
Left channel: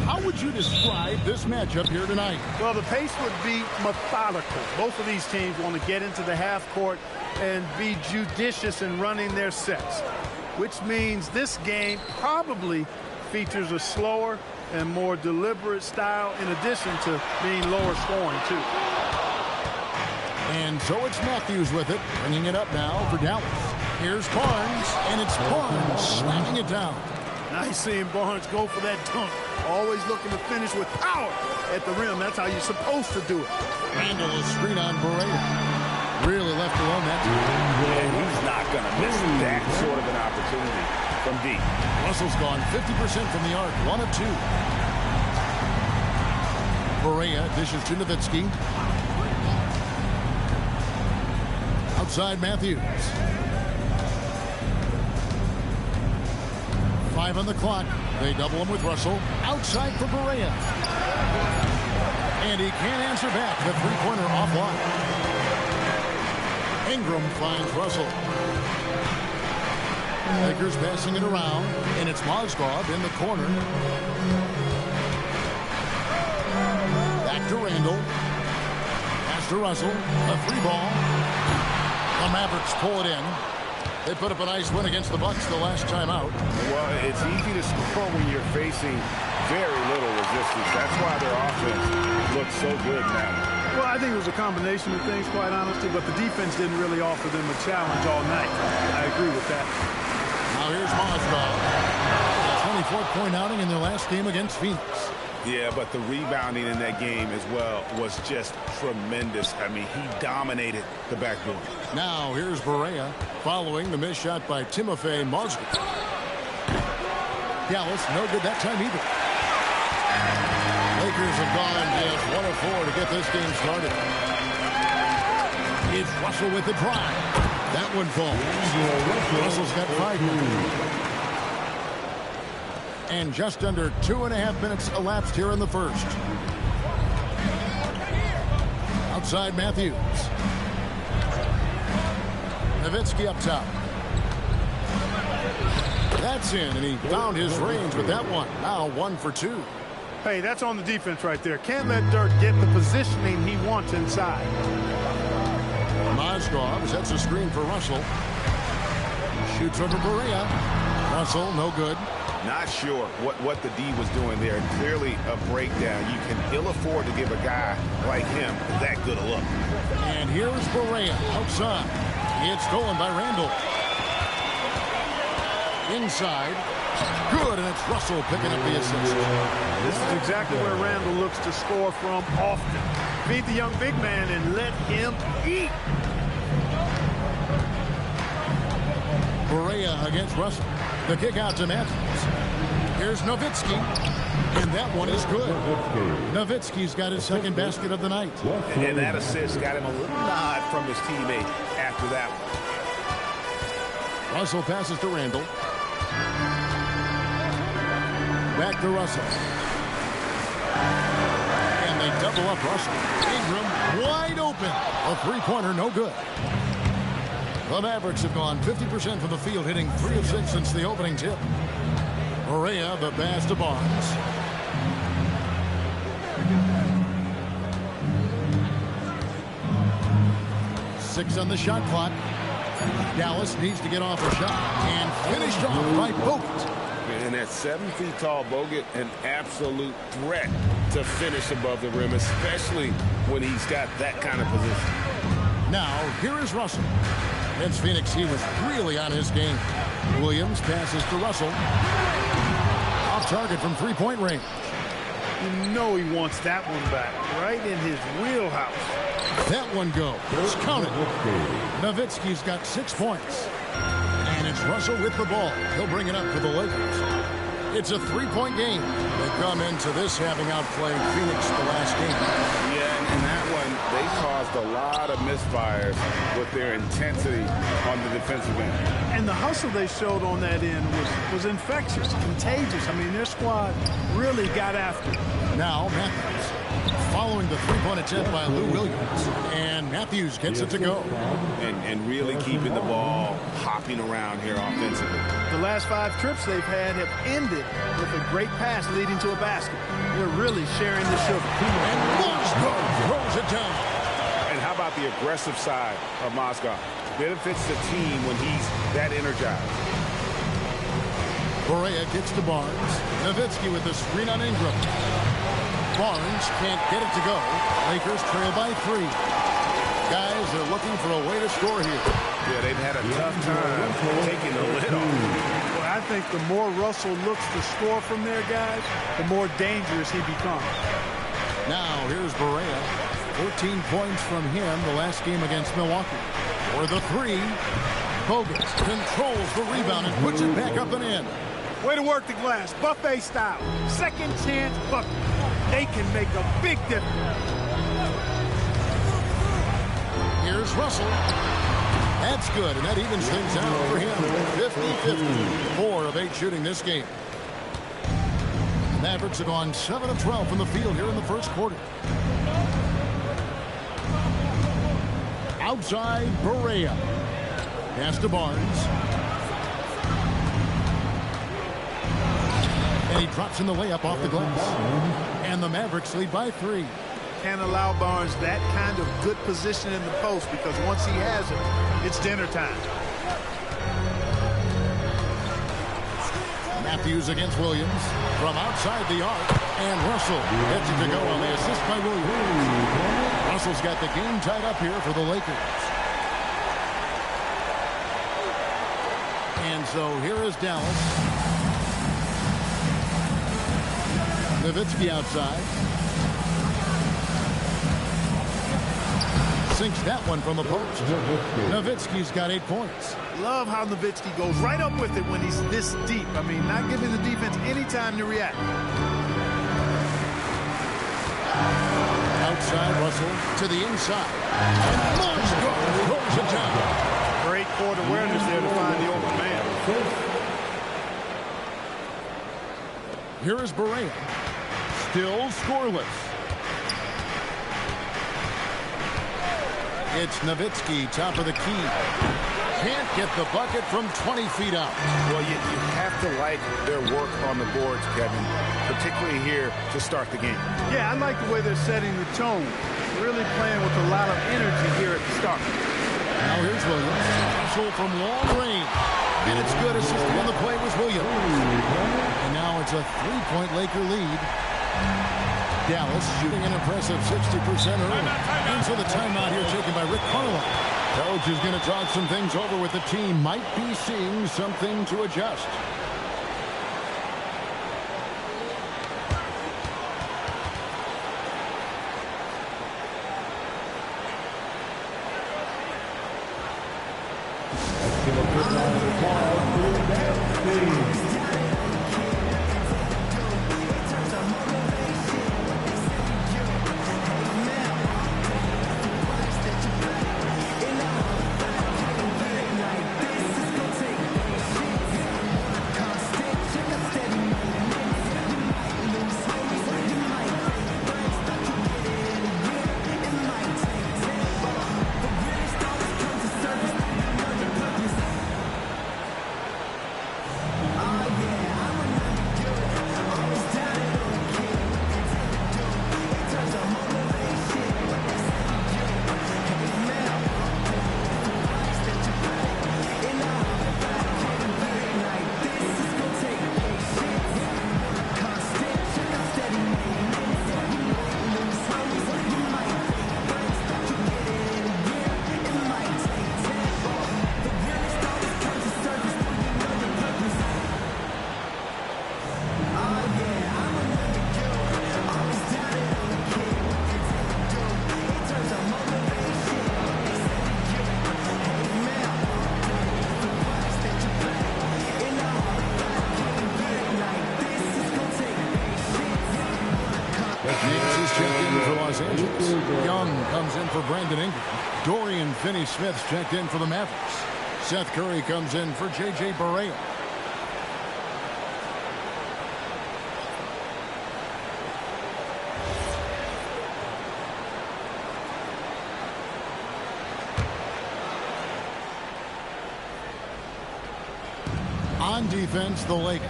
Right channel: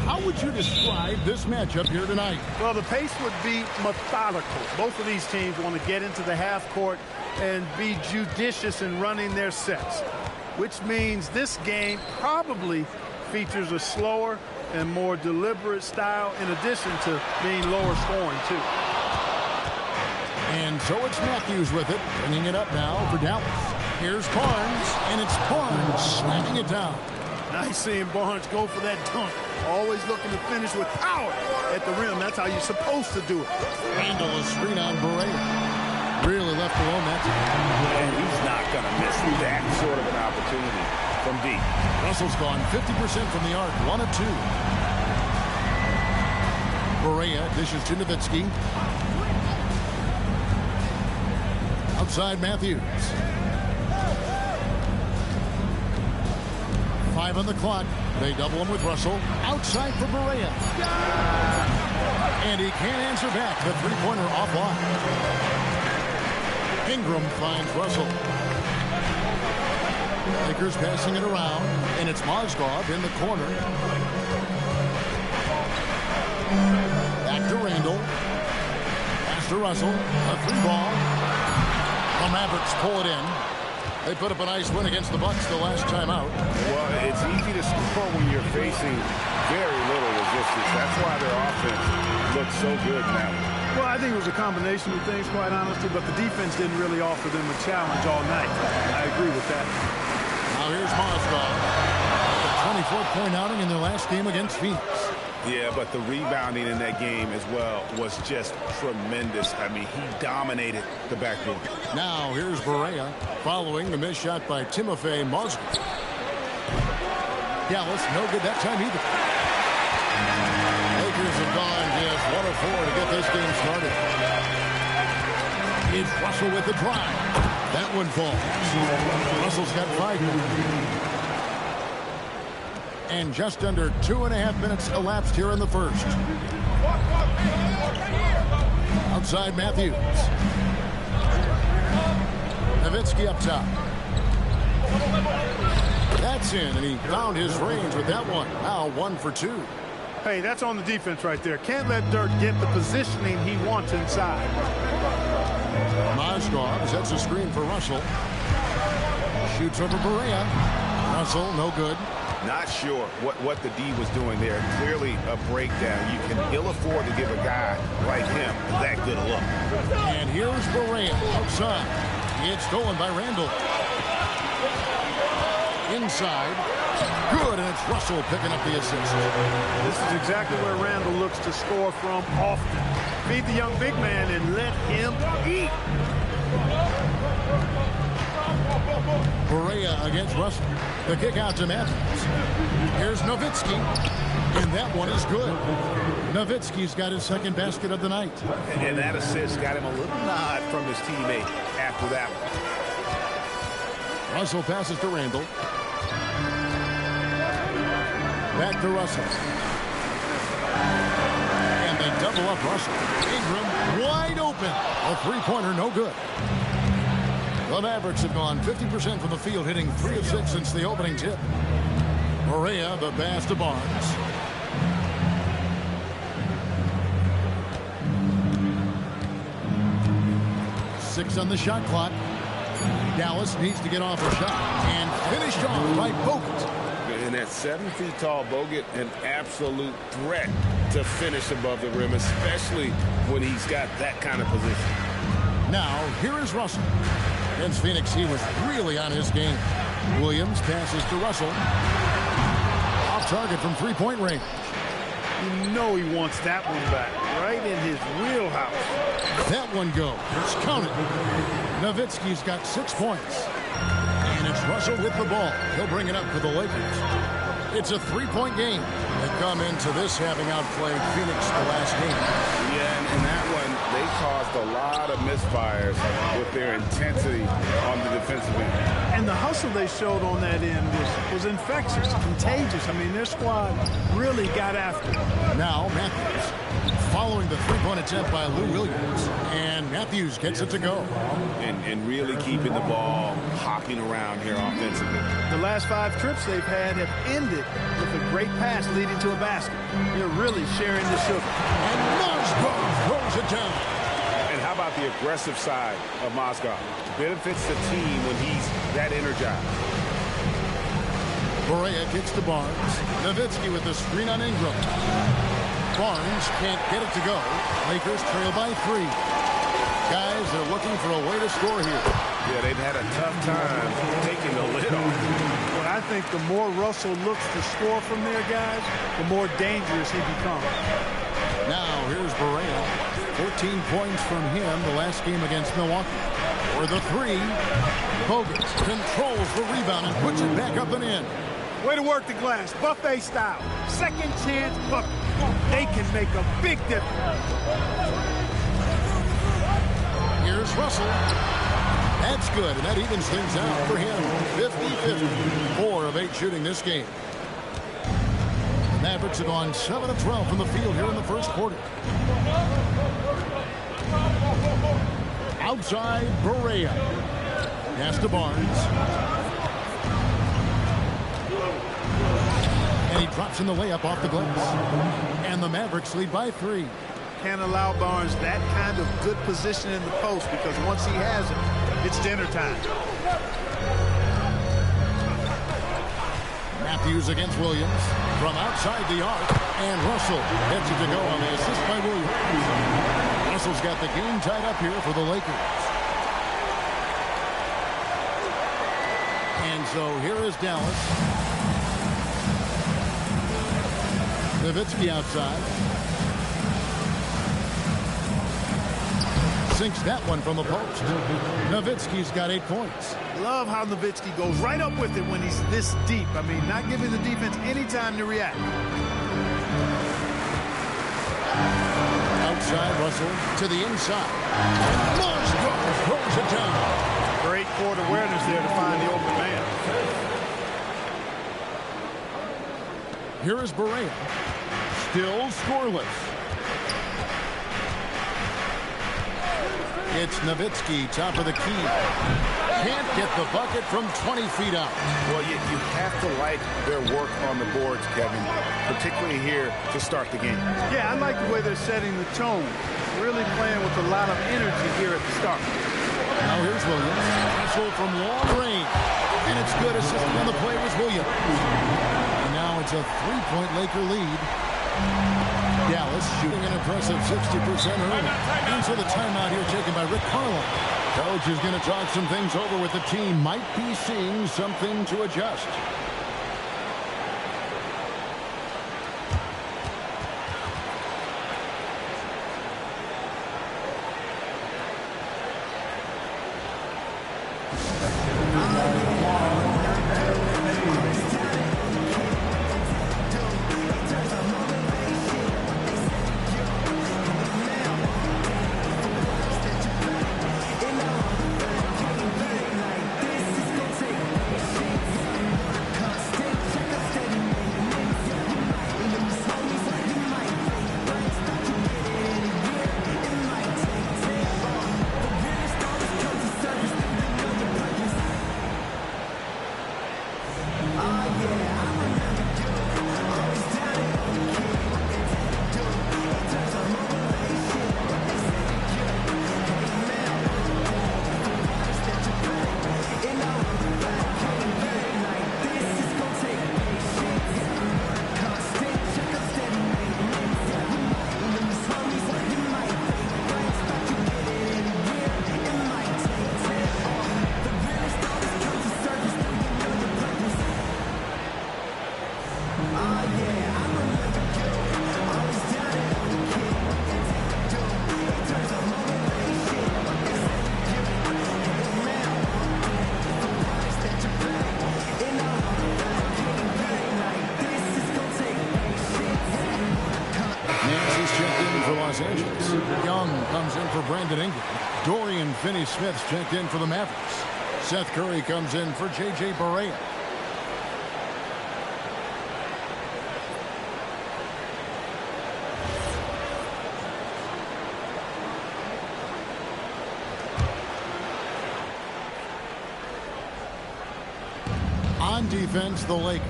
how would you describe this matchup here tonight? Well, the pace would be methodical. Both of these teams want to get into the half court and be judicious in running their sets, which means this game probably features a slower and more deliberate style in addition to being lower scoring, too. And so it's Matthews with it, bringing it up now for Dallas. Here's Barnes, and it's Barnes slamming it down. Nice seeing Barnes go for that dunk. Always looking to finish with power at the rim. That's how you're supposed to do it. Randall is screen on Barea. Really left alone that time. And he's not going to miss that sort of an opportunity from deep. Russell's gone 50% from the arc, 1 of 2. Barea dishes to Nowitzki. Outside Matthews. 5 on the clock. They double him with Russell. Outside for Barea. And he can't answer back. The three-pointer offline. Ingram finds Russell. Lakers passing it around, and it's Mozgov in the corner. Back to Randall. Pass to Russell. A 3-ball. The Mavericks pull it in. They put up a nice win against the Bucks the last time out. Well, it's easy to score when you're facing very little resistance. That's why their offense looks so good now. Well, I think it was a combination of things, quite honestly, but the defense didn't really offer them a challenge all night. I agree with that. Now here's Mozgov. 24-point outing in their last game against Phoenix. Yeah, but the rebounding in that game as well was just tremendous. I mean, he dominated the backboard. Now here's Barea following the missed shot by Timofey Mozgov. Dallas no good that time either. Lakers have gone just 1 of 4 to get this game started. It's Russell with the drive. That one falls. Russell's got 5 now. And just under 2.5 minutes elapsed here in the first. Outside Matthews. Nowitzki up top. That's in, and he found his range with that one. Now 1 for 2. Hey, that's on the defense right there. Can't let Dirk get the positioning he wants inside. Mozgov sets a screen for Russell. Shoots over Barea. Russell, no good. Not sure what the D was doing there. Clearly a breakdown. You can ill afford to give a guy like him that good a look. And here's Barea outside. It's stolen by Randall. Inside. Good, and it's Russell picking up the assist. This is exactly where Randall looks to score from often. Feed the young big man and let him eat. Barea against Russell. The kick out to Matthews. Here's Nowitzki. And that one is good. Nowitzki's got his second basket of the night. And that assist got him a little nod from his teammate after that one. Russell passes to Randall. Back to Russell. And they double up Russell. Ingram wide open. A three-pointer, no good. The Mavericks have gone 50% from the field, hitting 3 of 6 since the opening tip. Barea, the pass to Barnes. Six on the shot clock. Dallas needs to get off a shot and finished off by Bogut. And that 7 feet tall Bogut, an absolute threat to finish above the rim, especially when he's got that kind of position. Now, here is Russell. Against Phoenix, he was really on his game. Williams passes to Russell. Off target from three-point range. You know he wants that one back, right in his wheelhouse. That one goes. Count it. Nowitzki's got 6 points. And it's Russell with the ball. He'll bring it up for the Lakers. It's a 3-point game. They come into this having outplayed Phoenix the last game. Yeah, and in that one, they caused a lot of misfires with their intensity on the defensive end. And the hustle they showed on that end was infectious, contagious. I mean, their squad really got after it. Now Matthews following the three-point attempt by Lou Williams. And Matthews gets it to go. And really keeping the ball hopping around here offensively. The last 5 trips they've had have ended with a great pass leading to a basket. They're really sharing the sugar. And Mozgov throws it down. And how about the aggressive side of Mozgov? Benefits the team when he's that energized. Barea kicks to Barnes. Nowitzki with the screen on Ingram. Barnes can't get it to go. Lakers trail by 3. Guys, they're looking for a way to score here. Yeah, they've had a tough time taking the lid off. Well, I think the more Russell looks to score from there, guys, the more dangerous he becomes. Now, here's Barea. 14 points from him the last game against Milwaukee. For the 3, Bogut controls the rebound and puts it back up and in. Way to work the glass, buffet style. Second chance bucket. They can make a big difference. Here's Russell. That's good, and that evens things out for him. 50-50. 4 of 8 shooting this game. The Mavericks have gone 7 of 12 from the field here in the first quarter. Outside, Barea. Pass to Barnes. And he drops in the layup off the glass. And the Mavericks lead by 3. Can't allow Barnes that kind of good position in the post, because once he has it, it's dinner time. Matthews against Williams from outside the arc, and Russell gets it to go on the assist by Williams. Russell's got the game tied up here for the Lakers. And so here is Dallas. Nowitzki outside. Sinks that one from the post. Nowitzki's got 8 points. Love how Nowitzki goes right up with it when he's this deep. I mean, not giving the defense any time to react. Outside Russell to the inside. And Mozgov throws it down. Great court awareness there to find the open man. Here is Barea. Still scoreless. It's Nowitzki, top of the key. Can't get the bucket from 20 feet out. Well, you have to like their work on the boards, Kevin, particularly here to start the game. Yeah, I like the way they're setting the tone. Really playing with a lot of energy here at the start. Now here's Williams. Russell from long range. And it's good. Assisting on the play was Williams. And now it's a 3-point Laker lead. Dallas shooting an impressive 60% early. And so the timeout here taken by Rick Carlisle. Coach is going to talk some things over with the team. Might be seeing something to adjust. Los Angeles. Young comes in for Brandon Ingram. Dorian Finney-Smith's checked in for the Mavericks. Seth Curry comes in for J.J. Barea. On defense, the Lakers.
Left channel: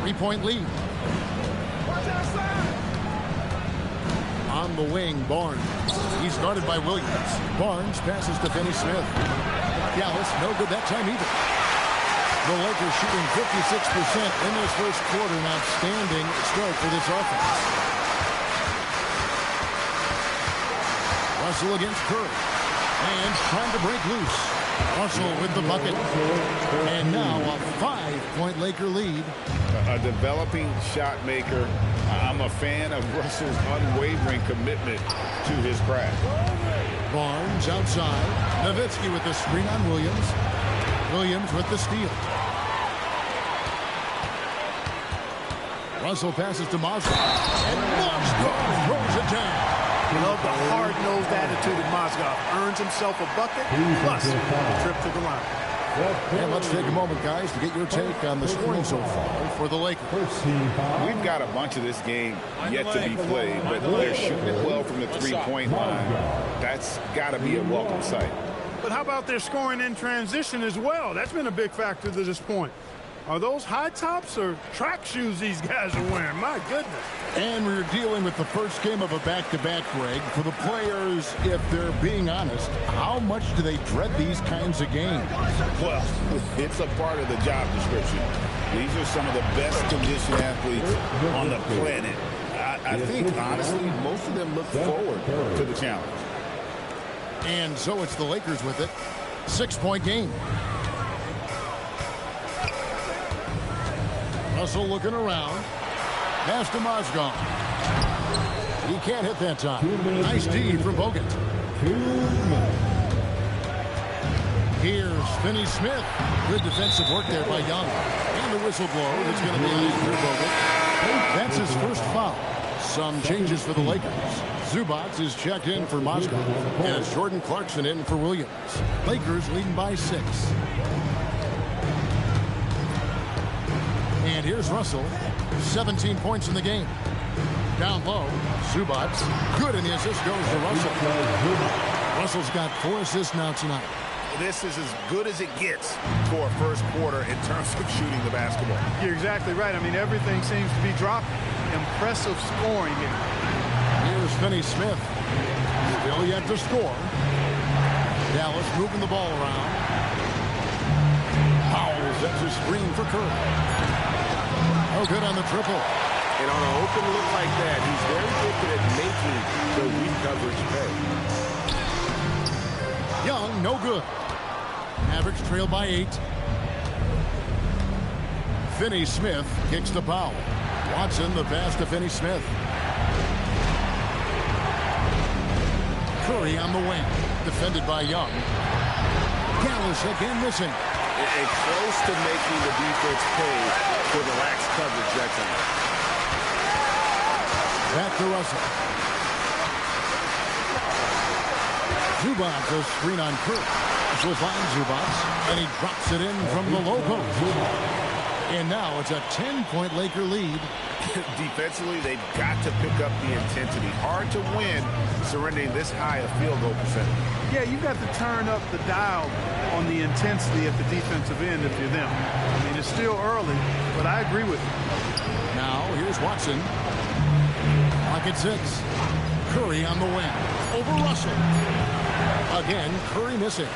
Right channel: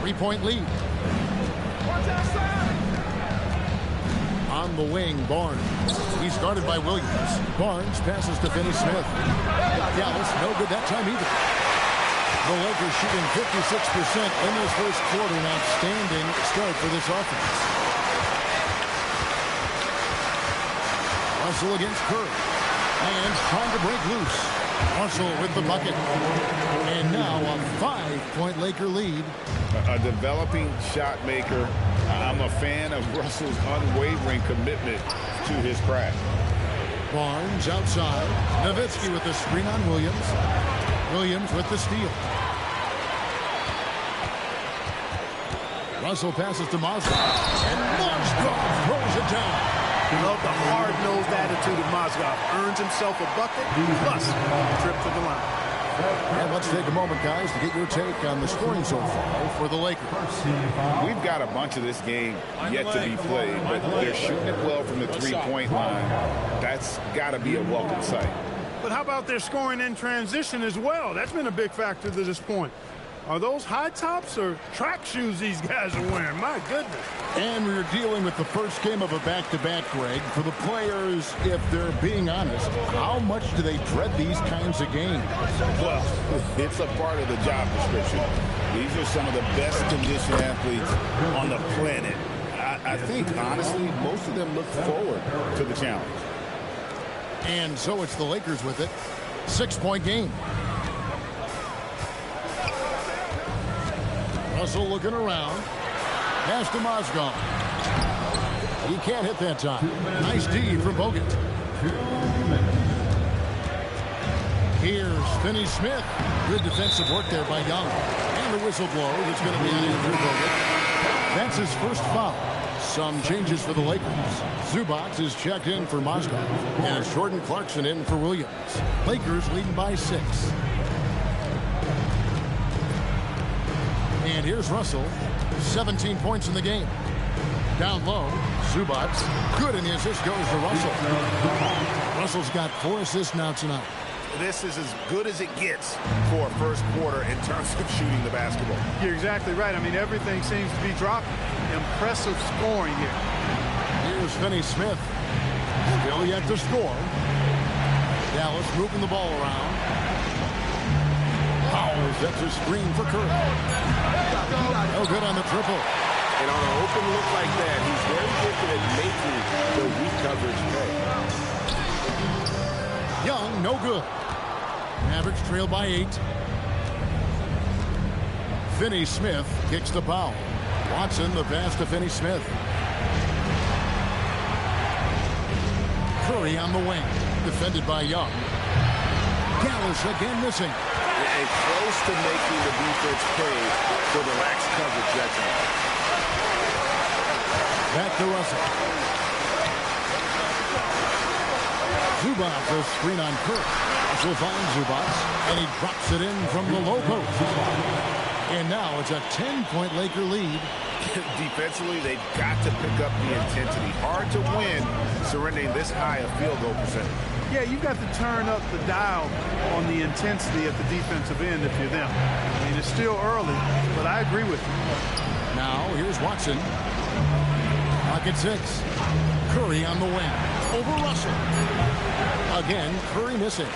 3-point lead. Watch outside. On the wing, Barnes. He's guarded by Williams. Barnes passes to Finney-Smith. Dallas, no good that time either. The Lakers shooting 56% in this first quarter. An outstanding start for this offense. Russell against Curry. And trying to break loose. Russell with the bucket. And now a 5-point Laker lead. A developing shot maker. I'm a fan of Russell's unwavering commitment to his craft. Barnes outside. Nowitzki with the screen on Williams. Williams with the steal. Russell passes to Mozgov. And Mozgov throws it down. Love the hard-nosed attitude of Mozgov. Earns himself a bucket, plus a trip to the line. And let's take a moment, guys, to get your take on the scoring so far for the Lakers. We've got a bunch of this game yet to be played, but they're shooting it well from the three-point line. That's got to be a welcome sight. But how about their scoring in transition as well? That's been a big factor to this point. Are those high tops or track shoes these guys are wearing? My goodness. And we're dealing with the first game of a back-to-back, Greg. For the players, if they're being honest, how much do they dread these kinds of games? Well, it's a part of the job description. These are some of the best conditioned athletes on the planet. I think, honestly, most of them look forward to the challenge. And so it's the Lakers with it. 6-point game. Russell looking around. Pass to Mozgov. He can't hit that time. Nice D from Bogut. Here's Finney-Smith. Good defensive work there by Young. And the whistle blows. It's going to be on Andrew Bogut. That's his first foul. Some changes for the Lakers. Zubac is checked in for Mozgov. And it's Jordan Clarkson in for Williams. Lakers leading by 6. And here's Russell. 17 points in the game. Down low, Zubac. Good, and the assist goes to Russell. Russell's got 4 assists now tonight. This is as good as it gets for a first quarter in terms of shooting the basketball. You're exactly right. I mean, everything seems to be dropping. Impressive scoring here. Here's Finney-Smith. Still yet to score. Dallas moving the ball around. Powell sets a screen for Curry. Oh, good on the triple. And on an open look like that, he's very gifted at making the weak coverage pay. Young, no good. Mavericks trail by 8. Finney-Smith kicks to Powell. Watson, the pass to Finney-Smith. Curry on the wing. Defended by Young. Dallas again missing. And close to making the defense pay for the lax coverage that time. Back to Russell. Zubac, a screen on Curry. Russell finds Zubac, and he drops it in from the low post. And now it's a 10-point Laker lead. Defensively, they've got to pick up the intensity. Hard to win surrendering this high a field goal percentage. Yeah, you've got to turn up the dial on the intensity at the defensive end if you're them. I mean, it's still early, but I agree with you. Now, here's Watson. Clock at 6. Curry on the wing. Over Russell. Again, Curry missing.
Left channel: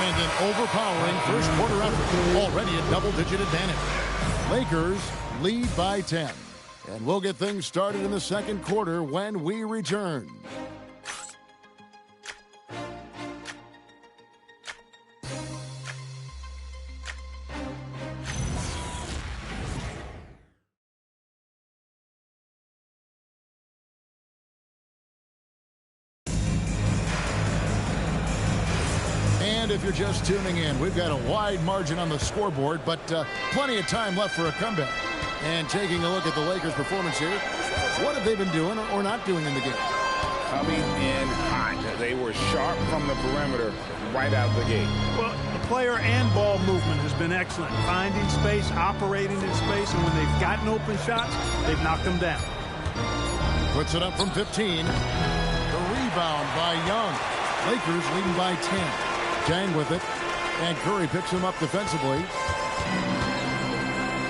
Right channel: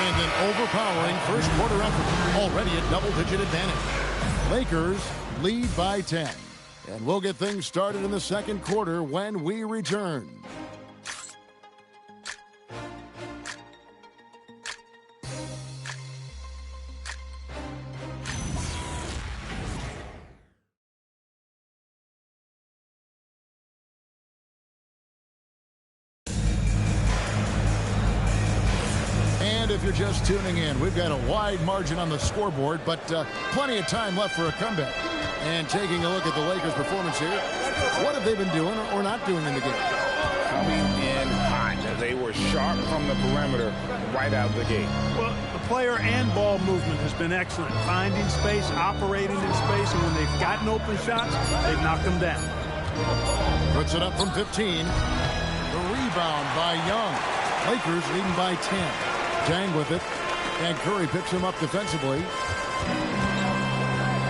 And an overpowering first quarter effort. Already a double-digit advantage. Lakers lead by 10. And we'll get things started in the second quarter when we return. And if you're just tuning in, we've got a wide margin on the scoreboard, but plenty of time left for a comeback. And taking a look at the Lakers' performance here, what have they been doing or not doing in the game? Coming in hot. They were sharp from the perimeter right out of the gate. Well, the player and ball movement has been excellent. Finding space, operating in space, and when they've gotten open shots, they've knocked them down. Puts it up from 15. The rebound by Young. Lakers leading by 10. Jang with it, and Curry picks him up defensively.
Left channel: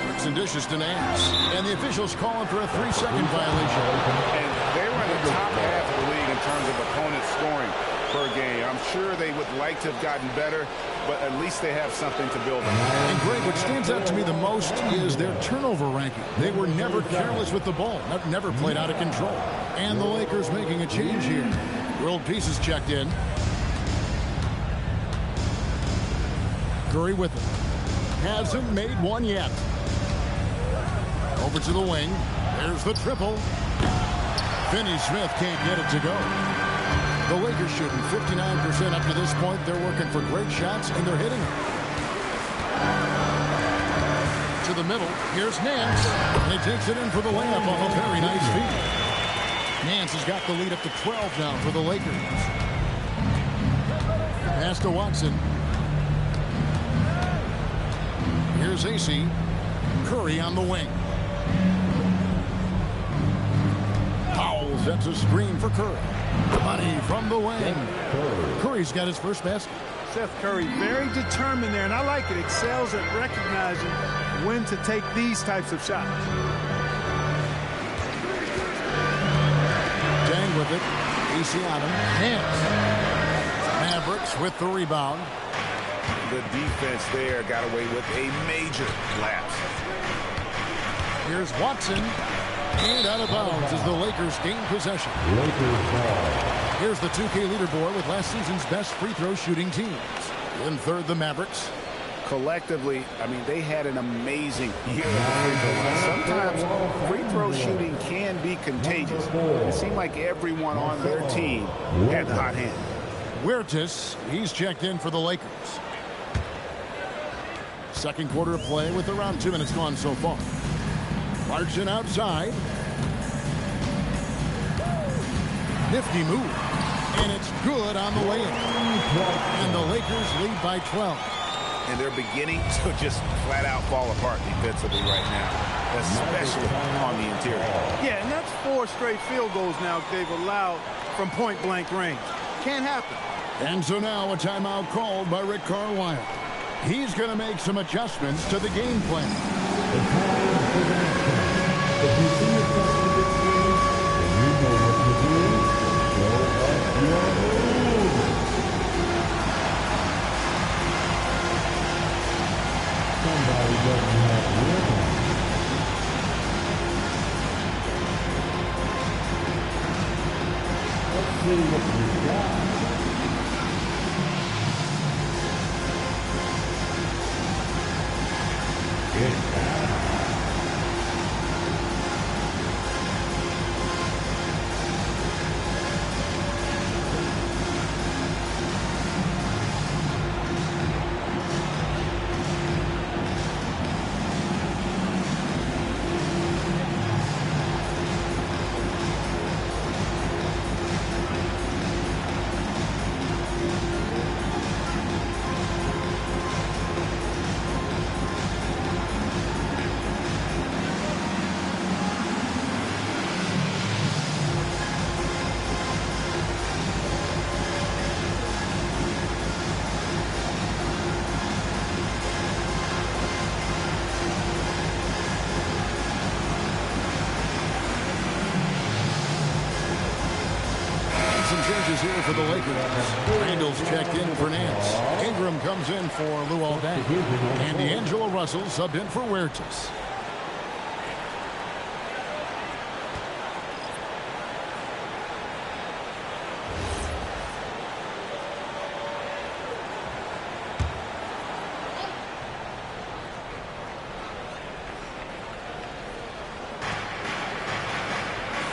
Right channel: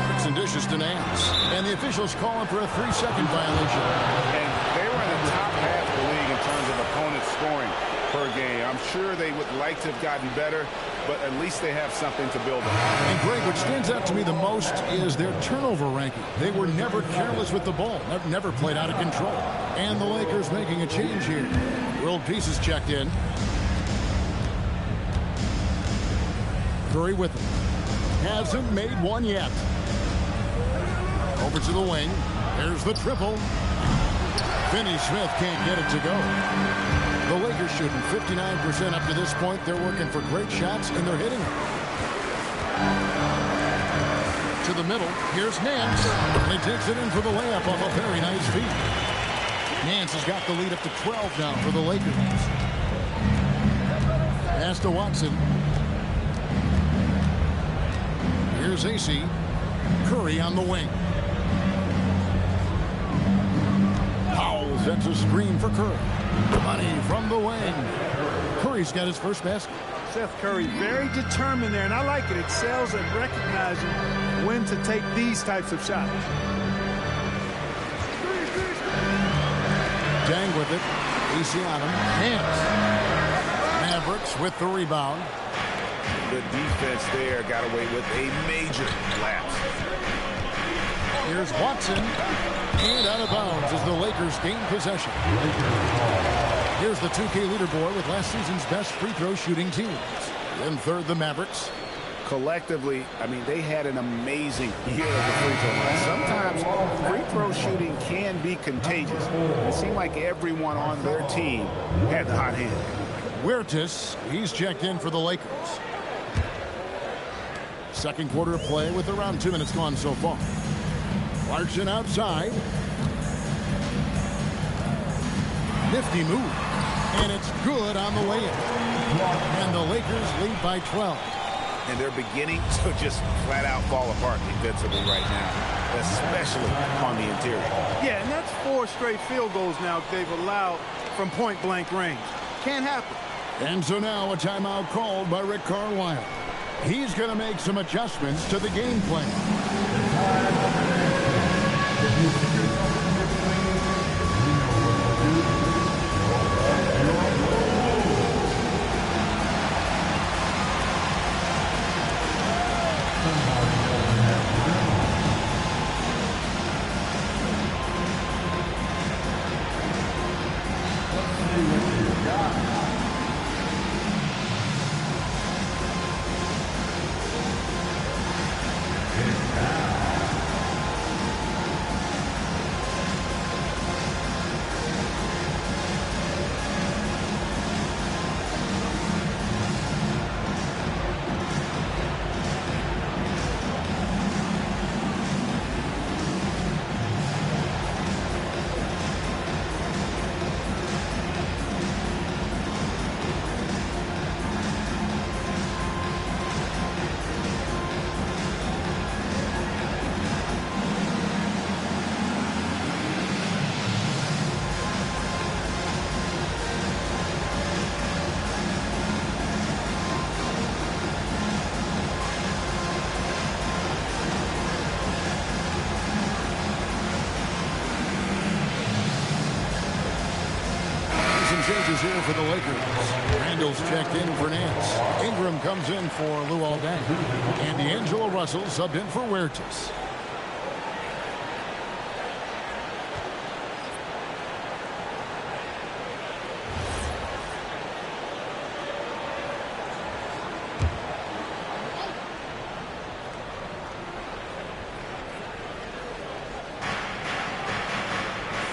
Bricks and dishes to Nance, and the officials calling for a 3-second violation. And they were in the top half of the league in terms of opponents scoring per game. I'm sure they would like to have gotten better, but at least they have something to build on. And Greg, what stands out to me the most is their turnover ranking. They were never careless with the ball, never played out of control. And the Lakers making a change here. World Pieces checked in. Curry with it. Hasn't made one yet. Over to the wing. There's the triple. Finney-Smith can't get it to go. The Lakers shooting 59% up to this point. They're working for great shots, and they're hitting them. To the middle. Here's Nance. And he takes it in for the layup off a very nice feed. Nance has got the lead up to 12 now for the Lakers. Pass to Watson. Here's AC. Curry on the wing. Powell sets a screen for Curry. Money from the wing. Curry's got his first basket. Seth Curry very determined there, and I like it. Excels at recognizing when to take these types of shots. Jang with it. AC on him. Hands. Mavericks with the rebound. The defense there got away with a major lapse. Here's Watson. And out of bounds as the Lakers gain possession. Here's the 2K leaderboard with last season's best free throw shooting teams. In third, the Mavericks. Collectively, I mean, they had an amazing year at the free throw line. Sometimes free throw shooting can be contagious. It seemed like everyone on their team had the hot hand. Huertas, he's checked in for the Lakers. Second quarter of play with around 2 minutes gone so far. Clarkson outside. Nifty move. And it's good on the way in. And the Lakers lead by 12. And they're beginning to just flat out fall apart defensively right now, especially on the interior. Yeah, and that's 4 straight field goals now they've allowed from point-blank range. Can't happen. And so now a timeout called by Rick Carlisle. He's going to make some adjustments to the game plan. If you see yourself in this game, then you know what to do. Blow up your balloon. Somebody doesn't have room. Let's see what you got. Some changes here for the Lakers. Randall's checked in for Nance. Ingram comes in for Luol Deng. And D'Angelo Russell subbed in for Huertas.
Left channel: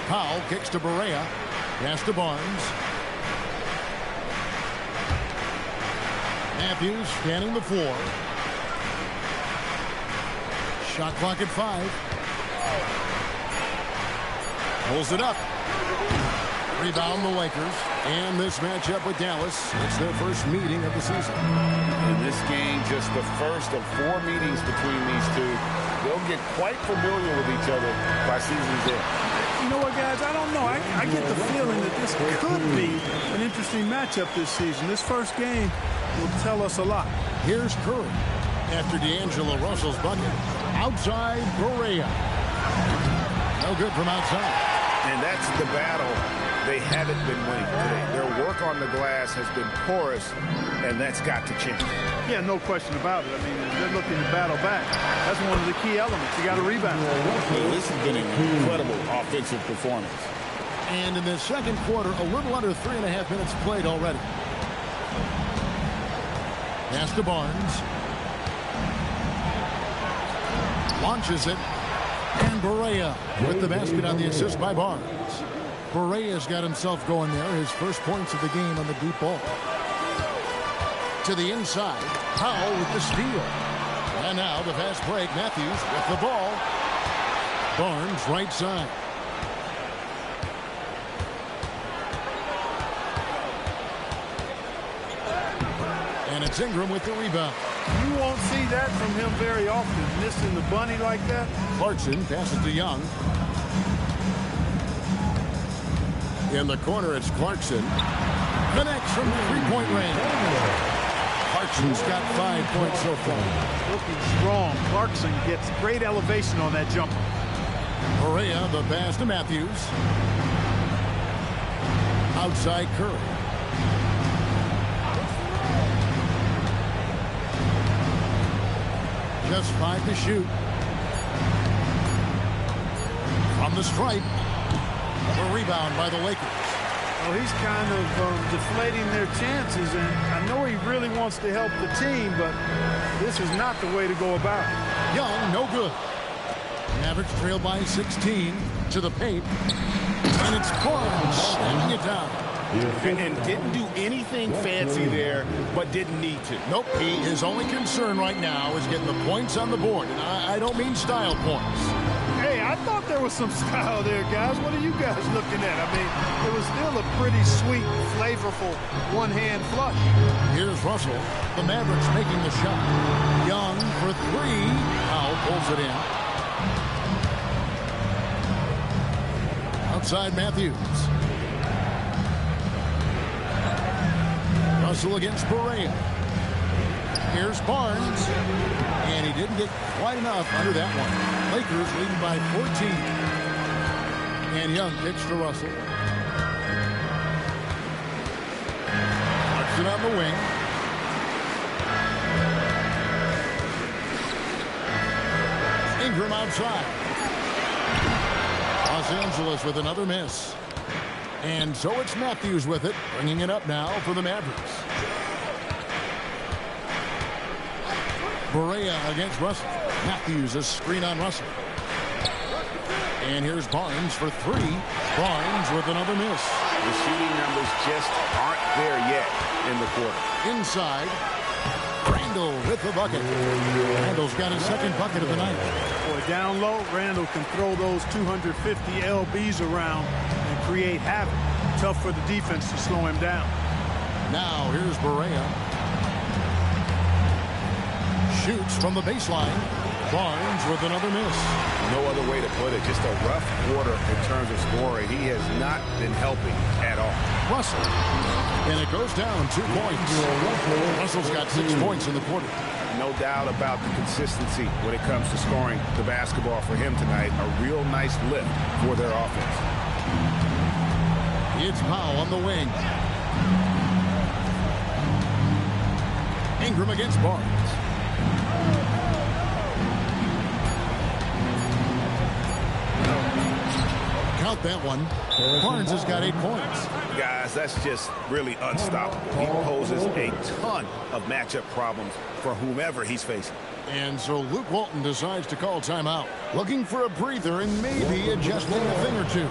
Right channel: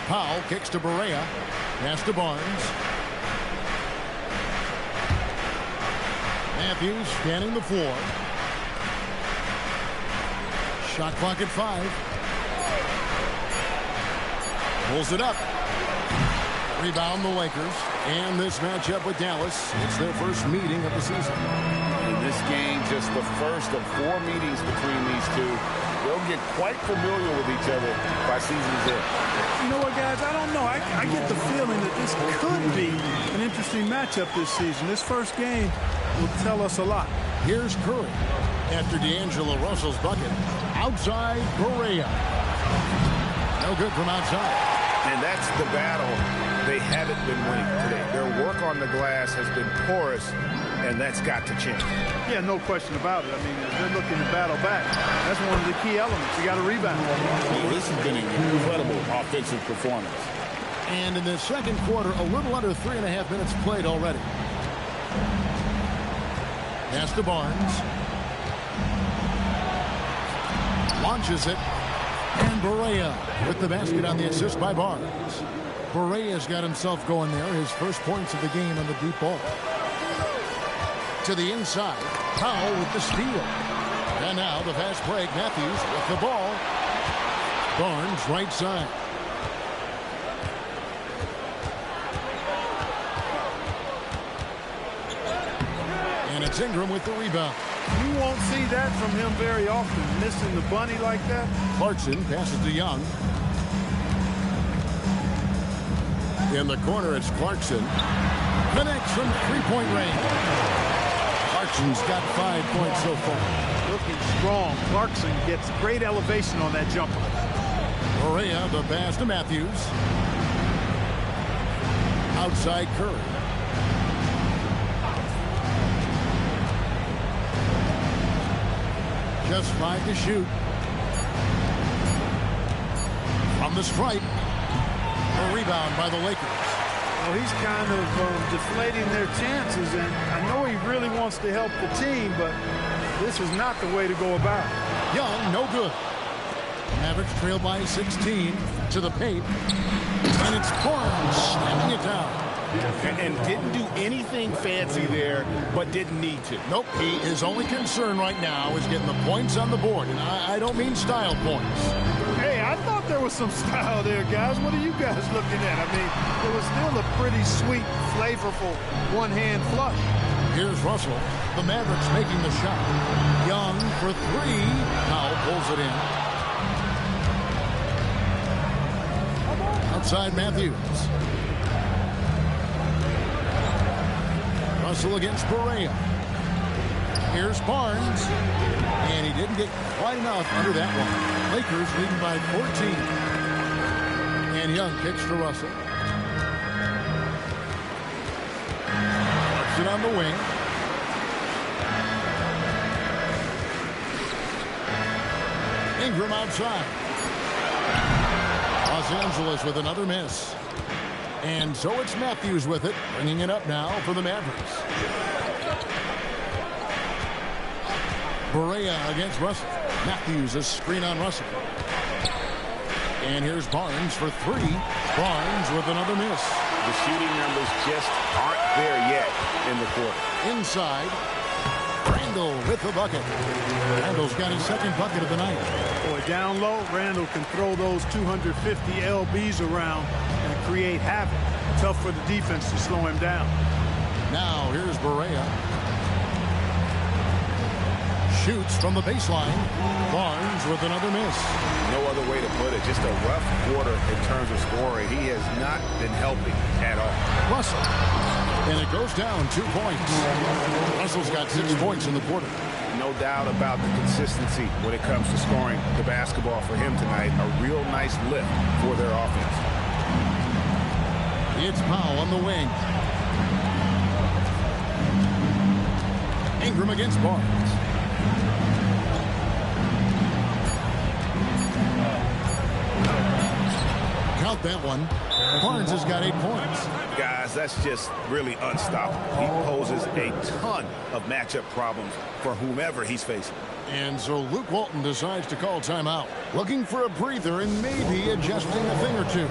Powell kicks to Barea. Pass to Barnes. Matthews scanning the floor. Shot clock at 5. Pulls it up. Rebound the Lakers. And this matchup with Dallas, it's their first meeting of the season. In this game, just the first of 4 meetings between these two. They'll get quite familiar with each other by season's end. You know what, guys? I don't know. I get the feeling that this could be an interesting matchup this season. This first game will tell us a lot. Here's Curry after D'Angelo Russell's bucket. Outside, Barea. No good from outside. And that's the battle they haven't been winning today. Their work on the glass has been porous, and that's got to change. Yeah, no question about it. I mean, they're looking to battle back. That's one of the key elements. You got to rebound. Yeah, this has been an incredible offensive performance. And in the second quarter, a little under 3.5 minutes played already. Pass to Barnes. Launches it. And Barea with the basket on the assist by Barnes. Barea's got himself going there. His first points of the game on the deep ball. To the inside. Powell with the steal. And now the fast break. Matthews with the ball. Barnes right side. And it's Ingram with the rebound. You won't see that from him very often, missing the bunny like that. Clarkson passes to Young. In the corner, it's Clarkson. Connects from three-point range. Clarkson's got 5 points so far. Looking strong. Clarkson gets great elevation on that jumper. Barea, the pass to Matthews. Outside Curry. Just 5 to shoot. From the stripe. A rebound by the Lakers. Well, he's kind of deflating their chances, and I know he really wants to help the team, but this is not the way to go about it. Young, no good. Mavericks trail by 16 to the paint. And it's Barnes slamming it down. And didn't do anything fancy there, but didn't need to. Nope, his only concern right now is getting the points on the board. And I don't mean style points. Hey, I thought there was some style there, guys. What are you guys looking at? I mean, it was still a pretty sweet, flavorful one-hand flush. Here's Russell. The Mavericks making the shot. Young for 3. Powell pulls it in. Outside Matthews. Russell against Barea. Here's Barnes. And he didn't get quite enough under that one. Lakers leading by 14. And Young kicks to Russell. Clarkson on the wing. Ingram outside. Los Angeles with another miss. And so it's Matthews with it, bringing it up now for the Mavericks. Barea against Russell. Matthews a screen on Russell. And here's Barnes for 3. Barnes with another miss. The shooting numbers just aren't there yet in the quarter. Inside. Randall with the bucket. Randall's got his second bucket of the night. Boy, down low, Randall can throw those 250 LBs around and create havoc. Tough for the defense to slow him down. Now here's Barea. Shoots from the baseline. Barnes with another miss. No other way to put it. Just a rough quarter in terms of scoring. He has not been helping at all. Russell. And it goes down 2 points. Russell's got 6 points in the quarter. No doubt about the consistency when it comes to scoring the basketball for him tonight. A real nice lift for their offense. It's Powell on the wing. Ingram against Barnes. Count that one. Barnes has got 8 points. Guys, that's just really unstoppable. He poses a ton of matchup problems for whomever he's facing. And so Luke Walton decides to call timeout. Looking for a breather and maybe adjusting a thing or two.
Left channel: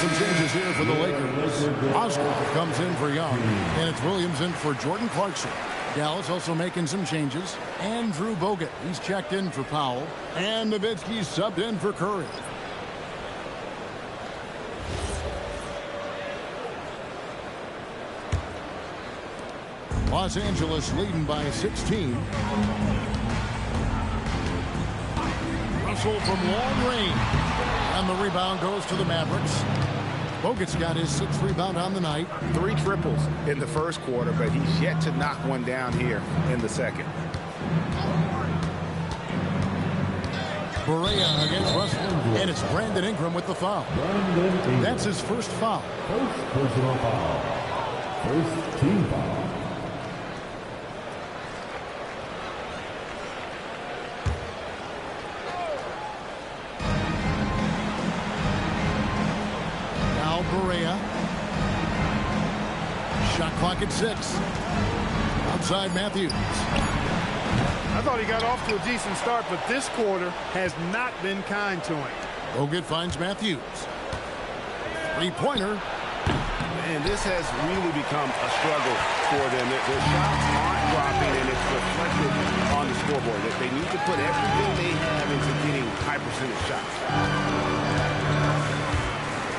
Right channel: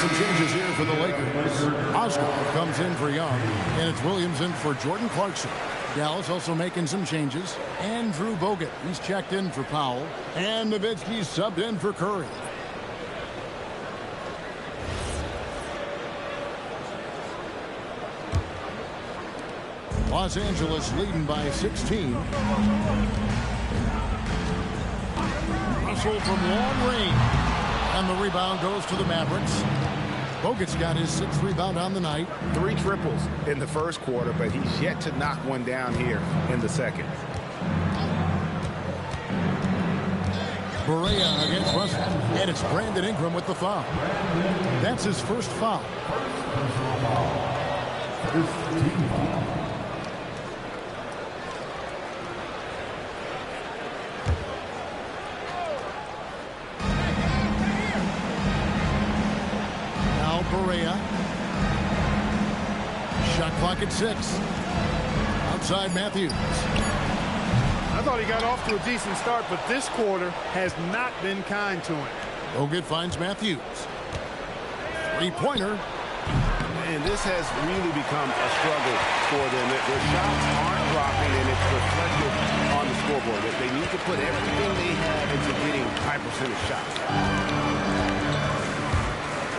Some changes here for the Lakers. Osgood comes in for Young, and it's Williams in for Jordan Clarkson. Dallas also making some changes. Andrew Bogut, he's checked in for Powell. And Nowitzki's subbed in for Curry. Los Angeles leading by 16. Russell from long range. And the rebound goes to the Mavericks. Bogut's got his 6th rebound on the night. 3 triples in the first quarter, but he's yet to knock one down here in the second. Barea against Russell. And it's Brandon Ingram with the foul. That's his first foul. First team foul. Now Barea. Shot clock at 6. Outside Matthews. I thought he got off to a decent start, but this quarter has not been kind to him. Bogut finds Matthews. Three-pointer. And this has really become a struggle for them. Their shots aren't dropping, and it's reflected on the scoreboard. They need to put everything they have into getting high percentage shots.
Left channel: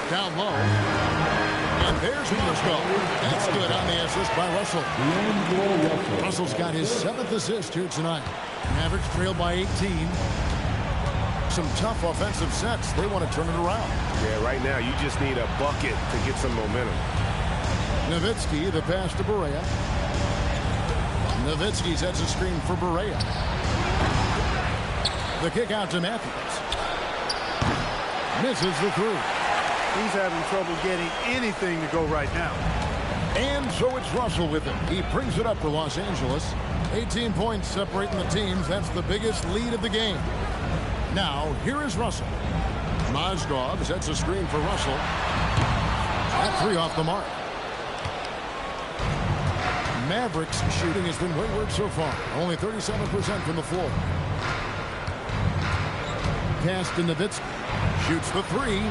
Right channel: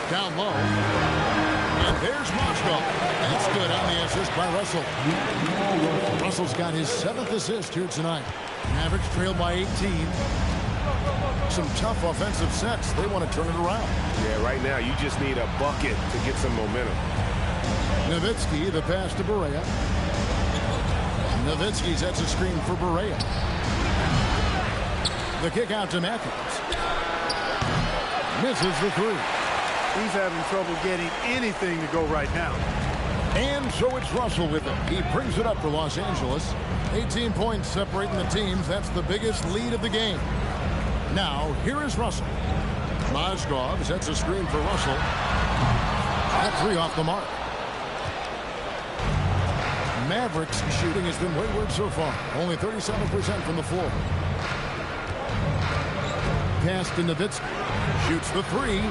Down low. And there's Mozgov. That's good on the assist by Russell. Russell's got his 7th assist here tonight. Mavericks trail by 18. Some tough offensive sets. They want to turn it around. Yeah, right now you just need a bucket to get some momentum. Nowitzki, the pass to Barea. Nowitzki sets a screen for Barea. The kick out to Matthews. Misses the 3. He's having trouble getting anything to go right now. And so it's Russell with it. He brings it up for Los Angeles. 18 points separating the teams. That's the biggest lead of the game. Now, here is Russell. Mozgov sets a screen for Russell. That 3 off the mark. Mavericks shooting has been wayward so far. Only 37% from the floor. Pass to Nowitzki. Shoots the 3.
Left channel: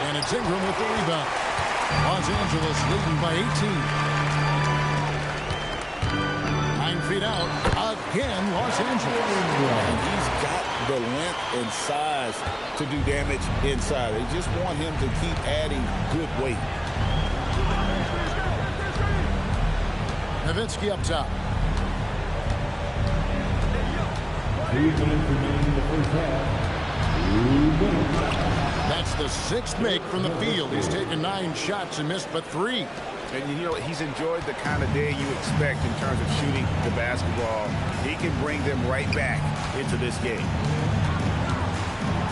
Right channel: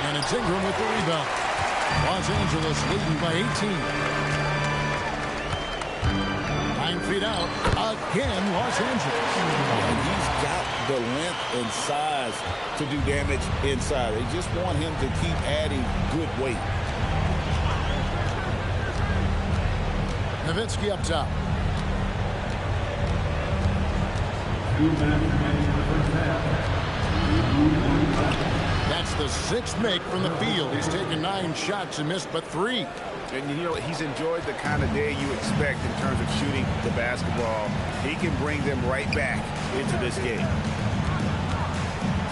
And it's Ingram with the rebound. Los Angeles leading by 18. 9 feet out. Again, Los Angeles. And he's got the length and size to do damage inside. They just want him to keep adding good weight. Nowitzki up top. 2 minutes remaining in the first half. 2 minutes. That's the 6th make from the field. He's taken 9 shots and missed but 3. And, you know, he's enjoyed the kind of day you expect in terms of shooting the basketball. He can bring them right back into this game.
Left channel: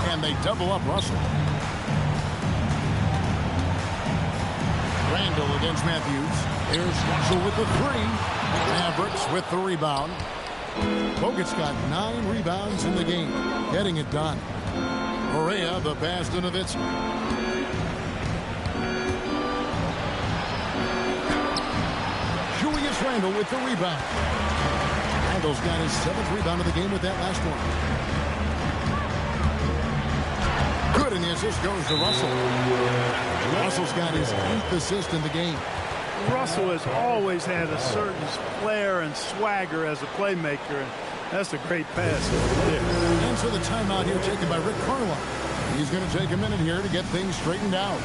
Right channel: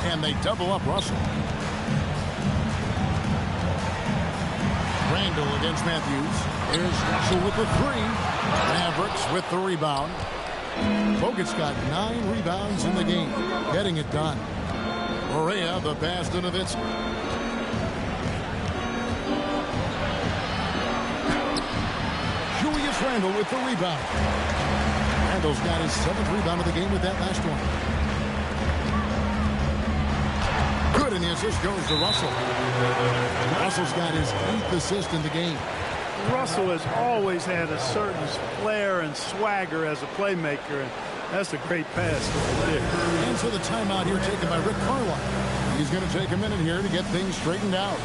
And they double up Russell. Randall against Matthews. Here's Russell with the 3. Mavericks with the rebound. Bogut's got 9 rebounds in the game. Getting it done. Barea, the pass to Nowitzki. Julius Randle with the rebound. Randle's got his 7th rebound of the game with that last one. Good, and the assist goes to Russell. Russell's got his 8th assist in the game. Russell has always had a certain flair and swagger as a playmaker, and that's a great pass right there. And so the timeout here taken by Rick Carlisle. He's going to take a minute here to get things straightened out.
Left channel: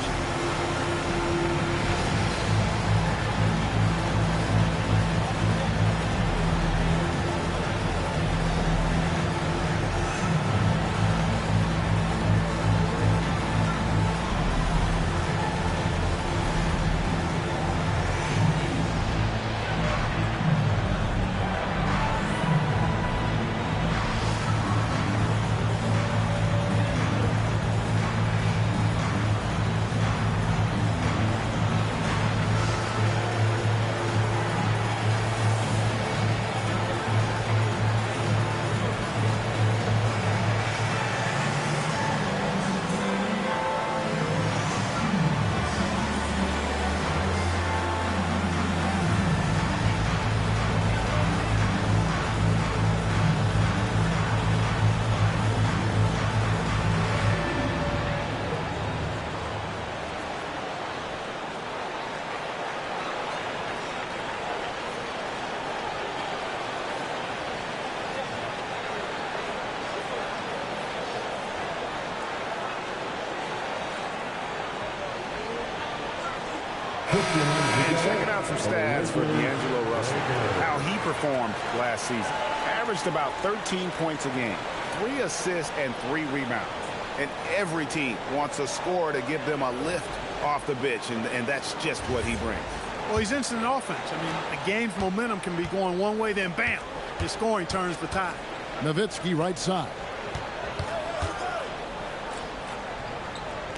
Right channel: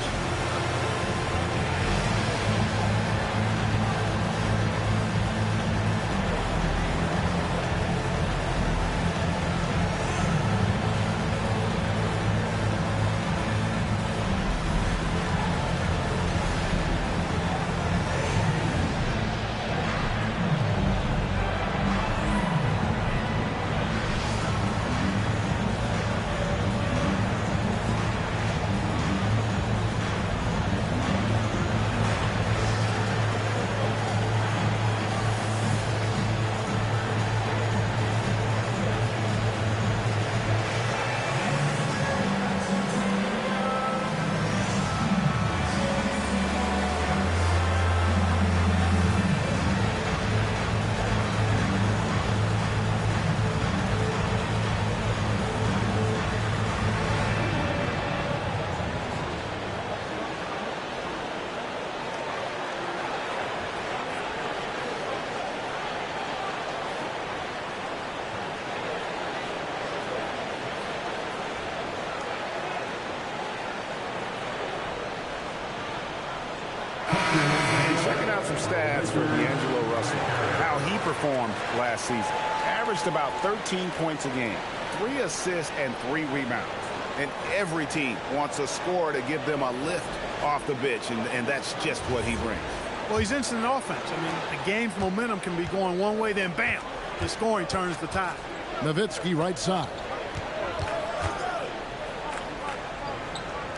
And checking out some stats for D'Angelo Russell, how he performed last season. Averaged about 13 points a game, 3 assists and 3 rebounds. And every team wants a scorer to give them a lift off the bench, and that's just what he brings. Well, he's instant offense. I mean, the game's momentum can be going one way, then bam, his scoring turns the tide. Nowitzki right side.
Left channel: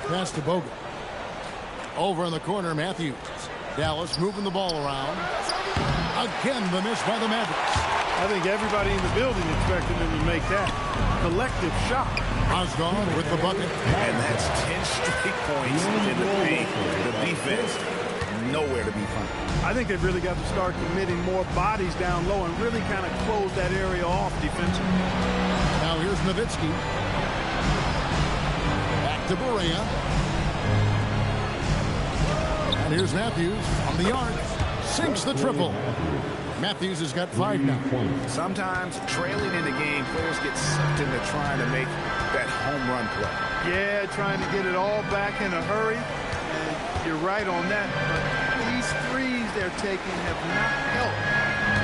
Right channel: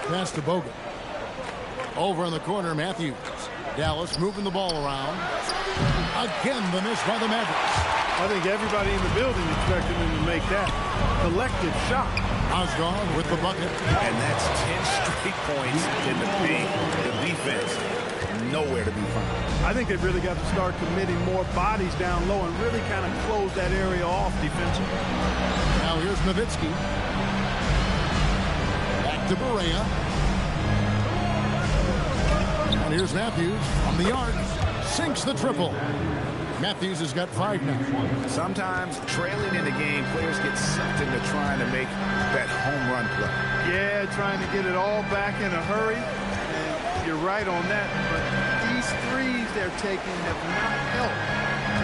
Pass to Bogut. Over in the corner, Matthews. Dallas moving the ball around. Again, the miss by the Mavericks. I think everybody in the building expected him to make that collective shot. Mozgov with the bucket. And that's 10 straight points in the paint. The defense, nowhere to be found. I think they've really got to start committing more bodies down low and really kind of close that area off defensively. Now here's Nowitzki. Back to Barea. And here's Matthews from the arc. Sinks the triple. Matthews has got 5 now. Sometimes trailing in the game, players get sucked into trying to make that home run play. Yeah, trying to get it all back in a hurry. And you're right on that. But these threes they're taking have not helped.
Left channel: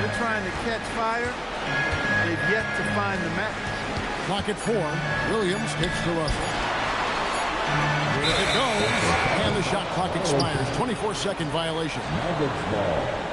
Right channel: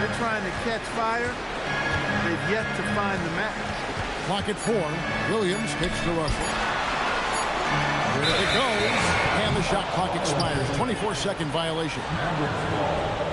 They're trying to catch fire. They've yet to find the match. Clock at 4. Williams kicks to Russell. Here it goes. And the shot clock expires. 24-second violation. Mavericks ball.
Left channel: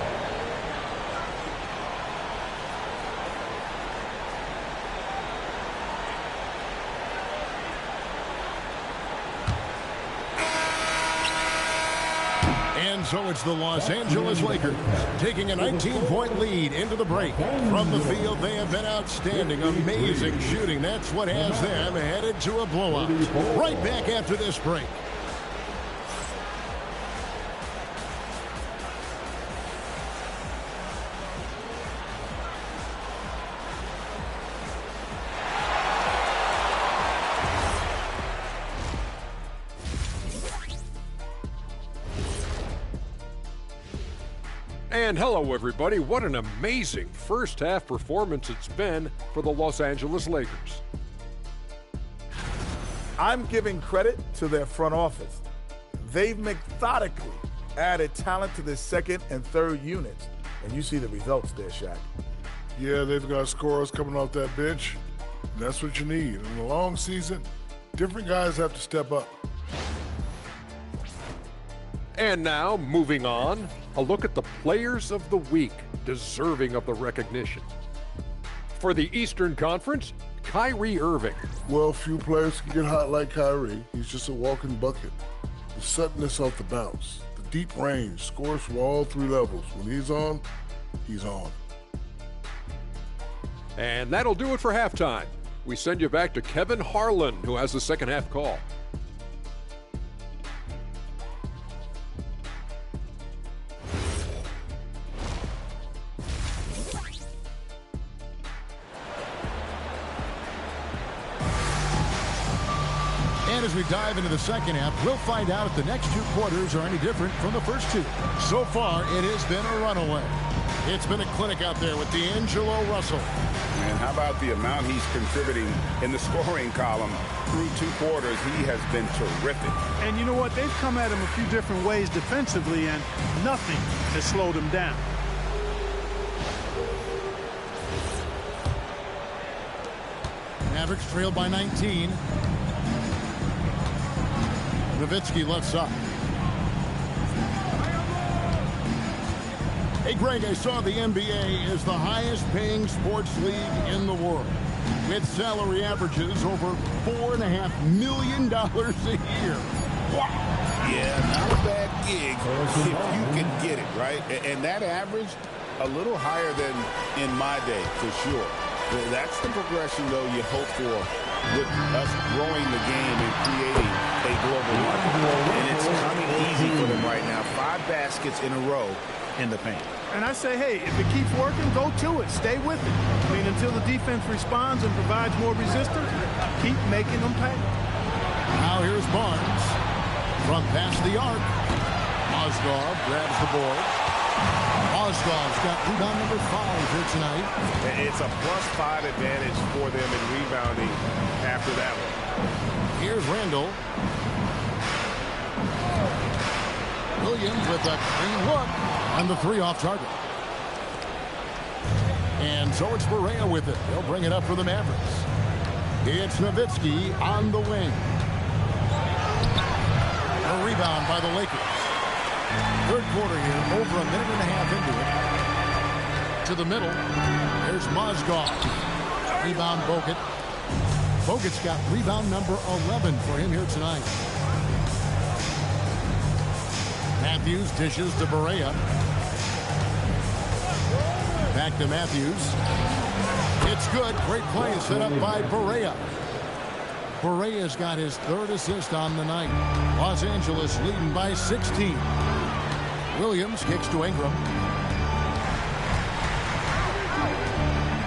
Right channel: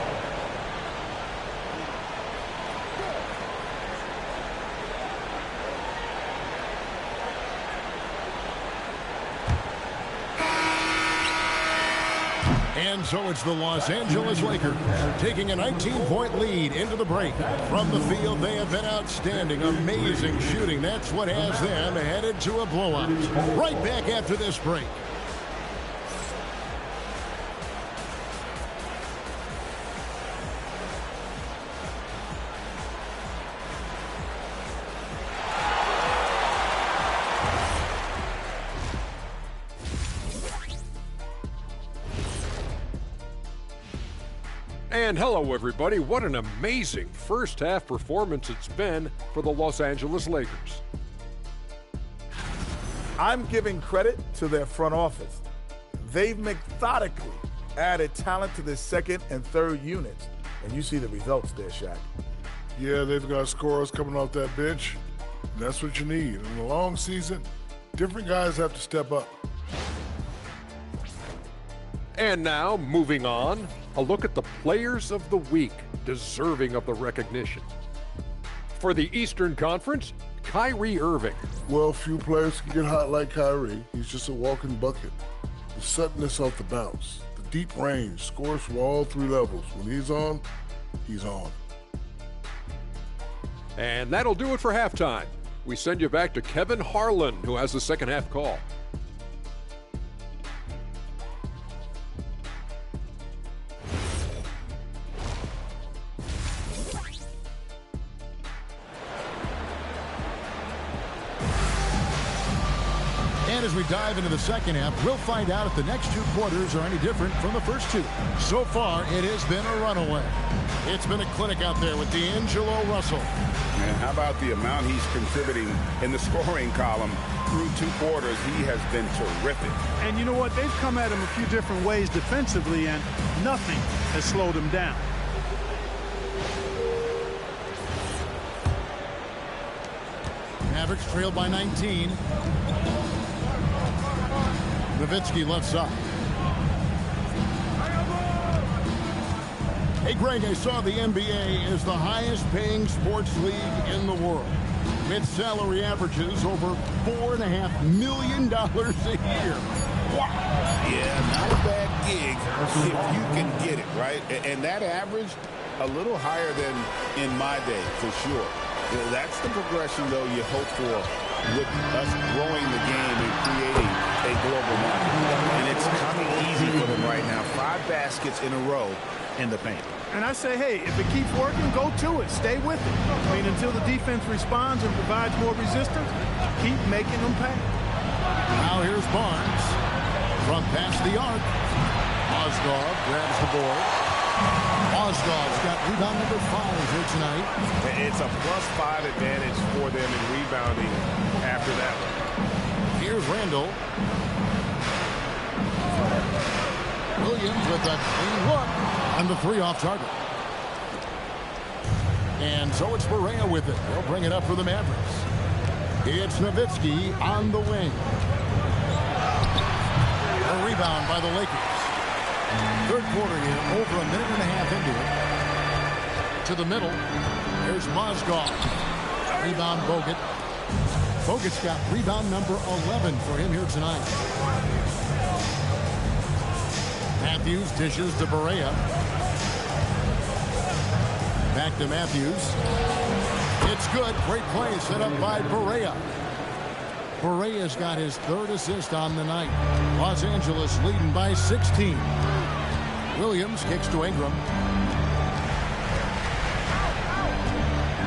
And so it's the Los Angeles Lakers taking a 19-point lead into the break. From the field, they have been outstanding. Amazing shooting. That's what has them headed to a blowout. Right back after this break. And hello, everybody. What an amazing first half performance it's been for the Los Angeles Lakers. I'm giving credit to their front office. They've methodically added talent to their second and third units, and you see the results there, Shaq. Yeah, they've got scorers coming off that bench, and that's what you need. In a long season, different guys have to step up. And now, moving on, a look at the players of the week deserving of the recognition. For the Eastern Conference, Kyrie Irving. Well, few players can get hot like Kyrie. He's just a walking bucket. The suddenness off the bounce, the deep range, scores from all 3 levels. When he's on, he's on. And that'll do it for halftime. We send you back to Kevin Harlan, who has the second half call. And as we dive into the second half, we'll find out if the next 2 quarters are any different from the first 2. So far, it has been a runaway. It's been a clinic out there with D'Angelo Russell. Man, how about the amount he's contributing in the scoring column through 2 quarters? He has been terrific. And you know what? They've come at him a few different ways defensively, and nothing has slowed him down. Mavericks trailed by 19. Nowitzki left side. Hey, Greg, I saw the NBA is the highest paying sports league in the world, with salary averages over $4.5 million a year. Wow. Yeah, not a bad gig if you can get it, right? And that average, a little higher than in my day, for sure. That's the progression, though, you hope for with us growing the game and creating a global market. And it's coming easy for them right now. 5 baskets in a row in the paint. And I say, hey, if it keeps working, go to it. Stay with it. I mean, until the defense responds and provides more resistance, keep making them pay. Now here's Barnes from past the arc. Mozgov grabs the board. Mozgov's got rebound number 5 here tonight. It's a +5 advantage for them in rebounding after that one. Here's Randall. Williams with a clean look. And the 3 off target. And so it's Barea with it. They'll bring it up for the Mavericks. It's Nowitzki on the wing. A rebound by the Lakers. Third quarter here, over a minute and a half into it. To the middle. There's Mozgov. Rebound Bogut. Bogut's got rebound number 11 for him here tonight. Matthews dishes to Barea. Back to Matthews. It's good. Great play set up by Barea. Barea's got his 3rd assist on the night. Los Angeles leading by 16. Williams kicks to Ingram.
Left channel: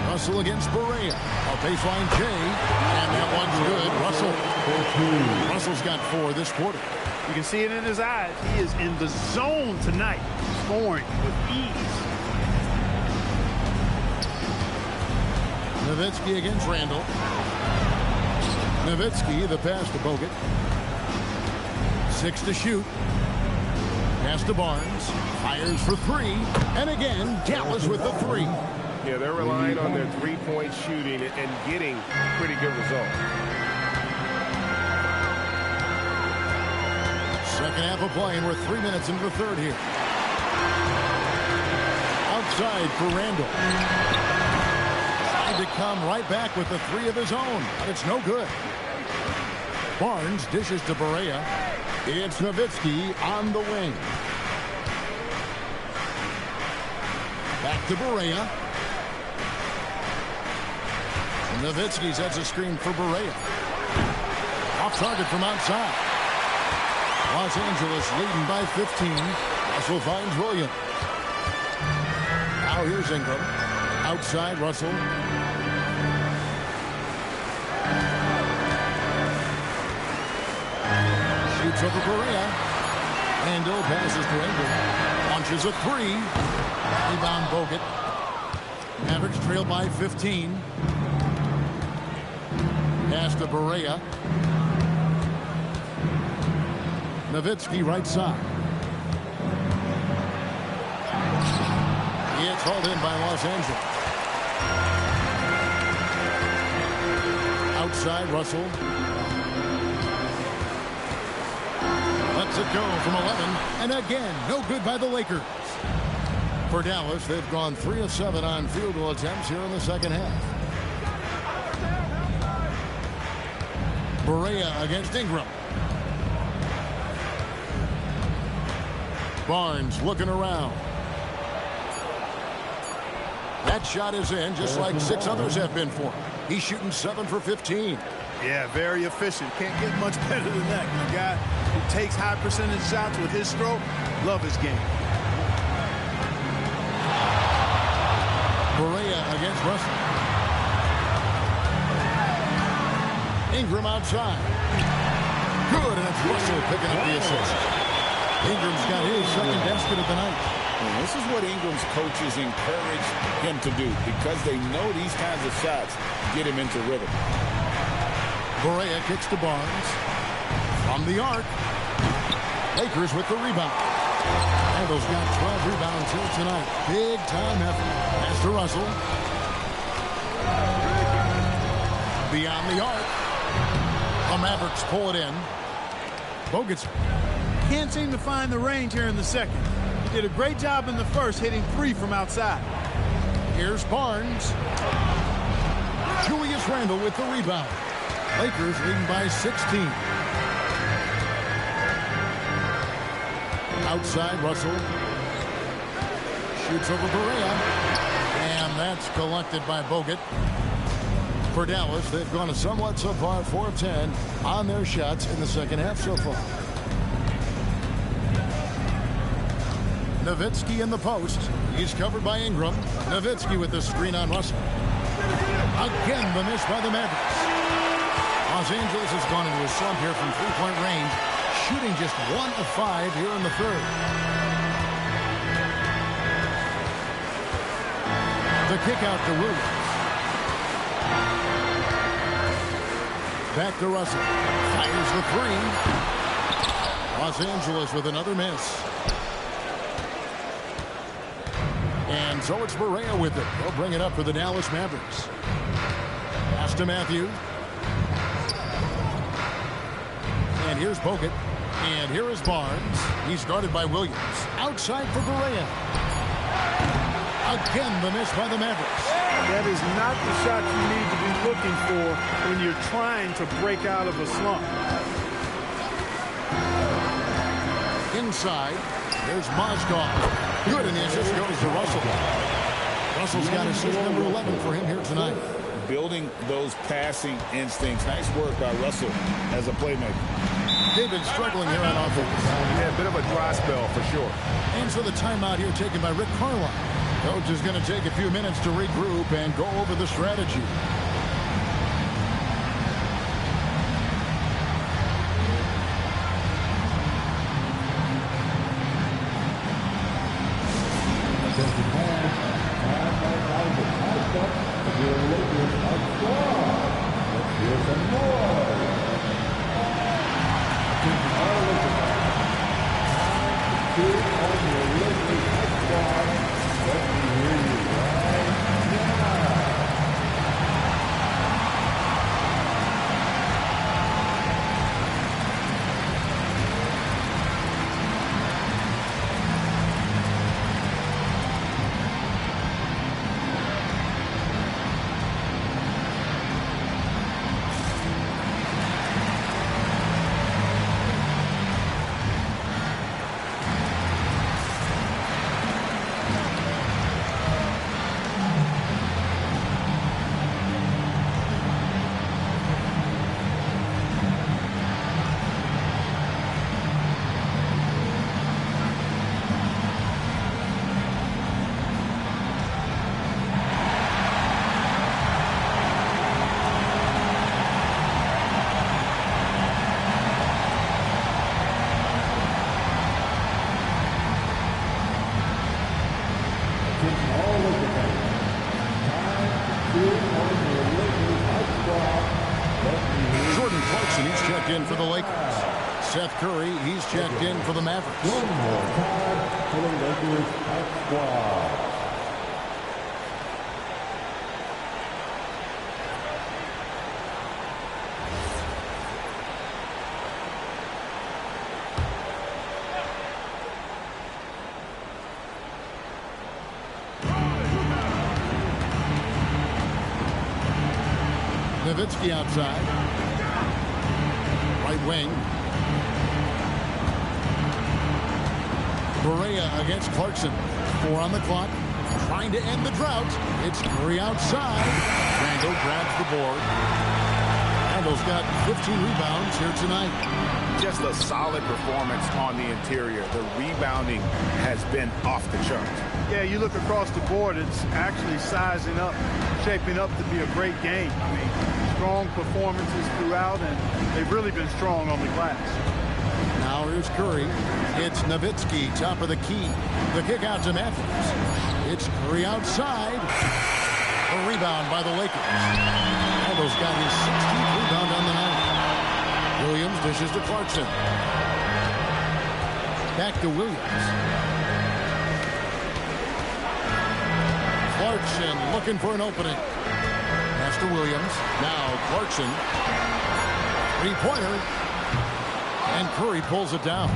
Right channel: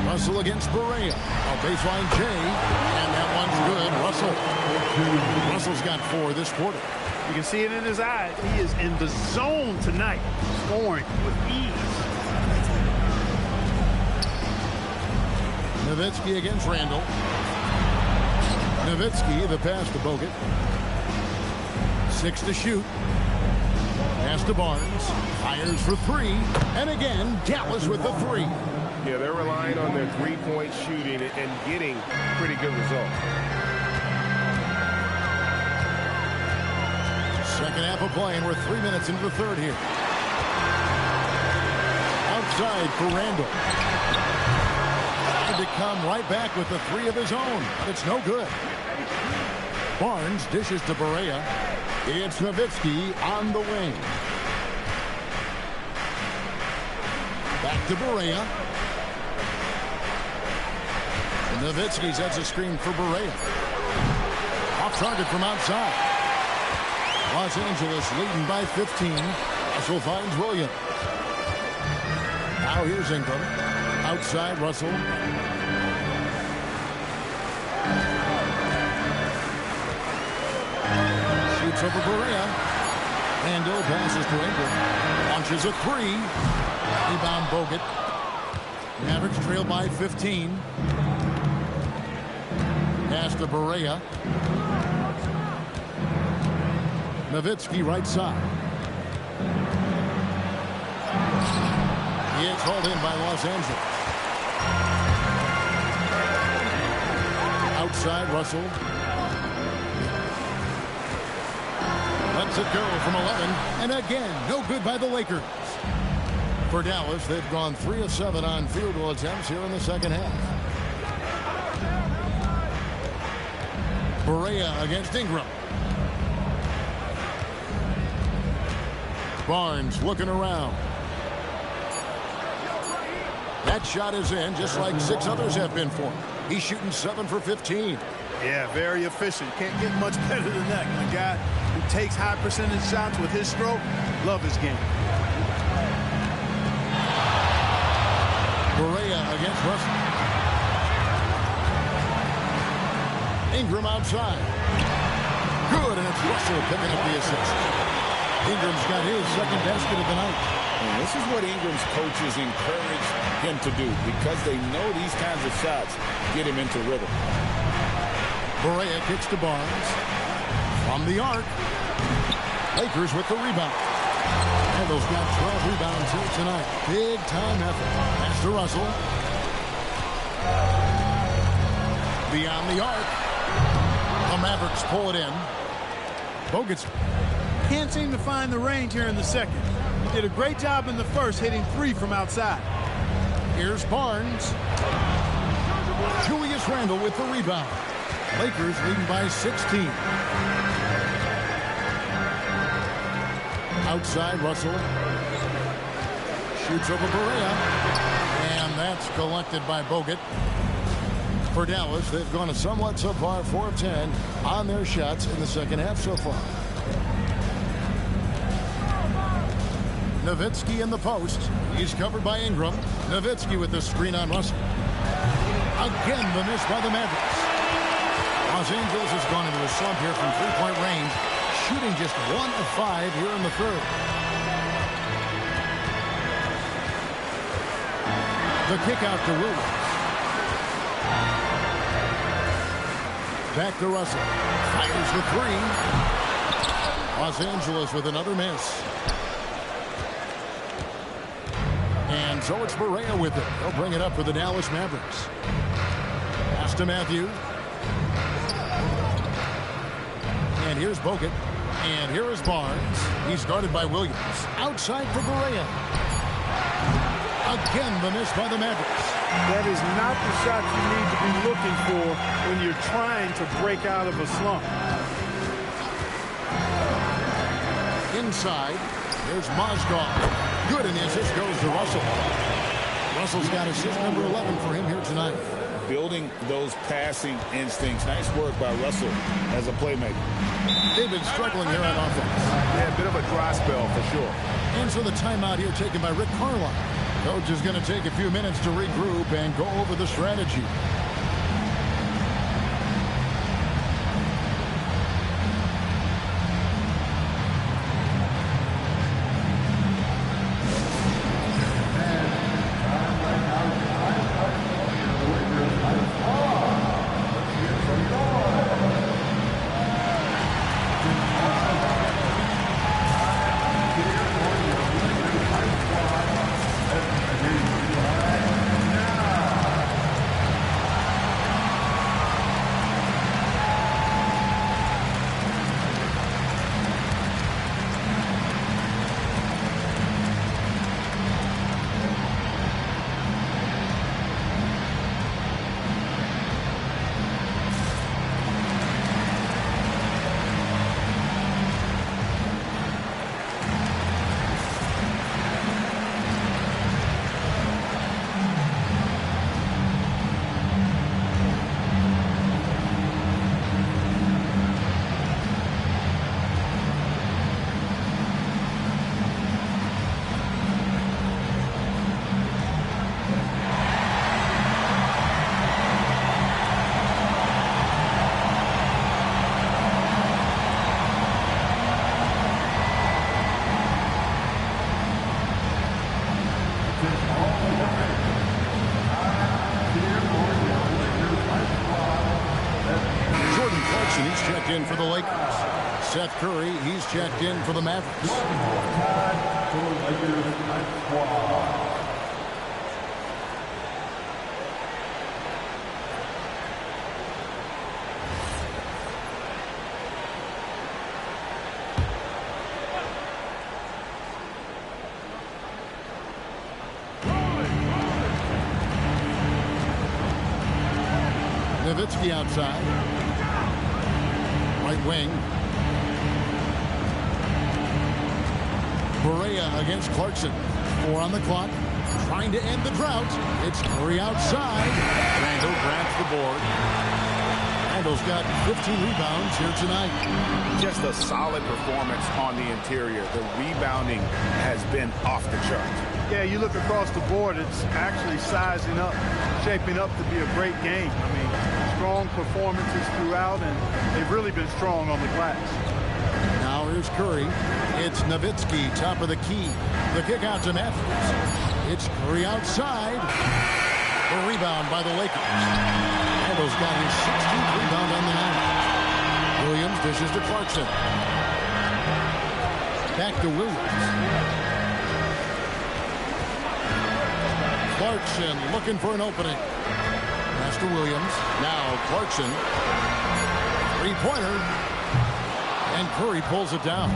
Russell against Barea. A baseline J, and that one's good. Russell's got 4 this quarter. You can see it in his eyes. He is in the zone tonight, scoring with ease. Nowitzki against Randall. Nowitzki, the pass to Bogut. 6 to shoot. Pass to Barnes. Fires for 3. And again, Dallas with the 3. Yeah, they're relying on their three-point shooting and getting pretty good results. Second half of play, and we're 3 minutes into the 3rd here. Outside for Randall. Tried to come right back with the 3 of his own, but it's no good. Barnes dishes to Barea. It's Nowitzki on the wing. Back to Barea. Nowitzki sets a screen for Barea. Off target from outside. Los Angeles leading by 15. Russell finds Williams. Now here's Ingram. Outside Russell. Shoots over Barea. Randall passes to Ingram. Launches a 3. Rebound Bogut. Mavericks trail by 15. Pass to Barea. Nowitzki right side. It's hauled in by Los Angeles. Outside Russell. Lets it go from 11. And again, no good by the Lakers. For Dallas, they've gone 3 of 7 on field goal attempts here in the second half. Barea against Ingram. Barnes looking around. That shot is in, just like 6 others have been for him. He's shooting 7 for 15. Yeah, very efficient. Can't get much better than that. And a guy who takes high percentage shots with his stroke, love his game. Barea against Russell. Ingram outside. Good, and it's Russell picking up the assist. Ingram's got his second basket of the night. And this is what Ingram's coaches encourage him to do, because they know these kinds of shots get him into rhythm. Barea kicks to Barnes. From the arc. Lakers with the rebound. Randall's got 12 rebounds here tonight. Big time effort. Pass to Russell. Beyond the arc. The Mavericks pull it in. Bogut can't seem to find the range here in the second. He did a great job in the first, hitting 3 from outside. Here's Barnes. Julius Randle with the rebound. Lakers leading by 16. Outside, Russell. Shoots over Barea. And that's collected by Bogut. For Dallas, they've gone a somewhat subpar 4 of 10 on their shots in the second half so far. Nowitzki in the post. He's covered by Ingram. Nowitzki with the screen on Russell. Again, the miss by the Mavericks. Los Angeles has gone into a slump here from three-point range, shooting just 1 of 5 here in the third. The kick out to Williams. Back to Russell. Fires the 3. Los Angeles with another miss. And so it's Barea with it. He'll bring it up for the Dallas Mavericks. Pass to Matthews. And here's Bogut. And here is Barnes. He's guarded by Williams. Outside for Barea. Again, the miss by the Mavericks. That is not the shot you need to be looking for when you're trying to break out of a slump. Inside. Here's Mozgov. Good, and the assist goes to Russell. Russell's got assist number 11 for him here tonight. Building those passing instincts. Nice work by Russell as a playmaker. They've been struggling here on offense. Yeah, a bit of a dry spell for sure. And so the timeout here taken by Rick Carlisle. Coach is going to take a few minutes to regroup and go over the strategy. Jordan Clarkson, he's checked in for the Lakers. Seth Curry, he's checked in for the Mavericks. One more time for the Lakers Hype Squad. Nowitzki outside. Right wing. Barea against Clarkson. 4 on the clock. Trying to end the drought. It's Curry outside. Randall grabs the board. Randall's got 15 rebounds here tonight. Just a solid performance on the interior. The rebounding has been off the charts. Yeah, you look across the board, it's actually sizing up, shaping up to be a great game. I mean, strong performances throughout, and they've really been strong on the glass. Now here's Curry. It's Nowitzki, top of the key. The kick out to Matthews. It's Curry outside. The rebound by the Lakers. Randall's got his 16th rebound on the night. Williams dishes to Clarkson. Back to Williams. Clarkson looking for an opening. Pass to Williams. Now Clarkson. Three-pointer. And Curry pulls it down.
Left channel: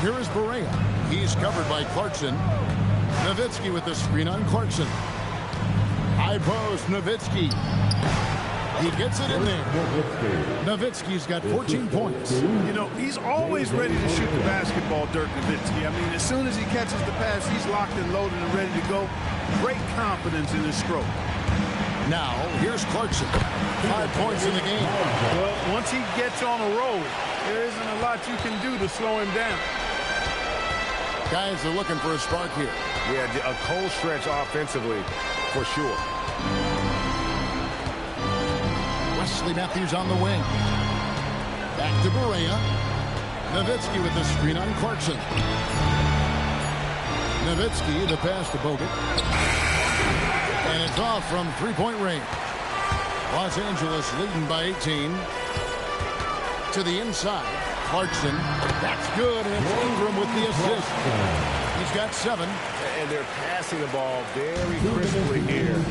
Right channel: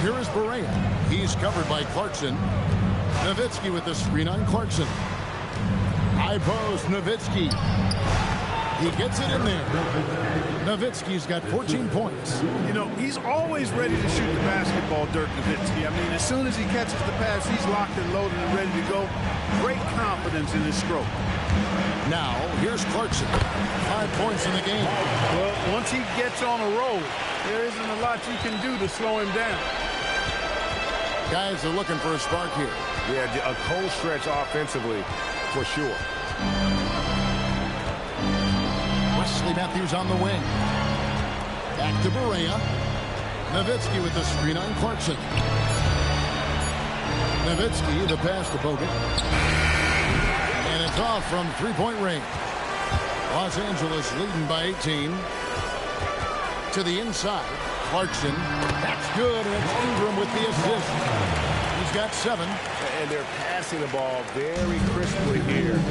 Here is Barea. He's covered by Clarkson. Nowitzki with the screen on Clarkson. High post, Nowitzki. He gets it in there. Nowitzki's got 14 points. You know, he's always ready to shoot the basketball, Dirk Nowitzki. I mean, as soon as he catches the pass, he's locked and loaded and ready to go. Great confidence in his stroke. Now, here's Clarkson. 5 points in the game. Well, once he gets on a roll, there isn't a lot you can do to slow him down. Guys are looking for a spark here. Yeah, a cold stretch offensively, for sure. Wesley Matthews on the wing. Back to Barea. Nowitzki with the screen on Clarkson. Nowitzki, the pass to Bogut. And it's off from three-point range. Los Angeles leading by 18. To the inside. Clarkson. That's good, and it's Ingram with the assist. He's got 7. And they're passing the ball very crisply here.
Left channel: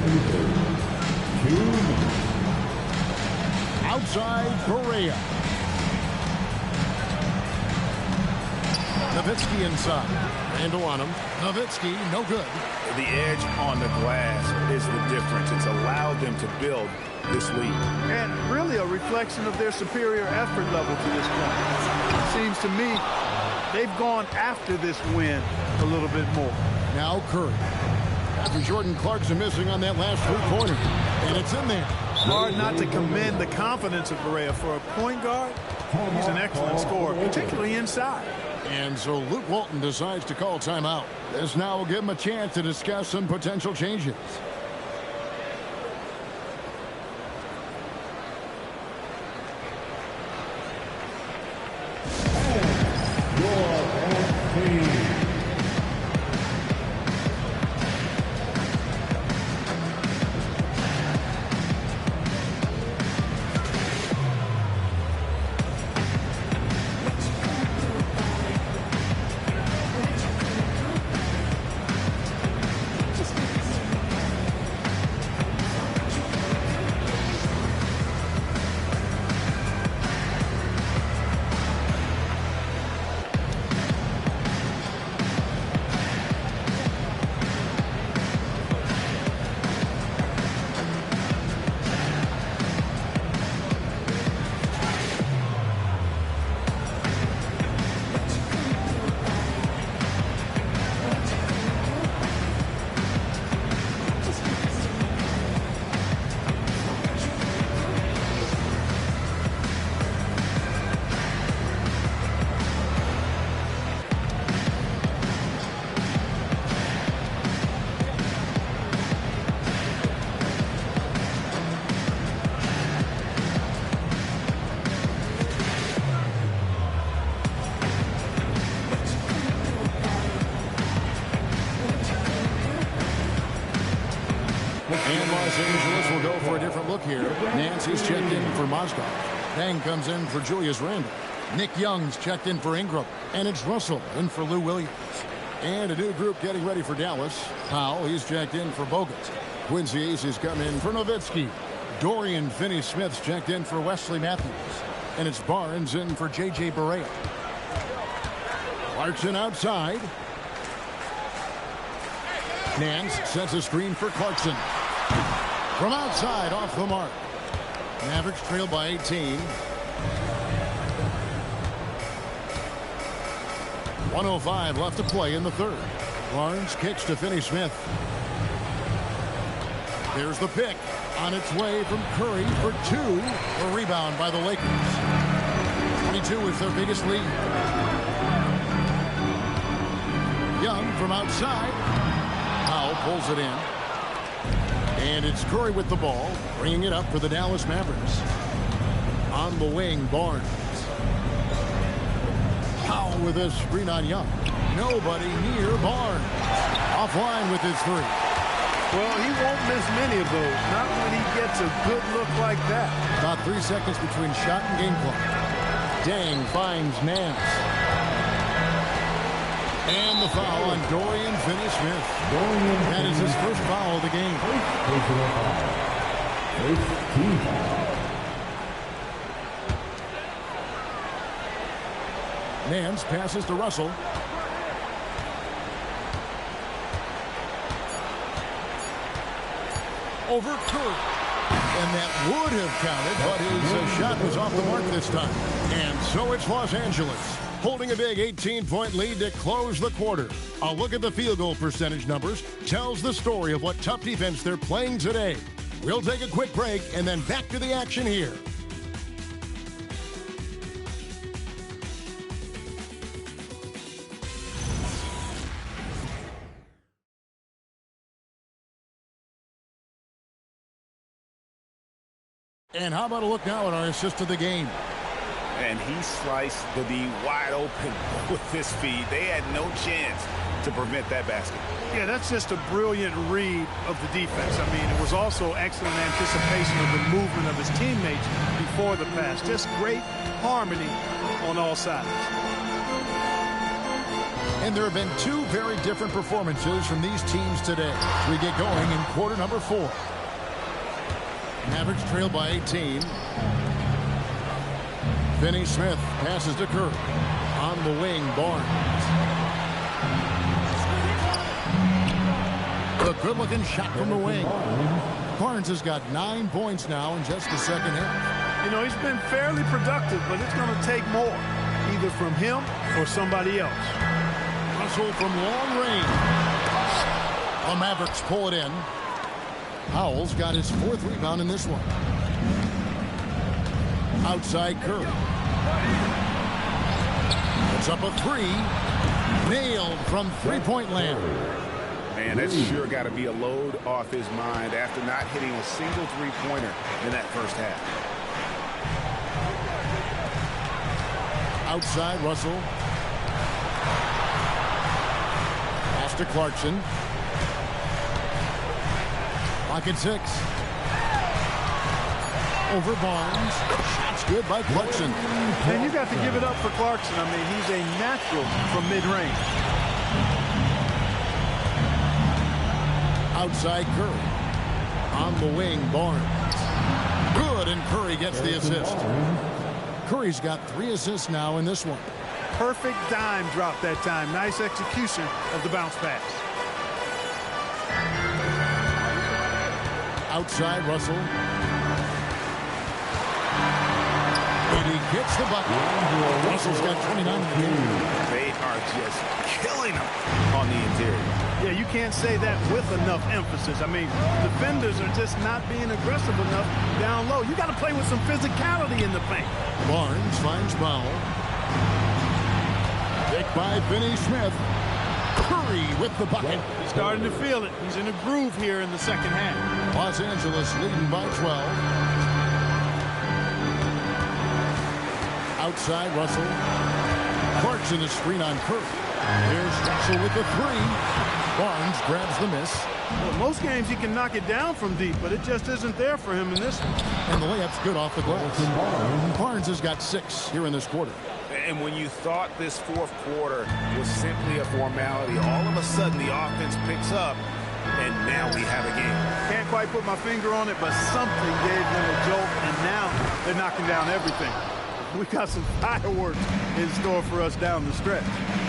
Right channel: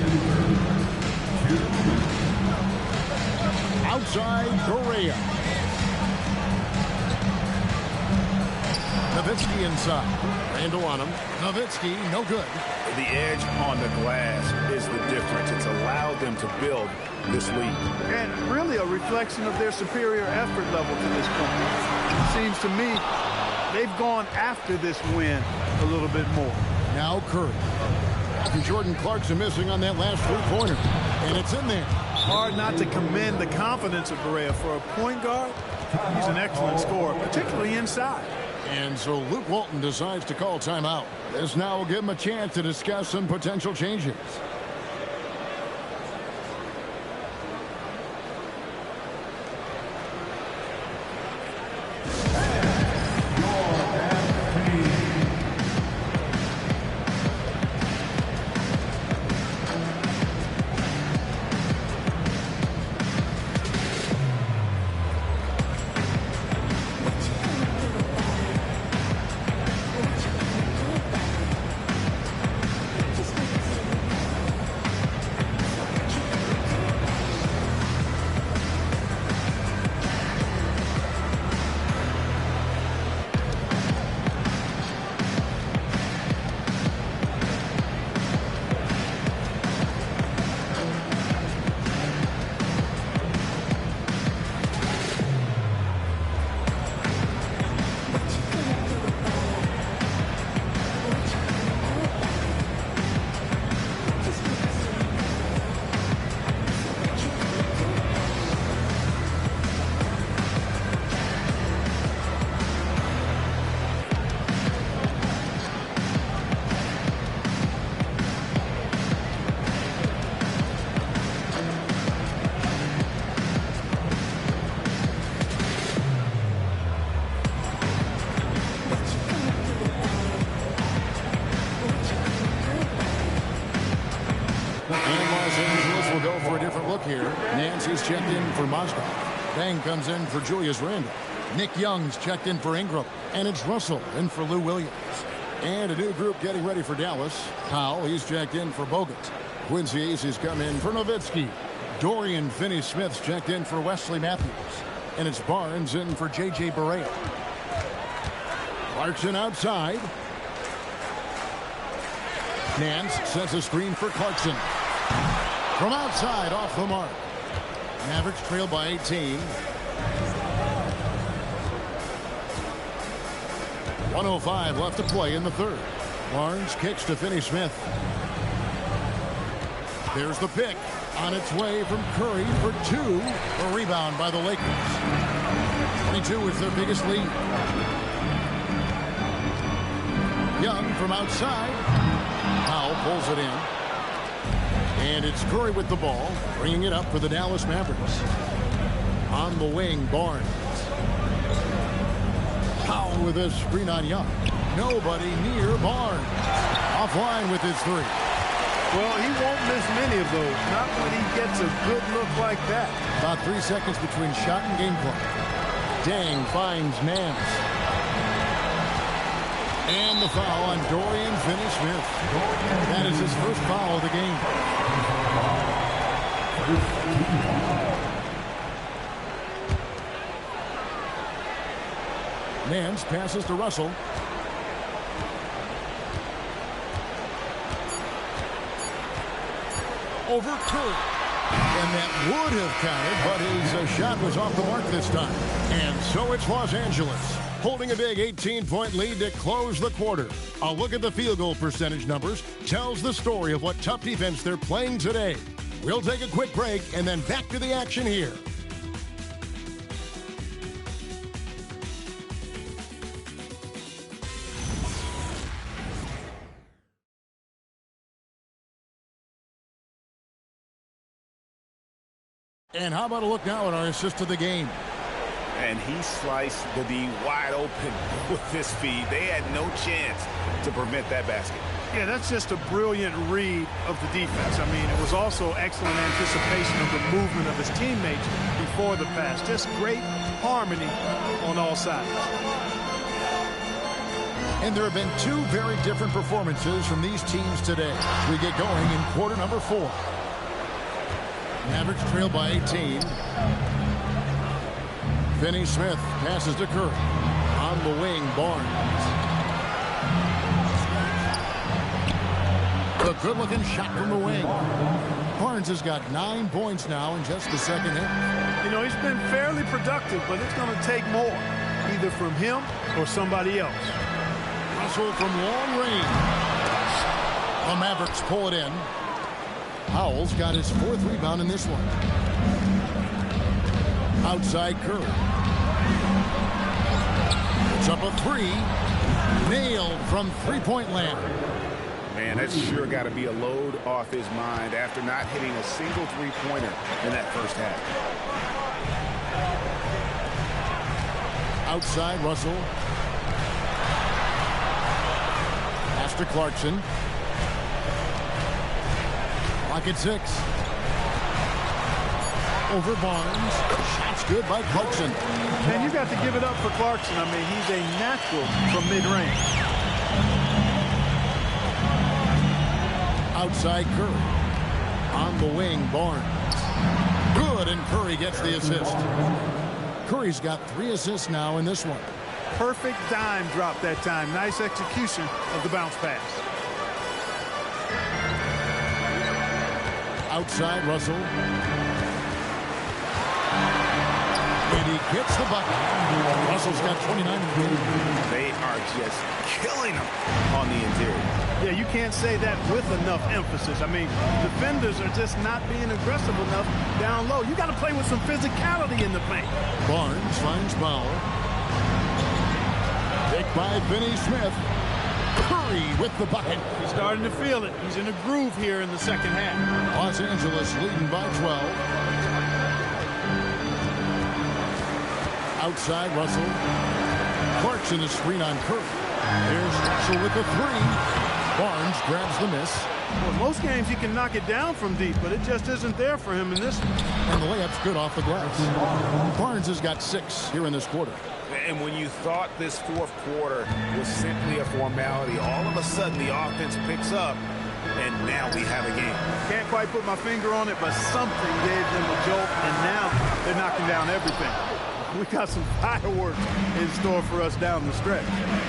Outside, Barea. Nowitzki inside. Randall on him. Nowitzki, no good. The edge on the glass is the difference. It's allowed them to build this lead. And really a reflection of their superior effort level to this point. It seems to me they've gone after this win a little bit more. Now Curry. After Jordan Clarkson missing on that last three-pointer. And it's in there. Hard not to commend the confidence of Barea. For a point guard, he's an excellent scorer, particularly inside. And so Luke Walton decides to call timeout. This now will give him a chance to discuss some potential changes. And Los Angeles will go for a different look here. Nancy's checked in for Mozgov. Bang comes in for Julius Randle. Nick Young's checked in for Ingram. And it's Russell in for Lou Williams. And a new group getting ready for Dallas. Powell, he's checked in for Bogut. Quincy Ace has come in for Nowitzki. Dorian Finney-Smith's checked in for Wesley Matthews. And it's Barnes in for J.J. Barea. Clarkson outside. Nance sets a screen for Clarkson. From outside, off the mark. Mavericks trail by 18. 1:05 left to play in the third. Barnes kicks to Finney-Smith. There's the pick. On its way from Curry for two. A rebound by the Lakers. 22 is their biggest lead. Young from outside. Powell pulls it in. And it's Curry with the ball, bringing it up for the Dallas Mavericks. On the wing, Barnes. Powell with a screen on Young. Nobody near Barnes. Offline with his three. Well, he won't miss many of those. Not when he gets a good look like that. About 3 seconds between shot and game clock. Dang finds Nance. And the foul on Dorian Finney-Smith. That is his first foul of the game. First team foul. Nance passes to Russell. Over Curry. And that would have counted, but his shot was off the mark this time. And so it's Los Angeles, holding a big 18-point lead to close the quarter. A look at the field goal percentage numbers tells the story of what tough defense they're playing today. We'll take a quick break and then back to the action here. And how about a look now at our assist of the game? And he sliced the D wide open with his feed. They had no chance to prevent that basket. Yeah, that's just a brilliant read of the defense. I mean, it was also excellent anticipation of the movement of his teammates before the pass. Just great harmony on all sides. And there have been two very different performances from these teams today as we get going in quarter number 4. Mavericks trail by 18. Finney-Smith passes to Curry. On the wing, Barnes. A good-looking shot from the wing. Barnes has got 9 points now in just the second half. You know, he's been fairly productive, but it's going to take more. either from him or somebody else. Russell from long range. The Mavericks pull it in. Howell's got his 4th rebound in this one. Outside Curry. It's up a 3. Nailed from three-point land. Man, that's sure got to be a load off his mind after not hitting a single three-pointer in that first half. Outside Russell. Pass to Clarkson. Clock at 6. Over Barnes. Shot's good by Clarkson. And you got to give it up for Clarkson. I mean, he's a natural from mid-range. Outside Curry. On the wing, Barnes. Good, and Curry gets the assist. Curry's got 3 assists now in this one. Perfect dime drop that time. Nice execution of the bounce pass. Outside Russell. And he gets the bucket. Russell's got 29 in the game. They are just killing him on the interior. Yeah, you can't say that with enough emphasis. I mean, defenders are just not being aggressive enough down low. You got to play with some physicality in the paint. Barnes finds Powell. Picked by Finney-Smith. Curry with the bucket. He's starting to feel it. He's in a groove here in the second half. Los Angeles leading by 12. Outside Russell. Clarkson is screen on Curry. Here's Russell with the 3. Barnes grabs the miss. Well, most games he can knock it down from deep, but it just isn't there for him in this one. And the layup's good off the glass. Barnes has got 6 here in this quarter. And when you thought this fourth quarter was simply a formality, all of a sudden the offense picks up, and now we have a game. Can't quite put my finger on it, but something gave them a jolt, and now they're knocking down everything. We got some fireworks in store for us down the stretch.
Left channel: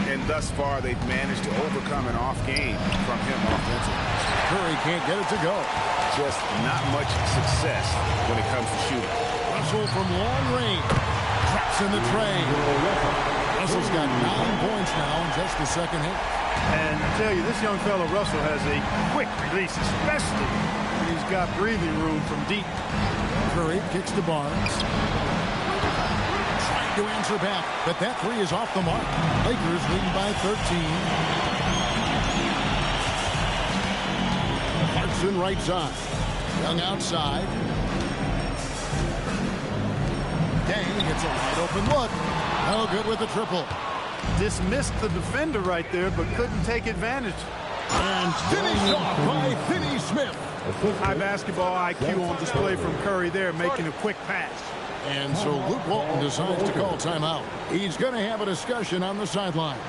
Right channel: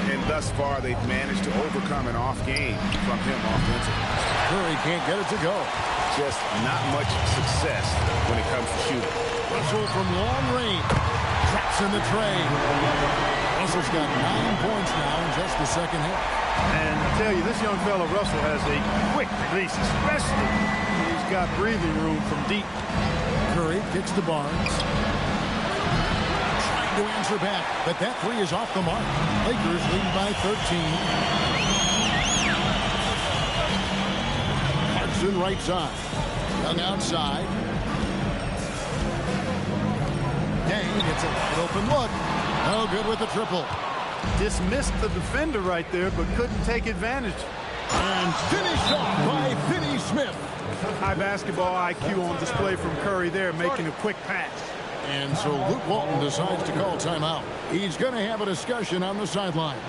And thus far, they've managed to overcome an off game from him offensively. Curry can't get it to go. Just not much success when it comes to shooting. Russell from long range. Drops in the tray. Russell's got 9 points now in just the second half. And I tell you, this young fella, Russell, has a quick release, especially when he's got breathing room from deep. Curry kicks to Barnes. Trying to answer back, but that 3 is off the mark. Lakers leading by 13. Clarkson right side. Young outside. Dang gets a wide open look. No good with the triple. Dismissed the defender right there, but couldn't take advantage. And finished off by Finney-Smith. High basketball IQ on display from Curry there, making a quick pass. And so Luke Walton decides to call timeout. He's going to have a discussion on the sideline.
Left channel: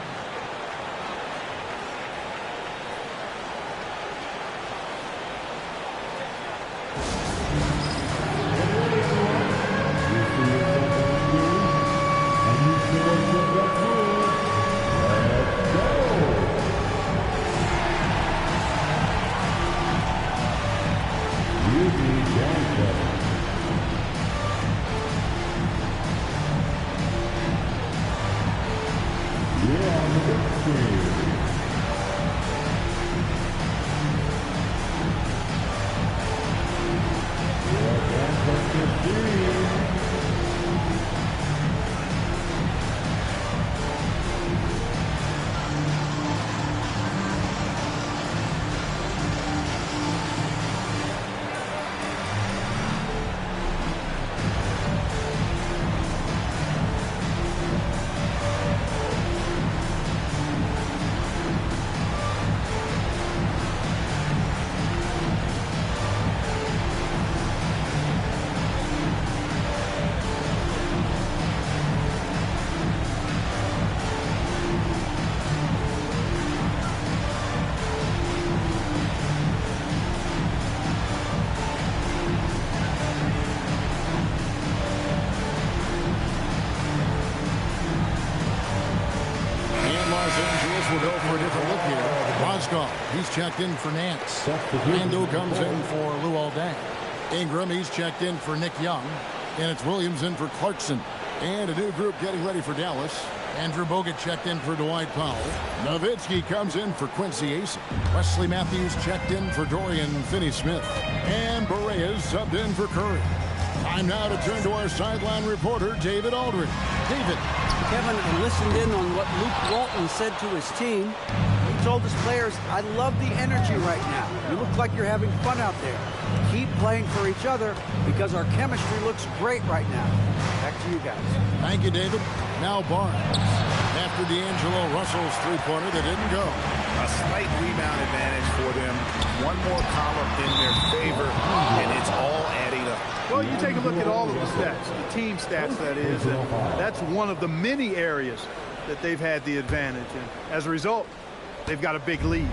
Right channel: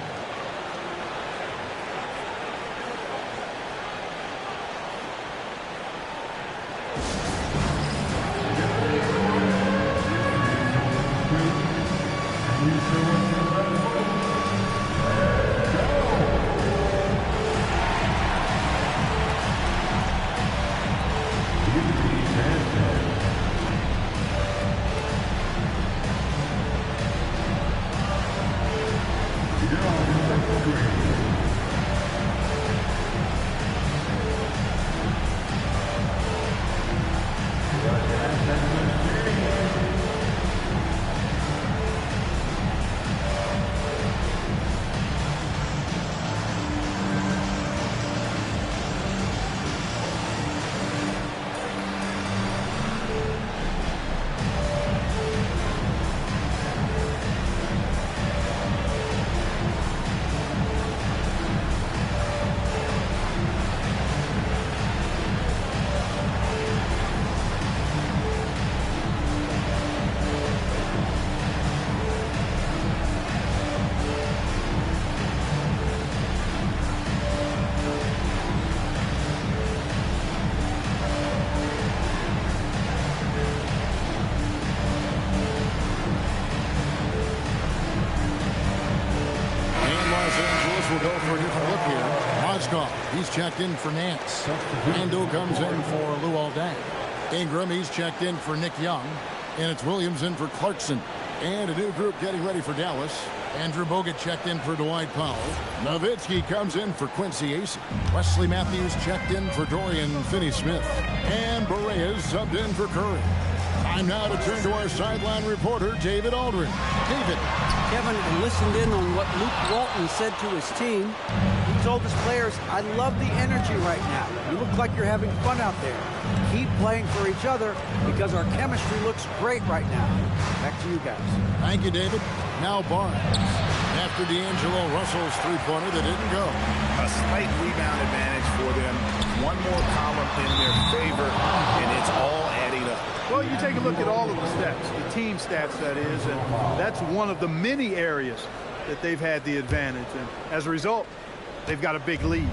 Los Angeles will go for a different look here. Mozgov, he's checked in for Nance. Rando comes in for Luol Deng. Ingram, he's checked in for Nick Young. And it's Williams in for Clarkson. And a new group getting ready for Dallas. Andrew Bogut checked in for Dwight Powell. Nowitzki comes in for Quincy Acey. Wesley Matthews checked in for Dorian Finney-Smith. And Barea subbed in for Curry. Time now to turn to our sideline reporter, David Aldridge. David. Kevin, I listened in on what Luke Walton said to his team. He told his players, I love the energy right now. You look like you're having fun out there. Keep playing for each other because our chemistry looks great right now. Back to you guys. Thank you, David. Now Barnes. After D'Angelo Russell's three-pointer that didn't go. A slight rebound advantage for them. One more column in their favor, and it's all adding up. Well, you take a look at all of the stats, the team stats, that is, and that's one of the many areas that they've had the advantage. And as a result, they've got a big lead.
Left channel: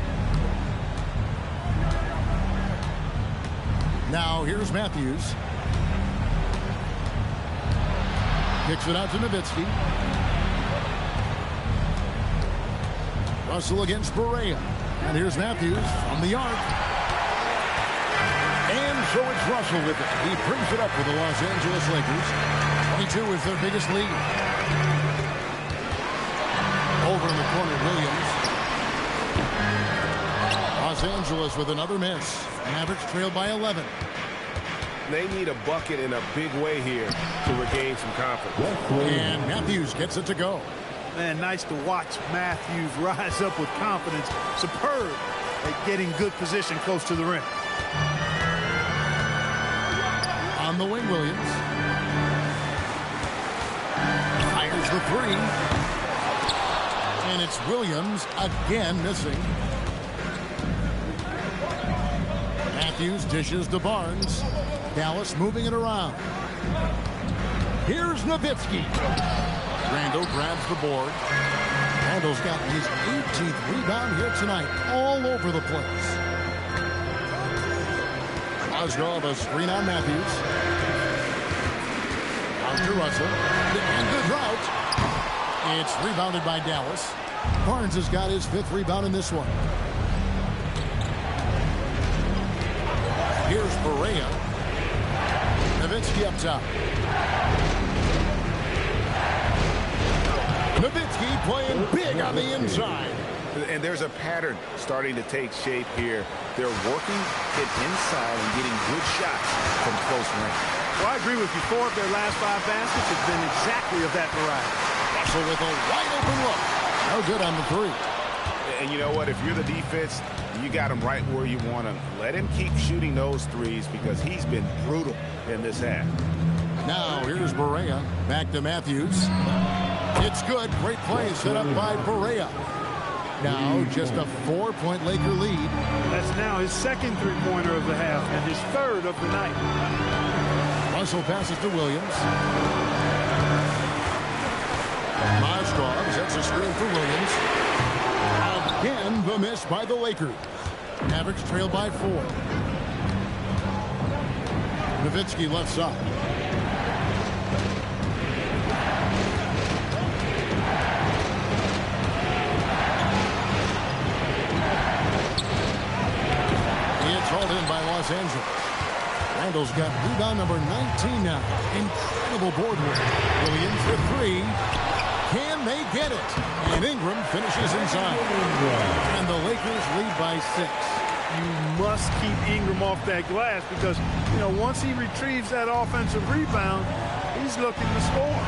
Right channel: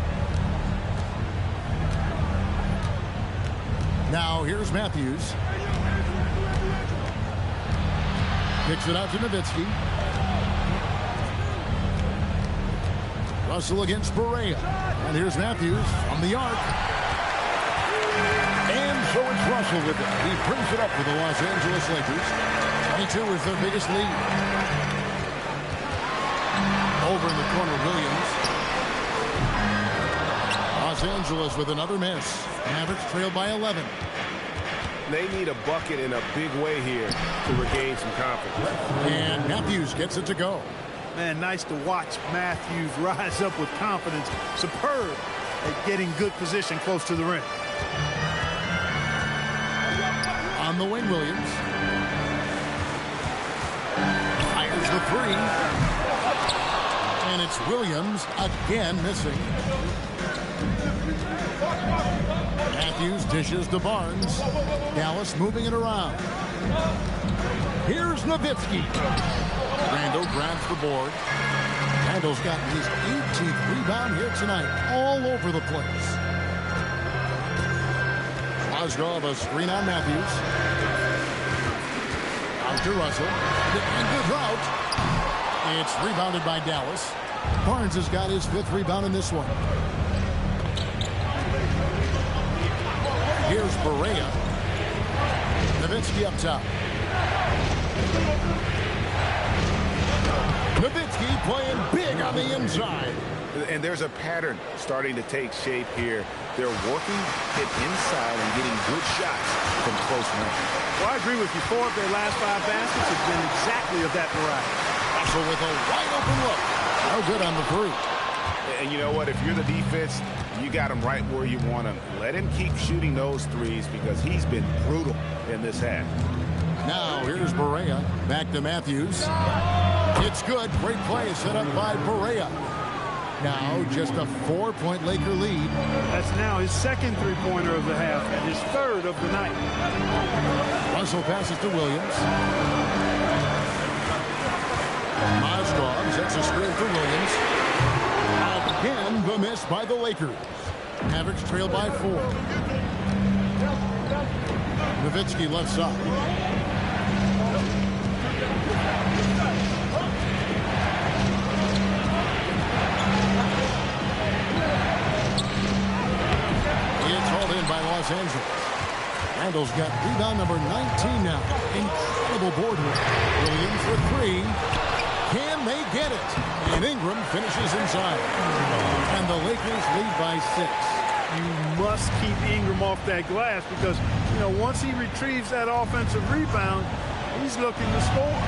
Now, here's Matthews. Kicks it out to Nowitzki. Russell against Barea. And here's Matthews from the arc. And so it's Russell with it. He brings it up for the Los Angeles Lakers. 22 is their biggest lead. Over in the corner, Williams. Los Angeles with another miss. Mavericks trail by 11. They need a bucket in a big way here to regain some confidence. And Matthews gets it to go. Man, nice to watch Matthews rise up with confidence. Superb at getting good position close to the rim. On the wing, Williams. Fires the three. And it's Williams again missing. Matthews dishes to Barnes. Dallas moving it around. Here's Nowitzki. Randall grabs the board. Randall's got his 18th rebound here tonight, all over the place. Mozgov, a screen on Matthews. Out to Russell. And the drought. It's rebounded by Dallas. Barnes has got his 5th rebound in this one. Here's Barea. Nowitzki up top. Nowitzki playing big on the inside. And there's a pattern starting to take shape here. They're working it inside and getting good shots from close range. Well, I agree with you. 4 of their last 5 baskets have been exactly of that variety. Russell with a wide open look. No good on the three. And you know what? If you're the defense, you got him right where you want him. Let him keep shooting those threes because he's been brutal in this half. Now here's Barea. Back to Matthews. It's good. Great play set up by Barea. Now just a 4-point Laker lead. That's now his 2nd three-pointer of the half and his 3rd of the night. Russell passes to Williams. Mozgov sets a screen for Williams. Again, the miss by the Lakers. Mavericks trail by 4. Nowitzki left side. It's hauled in by Los Angeles. Randall's got rebound number 19 now. Incredible board work. Williams for 3. Can they get it? And Ingram finishes inside. And the Lakers lead by 6. You must keep Ingram off that glass because, you know, once he retrieves that offensive rebound, he's looking to score.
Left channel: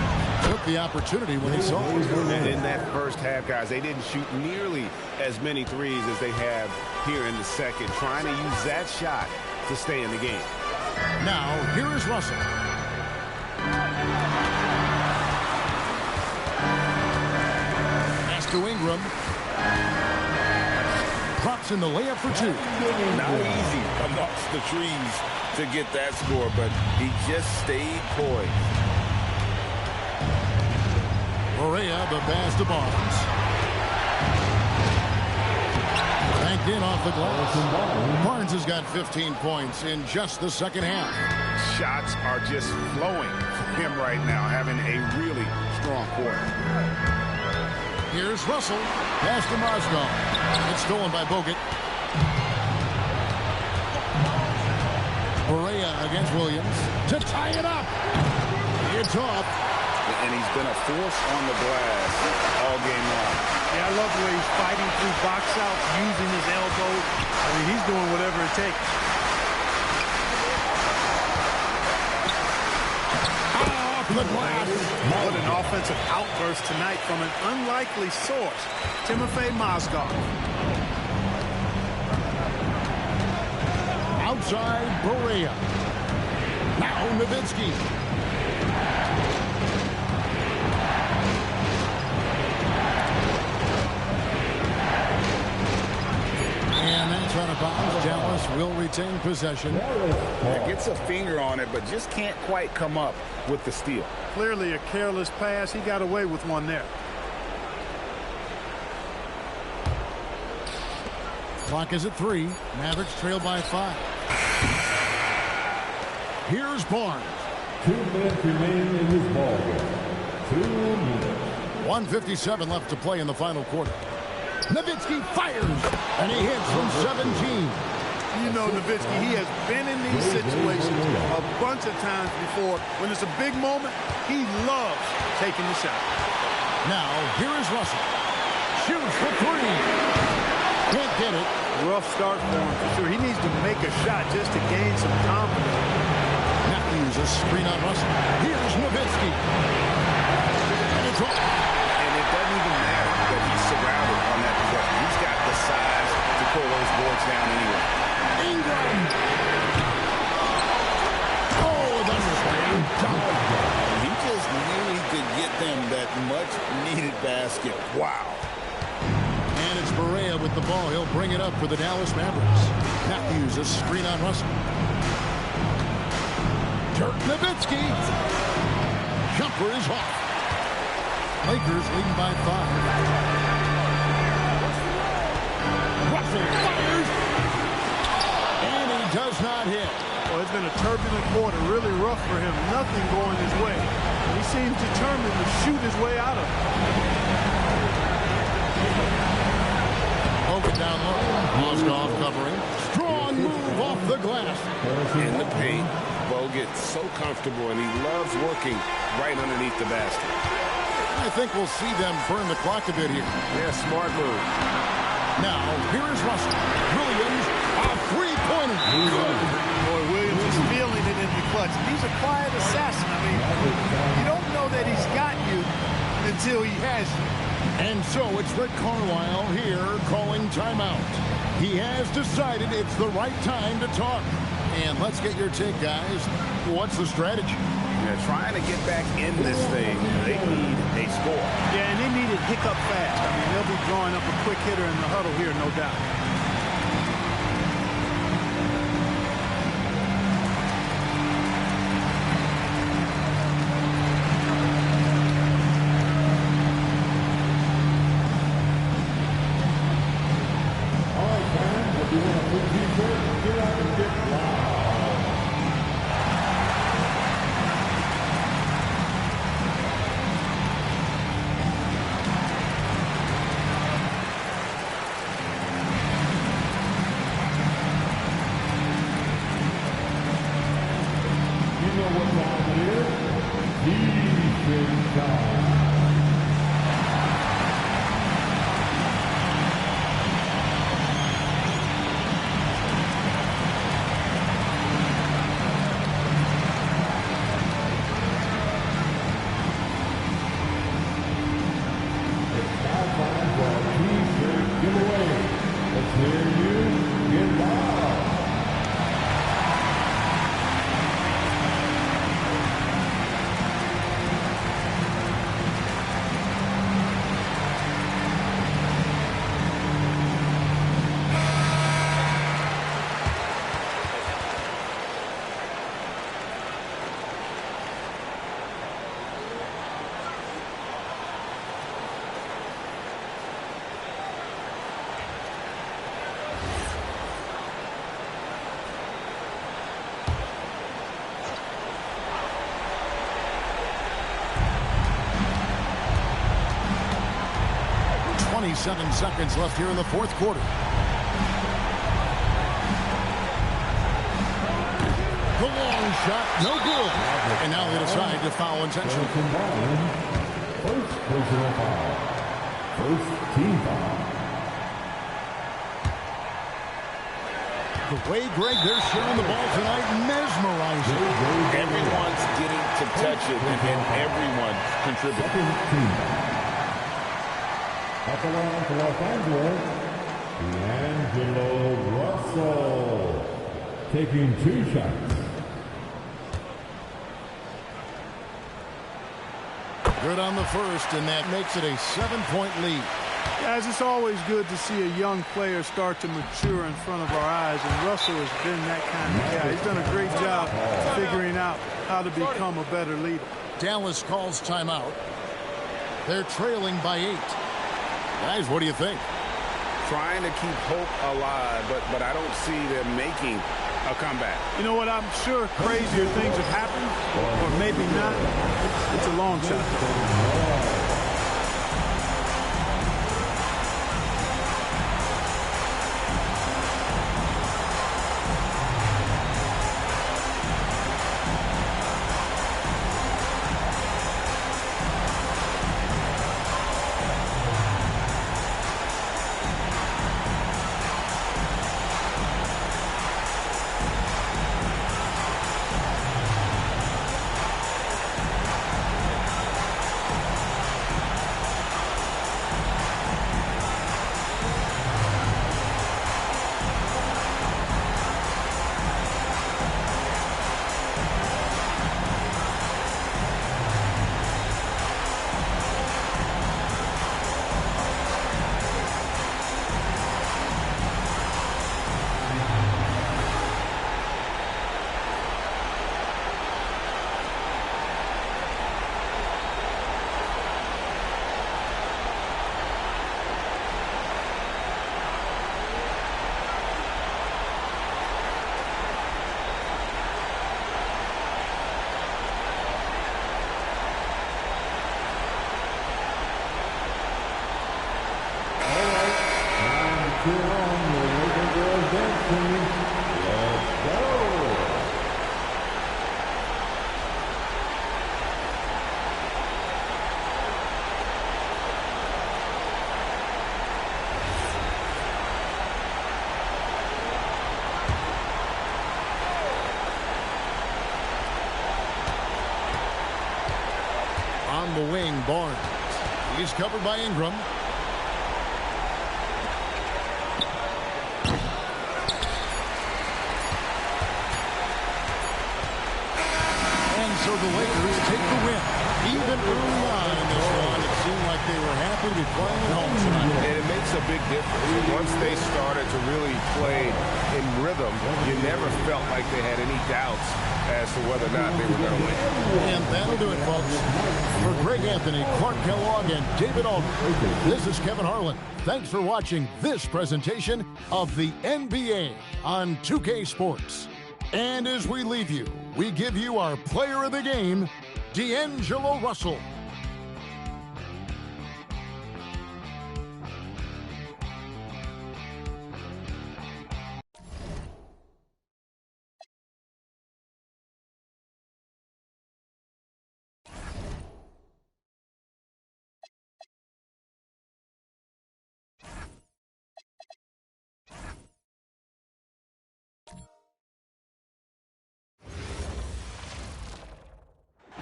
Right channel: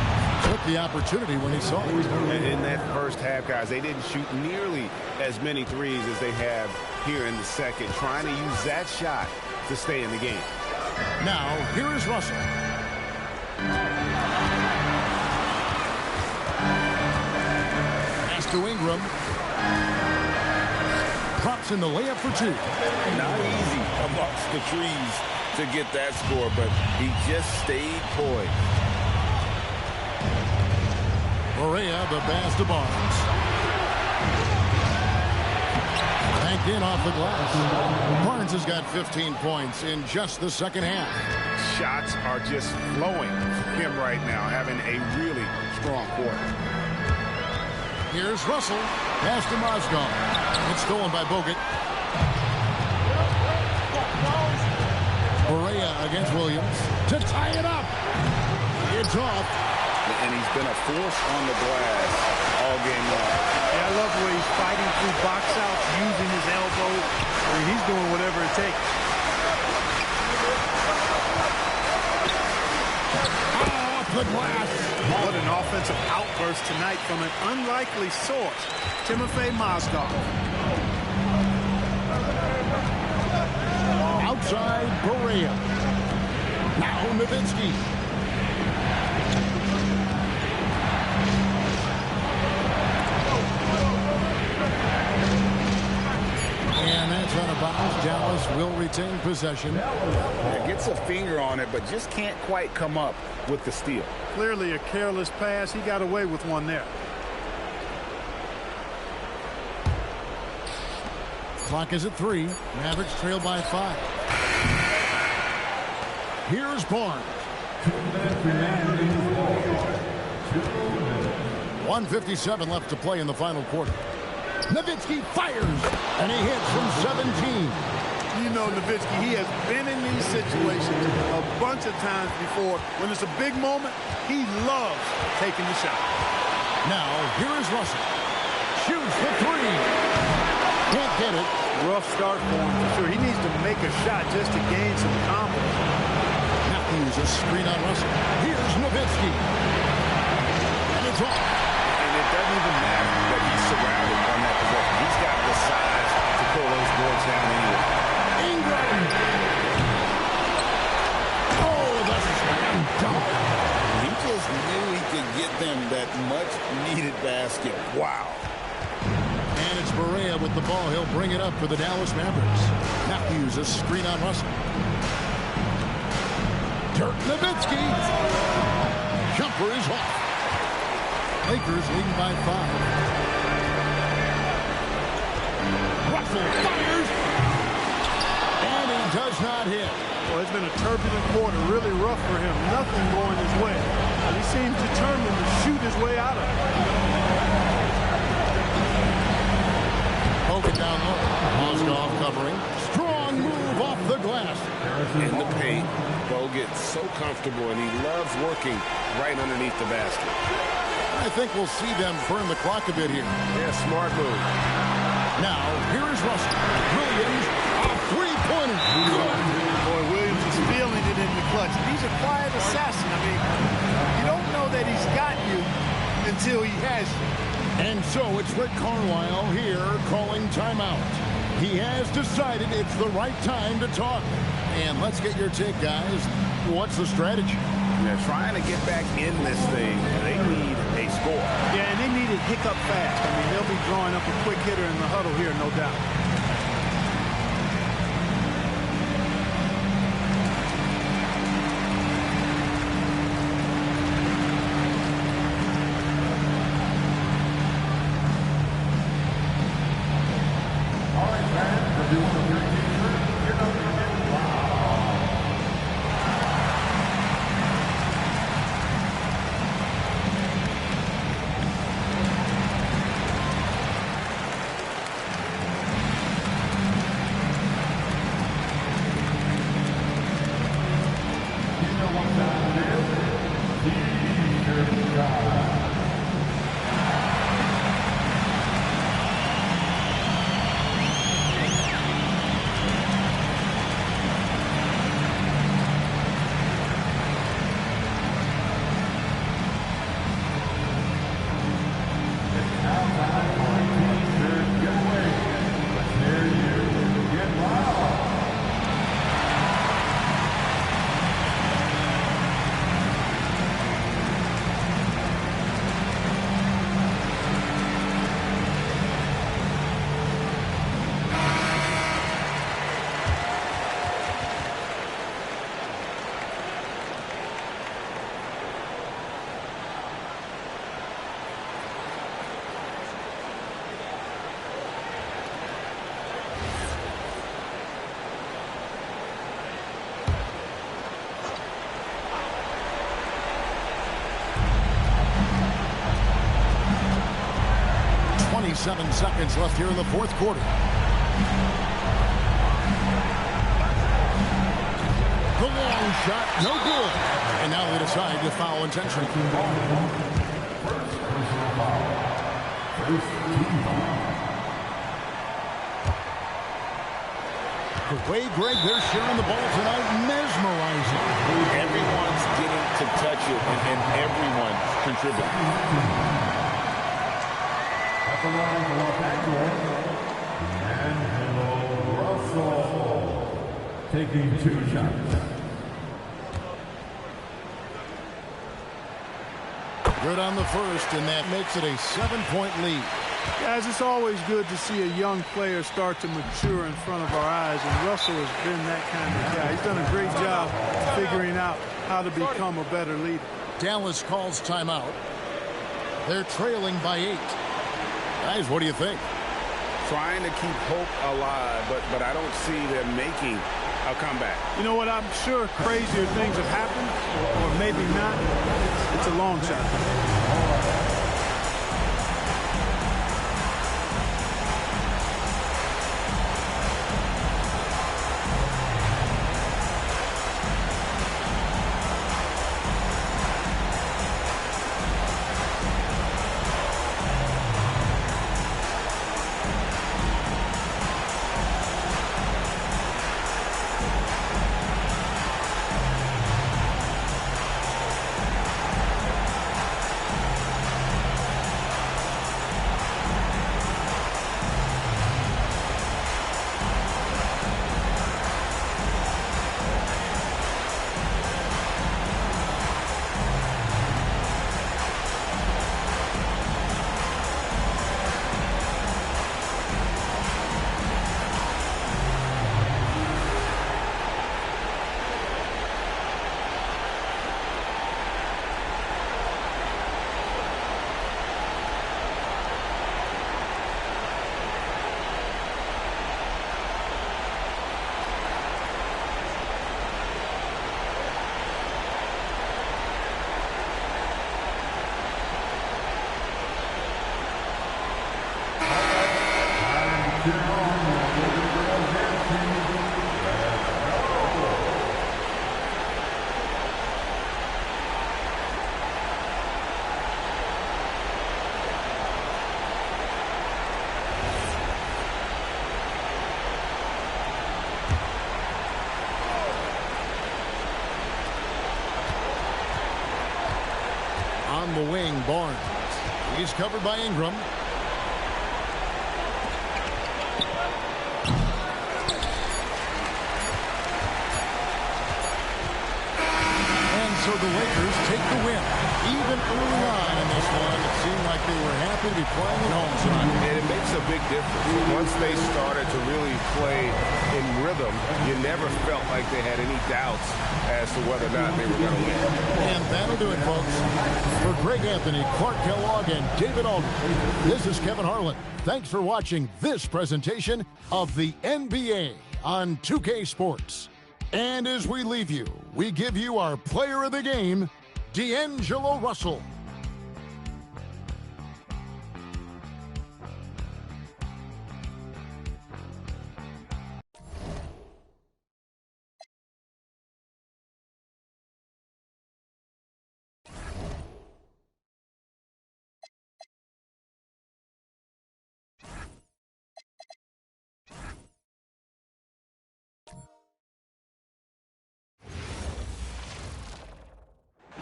Took the opportunity when he saw it. And in that first half, guys, they didn't shoot nearly as many threes as they have here in the second, trying to use that shot to stay in the game. Now, here is Russell. Pass to Ingram. Drops in the layup for 2. Not easy amongst the trees to get that score, but he just stayed poised. Barea, the pass to Barnes. Banked in off the glass. Barnes has got 15 points in just the second half. Shots are just flowing for him right now, having a really strong quarter. Here's Russell. Pass to Mozgov. It's stolen by Bogut. Barea against Williams to tie it up. It's off. and he's been a force on the glass all game long. Yeah, I love the way he's fighting through box outs, using his elbow. I mean, he's doing whatever it takes. Off the glass. What an offensive outburst tonight from an unlikely source, Timofey Mozgov. Outside Barea. Now Nowitzki. And that's out of bounds. Dallas will retain possession. Yeah, gets a finger on it, but just can't quite come up with the steal. Clearly a careless pass. He got away with one there. Clock is at 3. Mavericks trail by 5. Here's Barnes. 2 minutes remain in this ball game. 2 minutes. 1:57 left to play in the final quarter. Nowitzki fires, and he hits from 17. You know Nowitzki, he has been in these situations a bunch of times before. When it's a big moment, he loves taking the shot. Now, here is Russell. Shoots the 3. Can't get it. Rough start for him, for sure. He needs to make a shot just to gain some confidence. Matthews, a screen on Russell. Here's Nowitzki. And it's off. And it doesn't even matter that he's surrounded on that possession. He's got the size to pull those boards down anyway. Ingram. Oh, the slam dunk. He just knew he could get them that much-needed basket. Wow. And it's Barea with the ball. He'll bring it up for the Dallas Mavericks. Matthews, a screen on Russell. Dirk Nowitzki. Jumper is off. Lakers leading by 5. Russell fires. And he does not hit. Well, it's been a turbulent quarter, really rough for him. Nothing going his way. But he seems determined to shoot his way out of it. Hogan down low. Mozgov covering. Strong move off the glass. In the paint, Bo gets so comfortable, and he loves working right underneath the basket. I think we'll see them burn the clock a bit here. Yeah, smart move. Now, here is Russell. Williams, a three-pointer. Good. Boy, Williams is feeling it in the clutch. He's a quiet assassin. I mean, you don't know that he's got you until he has you. And so it's Rick Carlisle here calling timeout. He has decided it's the right time to talk. And let's get your take, guys. What's the strategy? Yeah, trying to get back in this thing, they need a score. Yeah, and they need it hiccup fast. I mean, they'll be drawing up a quick hitter in the huddle here, no doubt. All right, fans, if you want a free t-shirt, get up and get loud. You know what time it is? T-shirt time. It's now time for our T-shirt giveaway. Let's hear you get loud. .27 seconds left here in the fourth quarter. The long shot, no good. And now they decide to foul intentionally. First personal foul. First team foul. The way, Greg, they're sharing the ball tonight, mesmerizing. Everyone's getting to touch it, and everyone's contributing. At the line for Los Angeles, D'Angelo Russell. Taking 2 shots. Good on the first, and that makes it a 7-point lead. Guys, it's always good to see a young player start to mature in front of our eyes, and Russell has been that kind of guy. He's done a great job figuring out how to become a better leader. Dallas calls timeout. They're trailing by 8. Guys, what do you think? Trying to keep hope alive, but I don't see them making a comeback. You know what? I'm sure crazier things have happened, or maybe not. It's a long shot. Cheer on your little girls dancing. Let's go. On the wing, Barnes. He's covered by Ingram. So the Lakers take the win. Even early on in this one, it seemed like they were happy to be playing at home tonight. And it makes a big difference. Once they started to really play in rhythm, you never felt like they had any doubts as to whether or not they were going to win. And that'll do it, folks. For Greg Anthony, Clark Kellogg, and David Aldridge, this is Kevin Harlan. Thanks for watching this presentation of the NBA on 2K Sports. And as we leave you, we give you our player of the game, D'Angelo Russell.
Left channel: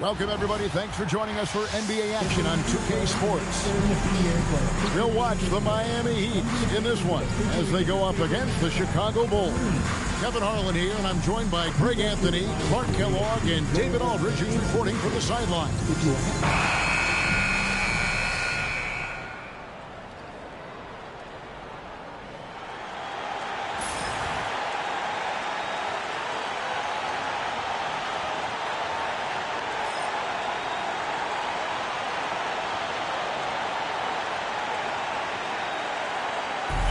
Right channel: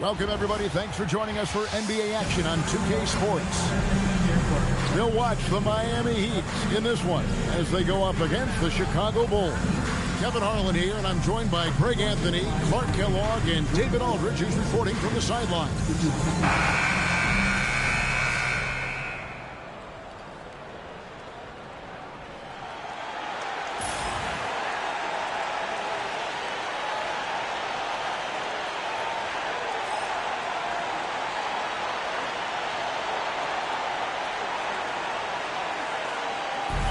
Welcome, everybody. Thanks for joining us for NBA action on 2K Sports. We'll watch the Miami Heat in this one as they go up against the Chicago Bulls. Kevin Harlan here, and I'm joined by Greg Anthony, Clark Kellogg, and David Aldridge, who's reporting from the sideline.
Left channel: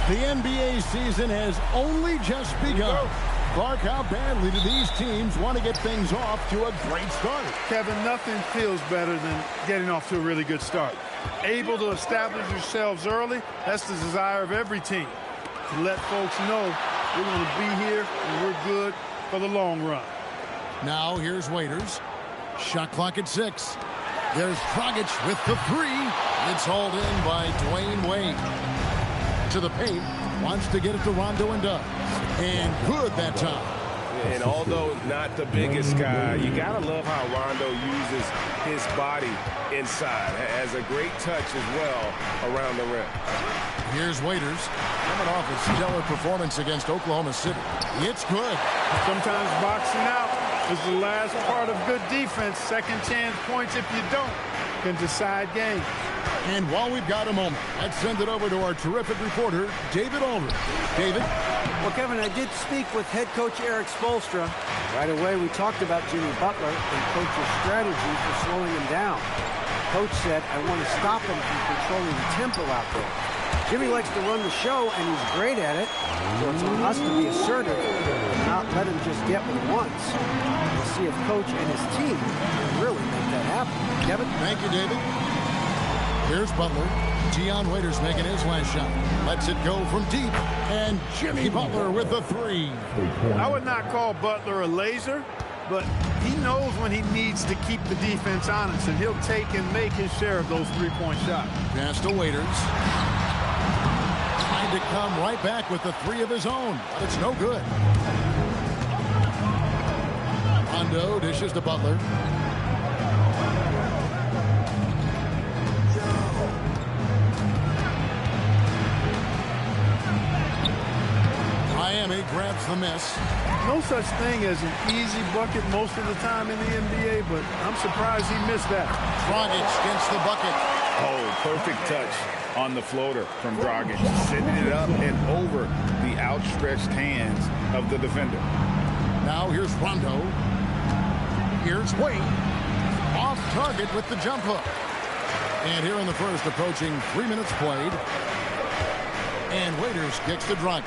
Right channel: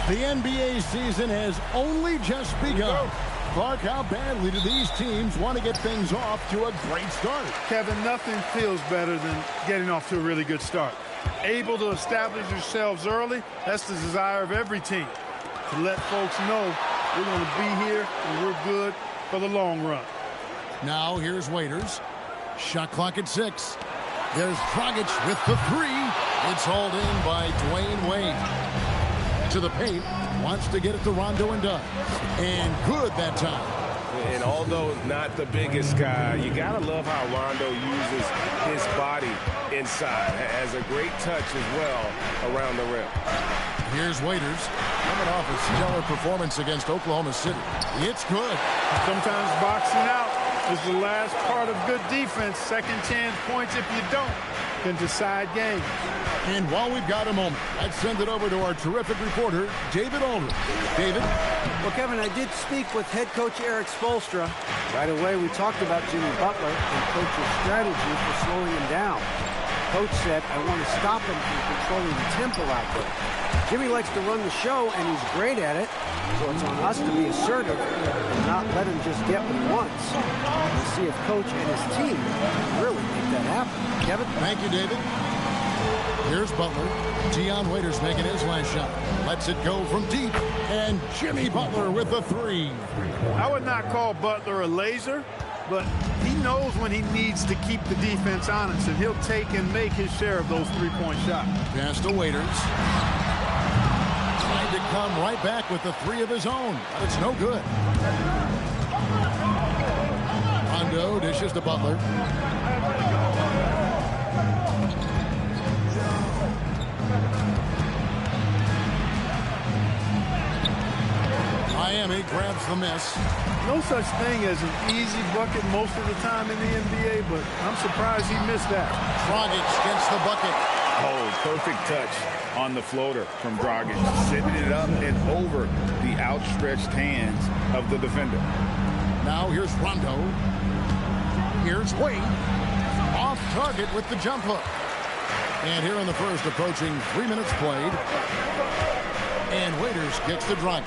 The NBA season has only just begun. Clark, how badly do these teams want to get things off to a great start? Kevin, nothing feels better than getting off to a really good start. Able to establish yourselves early, that's the desire of every team. To let folks know we're going to be here and we're good for the long run. Now here's Waiters. Shot clock at 6. There's Dragic with the 3. It's hauled in by Dwayne Wade. To the paint. Wants to get it to Rondo and does. And good that time. And although not the biggest guy, you got to love how Rondo uses his body inside. Has a great touch as well around the rim. Here's Waiters. Coming off a stellar performance against Oklahoma City. It's good. Sometimes boxing out is the last part of good defense. Second chance points, if you don't, can decide games. And while we've got a moment, let's send it over to our terrific reporter, David Aldridge. David? Well, Kevin, I did speak with head coach Eric Spoelstra. Right away, we talked about Jimmy Butler and coach's strategy for slowing him down. Coach said, I want to stop him from controlling the tempo out there. Jimmy likes to run the show, and he's great at it, so it's on us to be assertive and not let him just get what he wants. We'll see if Coach and his team can really make that happen. Kevin? Thank you, David. Here's Butler. Dion Waiters making his last shot. Lets it go from deep, and Jimmy Butler with the 3. I would not call Butler a laser, but he knows when he needs to keep the defense honest, and he'll take and make his share of those three-point shots. Pass to Waiters. Tried to come right back with the 3 of his own, but it's no good. Rondo dishes to Butler. Miami grabs the miss. No such thing as an easy bucket most of the time in the NBA, but I'm surprised he missed that. Dragic gets the bucket. Oh, perfect touch on the floater from Dragic, sending it up and over the outstretched hands of the defender. Now here's Rondo. Here's Wade. Off target with the jump hook. And here in the first, approaching 3 minutes played. And Waiters kicks to Dragic.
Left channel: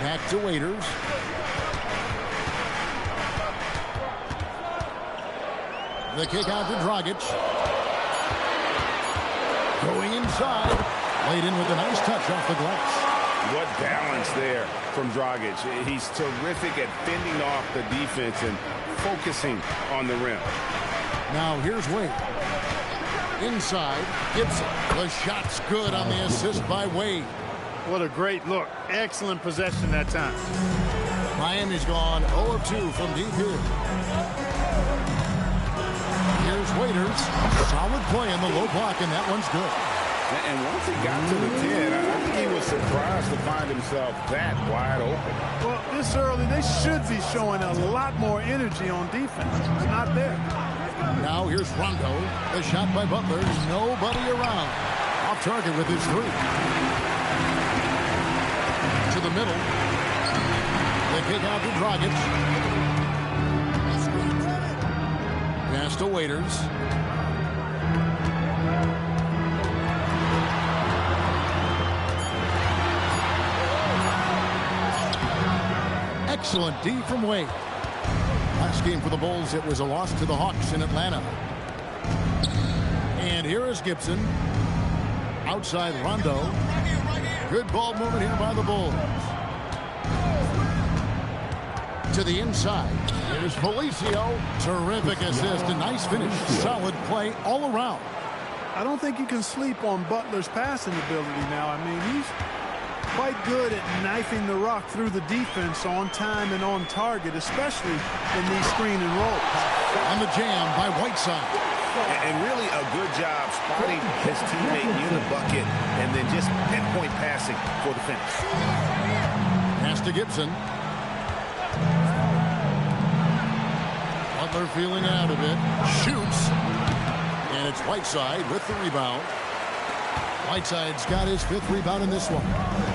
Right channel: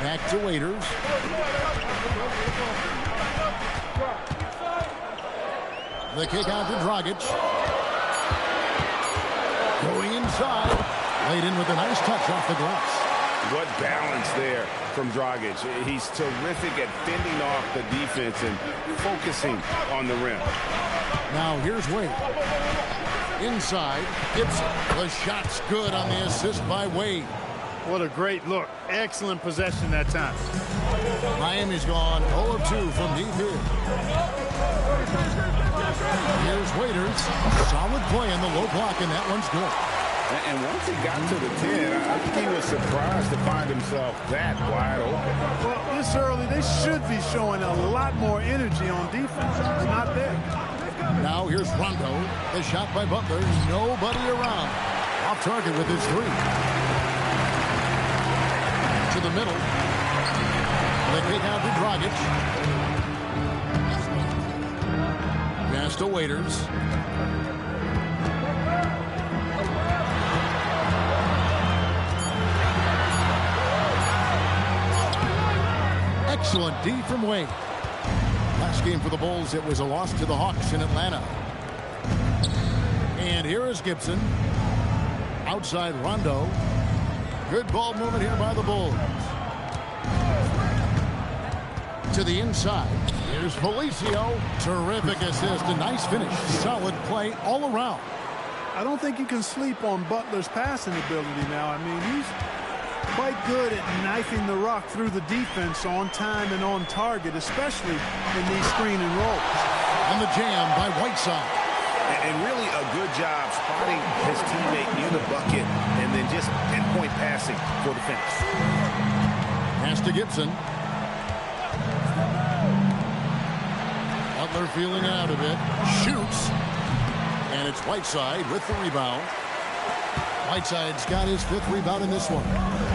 Back to Waiters. The kick out to Dragic. Going inside. Laid in with a nice touch off the glass. What balance there from Dragic. He's terrific at fending off the defense and focusing on the rim. Now here's Wade. Inside, Gibson. The shot's good on the assist by Wade. What a great look. Excellent possession that time. Miami's gone 0 of 2 from deep here. Here's Waiters. Solid play in the low block, and that one's good. And once he got to the 10, I think he was surprised to find himself that wide open. Well, this early, they should be showing a lot more energy on defense. It's not there. Now here's Rondo. The shot by Butler. Nobody around. Off target with his 3. To the middle. The kick out to Dragic. Pass to Waiters. Excellent D from Wade. Last game for the Bulls, it was a loss to the Hawks in Atlanta. And here is Gibson. Outside Rondo. Good ball movement here by the Bulls. To the inside. Here's Felicio. Terrific assist. A nice finish. Solid play all around. I don't think you can sleep on Butler's passing ability now. I mean, he's quite good at knifing the rock through the defense on time and on target, especially in these screen and rolls. And the jam by Whiteside. And really a good job spotting his teammate near the bucket and then just pinpoint passing for the finish. Pass to Gibson. Butler feeling out a bit. Shoots. And it's Whiteside with the rebound. Whiteside's got his 5th rebound in this one.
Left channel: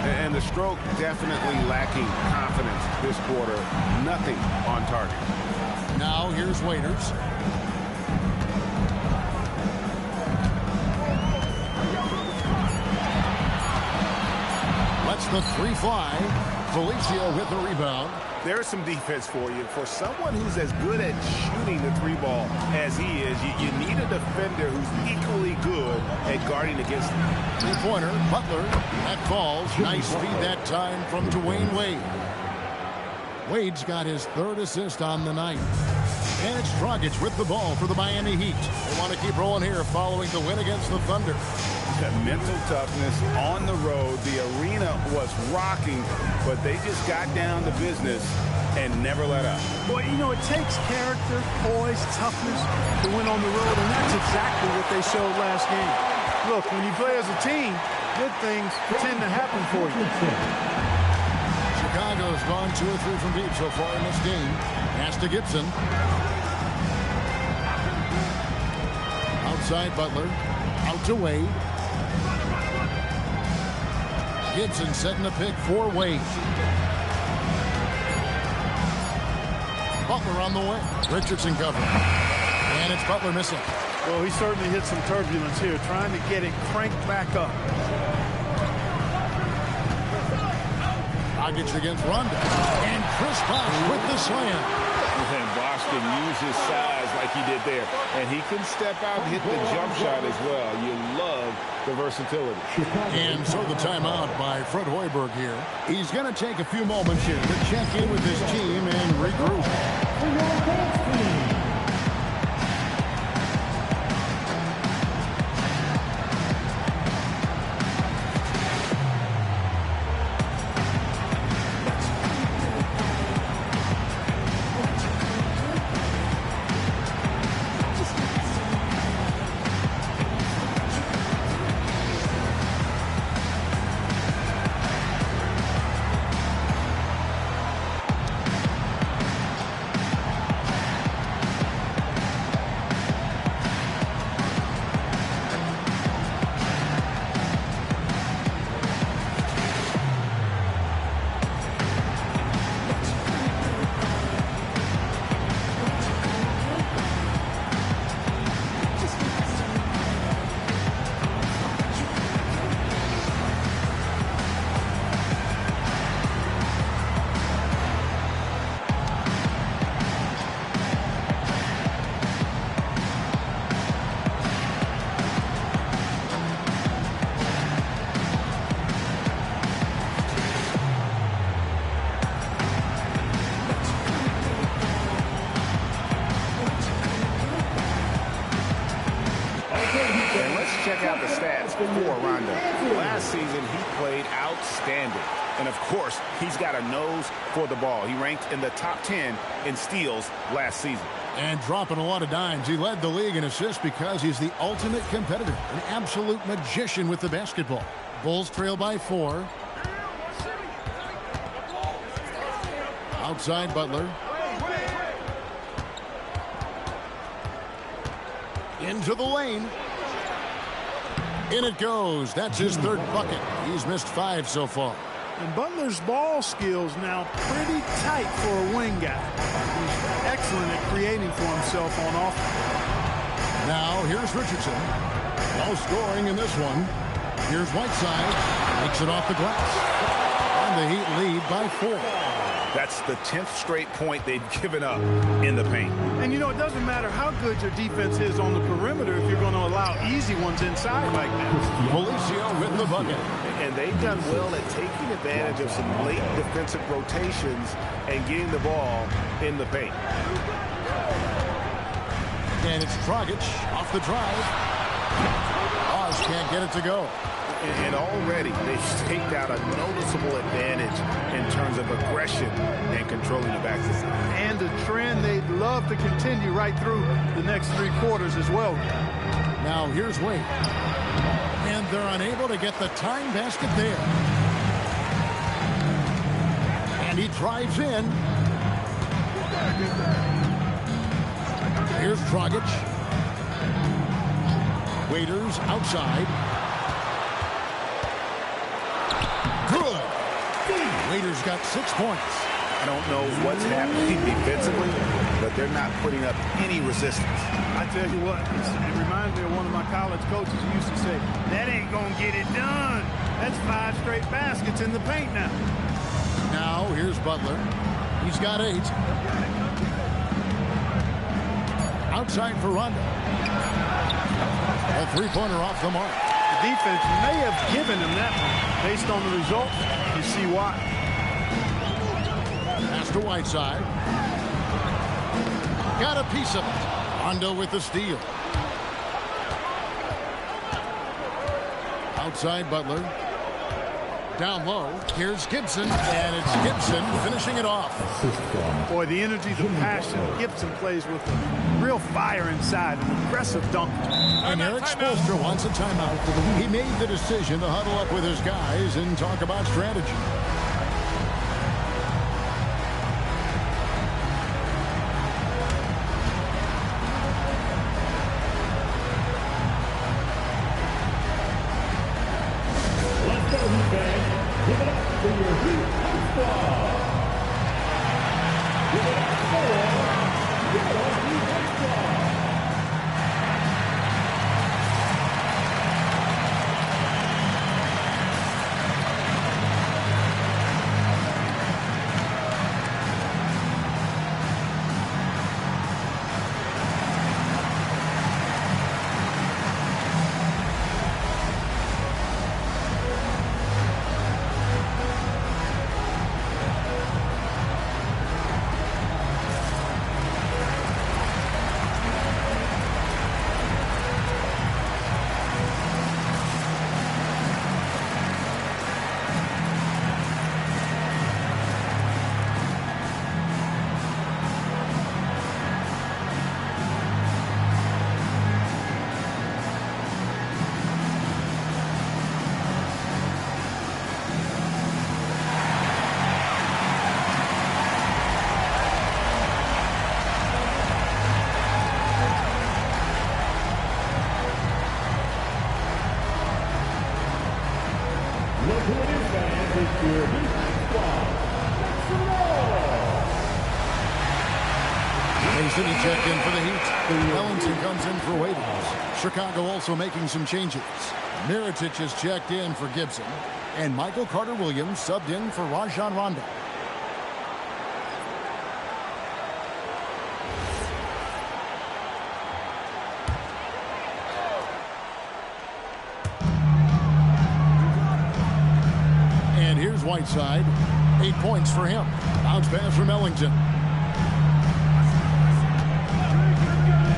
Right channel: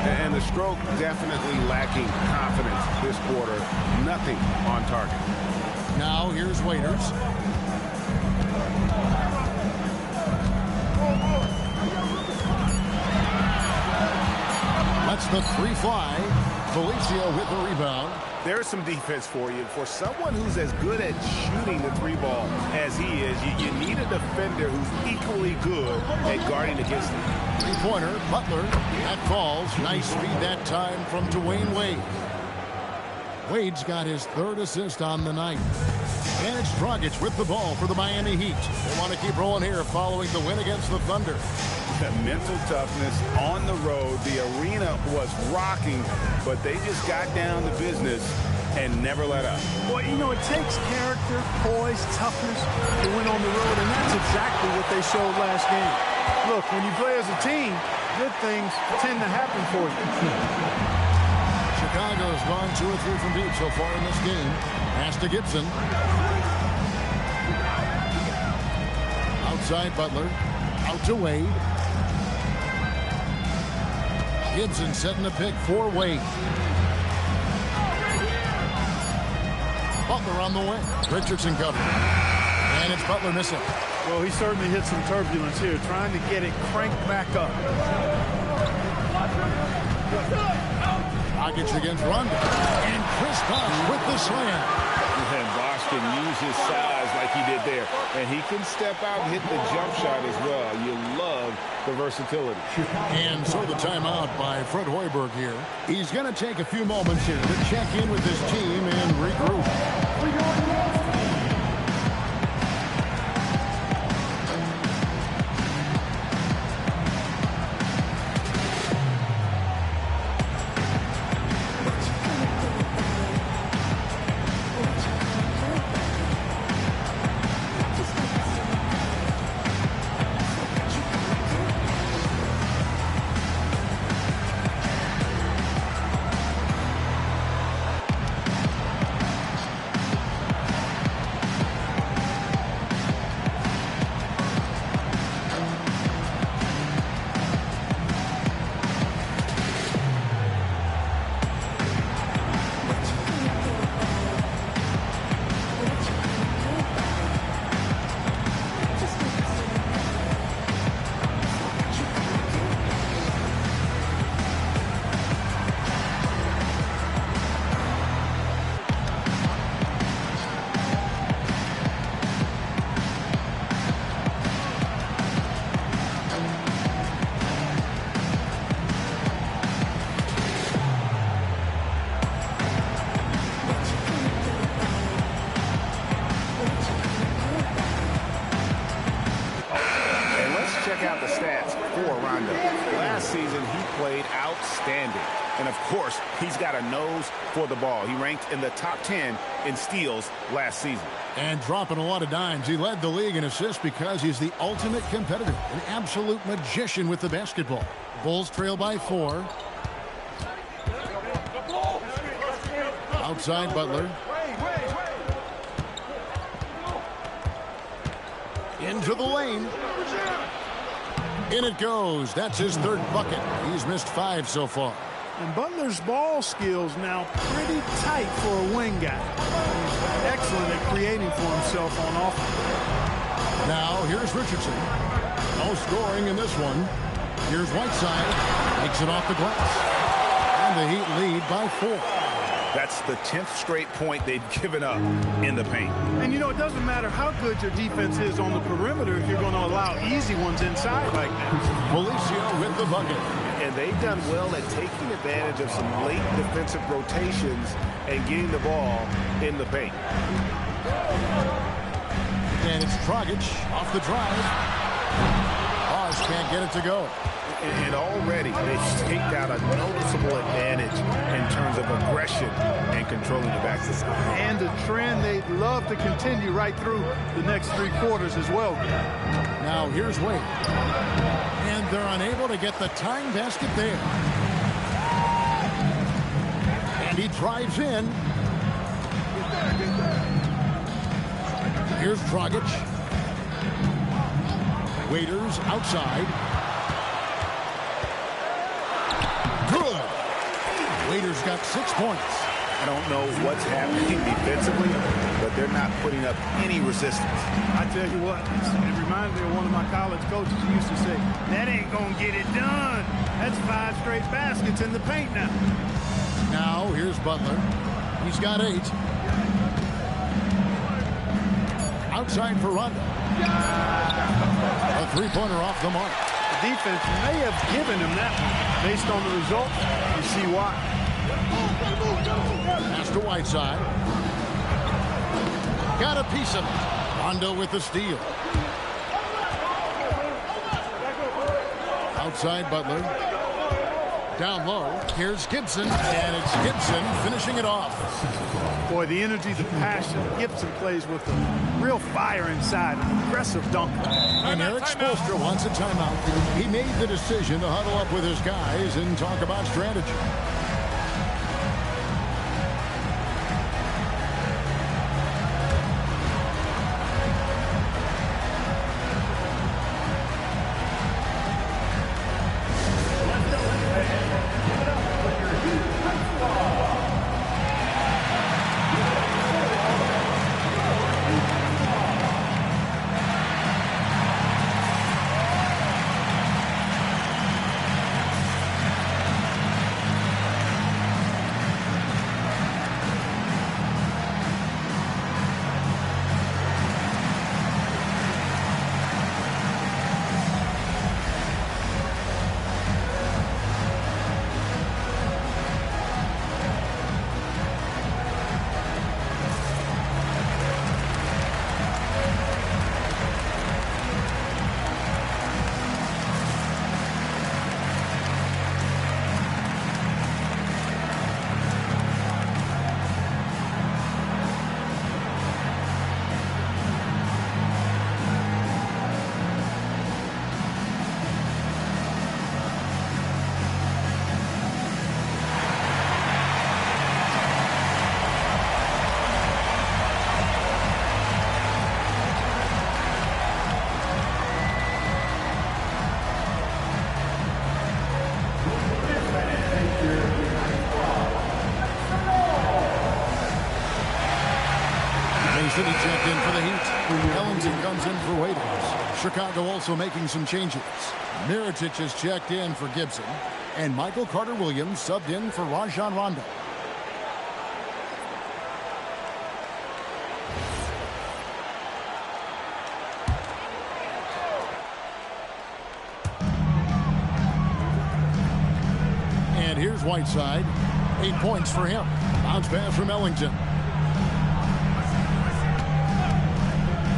And the stroke definitely lacking confidence this quarter. Nothing on target. Now here's Waiters. Lets the 3 fly. Felicio with the rebound. There's some defense for you. For someone who's as good at shooting the 3 ball as he is, you need a defender who's equally good at guarding against him. 3-pointer, Butler. That falls. Nice feed that time from Dwayne Wade. Wade's got his 3rd assist on the night. And it's Dragic with the ball for the Miami Heat. They want to keep rolling here following the win against the Thunder. The mental toughness on the road. The arena was rocking, but they just got down to business and never let up. Well, you know, it takes character, poise, toughness to win on the road, and that's exactly what they showed last game. Look, when you play as a team, good things tend to happen for you. Chicago's gone 2 or 3 from deep so far in this game. Pass to Gibson. Outside Butler. Out to Wade. Gibson setting the pick for Wade. Butler on the way. Richardson covering. And it's Butler missing. Well, he certainly hit some turbulence here, trying to get it cranked back up. Dragic against Rondo. And Chris Bosh with the slam. And Bosh can use his size like he did there. And he can step out and hit the jump shot as well. You love the versatility. And so the timeout by Fred Hoiberg here. He's going to take a few moments here to check in with his team and regroup. Check out the stats for Rondo. Last season, he played outstanding. And, of course, he's got a nose for the ball. He ranked in the top 10 in steals last season. And dropping a lot of dimes. He led the league in assists because he's the ultimate competitor, an absolute magician with the basketball. Bulls trail by 4. Outside Butler. Into the lane. In it goes. That's his 3rd bucket. He's missed 5 so far. And Butler's ball skills now pretty tight for a wing guy. He's excellent at creating for himself on offense. Now here's Richardson. No scoring in this one. Here's Whiteside. Makes it off the glass. And the Heat lead by 4. That's the 10th straight point they've given up in the paint. And, you know, it doesn't matter how good your defense is on the perimeter if you're going to allow easy ones inside like that. Felicio with the bucket. And they've done well at taking advantage of some late defensive rotations and getting the ball in the paint. And it's Dragic off the drive. Bosh can't get it to go. And already they've staked out a noticeable advantage in terms of aggression and controlling the backcourt. And a trend they'd love to continue right through the next 3 quarters as well. Now here's Wade. And they're unable to get the tying basket there. And he drives in. Here's Dragic. Waiters outside. Good. Waiters got 6 points. I don't know what's happening defensively, but they're not putting up any resistance. I tell you what, it reminds me of one of my college coaches who used to say, that ain't going to get it done. That's 5 straight baskets in the paint now. Now, here's Butler. He's got 8. Outside for Rondo. A 3-pointer off the mark. The defense may have given him that one. Based on the results, you see why. Pass to Whiteside. Got a piece of it. Rondo with the steal. Outside Butler. Down low. Here's Gibson, and it's Gibson finishing it off. Boy, the energy, the passion. Gibson plays with a real fire inside, an aggressive dunker. And Eric Spoelstra wants a timeout. He made the decision to huddle up with his guys and talk about strategy. Mason, he checked in for the Heat. Ellington comes in for Waiters. Chicago also making some changes. Mirotic is checked in for Gibson. And Michael Carter-Williams subbed in for Rajon Rondo. And here's Whiteside. 8 points for him. Bounce pass from Ellington.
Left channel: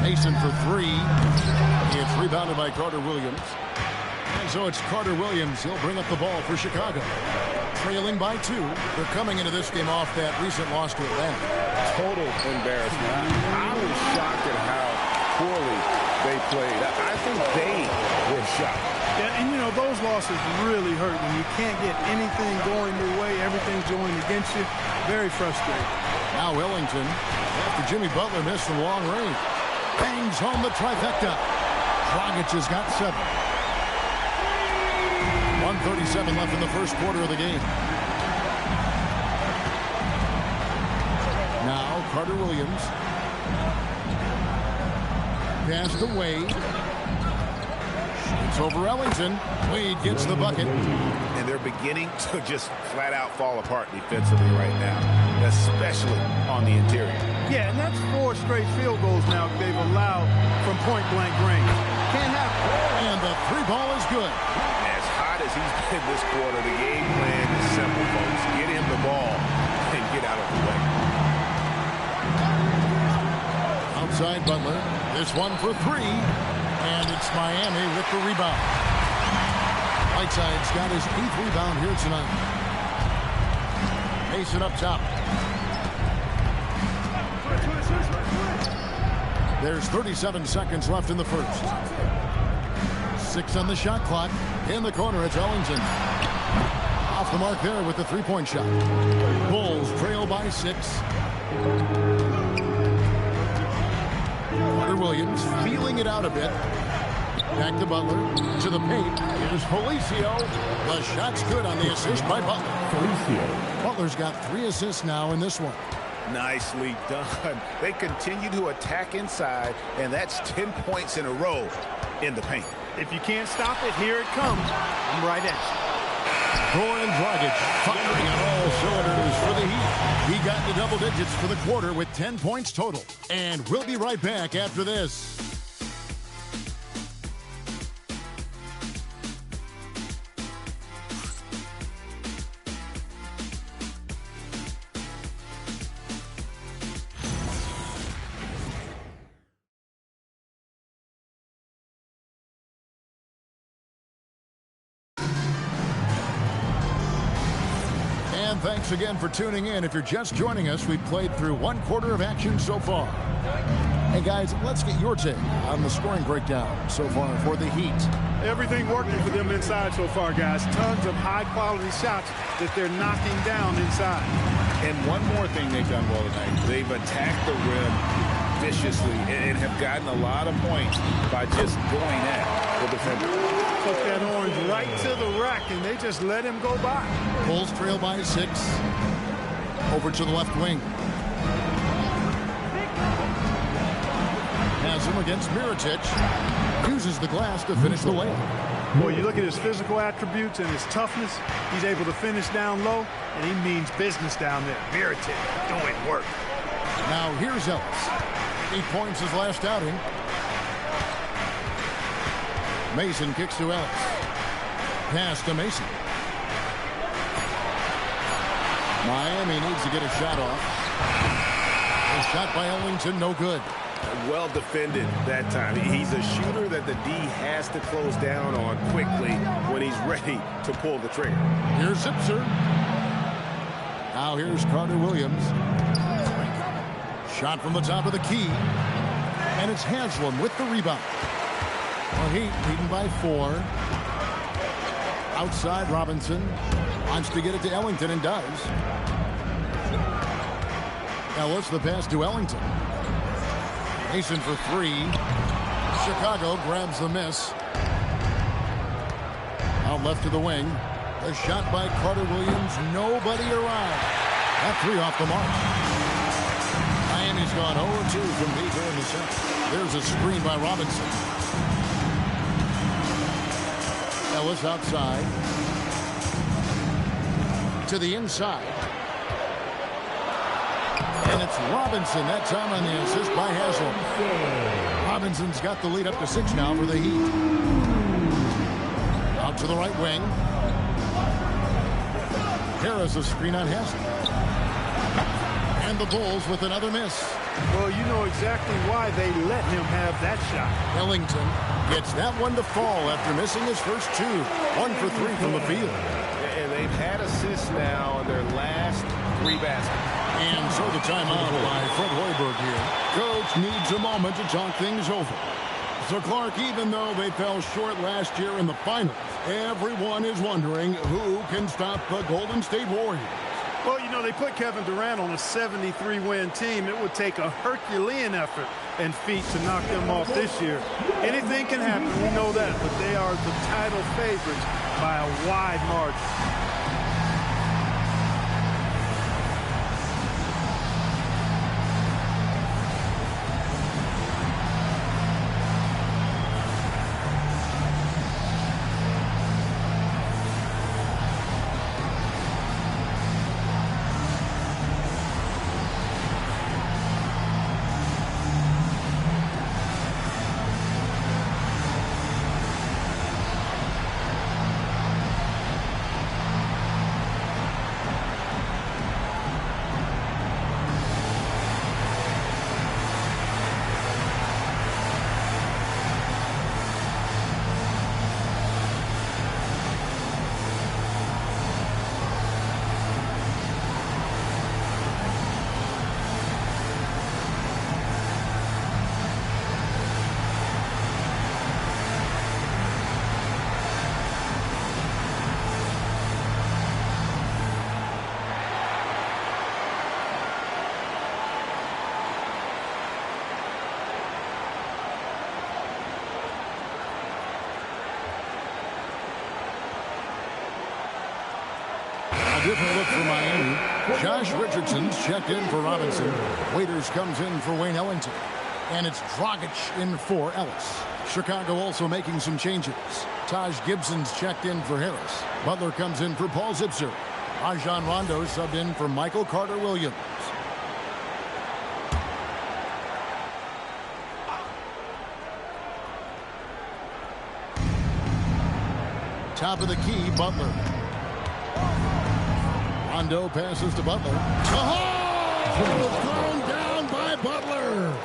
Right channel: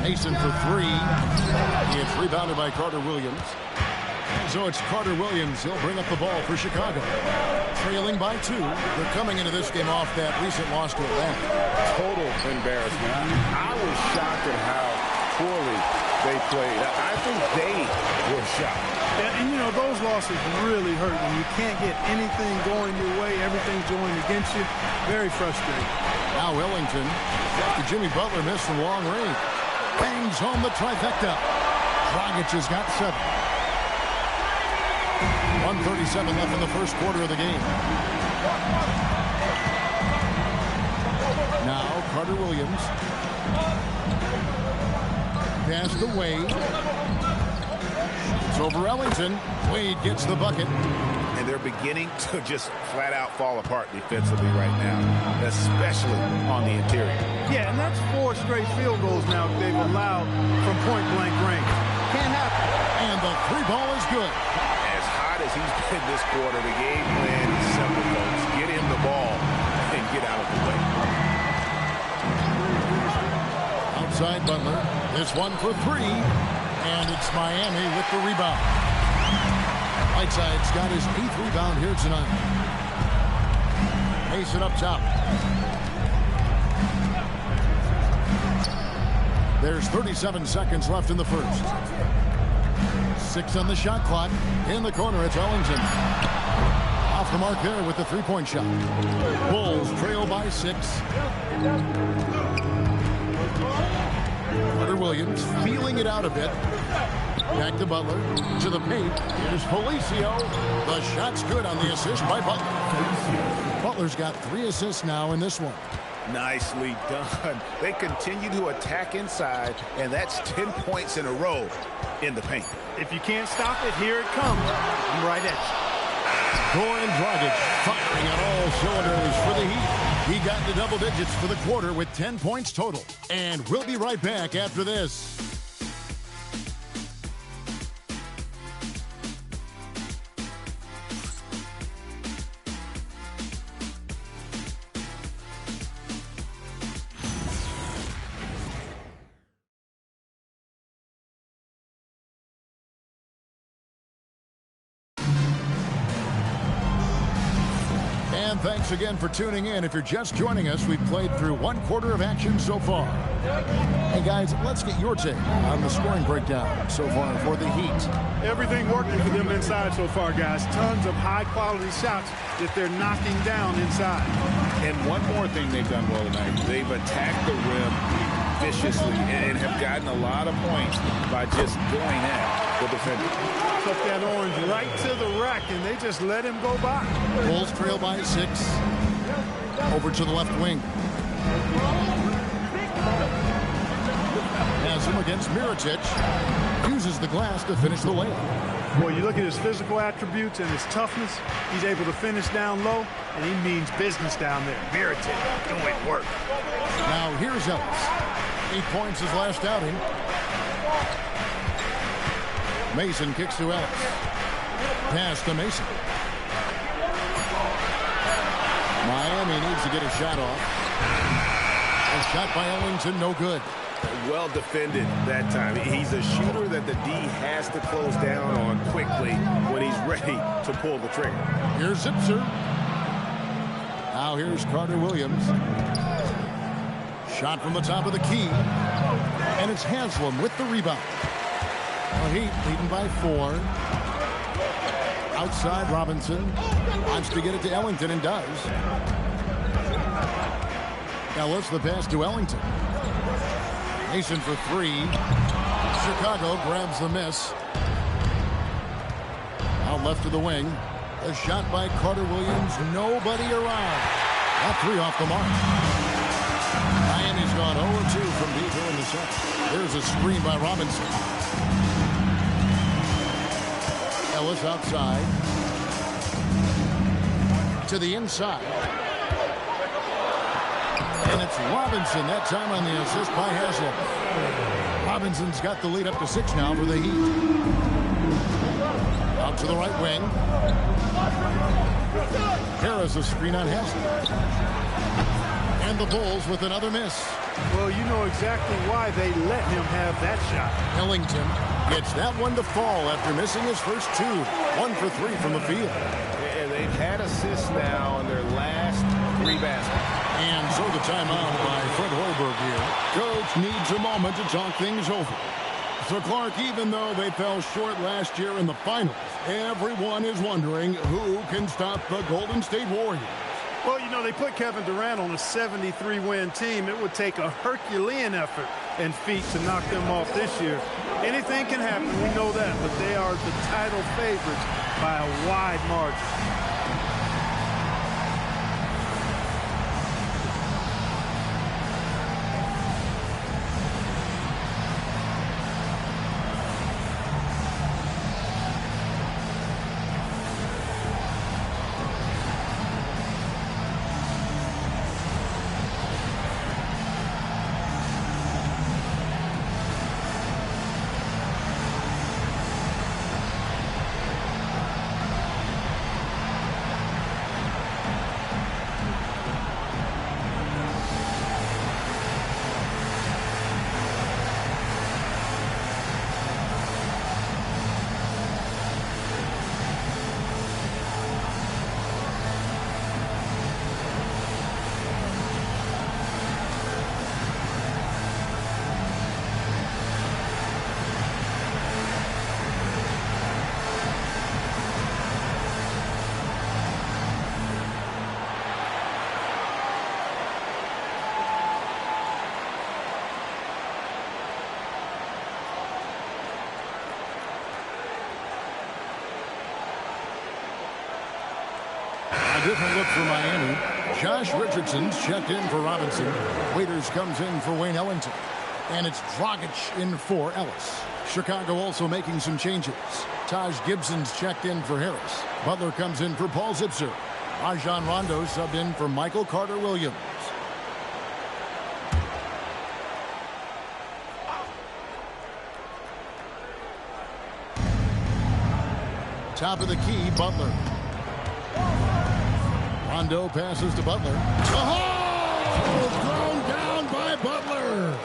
Mason for three. It's rebounded by Carter-Williams. And so it's Carter-Williams. He'll bring up the ball for Chicago. Trailing by 2. They're coming into this game off that recent loss to Atlanta. Total embarrassment. I was shocked at how poorly they played. I think they were shocked. Yeah, and, you know, those losses really hurt when you can't get anything going your way. Everything's going against you. Very frustrating. Now Ellington, after Jimmy Butler missed from long range, bangs home the trifecta. Dragic has got 7. 1:37 left in the first quarter of the game. Now Carter-Williams. Pass to Wade. It's over Ellington. Wade gets the bucket. And they're beginning to just flat out fall apart defensively right now, especially on the interior. Yeah, and that's 4 straight field goals now they've allowed from point-blank range. Can't happen. And the 3 ball is good. As hot as he's been this quarter, the game plan is simple, folks. Get him the ball and get out of the way. Outside Butler. This one for 3. And it's Miami with the rebound. Whiteside's got his 8th rebound here tonight. Mason up top. There's 37 seconds left in the first. 6 on the shot clock. In the corner, it's Ellington. Off the mark there with the 3-point shot. Bulls trail by 6. Carter-Williams feeling it out a bit. Back to Butler. To the paint. Here's Felicio. The shot's good on the assist by Butler. Butler's got 3 assists now in this one. Nicely done. They continue to attack inside, and that's 10 points in a row in the paint. If you can't stop it, here it comes. I'm right at you. Goran Dragic firing on all cylinders for the Heat. He got into double digits for the quarter with 10 points total. And we'll be right back after this. And thanks again for tuning in. If you're just joining us, we've played through 1/4 of action so far. Hey, guys, let's get your take on the scoring breakdown so far for the Heat. Everything working for them inside so far, guys. Tons of high-quality shots that they're knocking down inside. And one more thing they've done well tonight. They've attacked the rim viciously and have gotten a lot of points by just going at the defender. Took that orange right to the rack, and they just let him go by. Bulls trail by 6. Over to the left wing. Has him against Mirotic. Uses the glass to finish the layup. Boy, you look at his physical attributes and his toughness. He's able to finish down low, and he means business down there. Mirotic doing work. Now here's Ellis. 8 points his last outing. Mason kicks to Ellis. Pass to Mason. Miami needs to get a shot off. A shot by Ellington, no good. Well defended that time. He's a shooter that the D has to close down on quickly when he's ready to pull the trigger. Here's Zipser. Now here's Carter Williams. Shot from the top of the key. And it's Haslam with the rebound. Well, Heat leading by 4. Outside, Robinson wants to get it to Ellington and does. Ellis, the pass to Ellington. Mason for 3. Chicago grabs the miss. Out left to the wing. The shot by Carter Williams. Nobody around. That 3 off the mark. Miami's gone 0-2 from deep here in the second. There's a screen by Robinson. Ellis outside. To the inside. And it's Robinson, that time on the assist by Haslam. Robinson's got the lead up to 6 now for the Heat. Out to the right wing. Harris a screen on Haslam. And the Bulls with another miss. Well, you know exactly why they let him have that shot. Ellington gets that one to fall after missing his first 2. 1 for 3 from the field. And they've had assists now in their last 3 baskets. And so the timeout by Fred Hoiberg here. Coach needs a moment to talk things over. So, Clark, even though they fell short last year in the finals, everyone is wondering who can stop the Golden State Warriors. Well, you know, they put Kevin Durant on a 73-win team. It would take a Herculean effort and feat to knock them off this year. Anything can happen, we know that, but they are the title favorites by a wide margin. Different look for Miami. Josh Richardson's checked in for Robinson. Waiters comes in for Wayne Ellington. And it's Dragic in for Ellis. Chicago also making some changes. Taj Gibson's checked in for Harris. Butler comes in for Paul Zipser. Rajon Rondo subbed in for Michael Carter Williams. Top of the key, Butler. Rondo passes to Butler. Oh! Thrown down by Butler.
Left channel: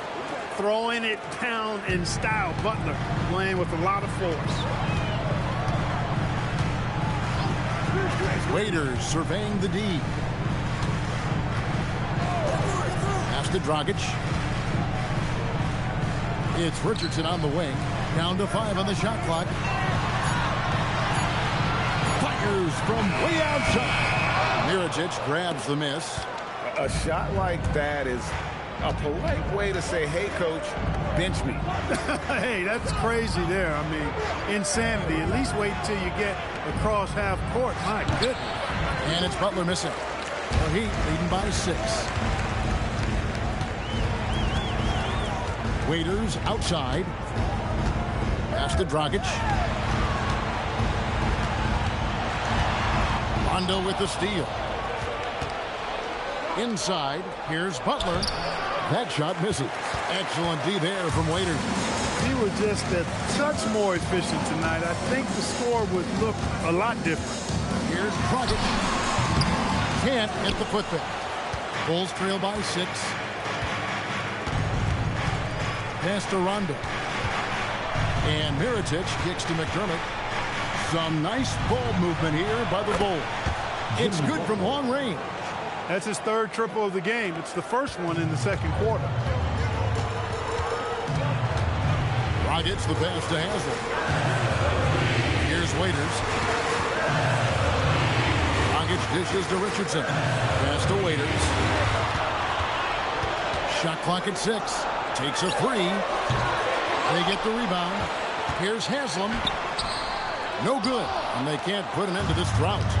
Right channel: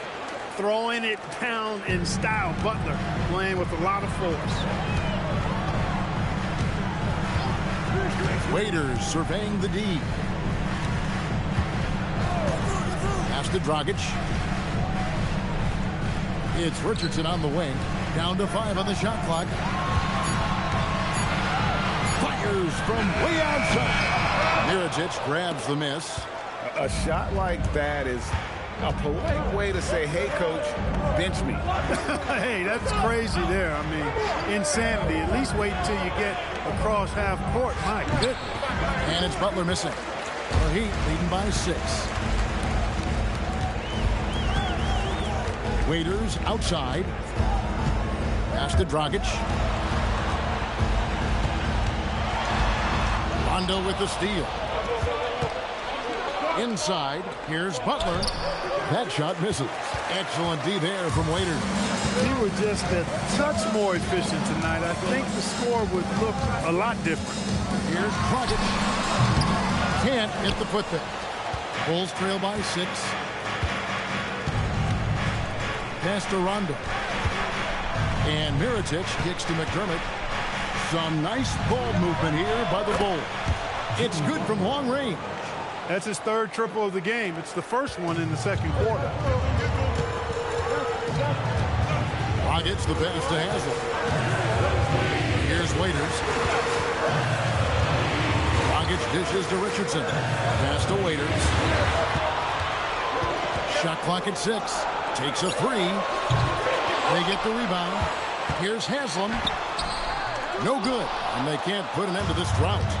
Throwing it down in style. Butler playing with a lot of force. Waiters surveying the D. Pass to Dragic. It's Richardson on the wing. Down to 5 on the shot clock. Fires from way outside. Mirotic grabs the miss. A shot like that is a polite way to say, hey, coach, bench me. Hey, that's crazy there. I mean, insanity. At least wait until you get across half court. My goodness. And it's Butler missing. The Heat leading by 6. Waiters outside. Pass to Dragic. Rondo with the steal. Inside, here's Butler. That shot misses. Excellent D there from Waiters. He were just a touch more efficient tonight. I think the score would look a lot different. Here's Dragic. Can't hit the putback. Bulls trail by 6. Pass to Rondo. And Mirotic kicks to McDermott. Some nice ball movement here by the Bulls. It's good from long range. That's his 3rd triple of the game. It's the first one in the 2nd quarter. Dragic the pass to Haslem. Here's Waiters. Dragic dishes to Richardson. Pass to Waiters. Shot clock at 6. Takes a 3. They get the rebound. Here's Haslem. No good. And they can't put an end to this drought.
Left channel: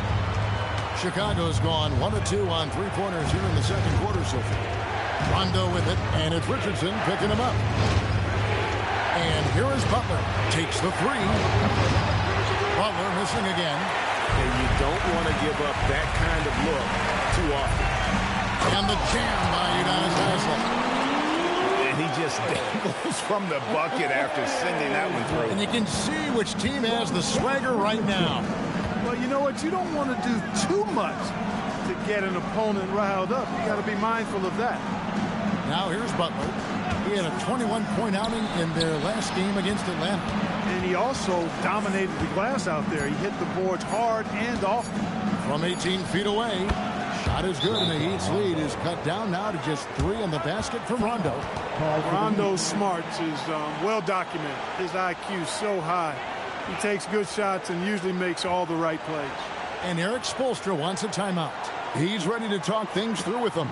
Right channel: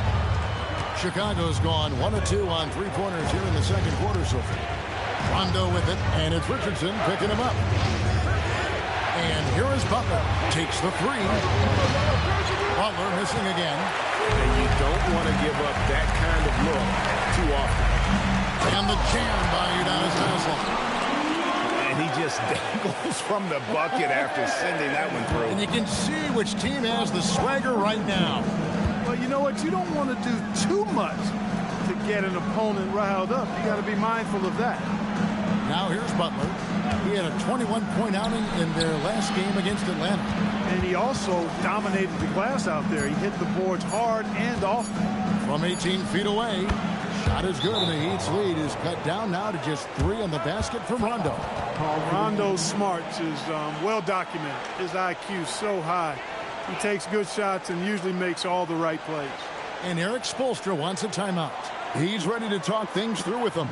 Chicago's gone 1 of 2 on 3-pointers here in the 2nd quarter so far. Rondo with it, and it's Richardson picking him up. And here is Butler. Takes the 3. Butler missing again. And you don't want to give up that kind of look too often. And the jam by Udonis Haslem. And he just dangles from the bucket after sending that one through. And you can see which team has the swagger right now. Well, you know what? You don't want to do too much to get an opponent riled up. You got to be mindful of that. Now here's Butler. He had a 21-point outing in their last game against Atlanta. And he also dominated the glass out there. He hit the boards hard and often. From 18 feet away, shot is good, and the Heat's lead is cut down now to just 3 on the basket from Rondo. Rondo's smarts is well documented. His IQ is so high. He takes good shots and usually makes all the right plays. And Eric Spoelstra wants a timeout. He's ready to talk things through with them.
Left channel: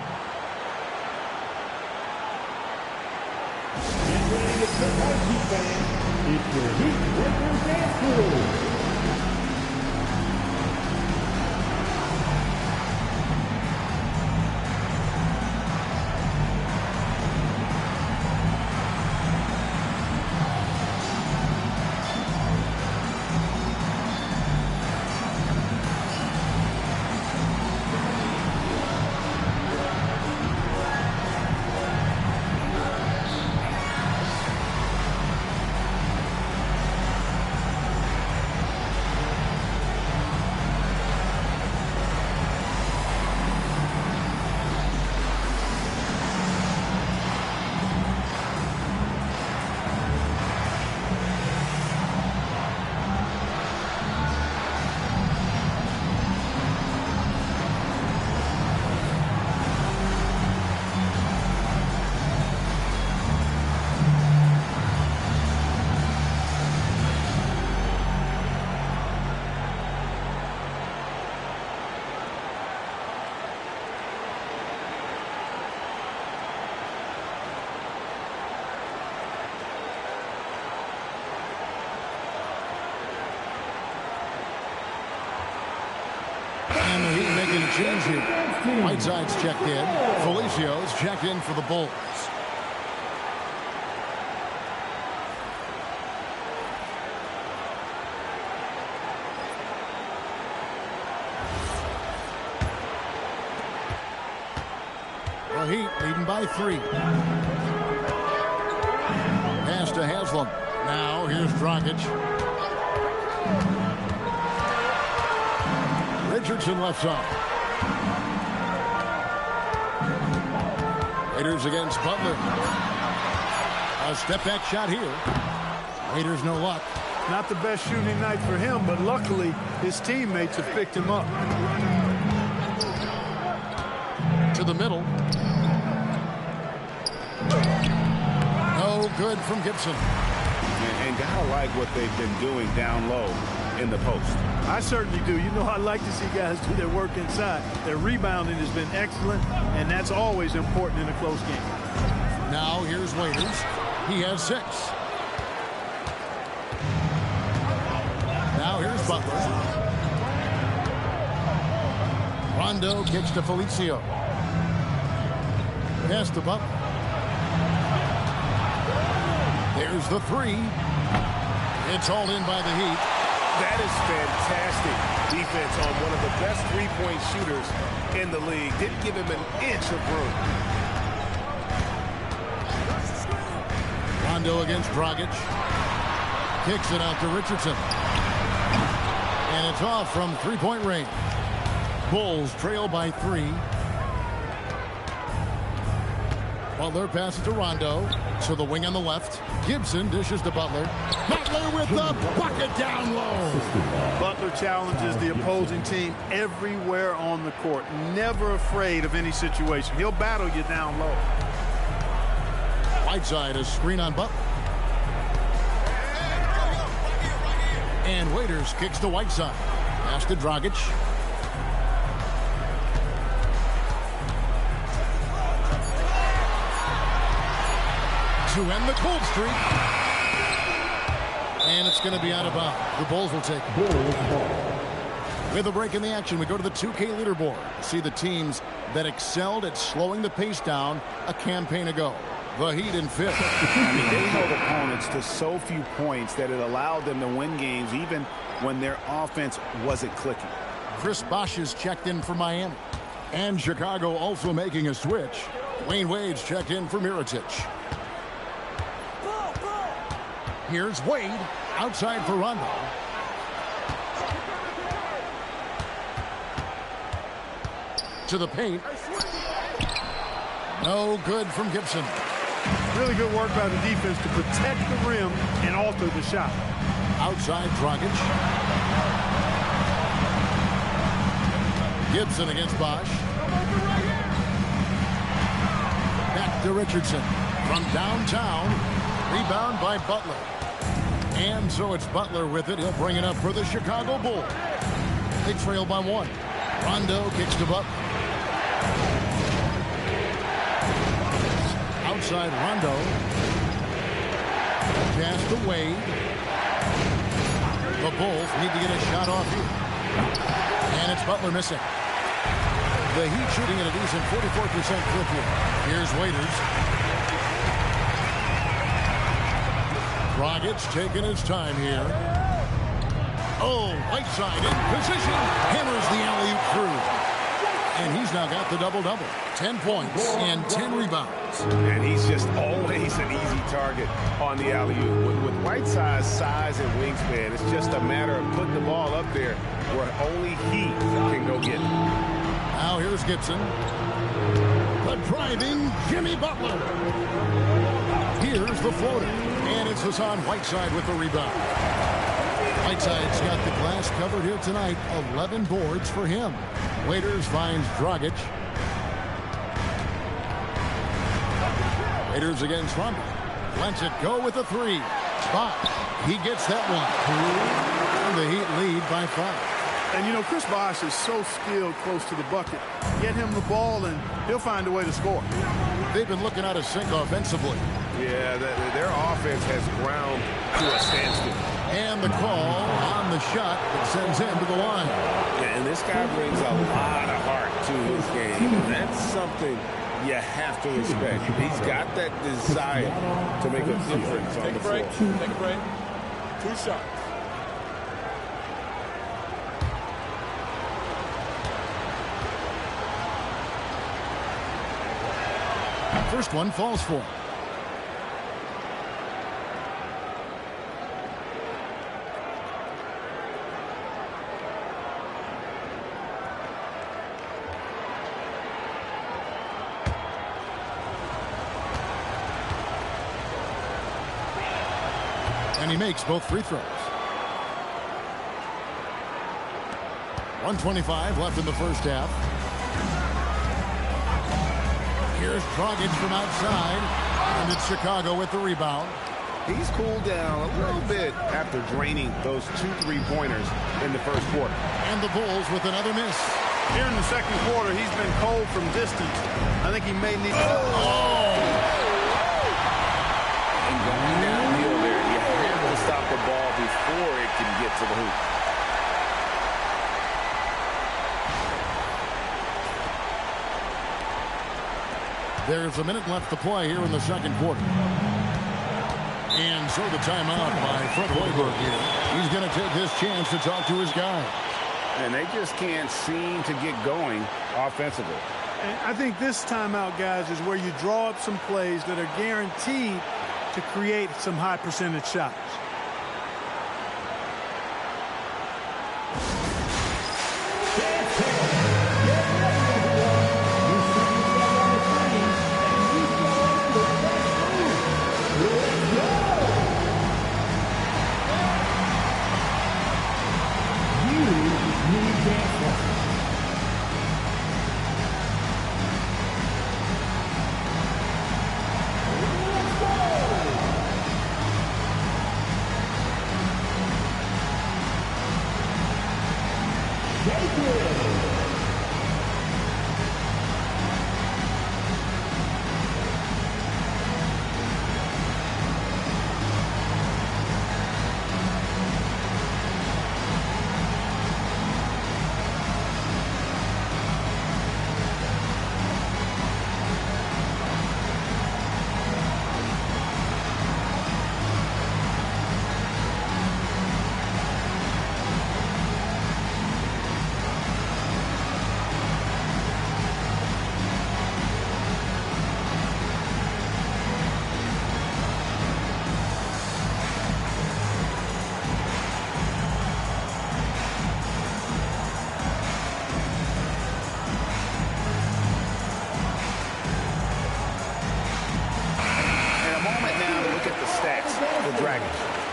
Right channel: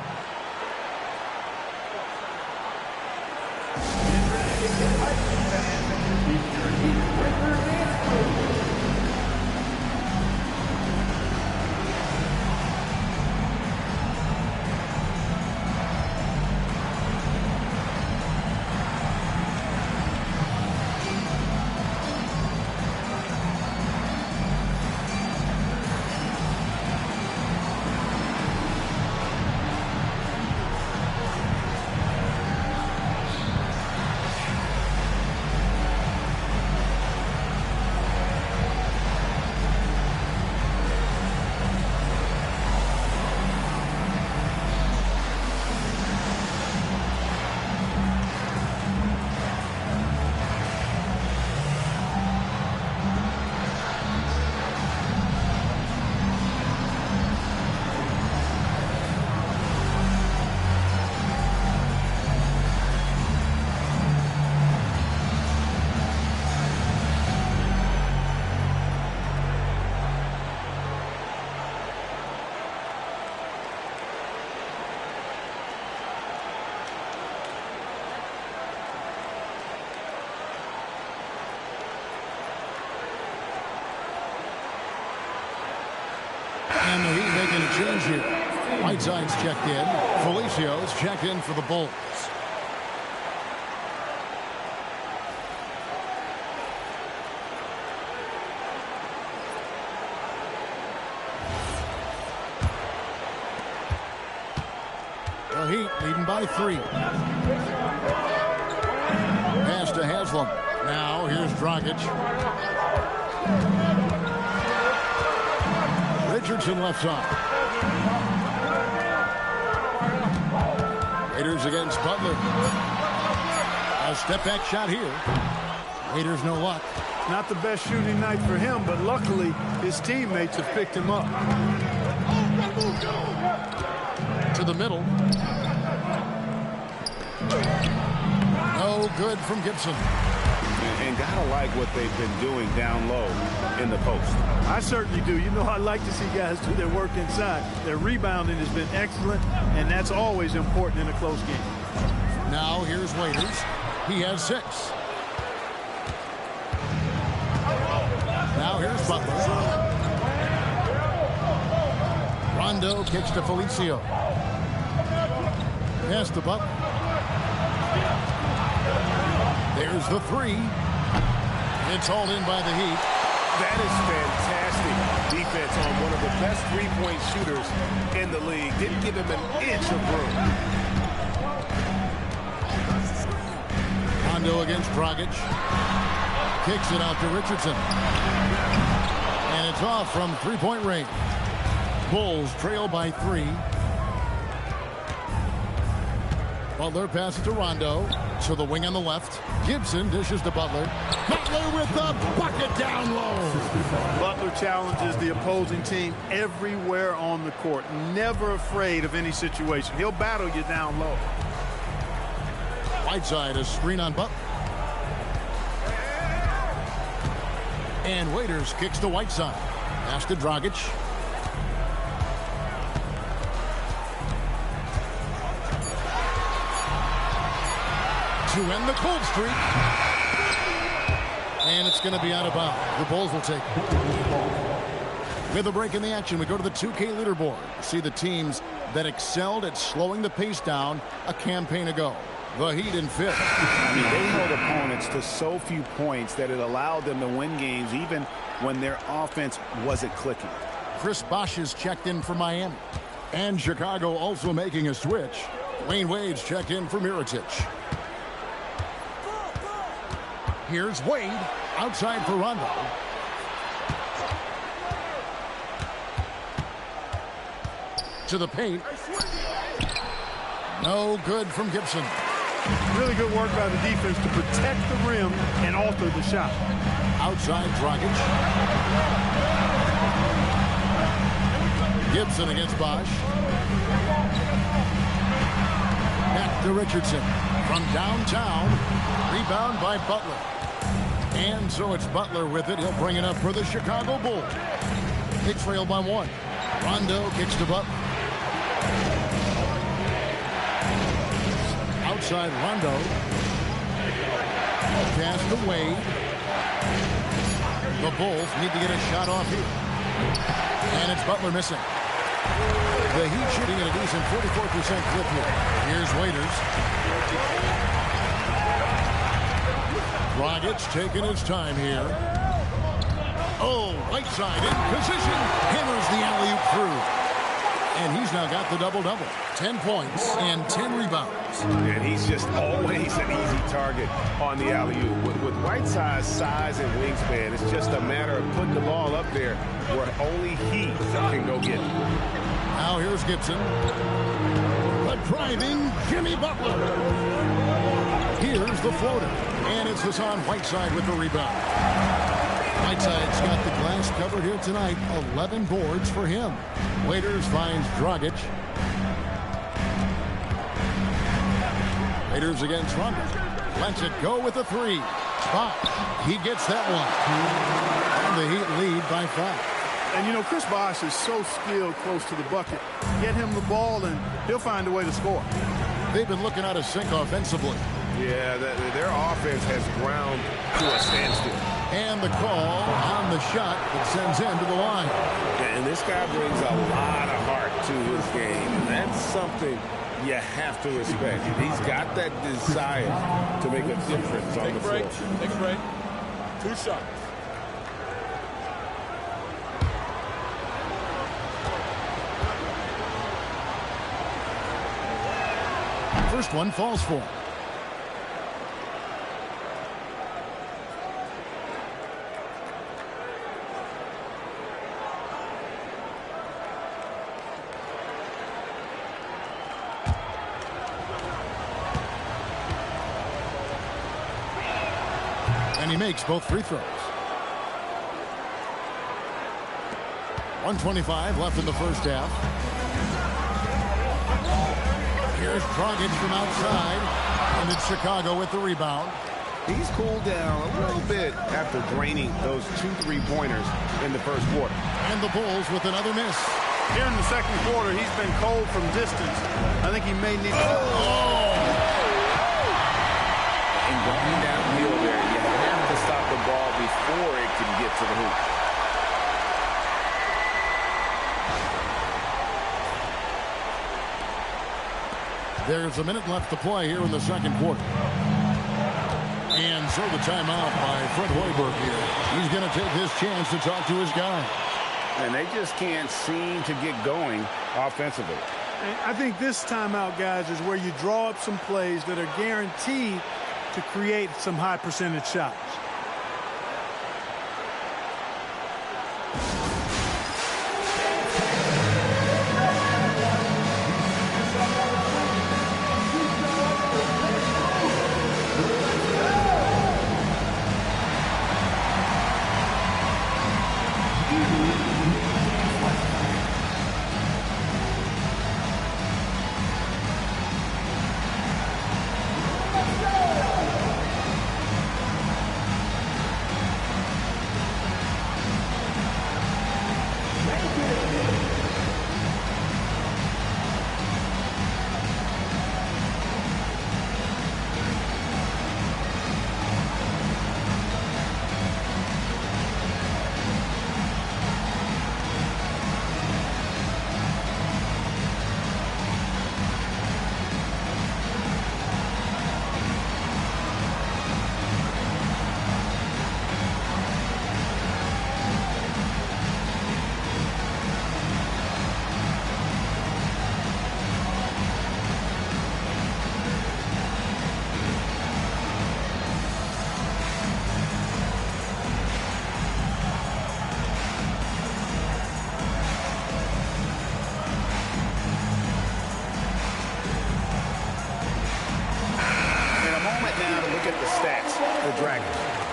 And the Heat making a change here. Whiteside's checked in. Felicio's checked in for the Bulls. The Heat leading by 3. Pass to Haslem. Now here's Dragic. Richardson left side. Raiders against Butler. A step back shot here. Raiders no luck. Not the best shooting night for him, but luckily his teammates have picked him up. To the middle. No good from Gibson. And gotta like what they've been doing down low in the post. I certainly do. You know, I like to see guys do their work inside. Their rebounding has been excellent, and that's always important in a close game. Now here's Waiters. He has 6. Now here's Butler. Rondo kicks to Felicio. Pass to Butler. There's the 3. It's hauled in by the Heat. That is fantastic defense on one of the best three-point shooters in the league. Didn't give him an inch of room. Rondo against Dragic. Kicks it out to Richardson. And it's off from three-point range. Bulls trail by 3. Butler passes to Rondo. To the wing on the left. Gibson dishes to Butler. Butler with the bucket down low. Butler challenges the opposing team everywhere on the court. Never afraid of any situation. He'll battle you down low. Whiteside, a screen on Butler. And Waiters kicks to Whiteside. Pass to Dragic. To end the cold streak. And it's going to be out of bounds. The Bulls will take it. With a break in the action, we go to the 2K leaderboard to see the teams that excelled at slowing the pace down a campaign ago. The Heat in 5th. I mean, they held opponents to so few points that it allowed them to win games even when their offense wasn't clicking. Chris Bosh is checked in for Miami. And Chicago also making a switch. Wayne Wade's checked in for Mirotic. Here's Wade outside for Rondo. To the paint. No good from Gibson. Really good work by the defense to protect the rim and alter the shot. Outside Dragic. Gibson against Bosh. Back to Richardson. From downtown. Rebound by Butler. And so it's Butler with it. He'll bring it up for the Chicago Bulls. They trail by 1. Rondo kicks to Butler. Outside Rondo. Pass to Wade. The Bulls need to get a shot off here. And it's Butler missing. The Heat shooting at a decent 44% clip here. Here's Waiters. Dragic taking his time here. Oh, Whiteside in position. Hammers the alley-oop through. And he's now got the double-double. 10 points and 10 rebounds. And he's just always an easy target on the alley-oop. With Whiteside's size and wingspan, it's just a matter of putting the ball up there where only he can go get it. Now here's Gibson. The driving Jimmy Butler. Here's the floater. And it's Hassan Whiteside with the rebound. Whiteside's got the glass covered here tonight. 11 boards for him. Waiters finds Dragic. Waiters against Rondo. Lets it go with a 3. Bosh. He gets that one. And the Heat lead by 5. And, you know, Chris Bosh is so skilled close to the bucket. Get him the ball, and he'll find a way to score. They've been looking out of sync offensively. Yeah, their offense has ground to a standstill. And the call on the shot that sends him to the line. Yeah, and this guy brings a lot of heart to his game, and that's something you have to respect. He's got that desire to make a difference on the floor. Take a break. 2 shots. First one falls for him. And he makes both free throws. 1:25 left in the first half. Here's Dragic from outside, and it's Chicago with the rebound. He's cooled down a little bit after draining those 2 3-pointers in the first quarter. And the Bulls with another miss. Here in the second quarter, he's been cold from distance. I think he may need to... And going downhill there, you have to stop the ball before it can get to the hoop. There's a minute left to play here in the second quarter. And so the timeout by Fred Hoiberg here. He's going to take this chance to talk to his guys. And they just can't seem to get going offensively. And I think this timeout, guys, is where you draw up some plays that are guaranteed to create some high percentage shots. Now to look at the stats for Dragic.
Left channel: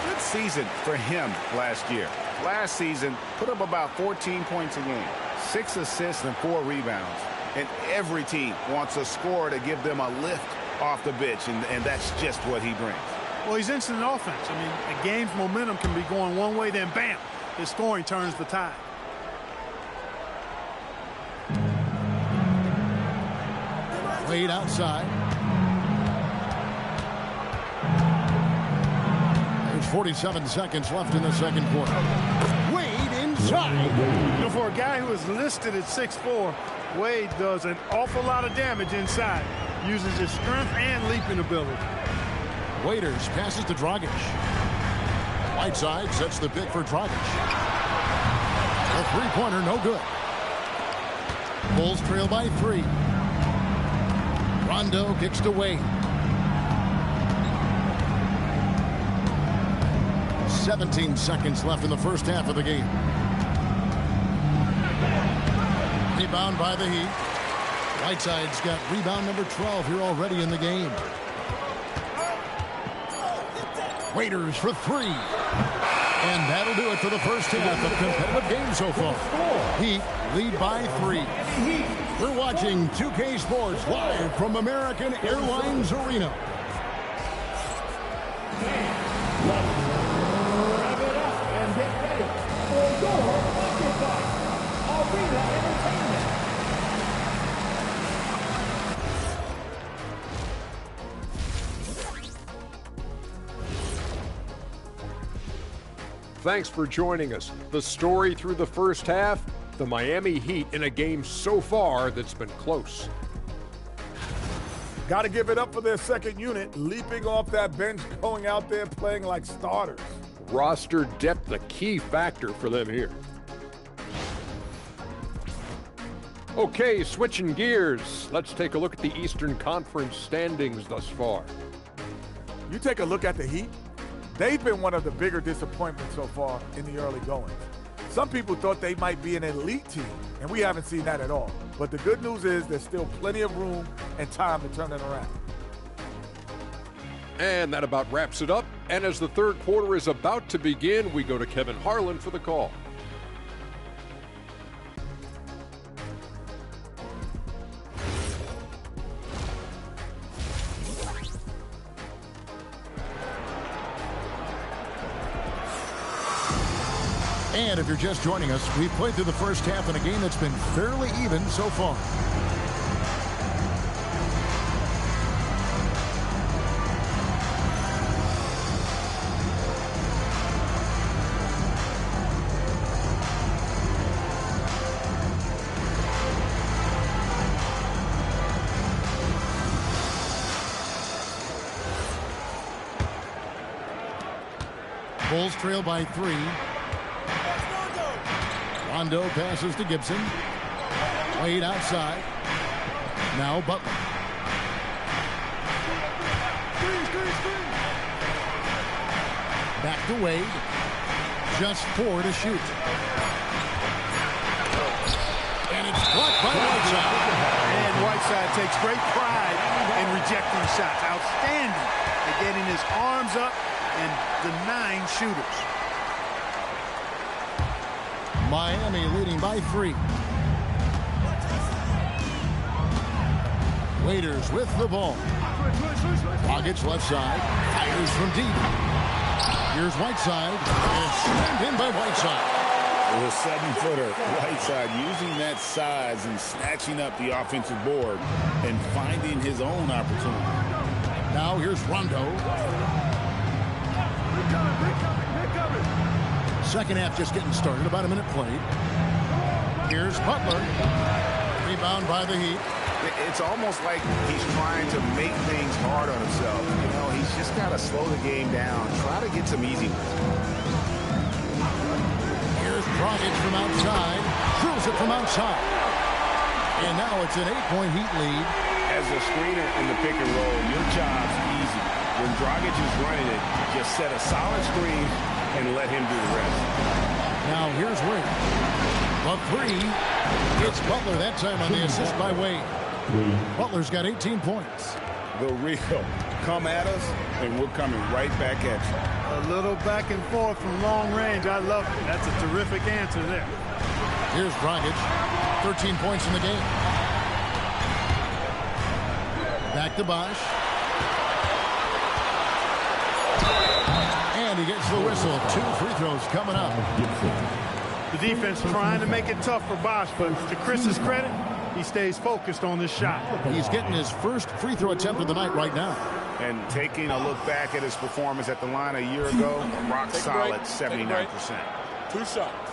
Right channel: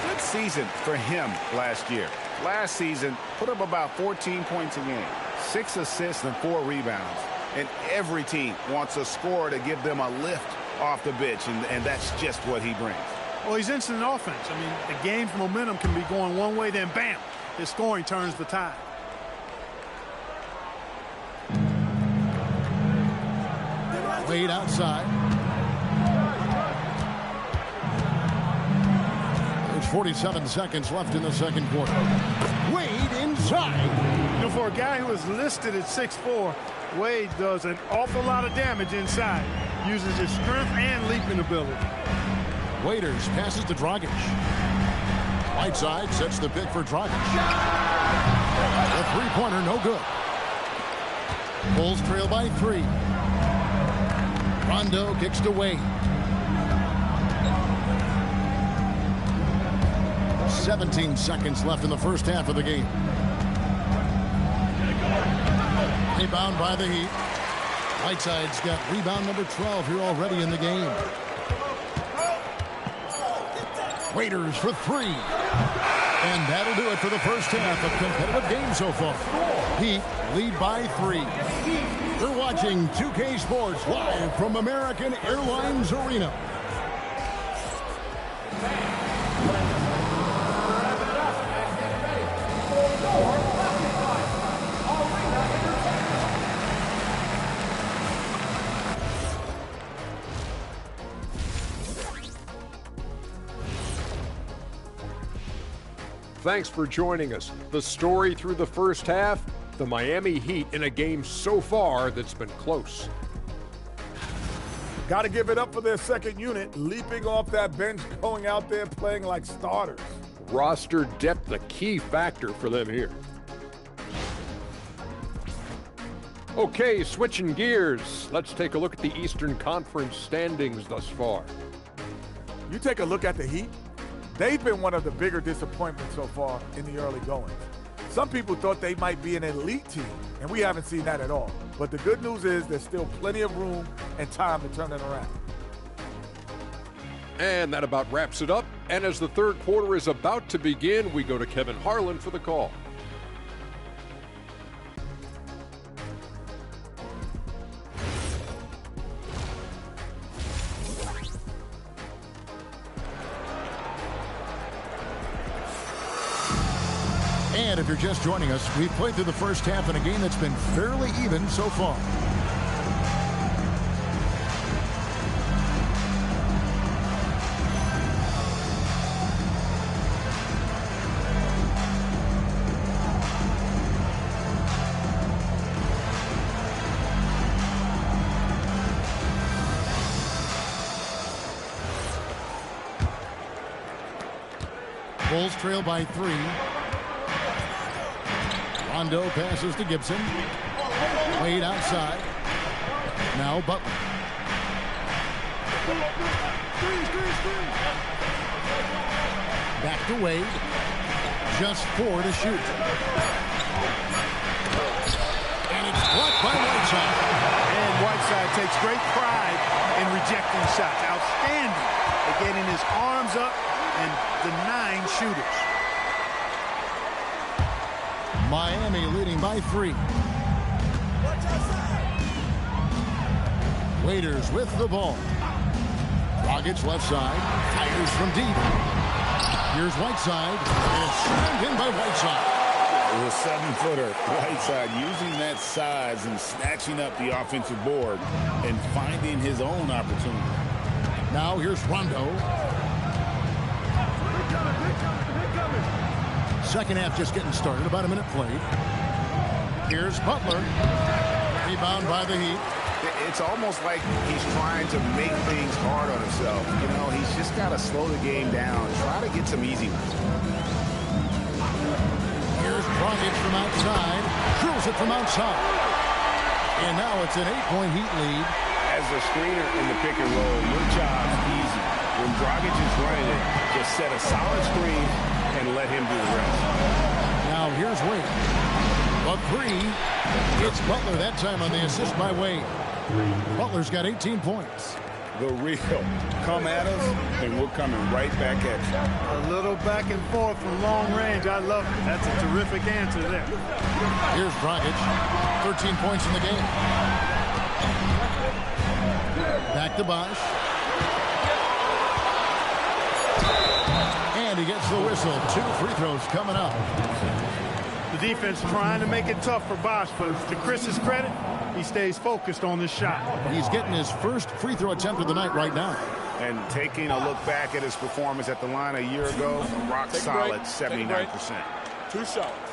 Good season for him last year. Last season, put up about 14 points a game, 6 assists and 4 rebounds. And every team wants a scorer to give them a lift off the bench, and that's just what he brings. Well, he's instant offense. I mean, the game's momentum can be going one way, then bam, his scoring turns the tide. Wade outside. There's 47 seconds left in the second quarter. Wade inside. You know, for a guy who is listed at 6'4", Wade does an awful lot of damage inside. Uses his strength and leaping ability. Waiters passes to Dragic. Whiteside sets the pick for Dragic. The three-pointer, no good. Bulls trail by 3. Rondo kicks to Wade. 17 seconds left in the first half of the game. Rebound by the Heat. Whiteside's got rebound number 12 here already in the game. Waiters for 3. And that'll do it for the first half of competitive game so far. Heat lead by 3. We're watching 2K Sports live from American Airlines Arena. Thanks for joining us. The story through the first half, the Miami Heat in a game so far that's been close. Got to give it up for their second unit, leaping off that bench, going out there playing like starters. Roster depth, the key factor for them here. Okay, switching gears. Let's take a look at the Eastern Conference standings thus far. You take a look at the Heat. They've been one of the bigger disappointments so far in the early goings. Some people thought they might be an elite team, and we haven't seen that at all. But the good news is there's still plenty of room and time to turn it around. And that about wraps it up. And as the third quarter is about to begin, we go to Kevin Harlan for the call. And if you're just joining us, we've played through the first half in a game that's been fairly even so far. Bulls trail by 3. Rondo passes to Gibson. Wade outside. Now Butler. Back to Wade. Just 4 to shoot. And it's blocked by Whiteside. And Whiteside takes great pride in rejecting shots. Outstanding at getting his arms up and denying shooters. Miami leading by 3. Waiters with the ball. Dragic left side. Fires from deep. Here's Whiteside. And it's slammed in by Whiteside. The 7-footer, Whiteside, using that size and snatching up the offensive board and finding his own opportunity. Now here's Rondo. Second half just getting started. About a minute played. Here's Butler. Rebound by the Heat. It's almost like he's trying to make things hard on himself. You know, he's just got to slow the game down. Try to get some easy ones. Here's Dragic from outside. Drills it from outside. And now it's an 8-point Heat lead. As a screener in the pick and roll, your job's easy. When Dragic is running it, just set a solid screen and let him do the rest. Now here's Wade. The 3. It's Butler that time on the assist by Wade. Butler's got 18 points. The real come at us, and we're coming right back at you. A little back and forth from long range. I love it. That's a terrific answer there. Here's Dragic. 13 points in the game. Back to Bosh. And he gets the whistle. 2 free throws coming up. The defense trying to make it tough for Bosh, but to Chris's credit, he stays focused on this shot. He's getting his first free throw attempt of the night right now. And taking a look back at his performance at the line a year ago, rock solid 79%. 2 shots.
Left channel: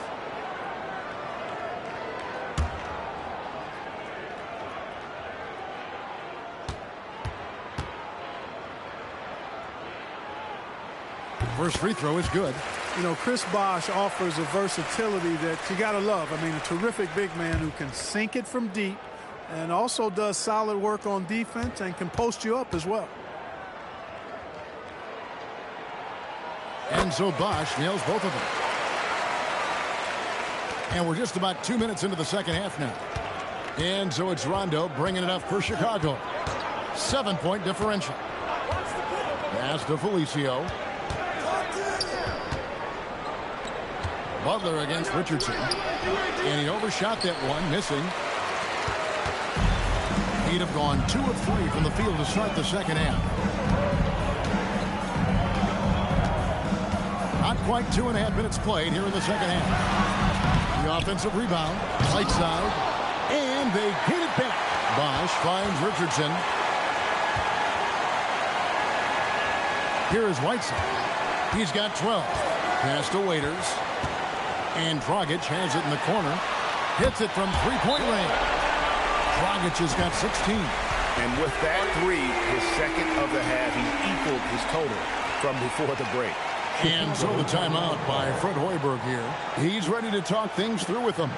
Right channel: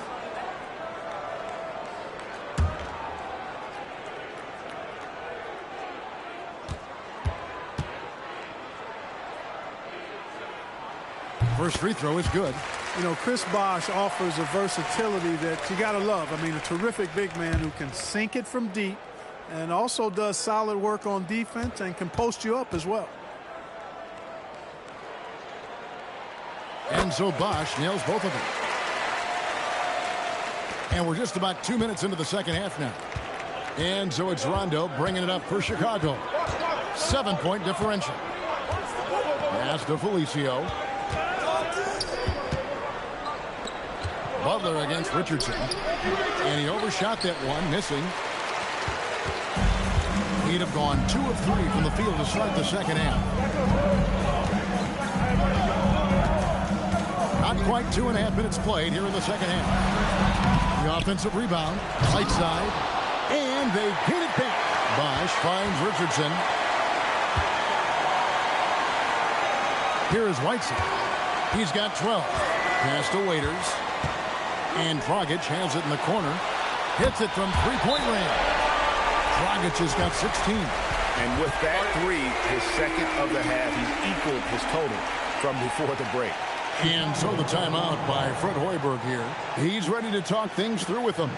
First free throw is good. You know, Chris Bosh offers a versatility that you got to love. I mean, a terrific big man who can sink it from deep and also does solid work on defense and can post you up as well. And so Bosh nails both of them. And we're just about 2 minutes into the second half now. And so it's Rondo bringing it up for Chicago. 7-point differential. Pass to Felicio. Butler against Richardson. And he overshot that one, missing. He'd have gone 2 of 3 from the field to start the second half. Not quite 2.5 minutes played here in the second half. The offensive rebound, right side, and they get it back. Bosh finds Richardson. Here is Whiteside. He's got 12. Pass to Waiters. And Dragic has it in the corner. Hits it from 3-point range. Dragic has got 16. And with that 3, his second of the half, he's equaled his total from before the break. And so the timeout by Fred Hoiberg here. He's ready to talk things through with them.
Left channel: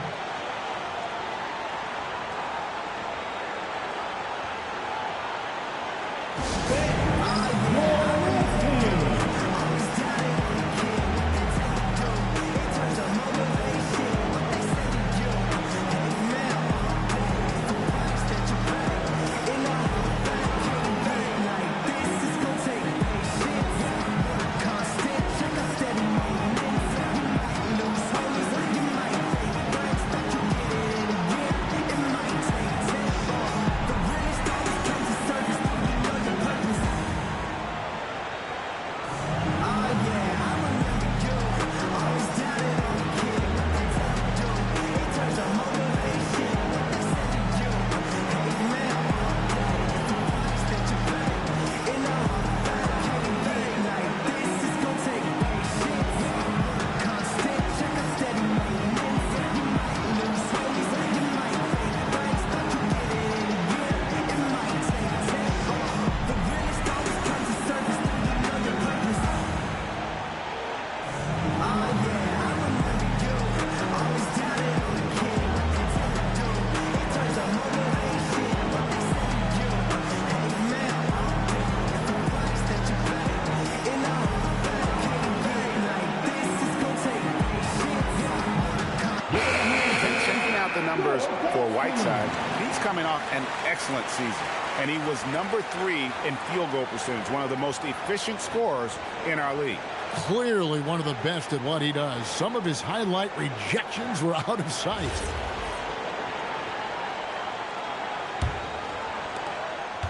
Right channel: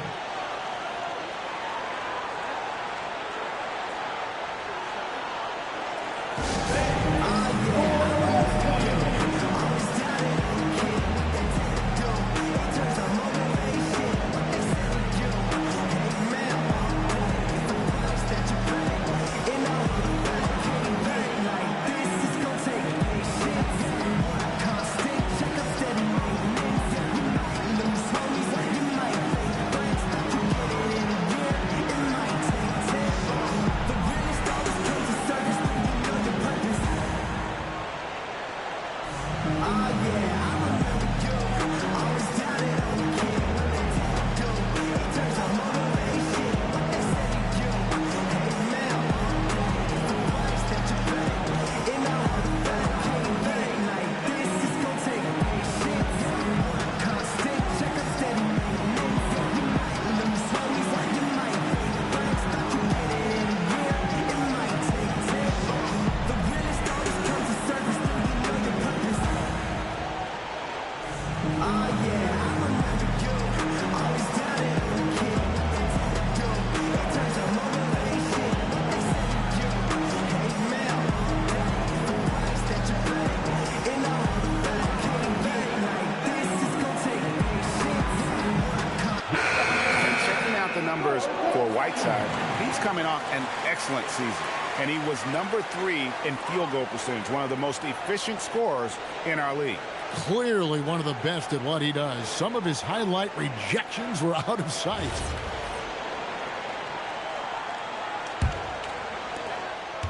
the numbers for Whiteside, he's coming off an excellent season. And he was number 3 in field goal percentage, one of the most efficient scorers in our league. Clearly one of the best at what he does. Some of his highlight rejections were out of sight.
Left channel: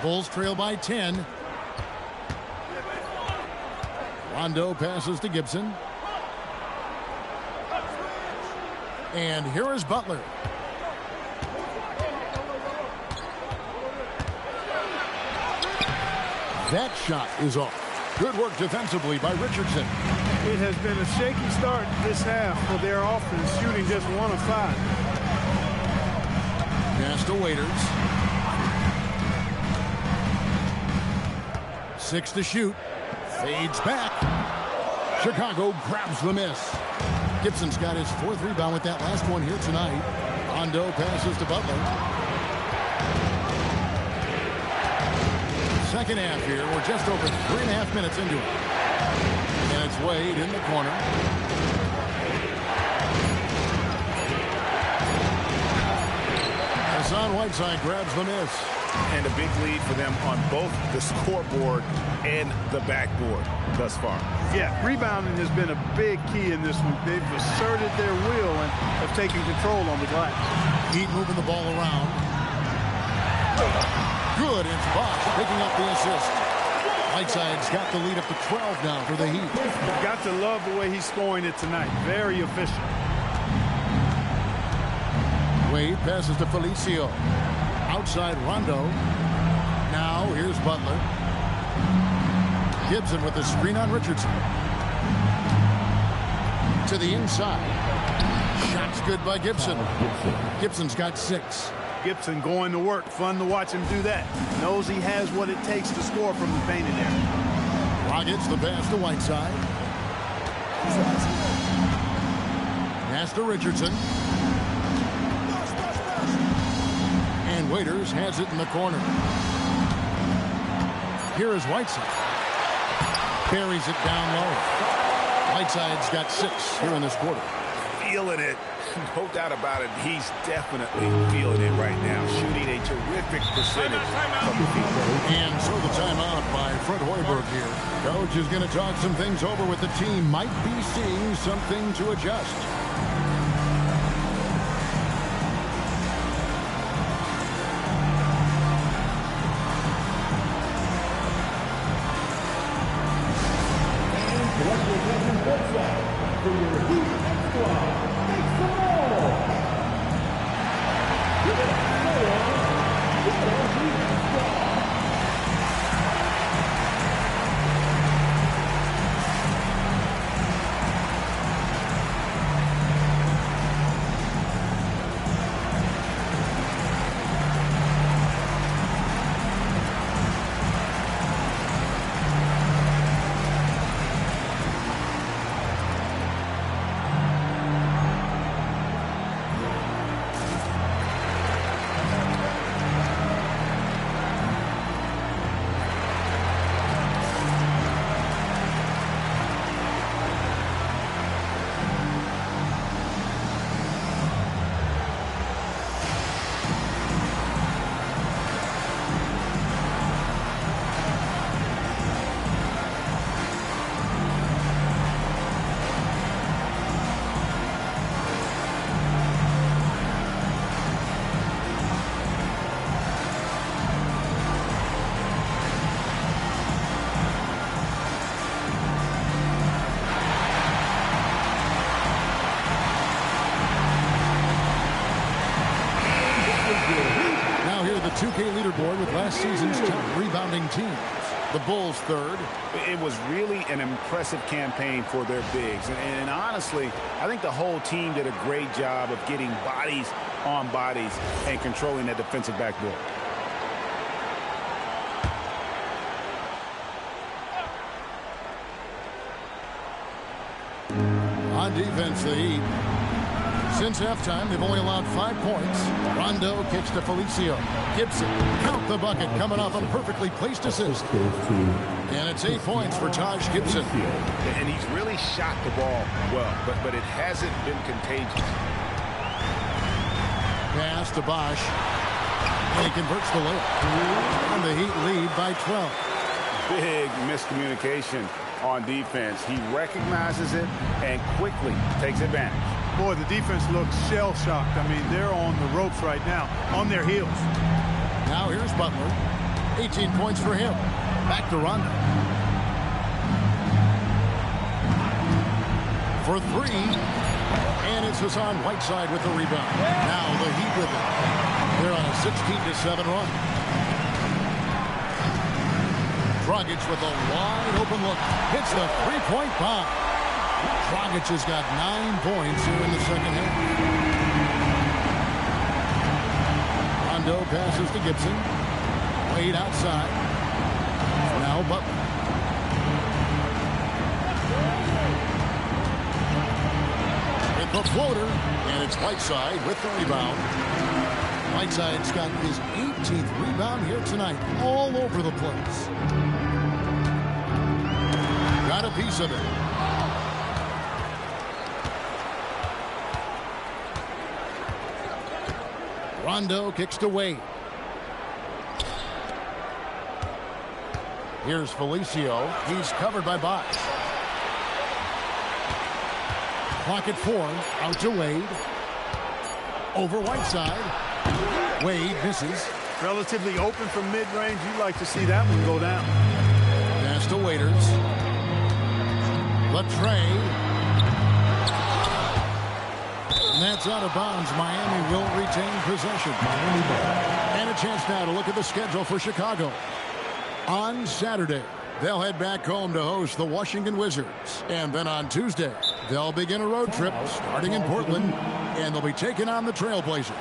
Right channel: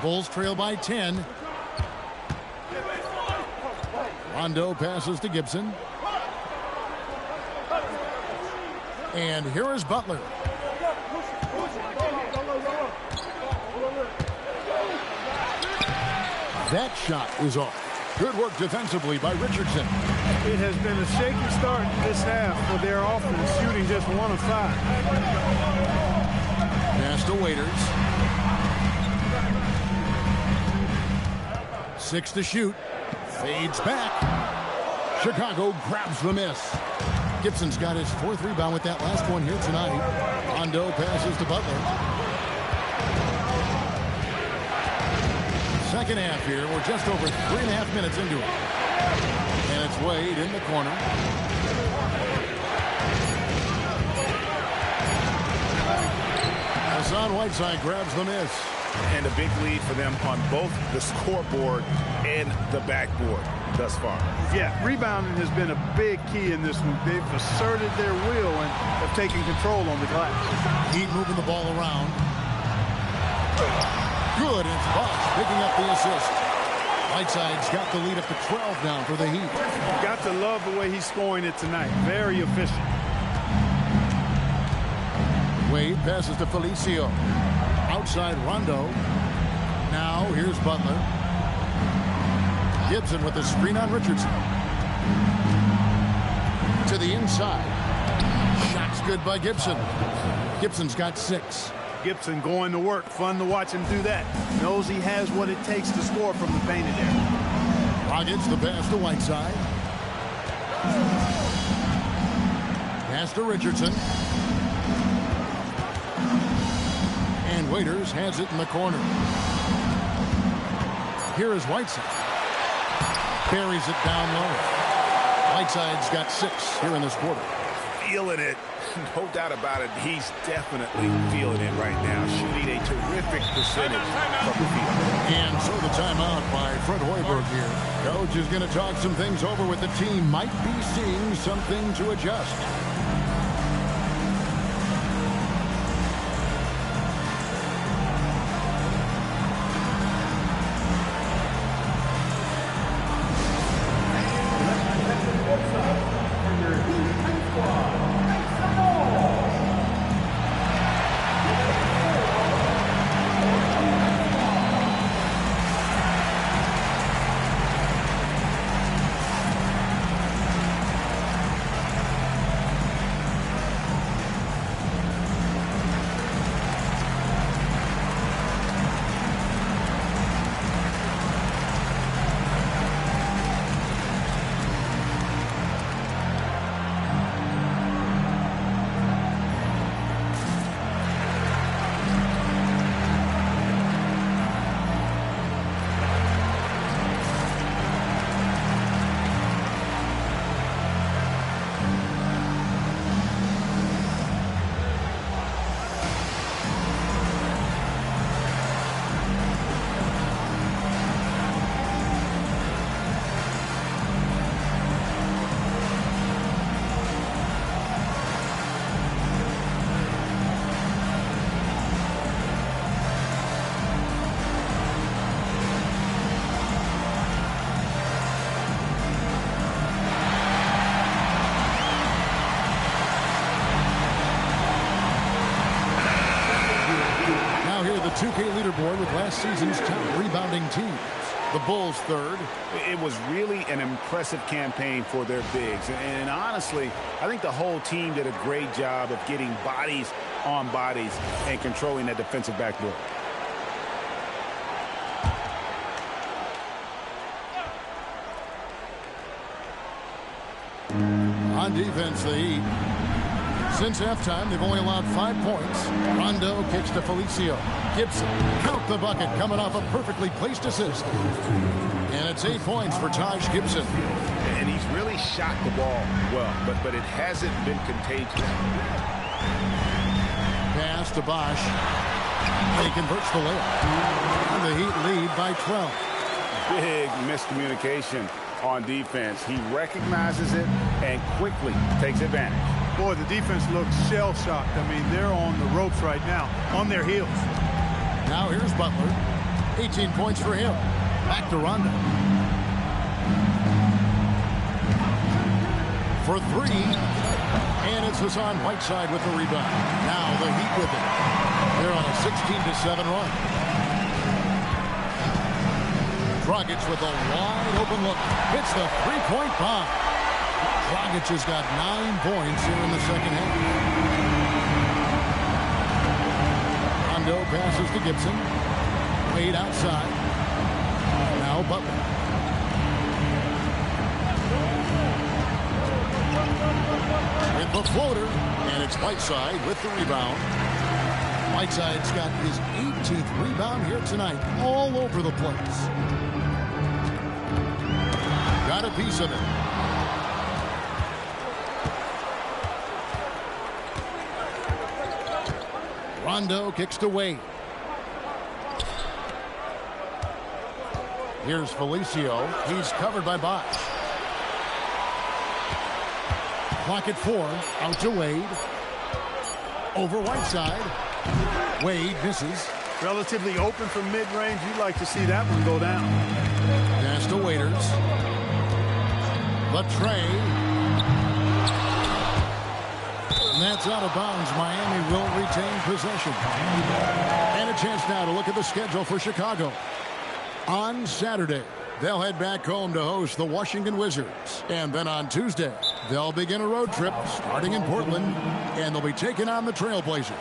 Bulls trail by 10. Rondo passes to Gibson. And here is Butler. That shot is off. Good work defensively by Richardson. It has been a shaky start this half for their offense, shooting just 1 of 5. Pass to Waiters. 6 to shoot. Fades back. Chicago grabs the miss. Gibson's got his 4th rebound with that last one here tonight. Rondo passes to Butler. Second half here. We're just over 3.5 minutes into it. And it's Wade in the corner. Hassan Whiteside grabs the miss. And a big lead for them on both the scoreboard and the backboard thus far. Yeah, rebounding has been a big key in this one. They've asserted their will and have taken control on the glass. Heat moving the ball around. Good, and it's Bosh picking up the assist. Whiteside's got the lead up to 12 now for the Heat. You've got to love the way he's scoring it tonight. Very efficient. Wade passes to Felicio. Outside Rondo. Now here's Butler. Gibson with the screen on Richardson. To the inside. Shot's good by Gibson. Gibson's got 6. Gibson going to work. Fun to watch him do that. Knows he has what it takes to score from the painted area. Rockets the pass to Whiteside. Pass to Richardson. And Waiters has it in the corner. Here is Whiteside. Carries it down low. Whiteside's got 6 here in this quarter. Feeling it. No doubt about it. He's definitely feeling it right now. Shooting a terrific percentage from the field. And so the timeout by Fred Hoiberg here. Coach is going to talk some things over with the team. Might be seeing something to adjust. Now here the 2K leaderboard with last season's top rebounding teams. The Bulls 3rd. It was really an impressive campaign for their bigs. And honestly, I think the whole team did a great job of getting bodies on bodies and controlling that defensive backboard. On defense, the Heat. Since halftime, they've only allowed 5 points. Rondo kicks to Felicio. Gibson, count the bucket, coming off a perfectly placed assist. And it's 8 points for Taj Gibson. And he's really shot the ball well, but it hasn't been contagious. pass to Bosch. And he converts the layup. And the Heat lead by 12. Big miscommunication on defense. He recognizes it and quickly takes advantage. Boy, the defense looks shell-shocked. I mean, they're on the ropes right now, on their heels. Now here's Butler. 18 points for him. Back to Rondo. For three. And it's Hassan Whiteside with the rebound. Now the Heat with it. They're on a 16-7 run. Dragic with a wide open look. Hits the three-point bomb. Dragic has got 9 points here in the second half. Rondo passes to Gibson. Wade outside. Now Butler. With the floater. And it's Whiteside with the rebound. Whiteside's got his 18th rebound here tonight. All over the place. Got a piece of it. Rondo kicks to Wade. Here's Felicio. He's covered by Bosch. Clock at 4. Out to Wade. Over Whiteside. Wade misses. Relatively open from mid-range. You'd like to see that one go down. Pass to Waiters. Latrey. And that's out of bounds. Miami will retain possession. And a chance now to look at the schedule for Chicago. On Saturday, they'll head back home to host the Washington Wizards. And then on Tuesday, they'll begin a road trip starting in Portland. And they'll be taking on the Trailblazers.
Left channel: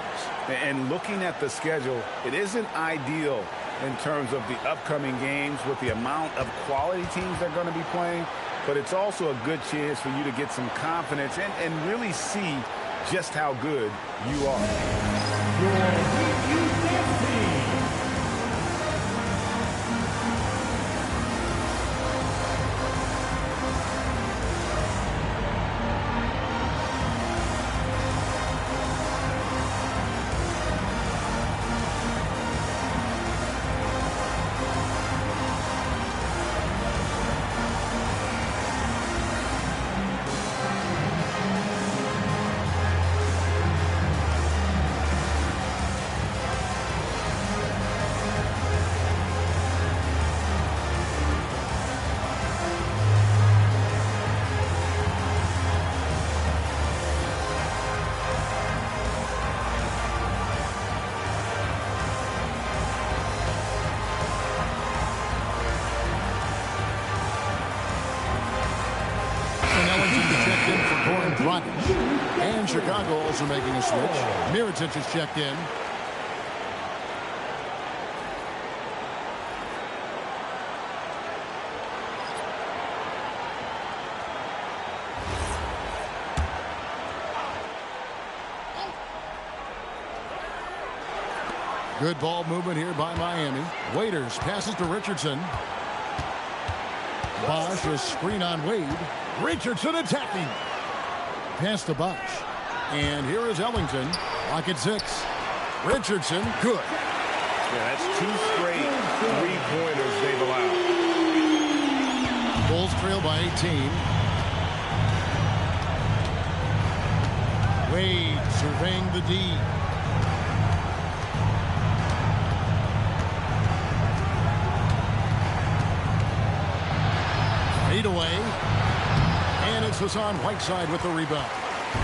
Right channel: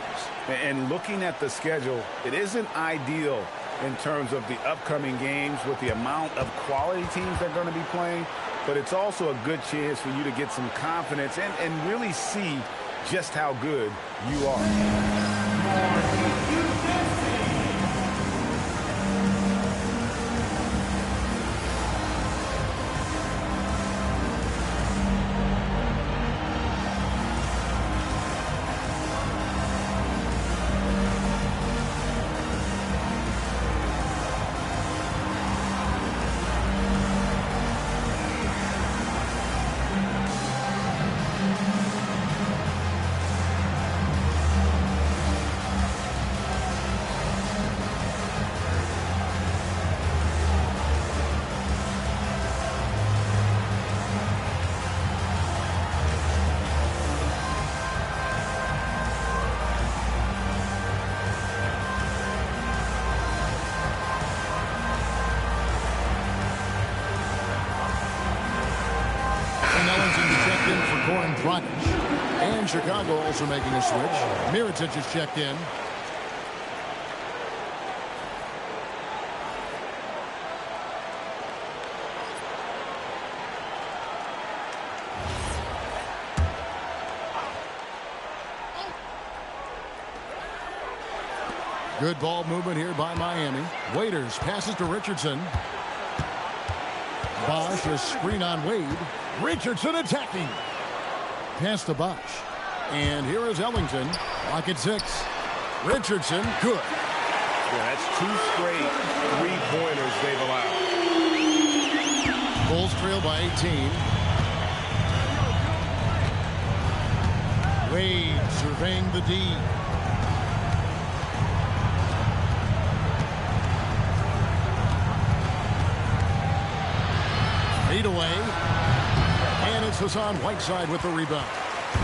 And looking at the schedule, it isn't ideal in terms of the upcoming games with the amount of quality teams they're going to be playing. But it's also a good chance for you to get some confidence and really see just how good you are. Checked in for Goran Dragic. And Chicago also making a switch. Mirotic is checked in. Good ball movement here by Miami. Waiters passes to Richardson. Bosch, a screen on Wade. Richardson attacking. Pass to Bosch. And here is Ellington. Clock at 6. Richardson, good. Yeah, that's 2 straight three-pointers they've allowed. Bulls trail by 18. Wade surveying the D. Fade away. And it's Hassan Whiteside with the rebound.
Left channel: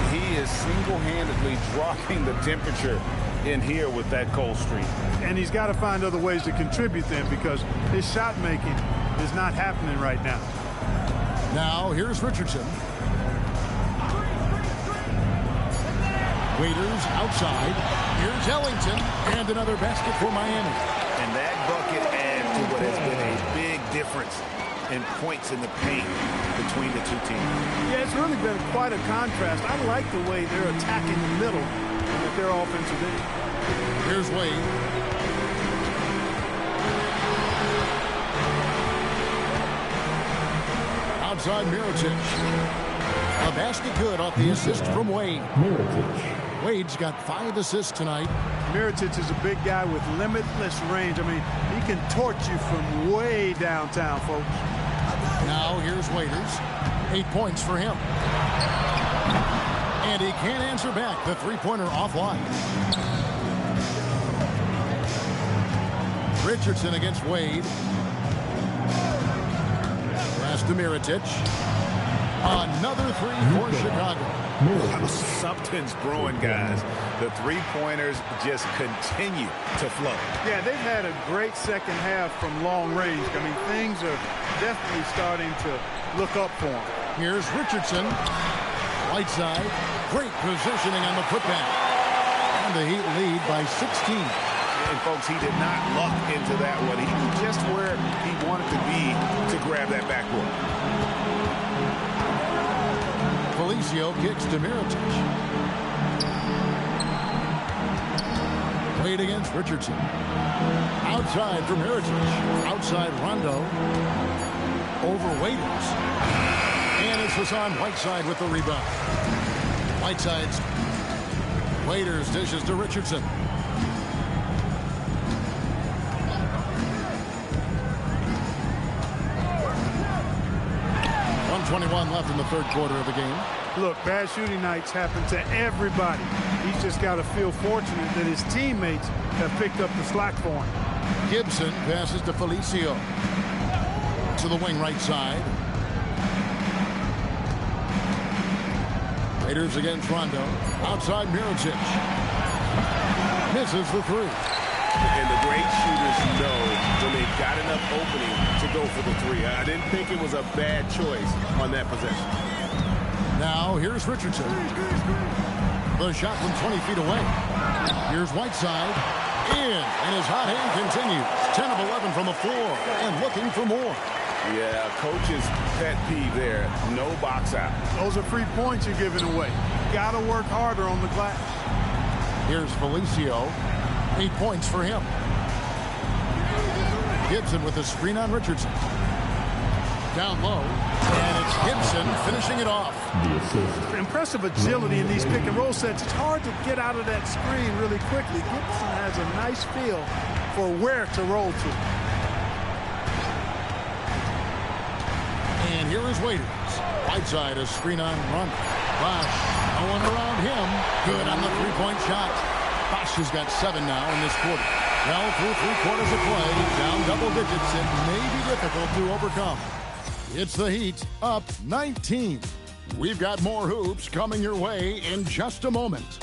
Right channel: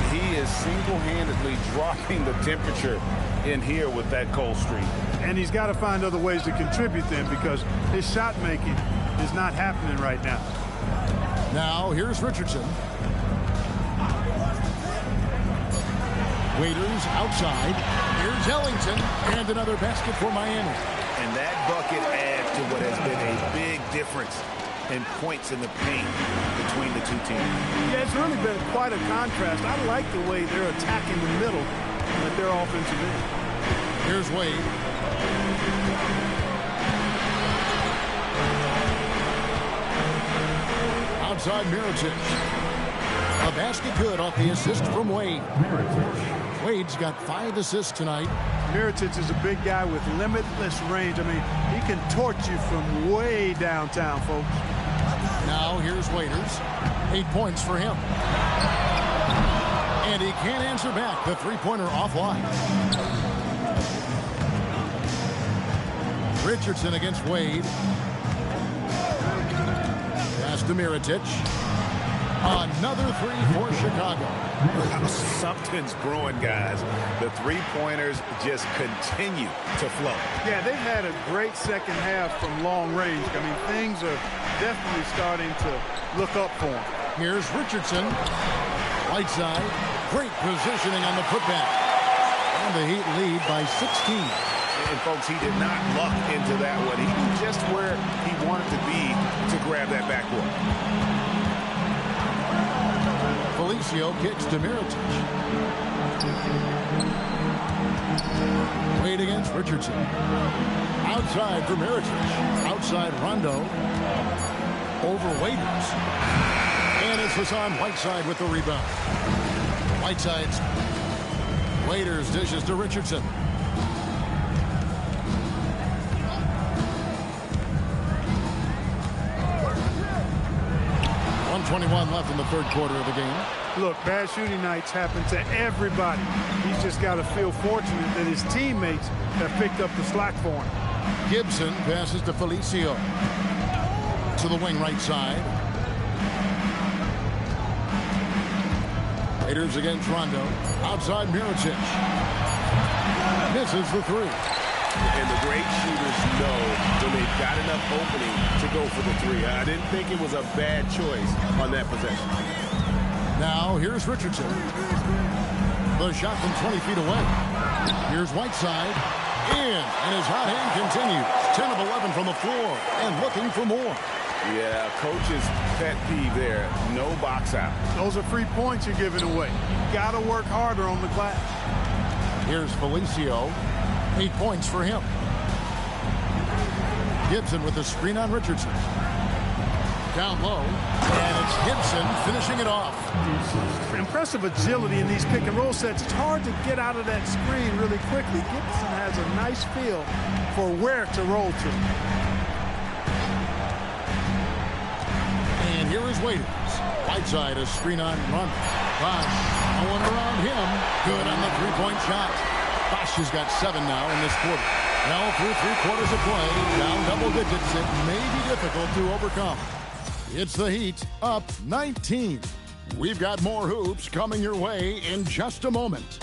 He is single-handedly dropping the temperature in here with that cold streak. And he's got to find other ways to contribute then because his shot making is not happening right now. Now here's Richardson. Waiters outside. Here's Ellington. And another basket for Miami. And that bucket adds to what has been a big difference in points in the paint between the two teams. Yeah, it's really been quite a contrast. I like the way they're attacking the middle at their offensive end. Here's Wade. Outside Mirotic. A basket good off the assist from Wade. Mirotic. Wade's got 5 assists tonight. Mirotic is a big guy with limitless range. I mean, he can torch you from way downtown, folks. Now here's Waiters. 8 points for him. And he can't answer back. The three-pointer offline. Richardson against Wade. Pass to Mirotic. Another 3 for Chicago. Something's brewing, guys. The three-pointers just continue to flow. Yeah, they've had a great second half from long range. I mean, things are definitely starting to look up for him. Here's Richardson. Whiteside. Great positioning on the putback. And the Heat lead by 16. And, folks, he did not luck into that one. He knew just where he wanted to be to grab that backboard. Felicio kicks to Mirotic. Wade against Richardson. Outside for Mirotic. Outside Rondo. Over Waiters. And it's Hassan Whiteside with the rebound. Whiteside's Waiters dishes to Richardson. 1:21 left in the third quarter of the game. Look, bad shooting nights happen to everybody. He's just got to feel fortunate that his teammates have picked up the slack for him. Gibson passes to Felicio. To the wing right side. Raiders against Rondo. Outside Mirotic. Misses the three. And the great shooters know when they've got enough opening to go for the three. I didn't think it was a bad choice on that possession. Now here's Richardson. The shot from 20 feet away. Here's Whiteside. In. And his hot hand continues. 10 of 11 from the floor. And looking for more. Yeah, coach's pet peeve there. No box out. Those are free points you're giving away. You got to work harder on the glass. Here's Felicio. 8 points for him. Gibson with the screen on Richardson. Down low. And it's Gibson finishing it off. Impressive agility in these pick and roll sets. It's hard to get out of that screen really quickly. Gibson has a nice feel for where to roll to. And here is Waiters. Whiteside, a screen on run. Bosh, no one around him. Good on the three-point shot. Bosh has got 7 now in this quarter. Well, through 3 quarters of play, down double digits, it may be difficult to overcome. It's the Heat, up 19. We've got more hoops coming your way in just a moment.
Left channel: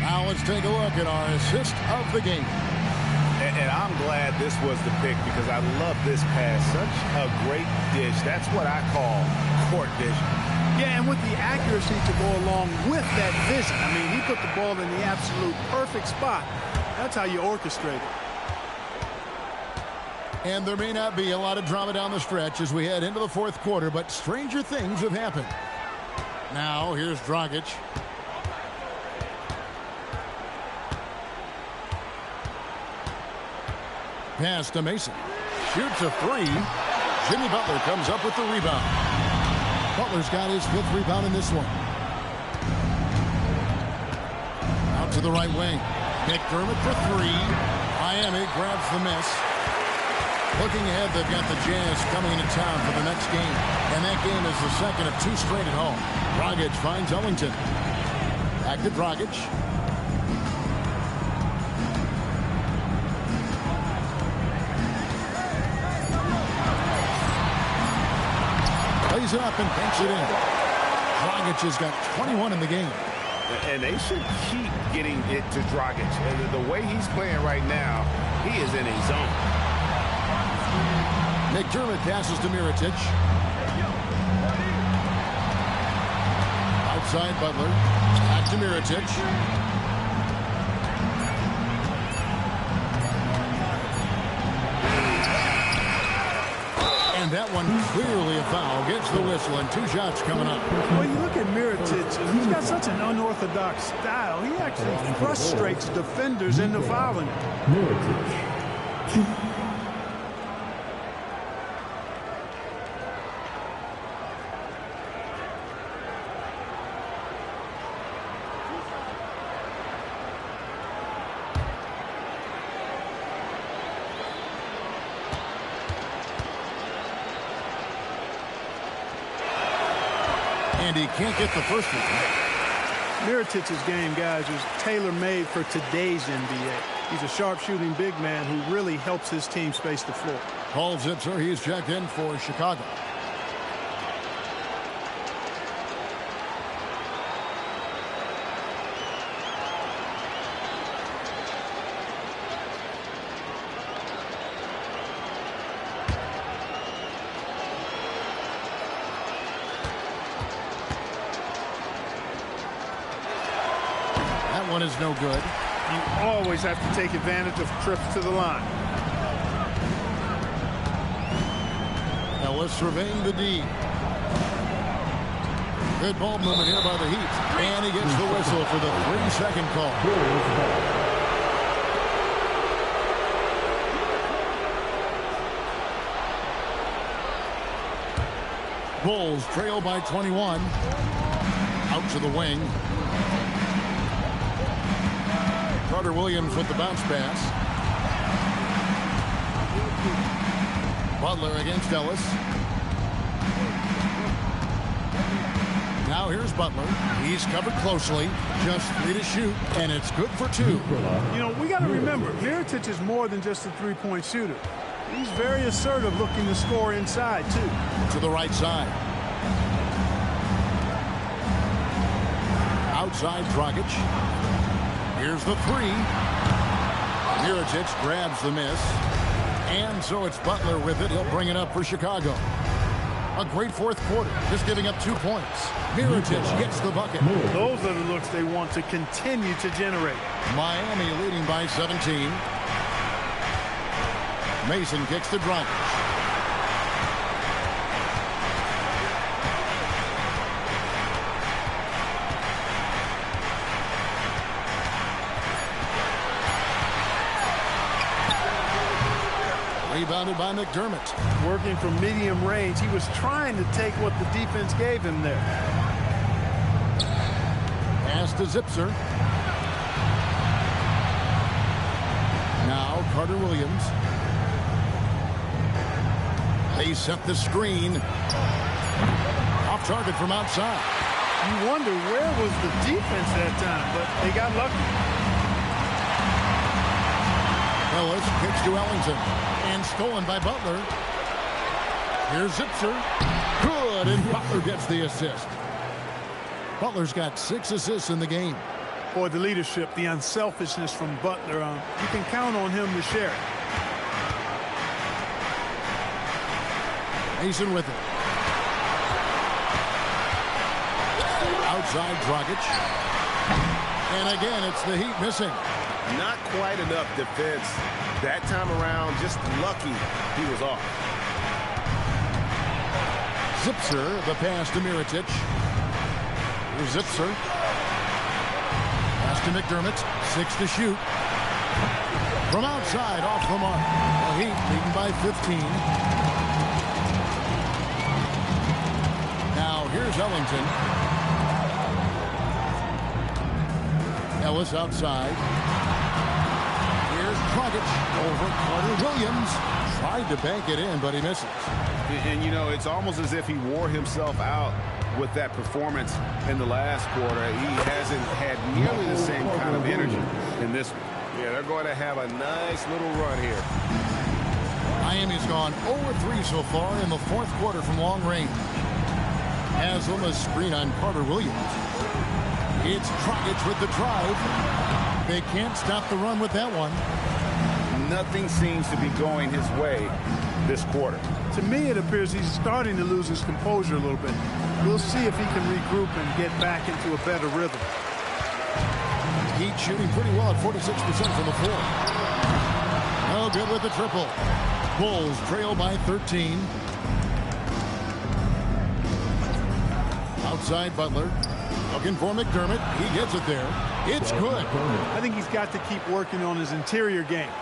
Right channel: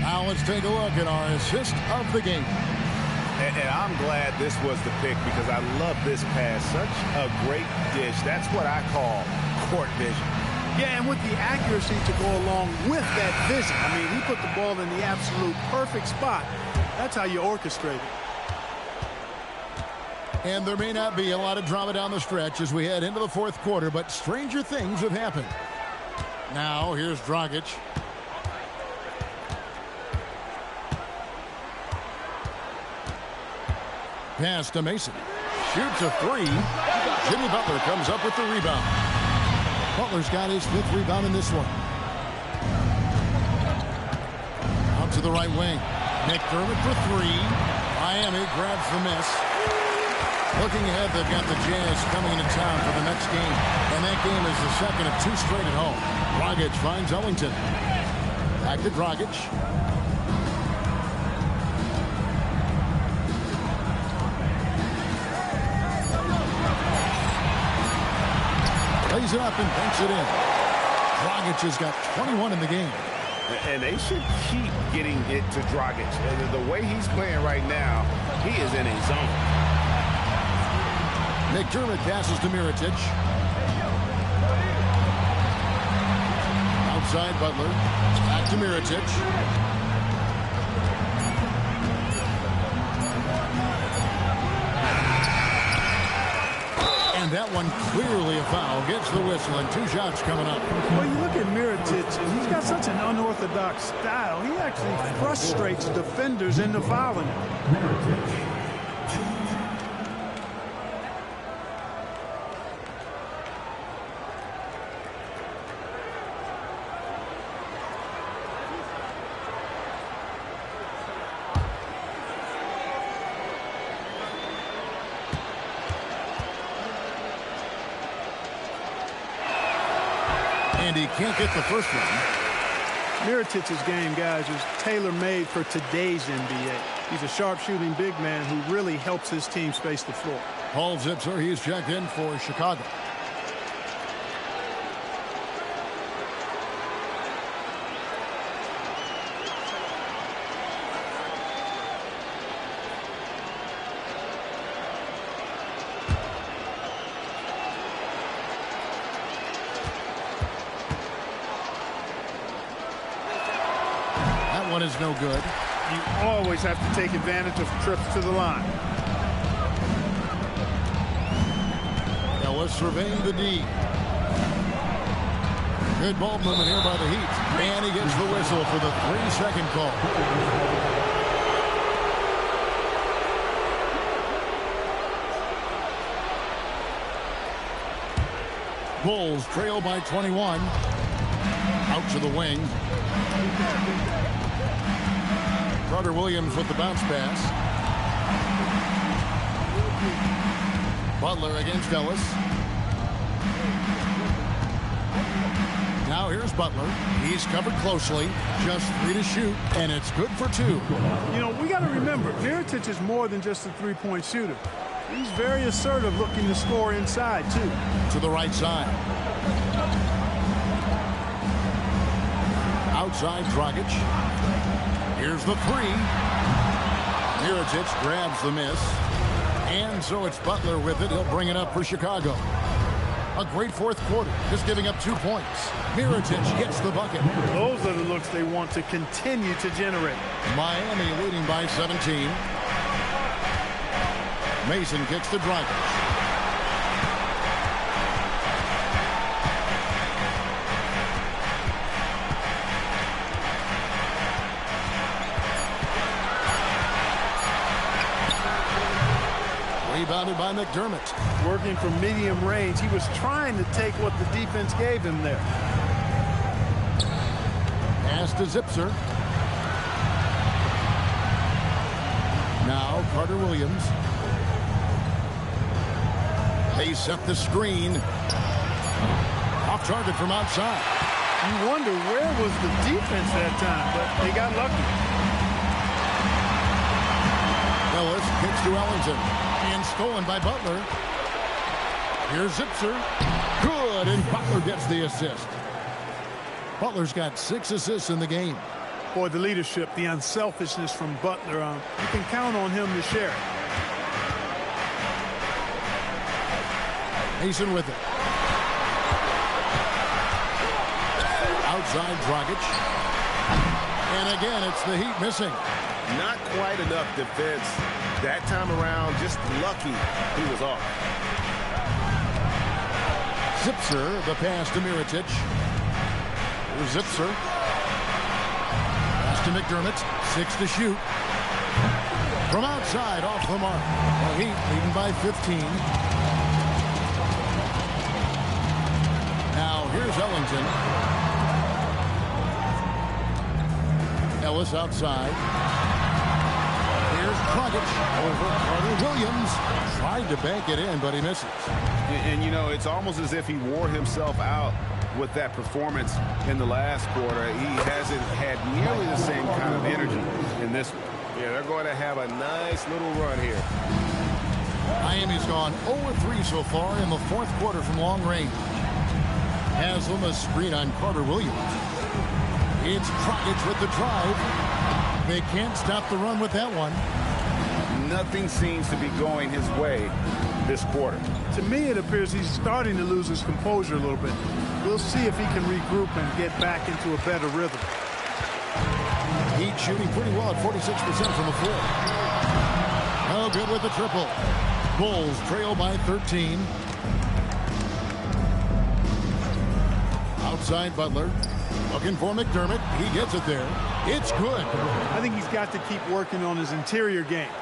Now let's take a look at our assist of the game. And I'm glad this was the pick because I love this pass. Such a great dish. That's what I call court vision. Yeah, and with the accuracy to go along with that vision. I mean, he put the ball in the absolute perfect spot. That's how you orchestrate it. And there may not be a lot of drama down the stretch as we head into the fourth quarter, but stranger things have happened. Now, here's Dragic. Pass to Mason. Shoots a three. Jimmy Butler comes up with the rebound. Butler's got his 5th rebound in this one. Out to the right wing. McDermott for 3. Miami grabs the miss. Looking ahead, they've got the Jazz coming into town for the next game. And that game is the second of 2 straight at home. Dragic finds Ellington. Back to Dragic. Lays it up and banks it in. Dragic has got 21 in the game. And they should keep getting it to Dragic. And the way he's playing right now, he is in a zone. McDermott passes to Mirotic. Outside Butler. Back to Mirotic. And that one clearly a foul. Gets the whistle and 2 shots coming up. Well, you look at Mirotic, he's got such an unorthodox style. He actually frustrates defenders into fouling him. Mirotic. 2. And he can't get the first one. Mirotic's game, guys, is tailor-made for today's NBA. He's a sharp-shooting big man who really helps his team space the floor. Paul Zipser, he's checked in for Chicago. One is no good. You always have to take advantage of trips to the line. Ellis surveying the D. Good ball movement here by the Heat. And he gets the whistle for the 3-second call. Bulls trail by 21. Out to the wing. Carter Williams with the bounce pass. Butler against Ellis. Now here's Butler. He's covered closely. Just 3 to shoot, and it's good for 2. You know, we got to remember, Mirotic is more than just a three-point shooter. He's very assertive, looking to score inside, too. To the right side. Outside Dragic. Here's the 3. Mirotic grabs the miss. And so it's Butler with it. He'll bring it up for Chicago. A great fourth quarter, just giving up 2 points. Mirotic gets the bucket. Those are the looks they want to continue to generate. Miami leading by 17. Mason kicks to Dragic. Rebounded by McDermott. Working from medium range, he was trying to take what the defense gave him there. Pass to Zipser. Now Carter Williams. They set the screen. Off target from outside. You wonder where was the defense that time, but they got lucky. Ellis kicks to Ellington. And stolen by Butler. Here's Zipser. Good, and Butler gets the assist. Butler's got 6 assists in the game. Boy, the leadership, the unselfishness from Butler, you can count on him to share it. Mason with it. Outside Dragic. And again, it's the Heat missing. Not quite enough defense. That time around, just lucky he was off. Zipser, the pass to Mirotic. Here's Zipser. Pass to McDermott. 6 to shoot. From outside, off the mark. The Heat leading by 15. Now here's Ellington. Ellis outside. Here's Dragic over Carter Williams. Tried to bank it in, but he misses. And, you know, it's almost as if he wore himself out with that performance in the last quarter. He hasn't had nearly the same kind of energy in this one. Yeah, they're going to have a nice little run here. Miami's gone 0-3 so far in the fourth quarter from long range. Haslam a screen on Carter Williams. It's Dragic with the drive. They can't stop the run with that one. Nothing seems to be going his way this quarter. To me, it appears he's starting to lose his composure a little bit. We'll see if he can regroup and get back into a better rhythm. Heat shooting pretty well at 46% from the floor. No good with the triple. Bulls trail by 13. Outside Butler. Looking for McDermott. He gets it there. It's good. I think he's got to keep working on his interior game.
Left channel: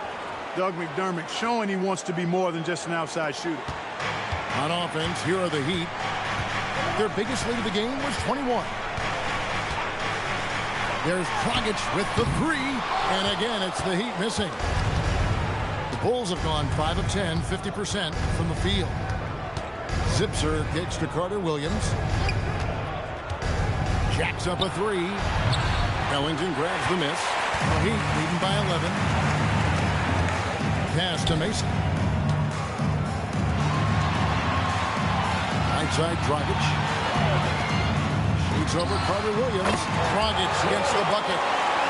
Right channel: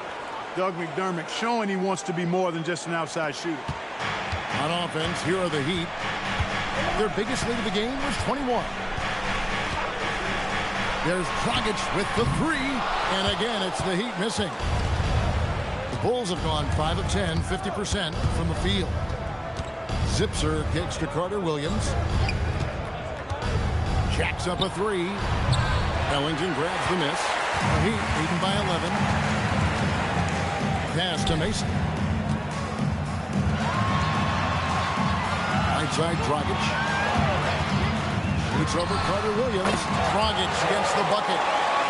Doug McDermott showing he wants to be more than just an outside shooter. On offense, here are the Heat. Their biggest lead of the game was 21. There's Dragic with the three. And again, it's the Heat missing. The Bulls have gone 5 of 10, 50% from the field. Zipser kicks to Carter Williams. Jacks up a three. Ellington grabs the miss. The Heat leading by 11. Pass to Mason. Right side, Dragic. Shoots over Carter Williams. Dragic against the bucket.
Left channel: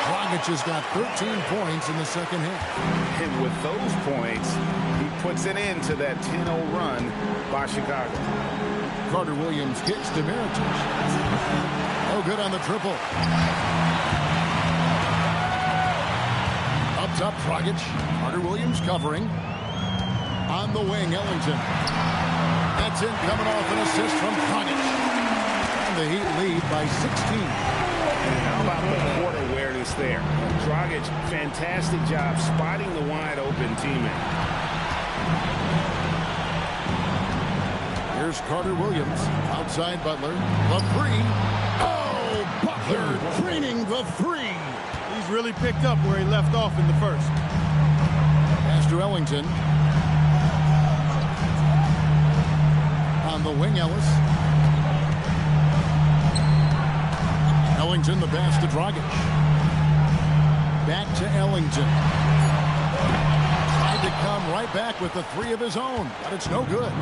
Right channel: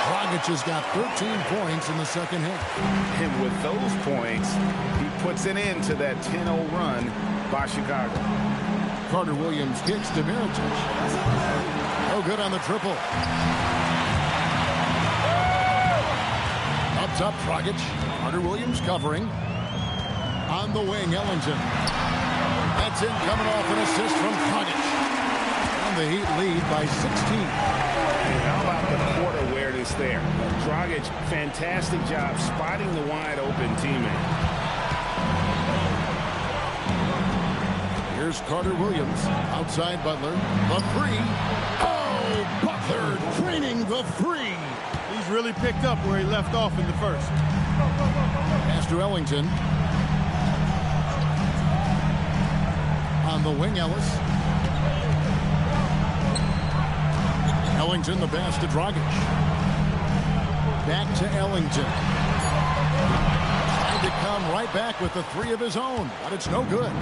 Dragic has got 13 points in the second half. And with those points, he puts an end to that 10-0 run by Chicago. Carter Williams kicks to Mirotic. No good on the triple. Up top, Dragic. Carter Williams covering. On the wing, Ellington. That's in, coming off an assist from Dragic. And the Heat lead by 16. And how about the court awareness there? Dragic, fantastic job spotting the wide open teammate. Here's Carter Williams. Outside Butler. The three. Oh, Butler draining the three. He's really picked up where he left off in the first. Pass to Ellington. On the wing, Ellis. Ellington, the pass to Dragic. Back to Ellington. Tried to come right back with the three of his own, but it's no good.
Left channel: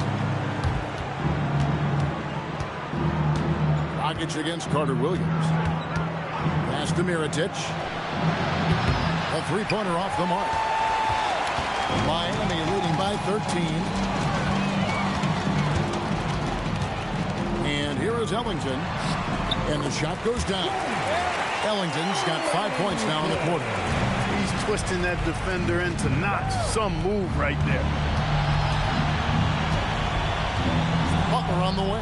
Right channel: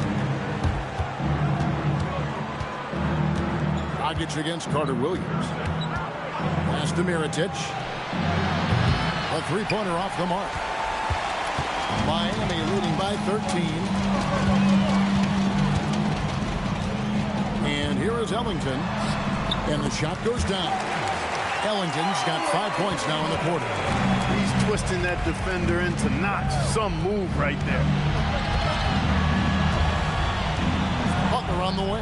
Dragic against Carter Williams. Pass to Mirotic. The three-pointer off the mark. Miami leading by 13. And here is Ellington. And the shot goes down. Ellington's got 5 points now in the quarter. He's twisting that defender into knots. Some move right there. Butler on the way.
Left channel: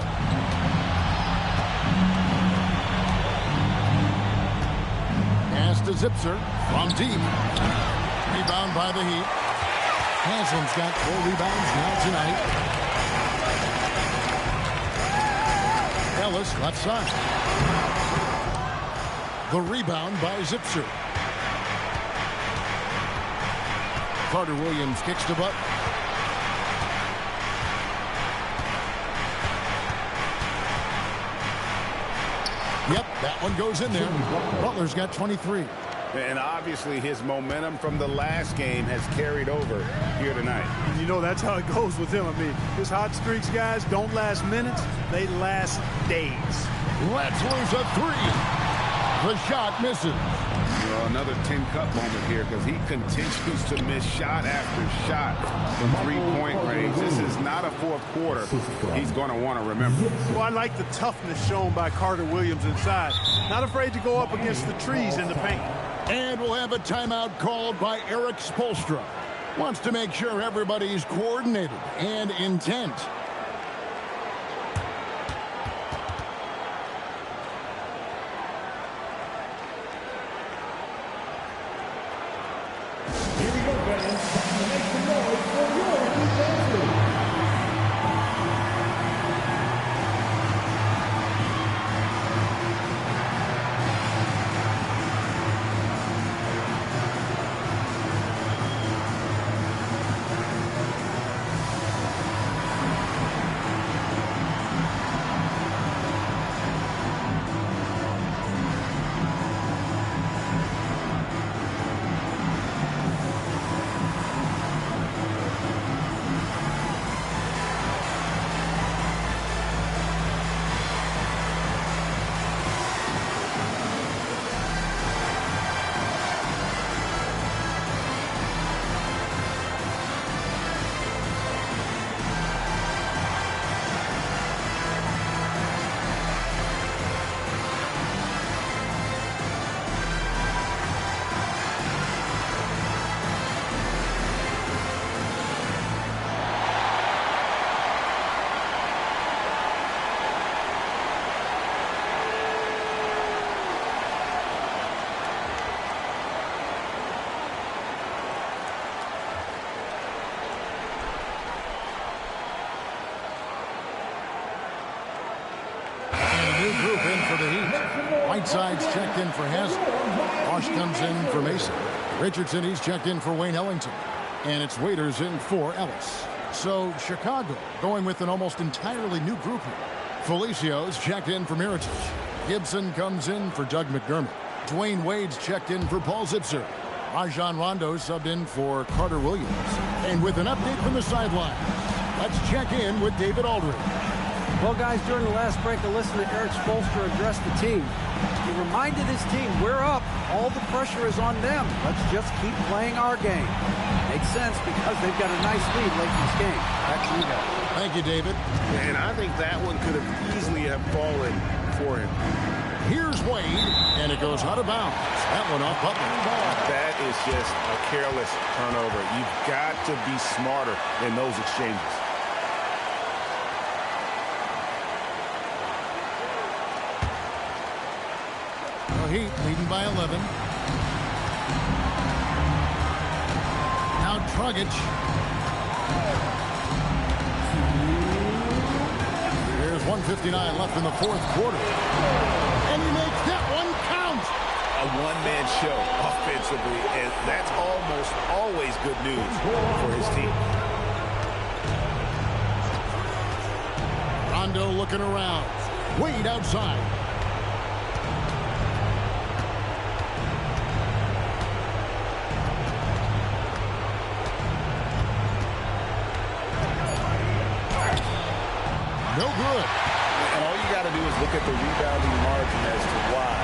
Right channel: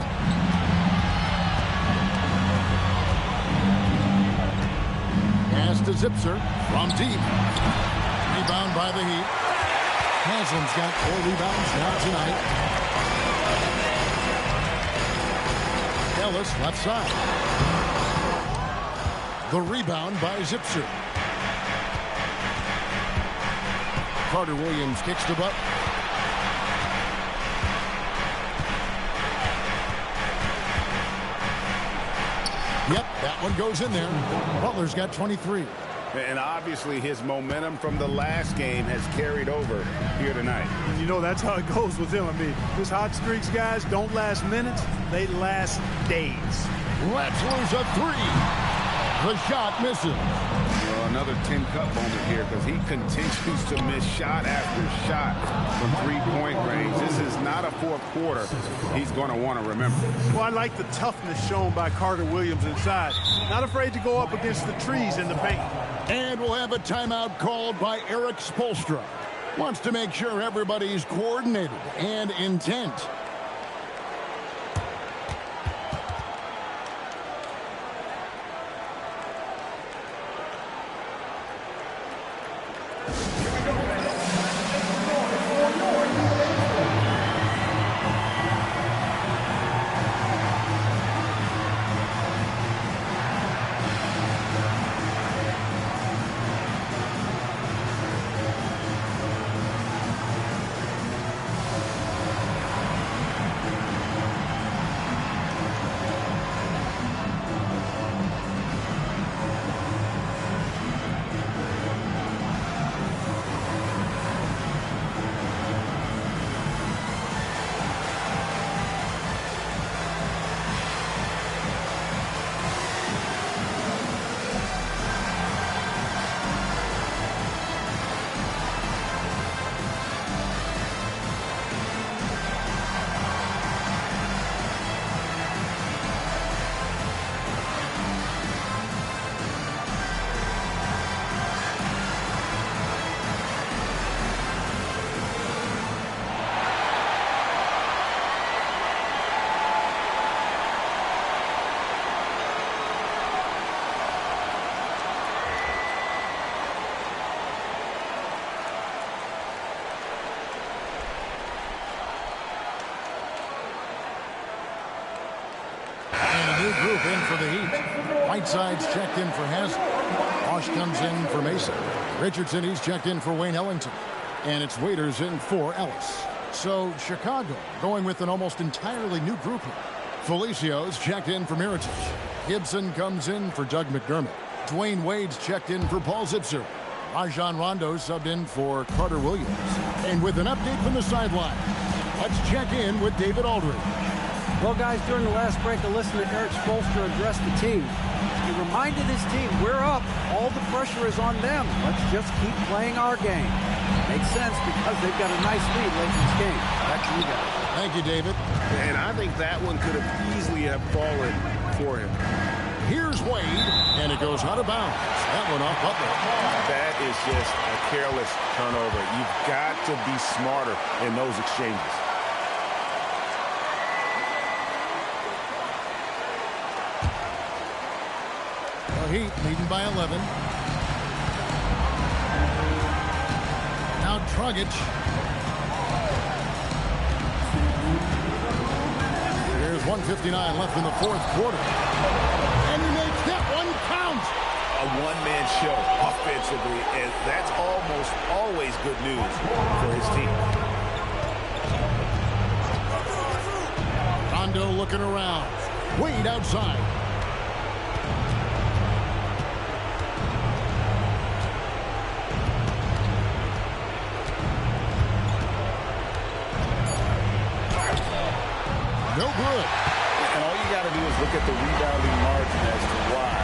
Pass to Zipser from deep. Rebound by the Heat. Haslam's got 4 rebounds now tonight. Ellis left side. The rebound by Zipser. Carter Williams kicks to Butler. Yep, that one goes in there. Butler's got 23. And obviously his momentum from the last game has carried over here tonight. And you know that's how it goes with him. I mean, his hot streaks, guys, don't last minutes. They last days. Let's lose a three. The shot misses. Well, another 10-cup moment here because he continues to miss shot after shot from three-point range. This is not a fourth quarter he's going to want to remember. Well, I like the toughness shown by Carter Williams inside. Not afraid to go up against the trees in the paint. And we'll have a timeout called by Eric Spoelstra. Wants to make sure everybody's coordinated and intent. group in for the Heat. Whiteside's checked in for Hazard. Bosch comes in for Mason. Richardson, he's checked in for Wayne Ellington. And it's Waiters in for Ellis. So Chicago going with an almost entirely new group here. Felicio's checked in for Mirotic. Gibson comes in for Doug McDermott. Dwayne Wade's checked in for Paul Zipser. Rajon Rondo subbed in for Carter Williams. And with an update from the sidelines, let's check in with David Aldridge. Well, guys, during the last break, I listened to Eric Spoelstra address the team. He reminded his team, we're up. All the pressure is on them. Let's just keep playing our game. Makes sense because they've got a nice lead late in this game. Back to you guys. Thank you, David. And I think that one could have easily have fallen for him. Here's Wade, and it goes out of bounds. That one off Butler. That is just a careless turnover. You've got to be smarter in those exchanges. The Heat leading by 11. Now Dragic. There's 1:59 left in the fourth quarter. And he makes that one count. A one-man show offensively, and that's almost always good news for his team. Rondo looking around. Wade outside. No good. And all you got to do is look at the rebounding margin as to why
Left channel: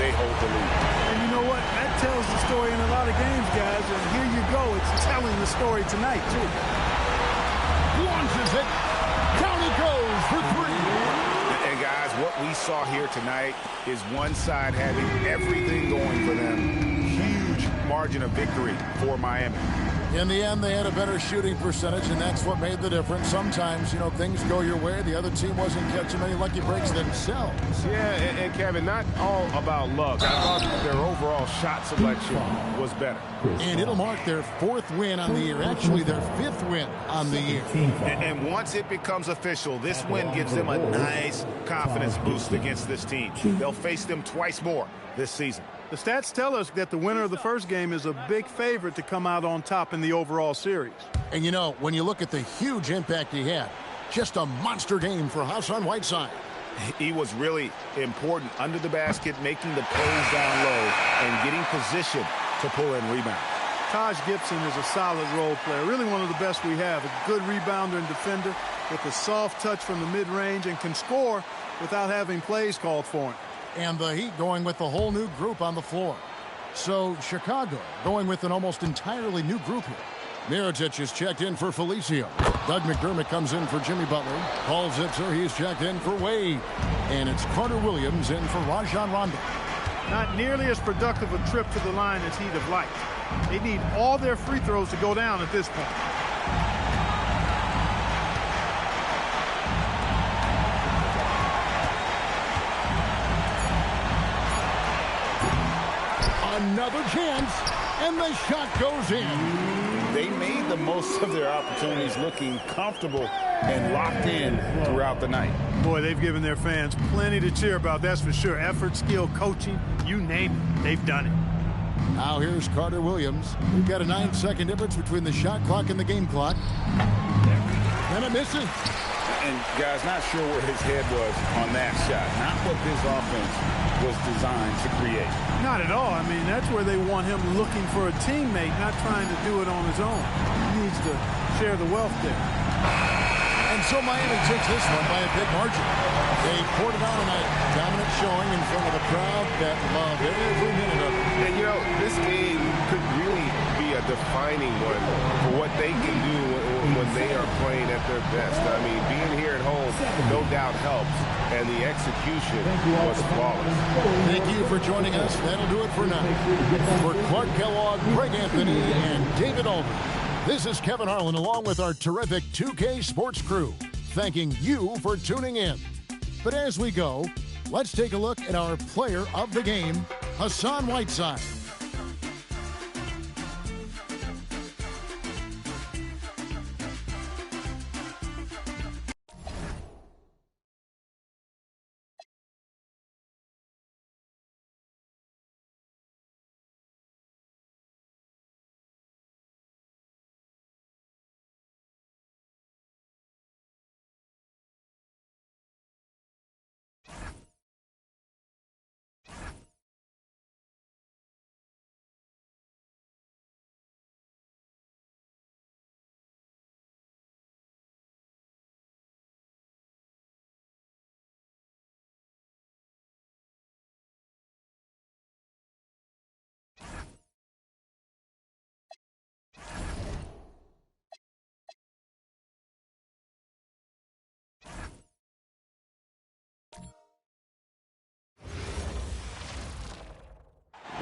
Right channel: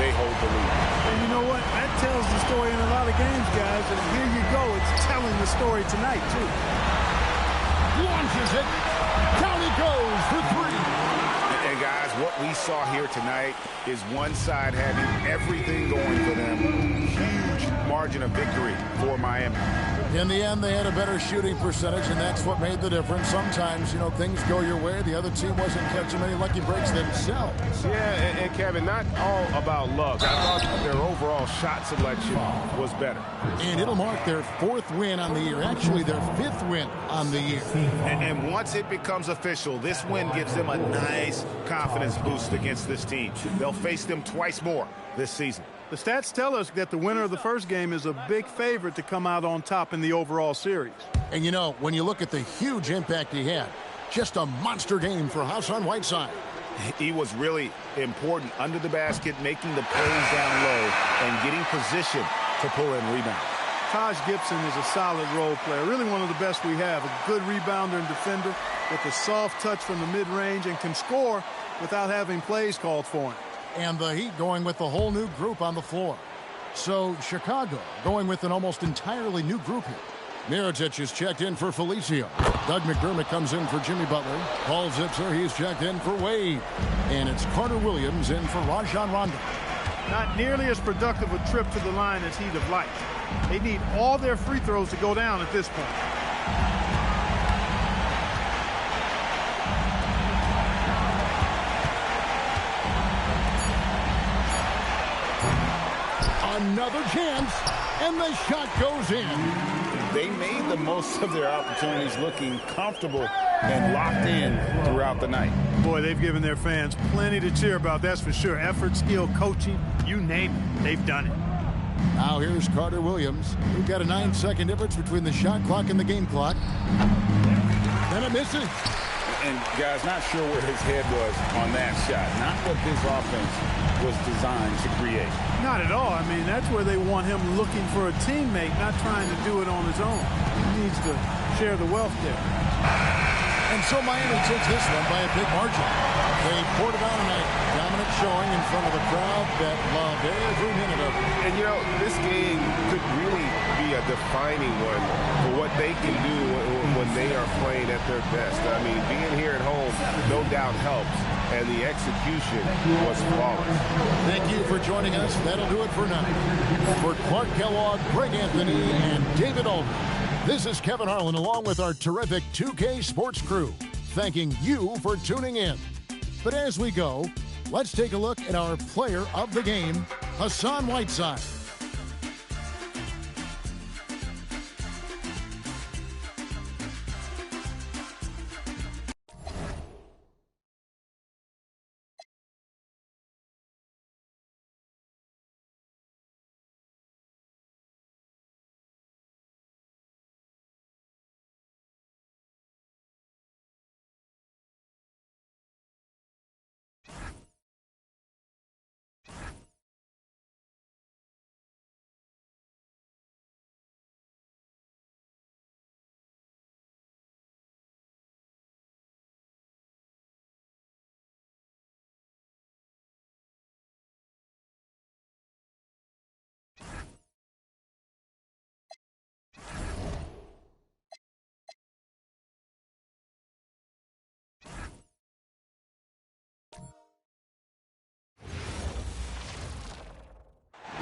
they hold the lead. And you know what? That tells the story in a lot of games, guys. And here you go. It's telling the story tonight, too. Launches it. Down he goes for three. And guys, what we saw here tonight is one side having everything going for them. Huge margin of victory for Miami. In the end, they had a better shooting percentage, and that's what made the difference. Sometimes, you know, things go your way. The other team wasn't catching many lucky breaks themselves. Yeah, and Kevin, not all about luck. I thought their overall shot selection was better. And it'll mark their fourth win on the year. Actually, their fifth win on the year. And once it becomes official, this win gives them a nice confidence boost against this team. They'll face them twice more this season. The stats tell us that the winner of the first game is a big favorite to come out on top in the overall series. And, you know, when you look at the huge impact he had, just a monster game for Hassan Whiteside. He was really important under the basket, making the plays down low and getting position to pull in rebounds. Taj Gibson is a solid role player, really one of the best we have. A good rebounder and defender with a soft touch from the mid-range and can score without having plays called for him. And the Heat going with the whole new group on the floor. So Chicago going with an almost entirely new group here. Mirotic is checked in for Felicio. Doug McDermott comes in for Jimmy Butler. Paul Zipser, he's checked in for Wade. And it's Carter Williams in for Rajon Rondo. Not nearly as productive a trip to the line as he'd have liked. They need all their free throws to go down at this point. Another chance, and the shot goes in. They made the most of their opportunities, looking comfortable and locked in throughout the night. Boy, they've given their fans plenty to cheer about, that's for sure. Effort, skill, coaching, you name it, they've done it. Now here's Carter Williams. We've got a 9-second difference between the shot clock and the game clock. Then it misses. And, guys, not sure where his head was on that shot. Not what this offense was designed to create. Not at all. I mean, that's where they want him looking for a teammate, not trying to do it on his own. He needs to share the wealth there. And so Miami takes this one by a big margin. They poured it on a dominant showing in front of a crowd that loved every minute of it. And, you know, this game could really be a defining one for what they can do when they are playing at their best. I mean, being here at home no doubt helps, and the execution was flawless. Thank you for joining us. That'll do it for now. For Clark Kellogg, Greg Anthony, and David Aldridge, this is Kevin Harlan along with our terrific 2K Sports crew, thanking you for tuning in. But as we go, let's take a look at our player of the game, Hassan Whiteside.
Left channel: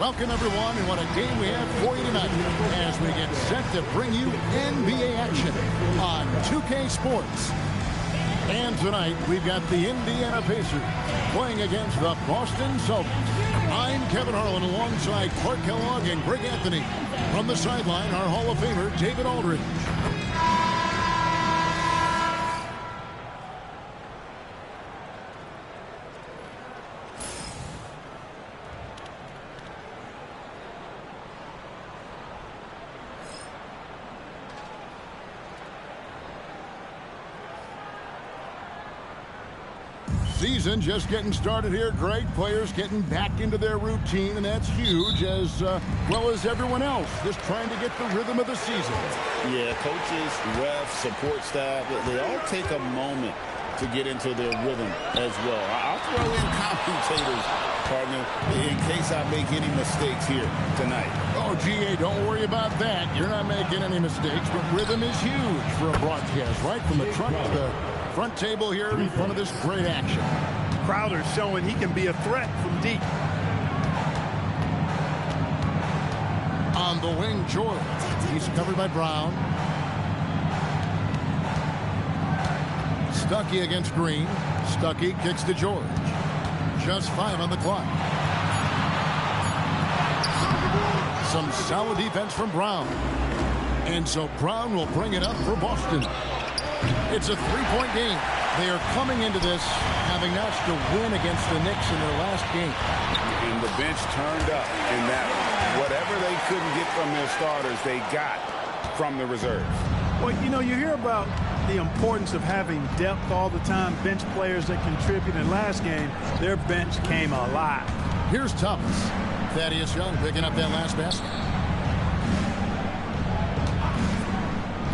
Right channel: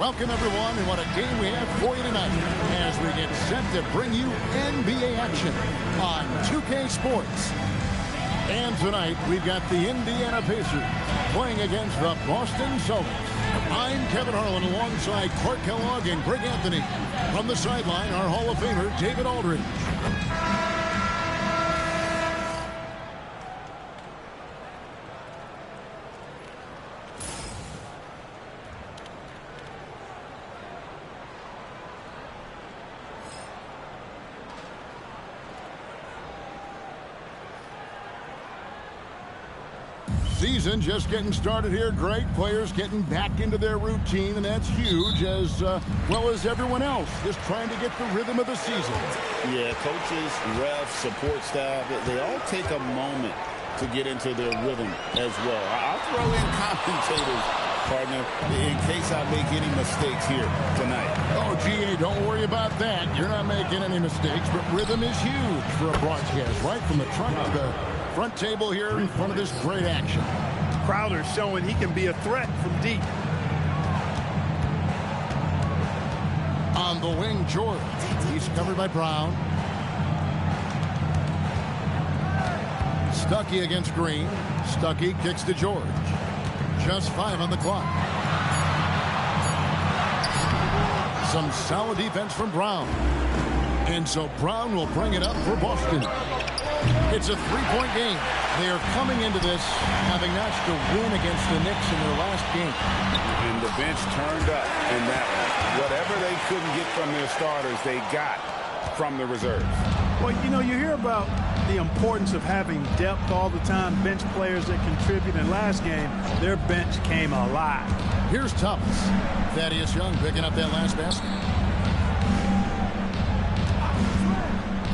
Welcome, everyone, and what a game we have for you tonight as we get set to bring you NBA action on 2K Sports. And tonight, we've got the Indiana Pacers playing against the Boston Celtics. I'm Kevin Harlan alongside Clark Kellogg and Greg Anthony. From the sideline, our Hall of Famer, David Aldridge. Season just getting started here. Great players getting back into their routine, and that's huge, as well as everyone else just trying to get the rhythm of the season. Yeah, coaches, refs, support staff, they all take a moment to get into their rhythm as well. I'll throw in commentators, partner, in case I make any mistakes here tonight. Oh, GA, don't worry about that. You're not making any mistakes, but rhythm is huge for a broadcast, right from the truck to the front table here in front of this great action. Crowder showing he can be a threat from deep. On the wing, George. He's covered by Brown. Stuckey against Green. Stuckey kicks to George. Just 5 on the clock. Some solid defense from Brown. And so Brown will bring it up for Boston. It's a 3-point game. They are coming into this having notched a win against the Knicks in their last game. And the bench turned up in that one. Whatever they couldn't get from their starters, they got from the reserves. Well, you know, you hear about the importance of having depth all the time, bench players that contribute. In last game, their bench came alive. Here's Thomas. Thaddeus Young picking up that last basket.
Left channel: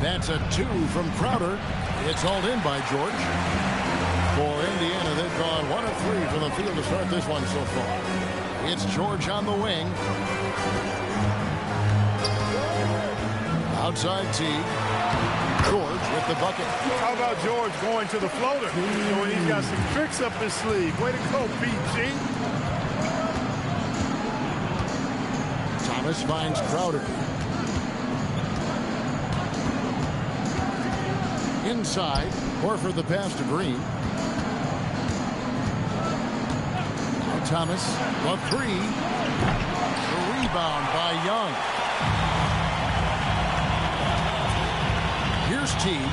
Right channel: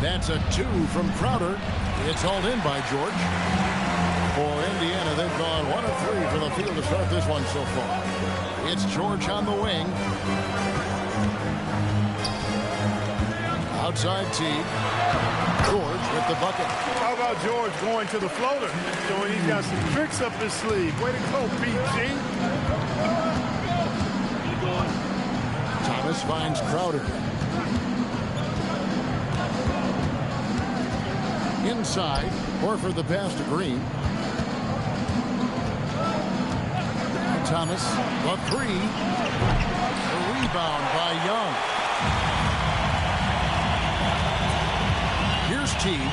That's a 2 from Crowder. It's hauled in by George. For Indiana, they've gone 1 of 3 from the field to start this one so far. It's George on the wing. Outside Teague. George with the bucket. How about George going to the floater? Showing he's got some tricks up his sleeve. Way to go, PG. Thomas finds Crowder. Inside, Horford the pass to Green. Now Thomas, the 3. The rebound by Young. Here's Teague.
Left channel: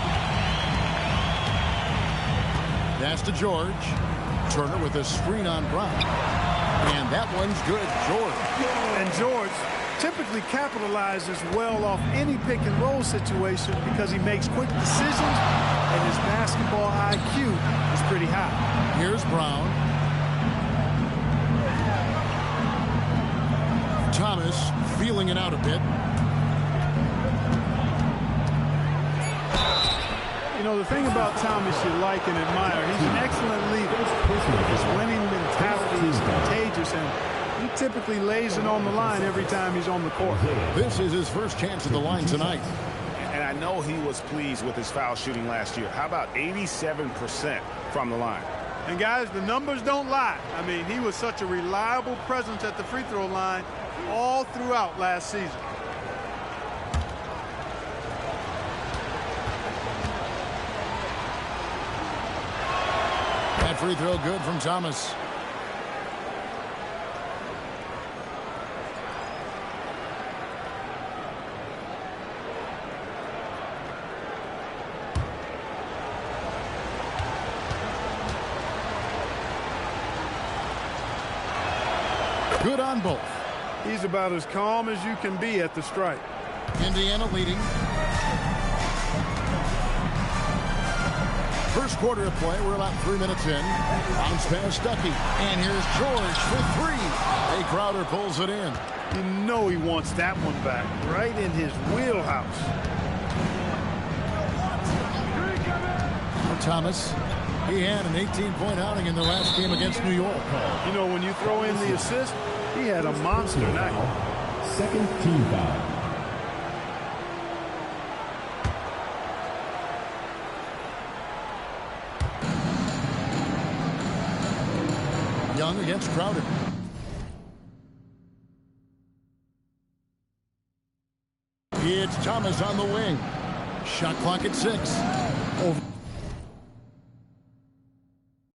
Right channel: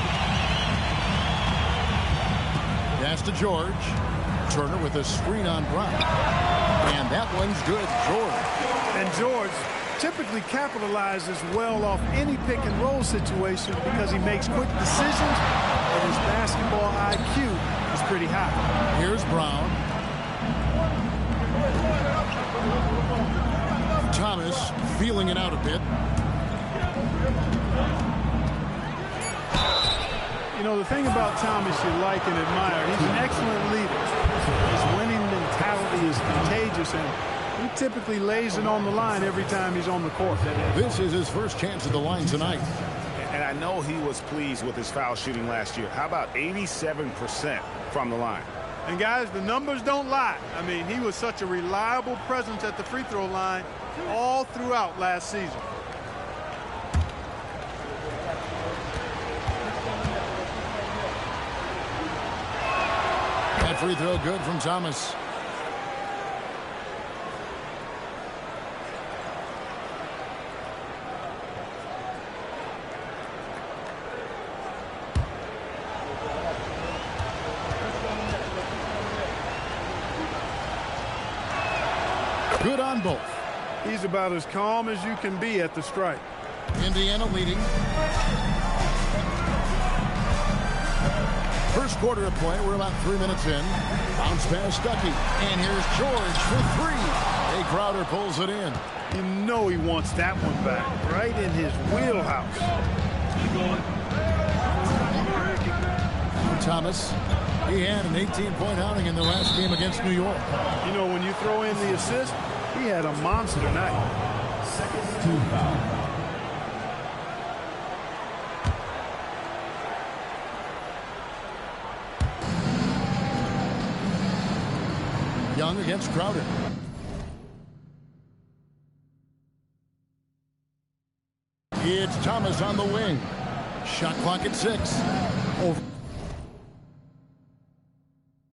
Pass to George. Turner with a screen on Brown. And that one's good, George. And George typically capitalizes well off any pick and roll situation because he makes quick decisions and his basketball IQ is pretty high. Here's Brown. Thomas feeling it out a bit. You know, the thing about Thomas you like and admire, he's an excellent leader. His winning mentality is contagious, and he typically lays it on the line every time he's on the court. This is his first chance at the line tonight. And I know he was pleased with his foul shooting last year. How about 87% from the line? And guys, the numbers don't lie. I mean, he was such a reliable presence at the free throw line all throughout last season. That free throw good from Thomas. Good on both. He's about as calm as you can be at the stripe. Indiana leading. First quarter of play. We're about 3 minutes in. Bounce pass Stuckey. And here's George for 3. Jay Crowder pulls it in. You know he wants that one back. Right in his wheelhouse. Now Thomas. He had an 18-point outing in the last game against New York. You know, when you throw in the assist, he had a monster night. Second team foul. Young against Crowder. It's Thomas on the wing. Shot clock at 6. Over.